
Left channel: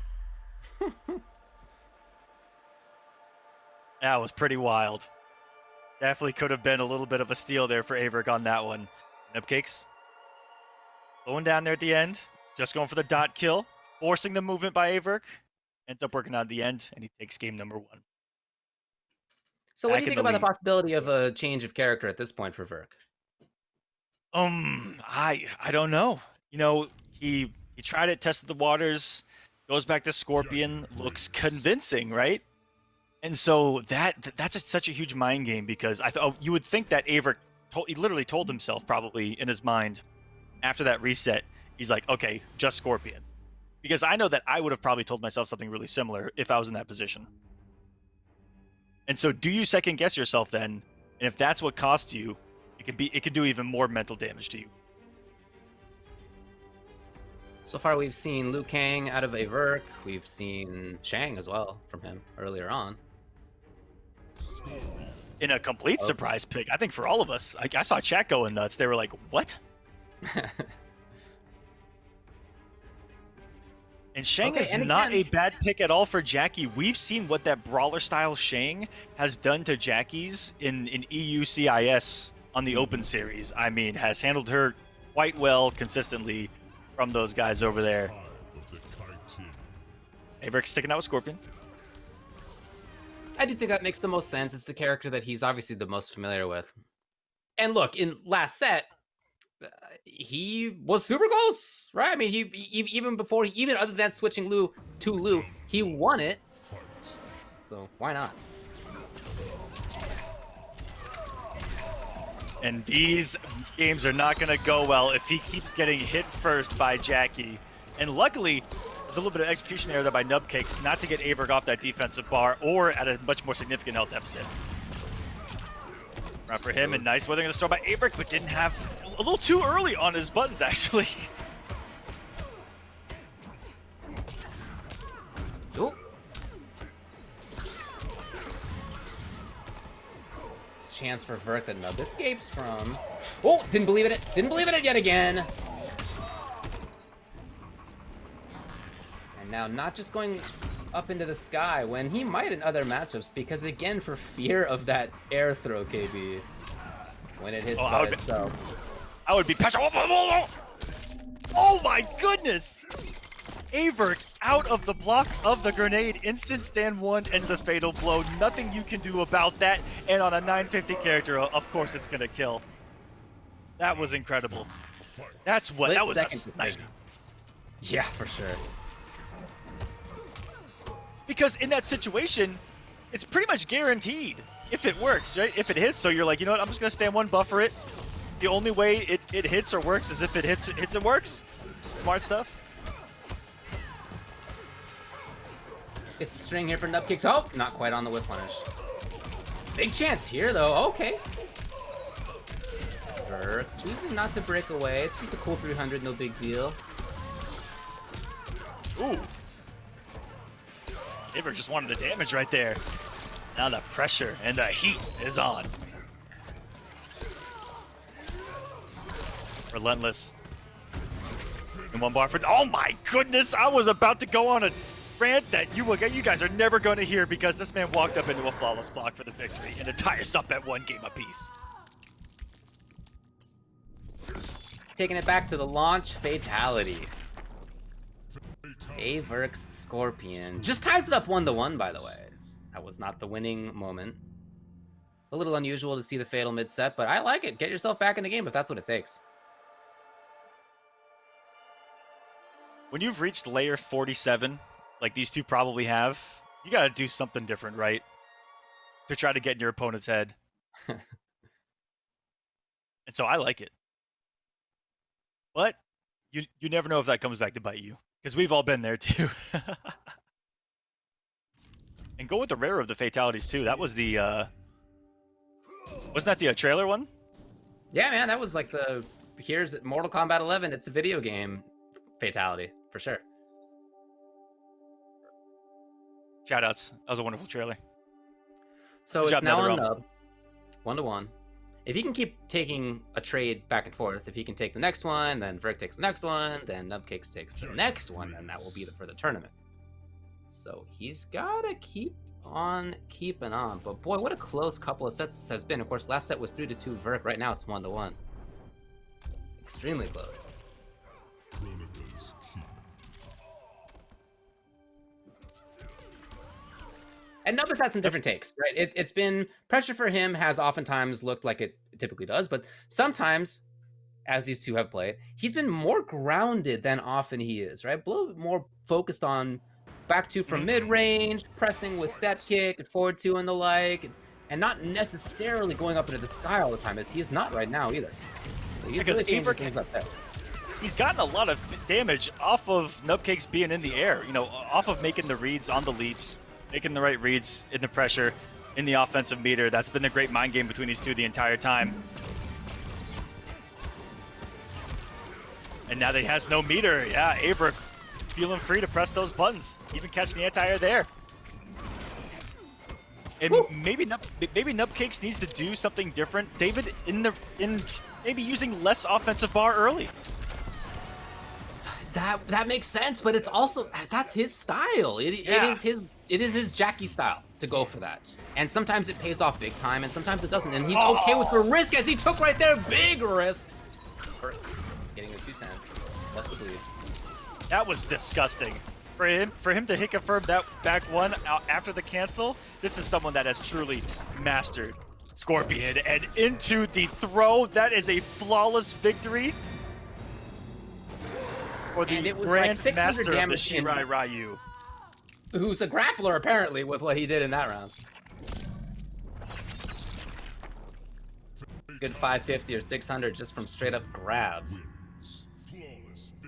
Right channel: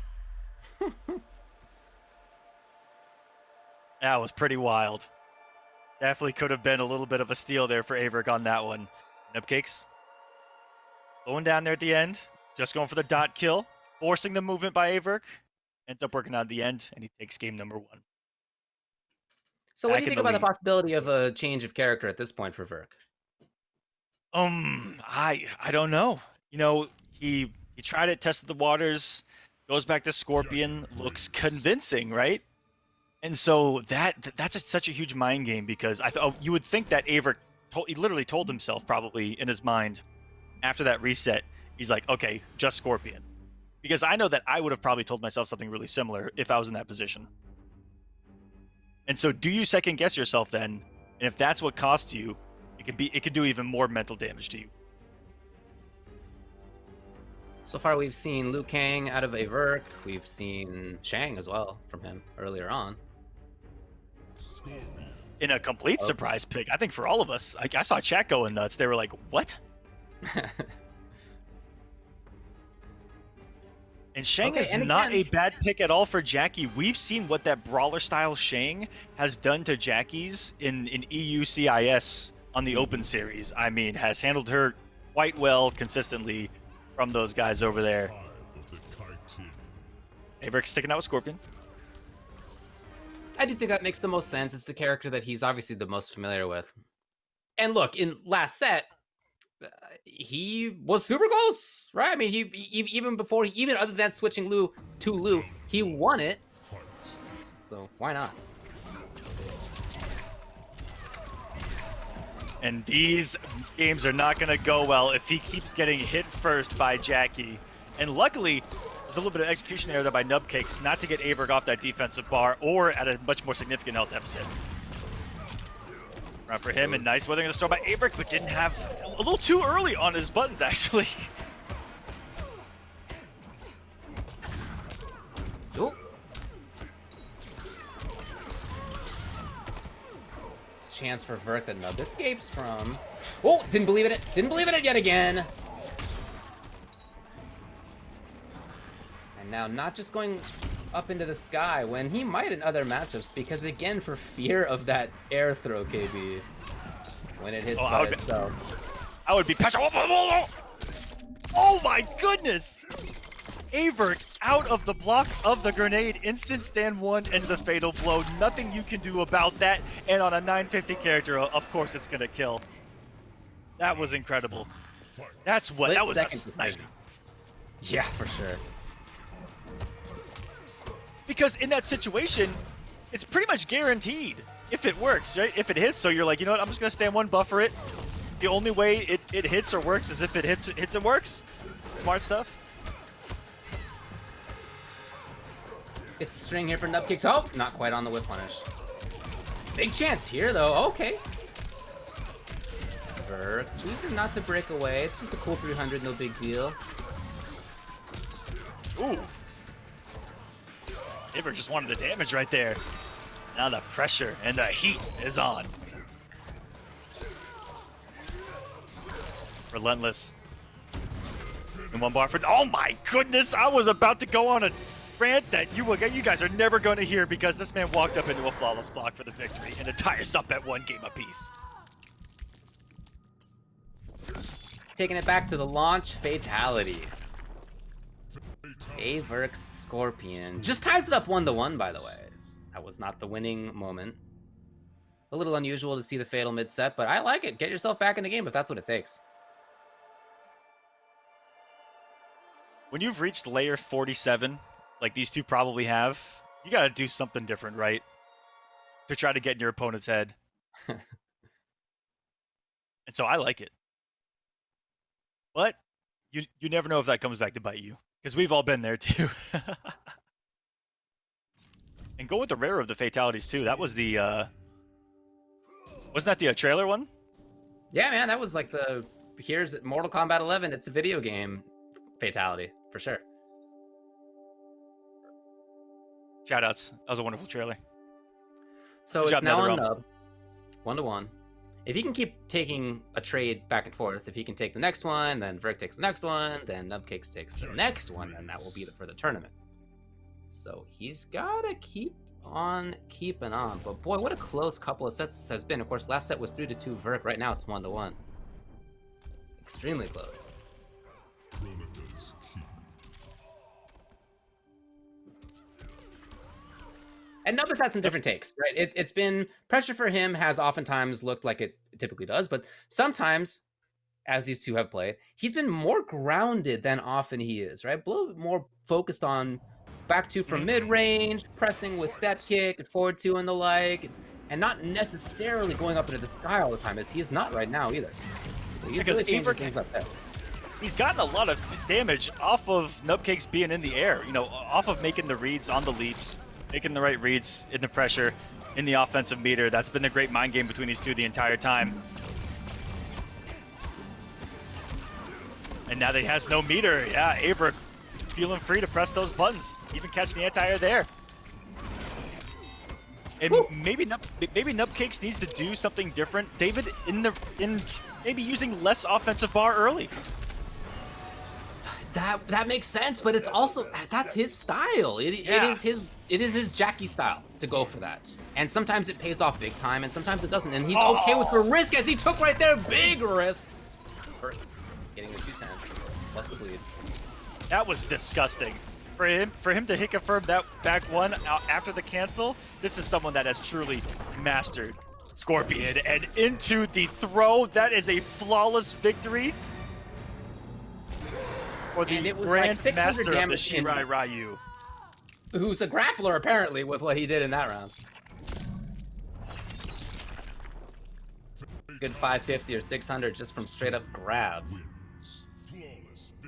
That was pretty wild. Definitely could have been a little bit of a steal there for AVirk on that one. Nubcakes going down there at the end, just going for the dot kill, forcing the movement by AVirk. Ends up working out at the end, and he takes game number 1. So what Back do you in think the about the lead. possibility of a change of character at this point for Virk? I don't know. He tried it, tested the waters, goes back to Scorpion, looks convincing, right? And so that's such a huge mind game because you would think that AVirk he literally told himself probably in his mind after that reset, he's like, okay, just Scorpion. Because I know that I would have probably told myself something really similar if I was in that position. And so do you second guess yourself then? And if that's what costs you, it could do even more mental damage to you. So far, we've seen Liu Kang out of AVirk. We've seen Shang as well from him earlier on. In a complete surprise pick, I think for all of us. I saw chat going nuts. They were like, what? And Shang is not a bad pick at all for Jackie. We've seen what that brawler-style Shang has done to Jackie's in EU CIS on the Open Series. I mean, has handled her quite well consistently from those guys over there. AVirk sticking out with Scorpion. I do think that makes the most sense. It's the character that he's obviously the most familiar with. And look, in last set, he was super close, right? I mean, he even other than switching Liu to Liu, he won it. So why not? And these games are not going to go well if he keeps getting hit first by Jackie. And luckily, there's a little bit of execution error there by Nubcakes not to get AVirk off that defensive bar or at a much more significant health deficit. Run for him, and nice weathering of the storm by AVirk, but didn't have a little too early on his buttons, actually. chance for Virk that Nub escapes from. Oh, didn't believe in it. Didn't believe in it yet again. And now not just going up into the sky when he might in other matchups, because again, for fear of that air throw, KB, when it hits by itself. I would be passionate. Oh my goodness! AVirk out of the block of the grenade, instant stand 1 and the fatal blow. Nothing you can do about that, and on a 950 character, of course it's gonna kill. That was incredible. That's what, that was a snipe. Yeah, for sure. Because in that situation, it's pretty much guaranteed if it works, right? If it hits, so you're like, you know what, I'm just gonna stand 1, buffer it. The only way it hits or works is if it hits and works. Smart stuff. It's the string here for Nubcakes. Oh, not quite on the whip punish. Big chance here, though. Okay. Virk choosing not to break away. It's just a cool 300, no big deal. Ooh. AVirk just wanted the damage right there. Now the pressure and the heat is on. Relentless. And 1 bar for. Oh my goodness! I was about to go on a rant that you guys are never going to hear, because this man walked up into a flawless block for the victory and to tie us up at 1 game apiece. Taking it back to the launch fatality. AVirk's Scorpion just ties it up 1-1, by the way. That was not the winning moment. A little unusual to see the fatal mid-set, but I like it. Get yourself back in the game if that's what it takes. When you've reached layer 47, like these two probably have, you gotta do something different, right? To try to get in your opponent's head. And so I like it. But you never know if that comes back to bite you, because we've all been there too. And go with the rare of the fatalities too. That was the wasn't that the trailer one? Yeah, man, that was like the here's Mortal Kombat 11. It's a video game fatality for sure. Shoutouts. That was a wonderful trailer. So Good it's job, now on Netherrealm. Nub, 1-1. If he can keep taking a trade back and forth, if he can take the next one, then Virk takes the next one, then Nubcakes takes the next one, and that will be for the tournament. So he's gotta keep on keeping on. But boy, what a close couple of sets this has been. Of course, last set was 3-2 Virk. Right now it's 1-1. Extremely close. Kronika's keep. And Nub has had some different takes, right? It's been pressure for him has oftentimes looked like it typically does, but sometimes, as these two have played, he's been more grounded than often he is, right? A little bit more focused on back two from mid-range, pressing with step kick and forward two and the like, and not necessarily going up into the sky all the time, as he is not right now either. So he's really changing things up there. He's gotten a lot of damage off of Nubcakes being in the air, you know, off of making the reads on the leaps, making the right reads in the pressure, in the offensive meter. That's been the great mind game between these two the entire time. And now that he has no meter, yeah, AVirk feeling free to press those buttons, even catch the anti-air there. And maybe Nubcakes needs to do something different, David, in maybe using less offensive bar early. That makes sense, but it's also that's his style. It is his Jackie style to go for that. And sometimes it pays off big time, and sometimes it doesn't. And he's okay with the risk, as he took right there, big risk. Getting a 210 plus the bleed. That was disgusting. For him to hit confirm that back one after the cancel, this is someone that has truly mastered Scorpion. And into the throw, that is a flawless victory. And it was like 600 damage in Ryu, who's a grappler apparently with what he did in that round. Good 550 or 600 just from straight up grabs.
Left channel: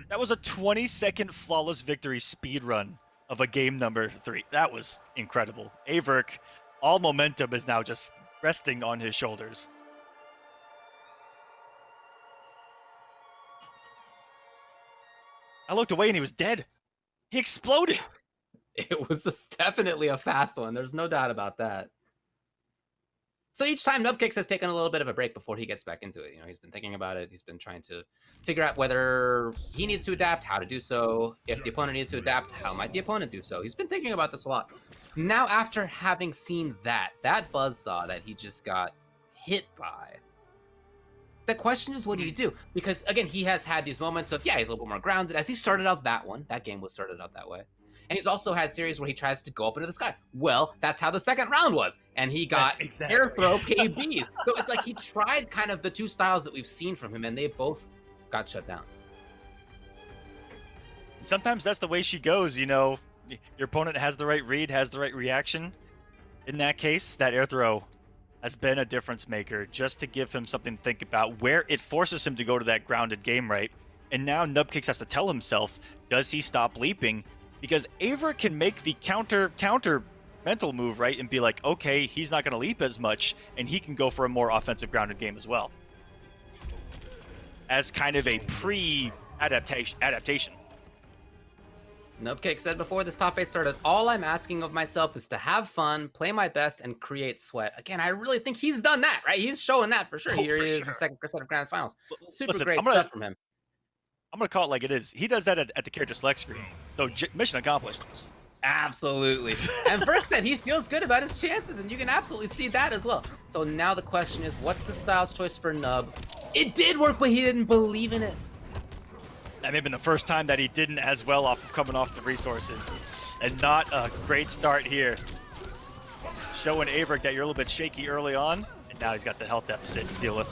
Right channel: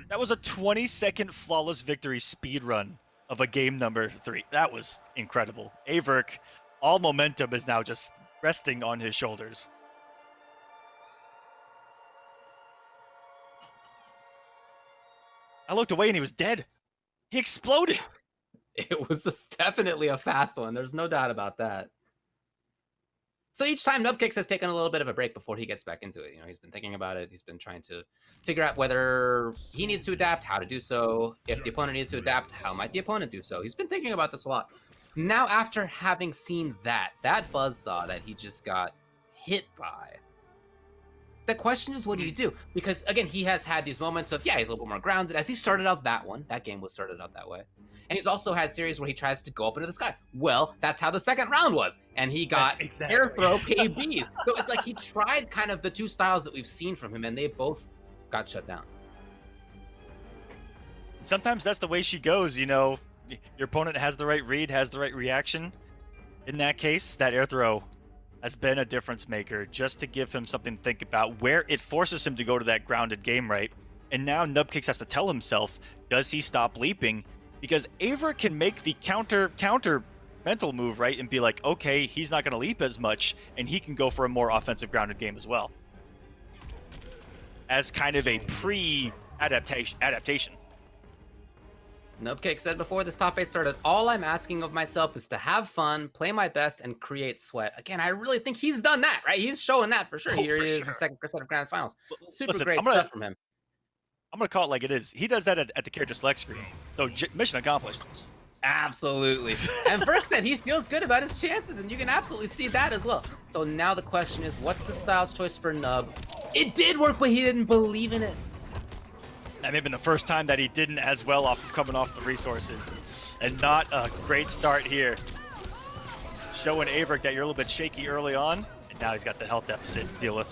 That was a 20-second flawless victory speed run of a game number 3. That was incredible. AVirk, all momentum is now just resting on his shoulders. I looked away and he was dead. He exploded. It was definitely a fast one. There's no doubt about that. So each time Nubcakes has taken a little bit of a break before he gets back into it. You know, he's been thinking about it. He's been trying to figure out whether he needs to adapt, how to do so. If the opponent needs to adapt, how might the opponent do so? He's been thinking about this a lot. Now, after having seen that buzzsaw that he just got hit by, the question is, what do you do? Because, again, he has had these moments of, yeah, he's a little bit more grounded. As he started out that game was started out that way. And he's also had series where he tries to go up into the sky. Well, that's how the second round was. And he got air throw KB. So it's like he tried kind of the two styles that we've seen from him, and they both got shut down. Sometimes that's the way she goes, you know. Your opponent has the right read, has the right reaction. In that case, that air throw has been a difference maker, just to give him something to think about, where it forces him to go to that grounded game right. And now Nubcakes has to tell himself, does he stop leaping? Because AVirk can make the counter mental move, right, and be like, okay, he's not going to leap as much, and he can go for a more offensive grounded game as well. As kind of a pre-adaptation. Nubcake said before this top 8 started, all I'm asking of myself is to have fun, play my best, and create sweat. Again, I really think he's done that, right? He's showing that for sure. Here he is in the second set of Grand Finals. Super great stuff from him. I'm going to call it like it is. He does that at the character select screen. So mission accomplished. Absolutely. And Virk said he feels good about his chances, and you can absolutely see that as well. So now the question is, what's the style choice for Nub? It did work, but he didn't believe in it. That may have been the first time that he didn't as well off of coming off the resources. And not a great start here. Showing AVirk that you're a little bit shaky early on, and now he's got the health deficit to deal with.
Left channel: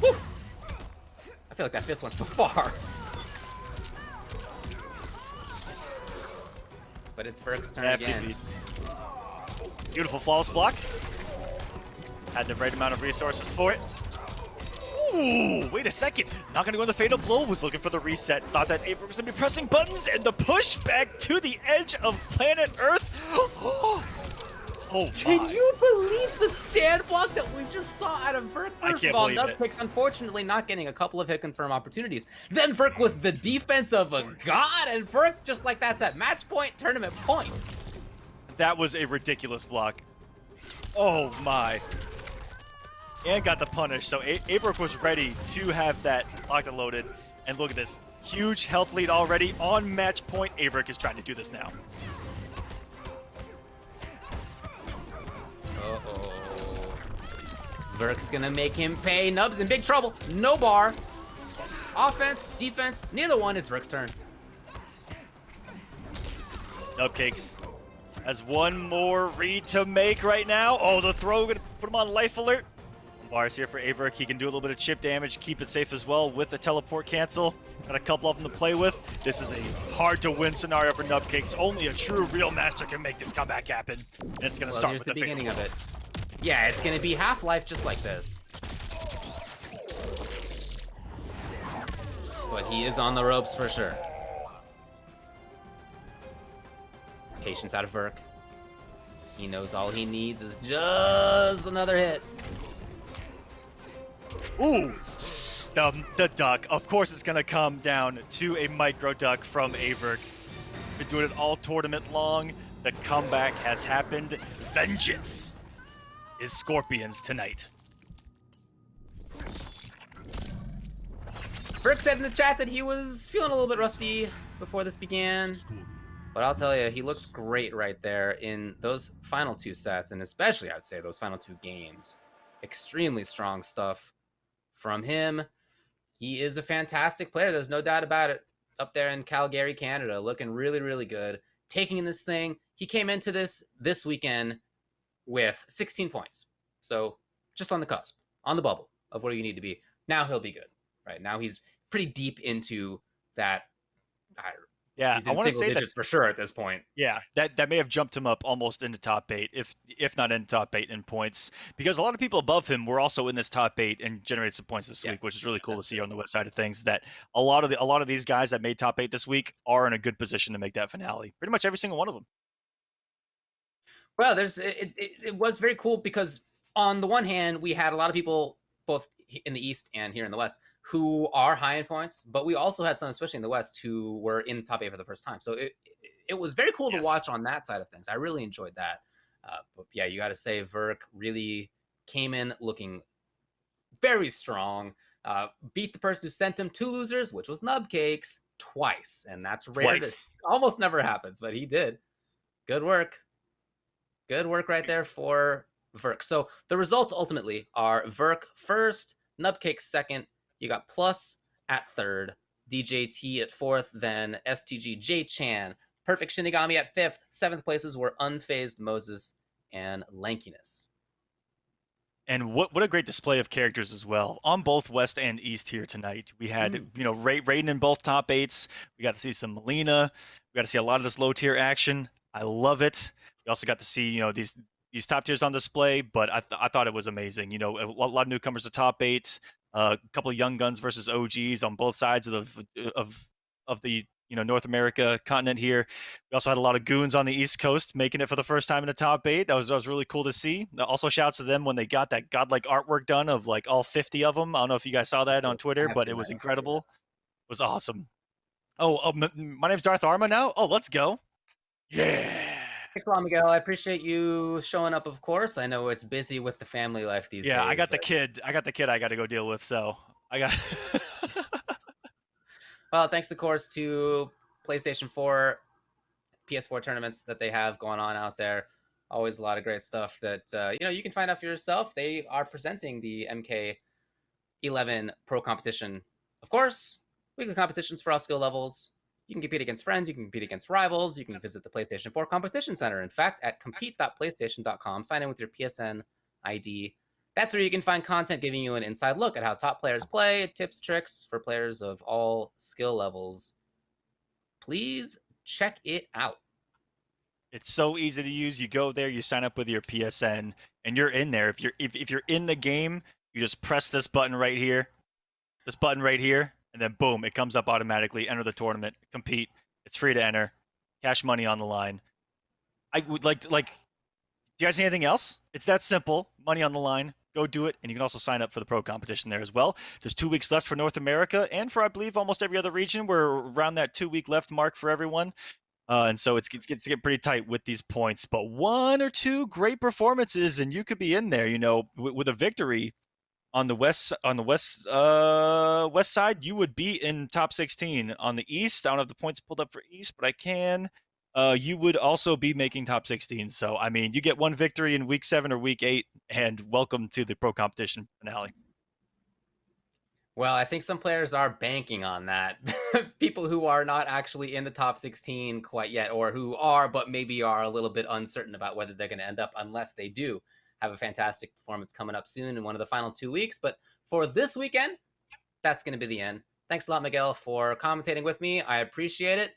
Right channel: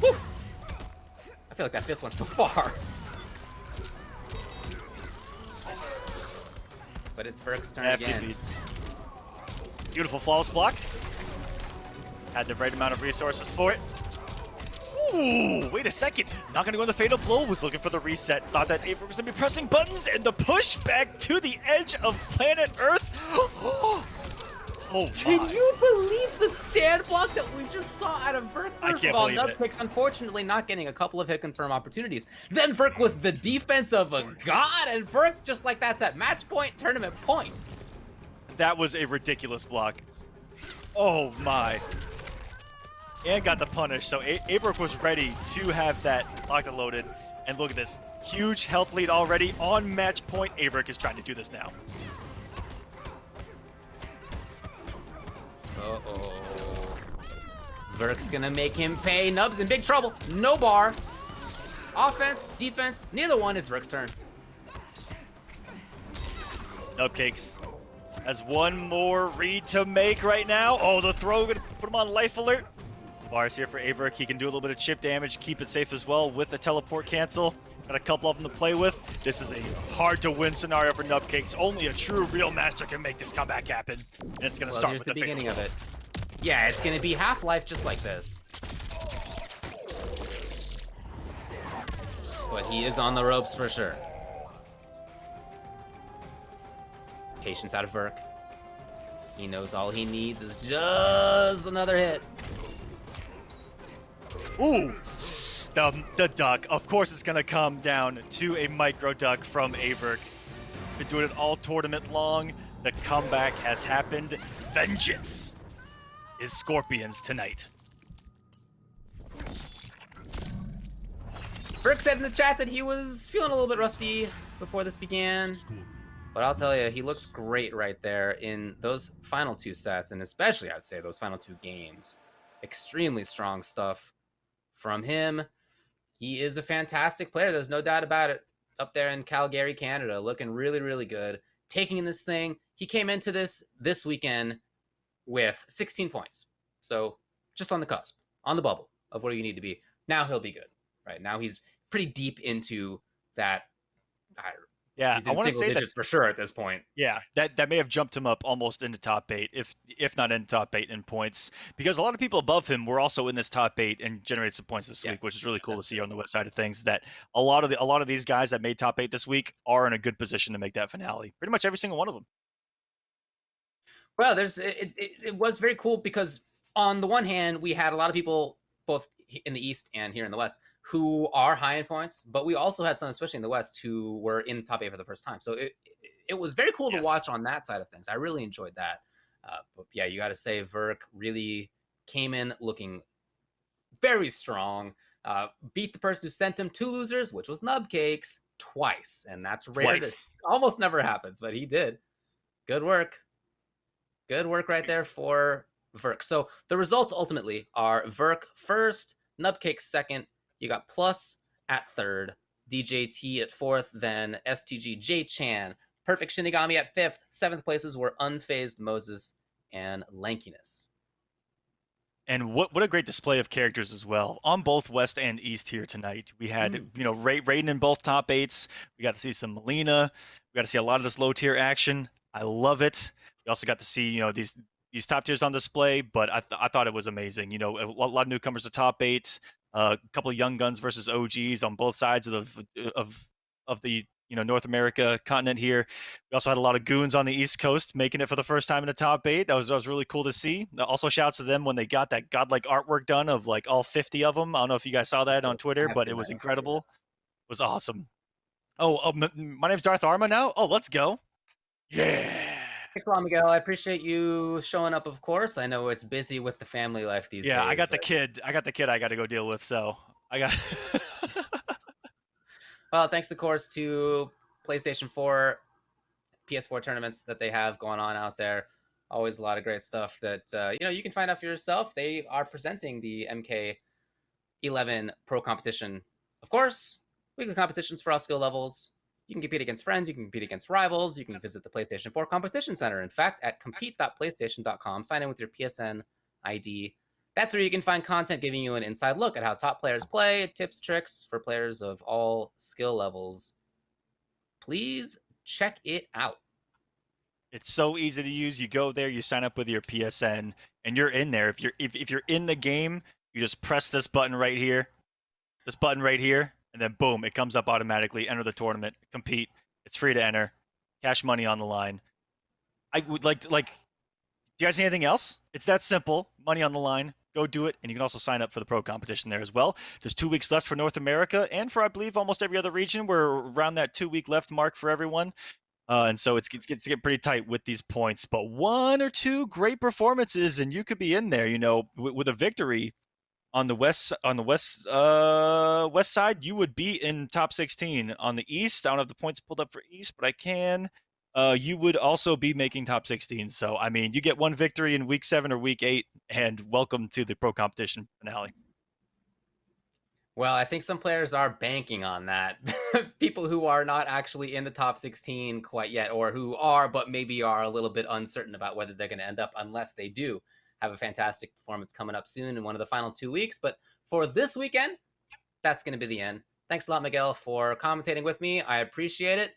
Whew. I feel like that fist went so far. But it's Virk's turn again. Beautiful flawless block. Had the right amount of resources for it. Ooh, wait a second. Not gonna go in the fatal blow. Was looking for the reset. Thought that AVirk was gonna be pressing buttons, and the push back to the edge of planet Earth. Oh, can you believe the stand block that we just saw out of Virk? First of all, Nubcakes unfortunately not getting a couple of hit confirm opportunities. Then Virk with the defense of a god, and Virk just like that's at match point, tournament point. That was a ridiculous block. Oh my. And got the punish, so AVirk was ready to have that block loaded. And look at this, huge health lead already on match point. AVirk is trying to do this now. Uh-oh. Virk's gonna make him pay. Nub's in big trouble. No bar. Offense, defense, neither one. It's Virk's turn. Nubcakes has one more read to make right now. Oh, the throw, gonna put him on life alert. Bars here for AVirk. He can do a little bit of chip damage, keep it safe as well with the teleport cancel. Got a couple of them to play with. This is a hard to win scenario for Nubcakes. Only a true real master can make this comeback happen. And it's gonna start here's with the beginning victory. of it. Yeah, it's gonna be Half-Life just like this. But he is on the ropes for sure. Patience out of Virk. He knows all he needs is just another hit. Ooh, the duck. Of course it's gonna come down to a micro duck from AVirk. Been doing it all tournament long. The comeback has happened. Vengeance is Scorpions tonight. Virk said in the chat that he was feeling a little bit rusty before this began. But I'll tell you, he looks great right there in those final 2 sets, and especially, I'd say, those final 2 games. Extremely strong stuff from him. He is a fantastic player. There's no doubt about it. Up there in Calgary, Canada, looking really, really good. Taking in this thing. He came into this weekend with 16 points. So just on the cusp, on the bubble of where you need to be. Now he'll be good, right? Now he's pretty deep into that. Yeah, he's in single digits for sure at this point. Yeah, that may have jumped him up almost into top 8, if not in top 8 in points, because a lot of people above him were also in this top 8 and generated some points this week, which is really cool to see on the west side of things. That a lot of these guys that made top 8 this week are in a good position to make that finale. Pretty much every single one of them. Well, it was very cool because on the one hand, we had a lot of people both in the East and here in the West who are high in points, but we also had some, especially in the West, who were in the top 8 for the first time. So it was very cool to watch on that side of things. I really enjoyed that. But yeah, you got to say Virk really came in looking very strong. Beat the person who sent him 2 losers, which was Nubcakes, twice. And that's rare. Almost never happens, but he did. Good work. Good work right there for Virk. So the results ultimately are Virk first, Nubcakes second. You got Plus at third, DJT at fourth, then STG JChan, PerfectShinigami at fifth. Seventh places were Unfazed Moses and Lankyness. And what a great display of characters as well on both West and East here tonight. We had Raiden in both top 8s. We got to see some Melina. We got to see a lot of this low tier action. I love it. We also got to see these top tiers on display, but I thought it was amazing. A lot of newcomers to top 8, a couple of young guns versus OGs on both sides of the North America continent here. We also had a lot of goons on the East Coast making it for the first time in the top 8. That was really cool to see. Also, shouts to them when they got that godlike artwork done of like all 50 of them. I don't know if you guys saw that on Twitter, but it was incredible. It was awesome. My name's Darth Arma now. Oh, let's go. Yeah. Thanks a lot, Miguel. I appreciate you showing up, of course. I know it's busy with the family life these days. Yeah, I got the kid I got to go deal with, so I got Well, thanks, of course, to PlayStation 4, PS4 tournaments that they have going on out there. Always a lot of great stuff that you can find out for yourself. They are presenting the MK11 Pro Competition. Of course, weekly competitions for all skill levels. You can compete against friends. You can compete against rivals. You can visit the PlayStation 4 Competition Center. In fact, at compete.playstation.com, sign in with your PSN ID. That's where you can find content giving you an inside look at how top players play, tips, tricks for players of all skill levels. Please check it out. It's so easy to use. You go there, you sign up with your PSN, and you're in there. If you're in the game, you just press this button right here, and then boom, it comes up automatically. Enter the tournament, compete. It's free to enter. Cash money on the line. I would like. Do you guys see anything else? It's that simple. Money on the line. Go do it, and you can also sign up for the pro competition there as well. There's 2 weeks left for North America, and for I believe almost every other region. We're around that 2-week left mark for everyone. And so it's get pretty tight with these points, but 1 or 2 great performances, and you could be in there. With a victory on the west side, you would be in top 16. On the east, I don't have the points pulled up for east, but I can. You would also be making top 16. So I mean, you get 1 victory in week 7 or week 8, and welcome to the pro competition finale. Well, I think some players are banking on that. People who are not actually in the top 16 quite yet, or who are, but maybe are a little bit uncertain about whether they're going to end up, unless they do have a fantastic performance coming up soon in one of the final 2 weeks. But for this weekend, that's going to be the end. Thanks a lot, Miguel, for commentating with me. I appreciate it.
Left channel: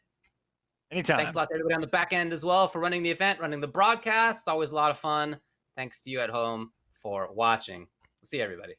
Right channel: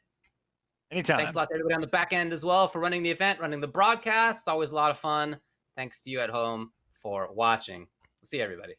Anytime. Thanks a lot to everybody on the back end as well for running the event, running the broadcast. It's always a lot of fun. Thanks to you at home for watching. We'll see you, everybody.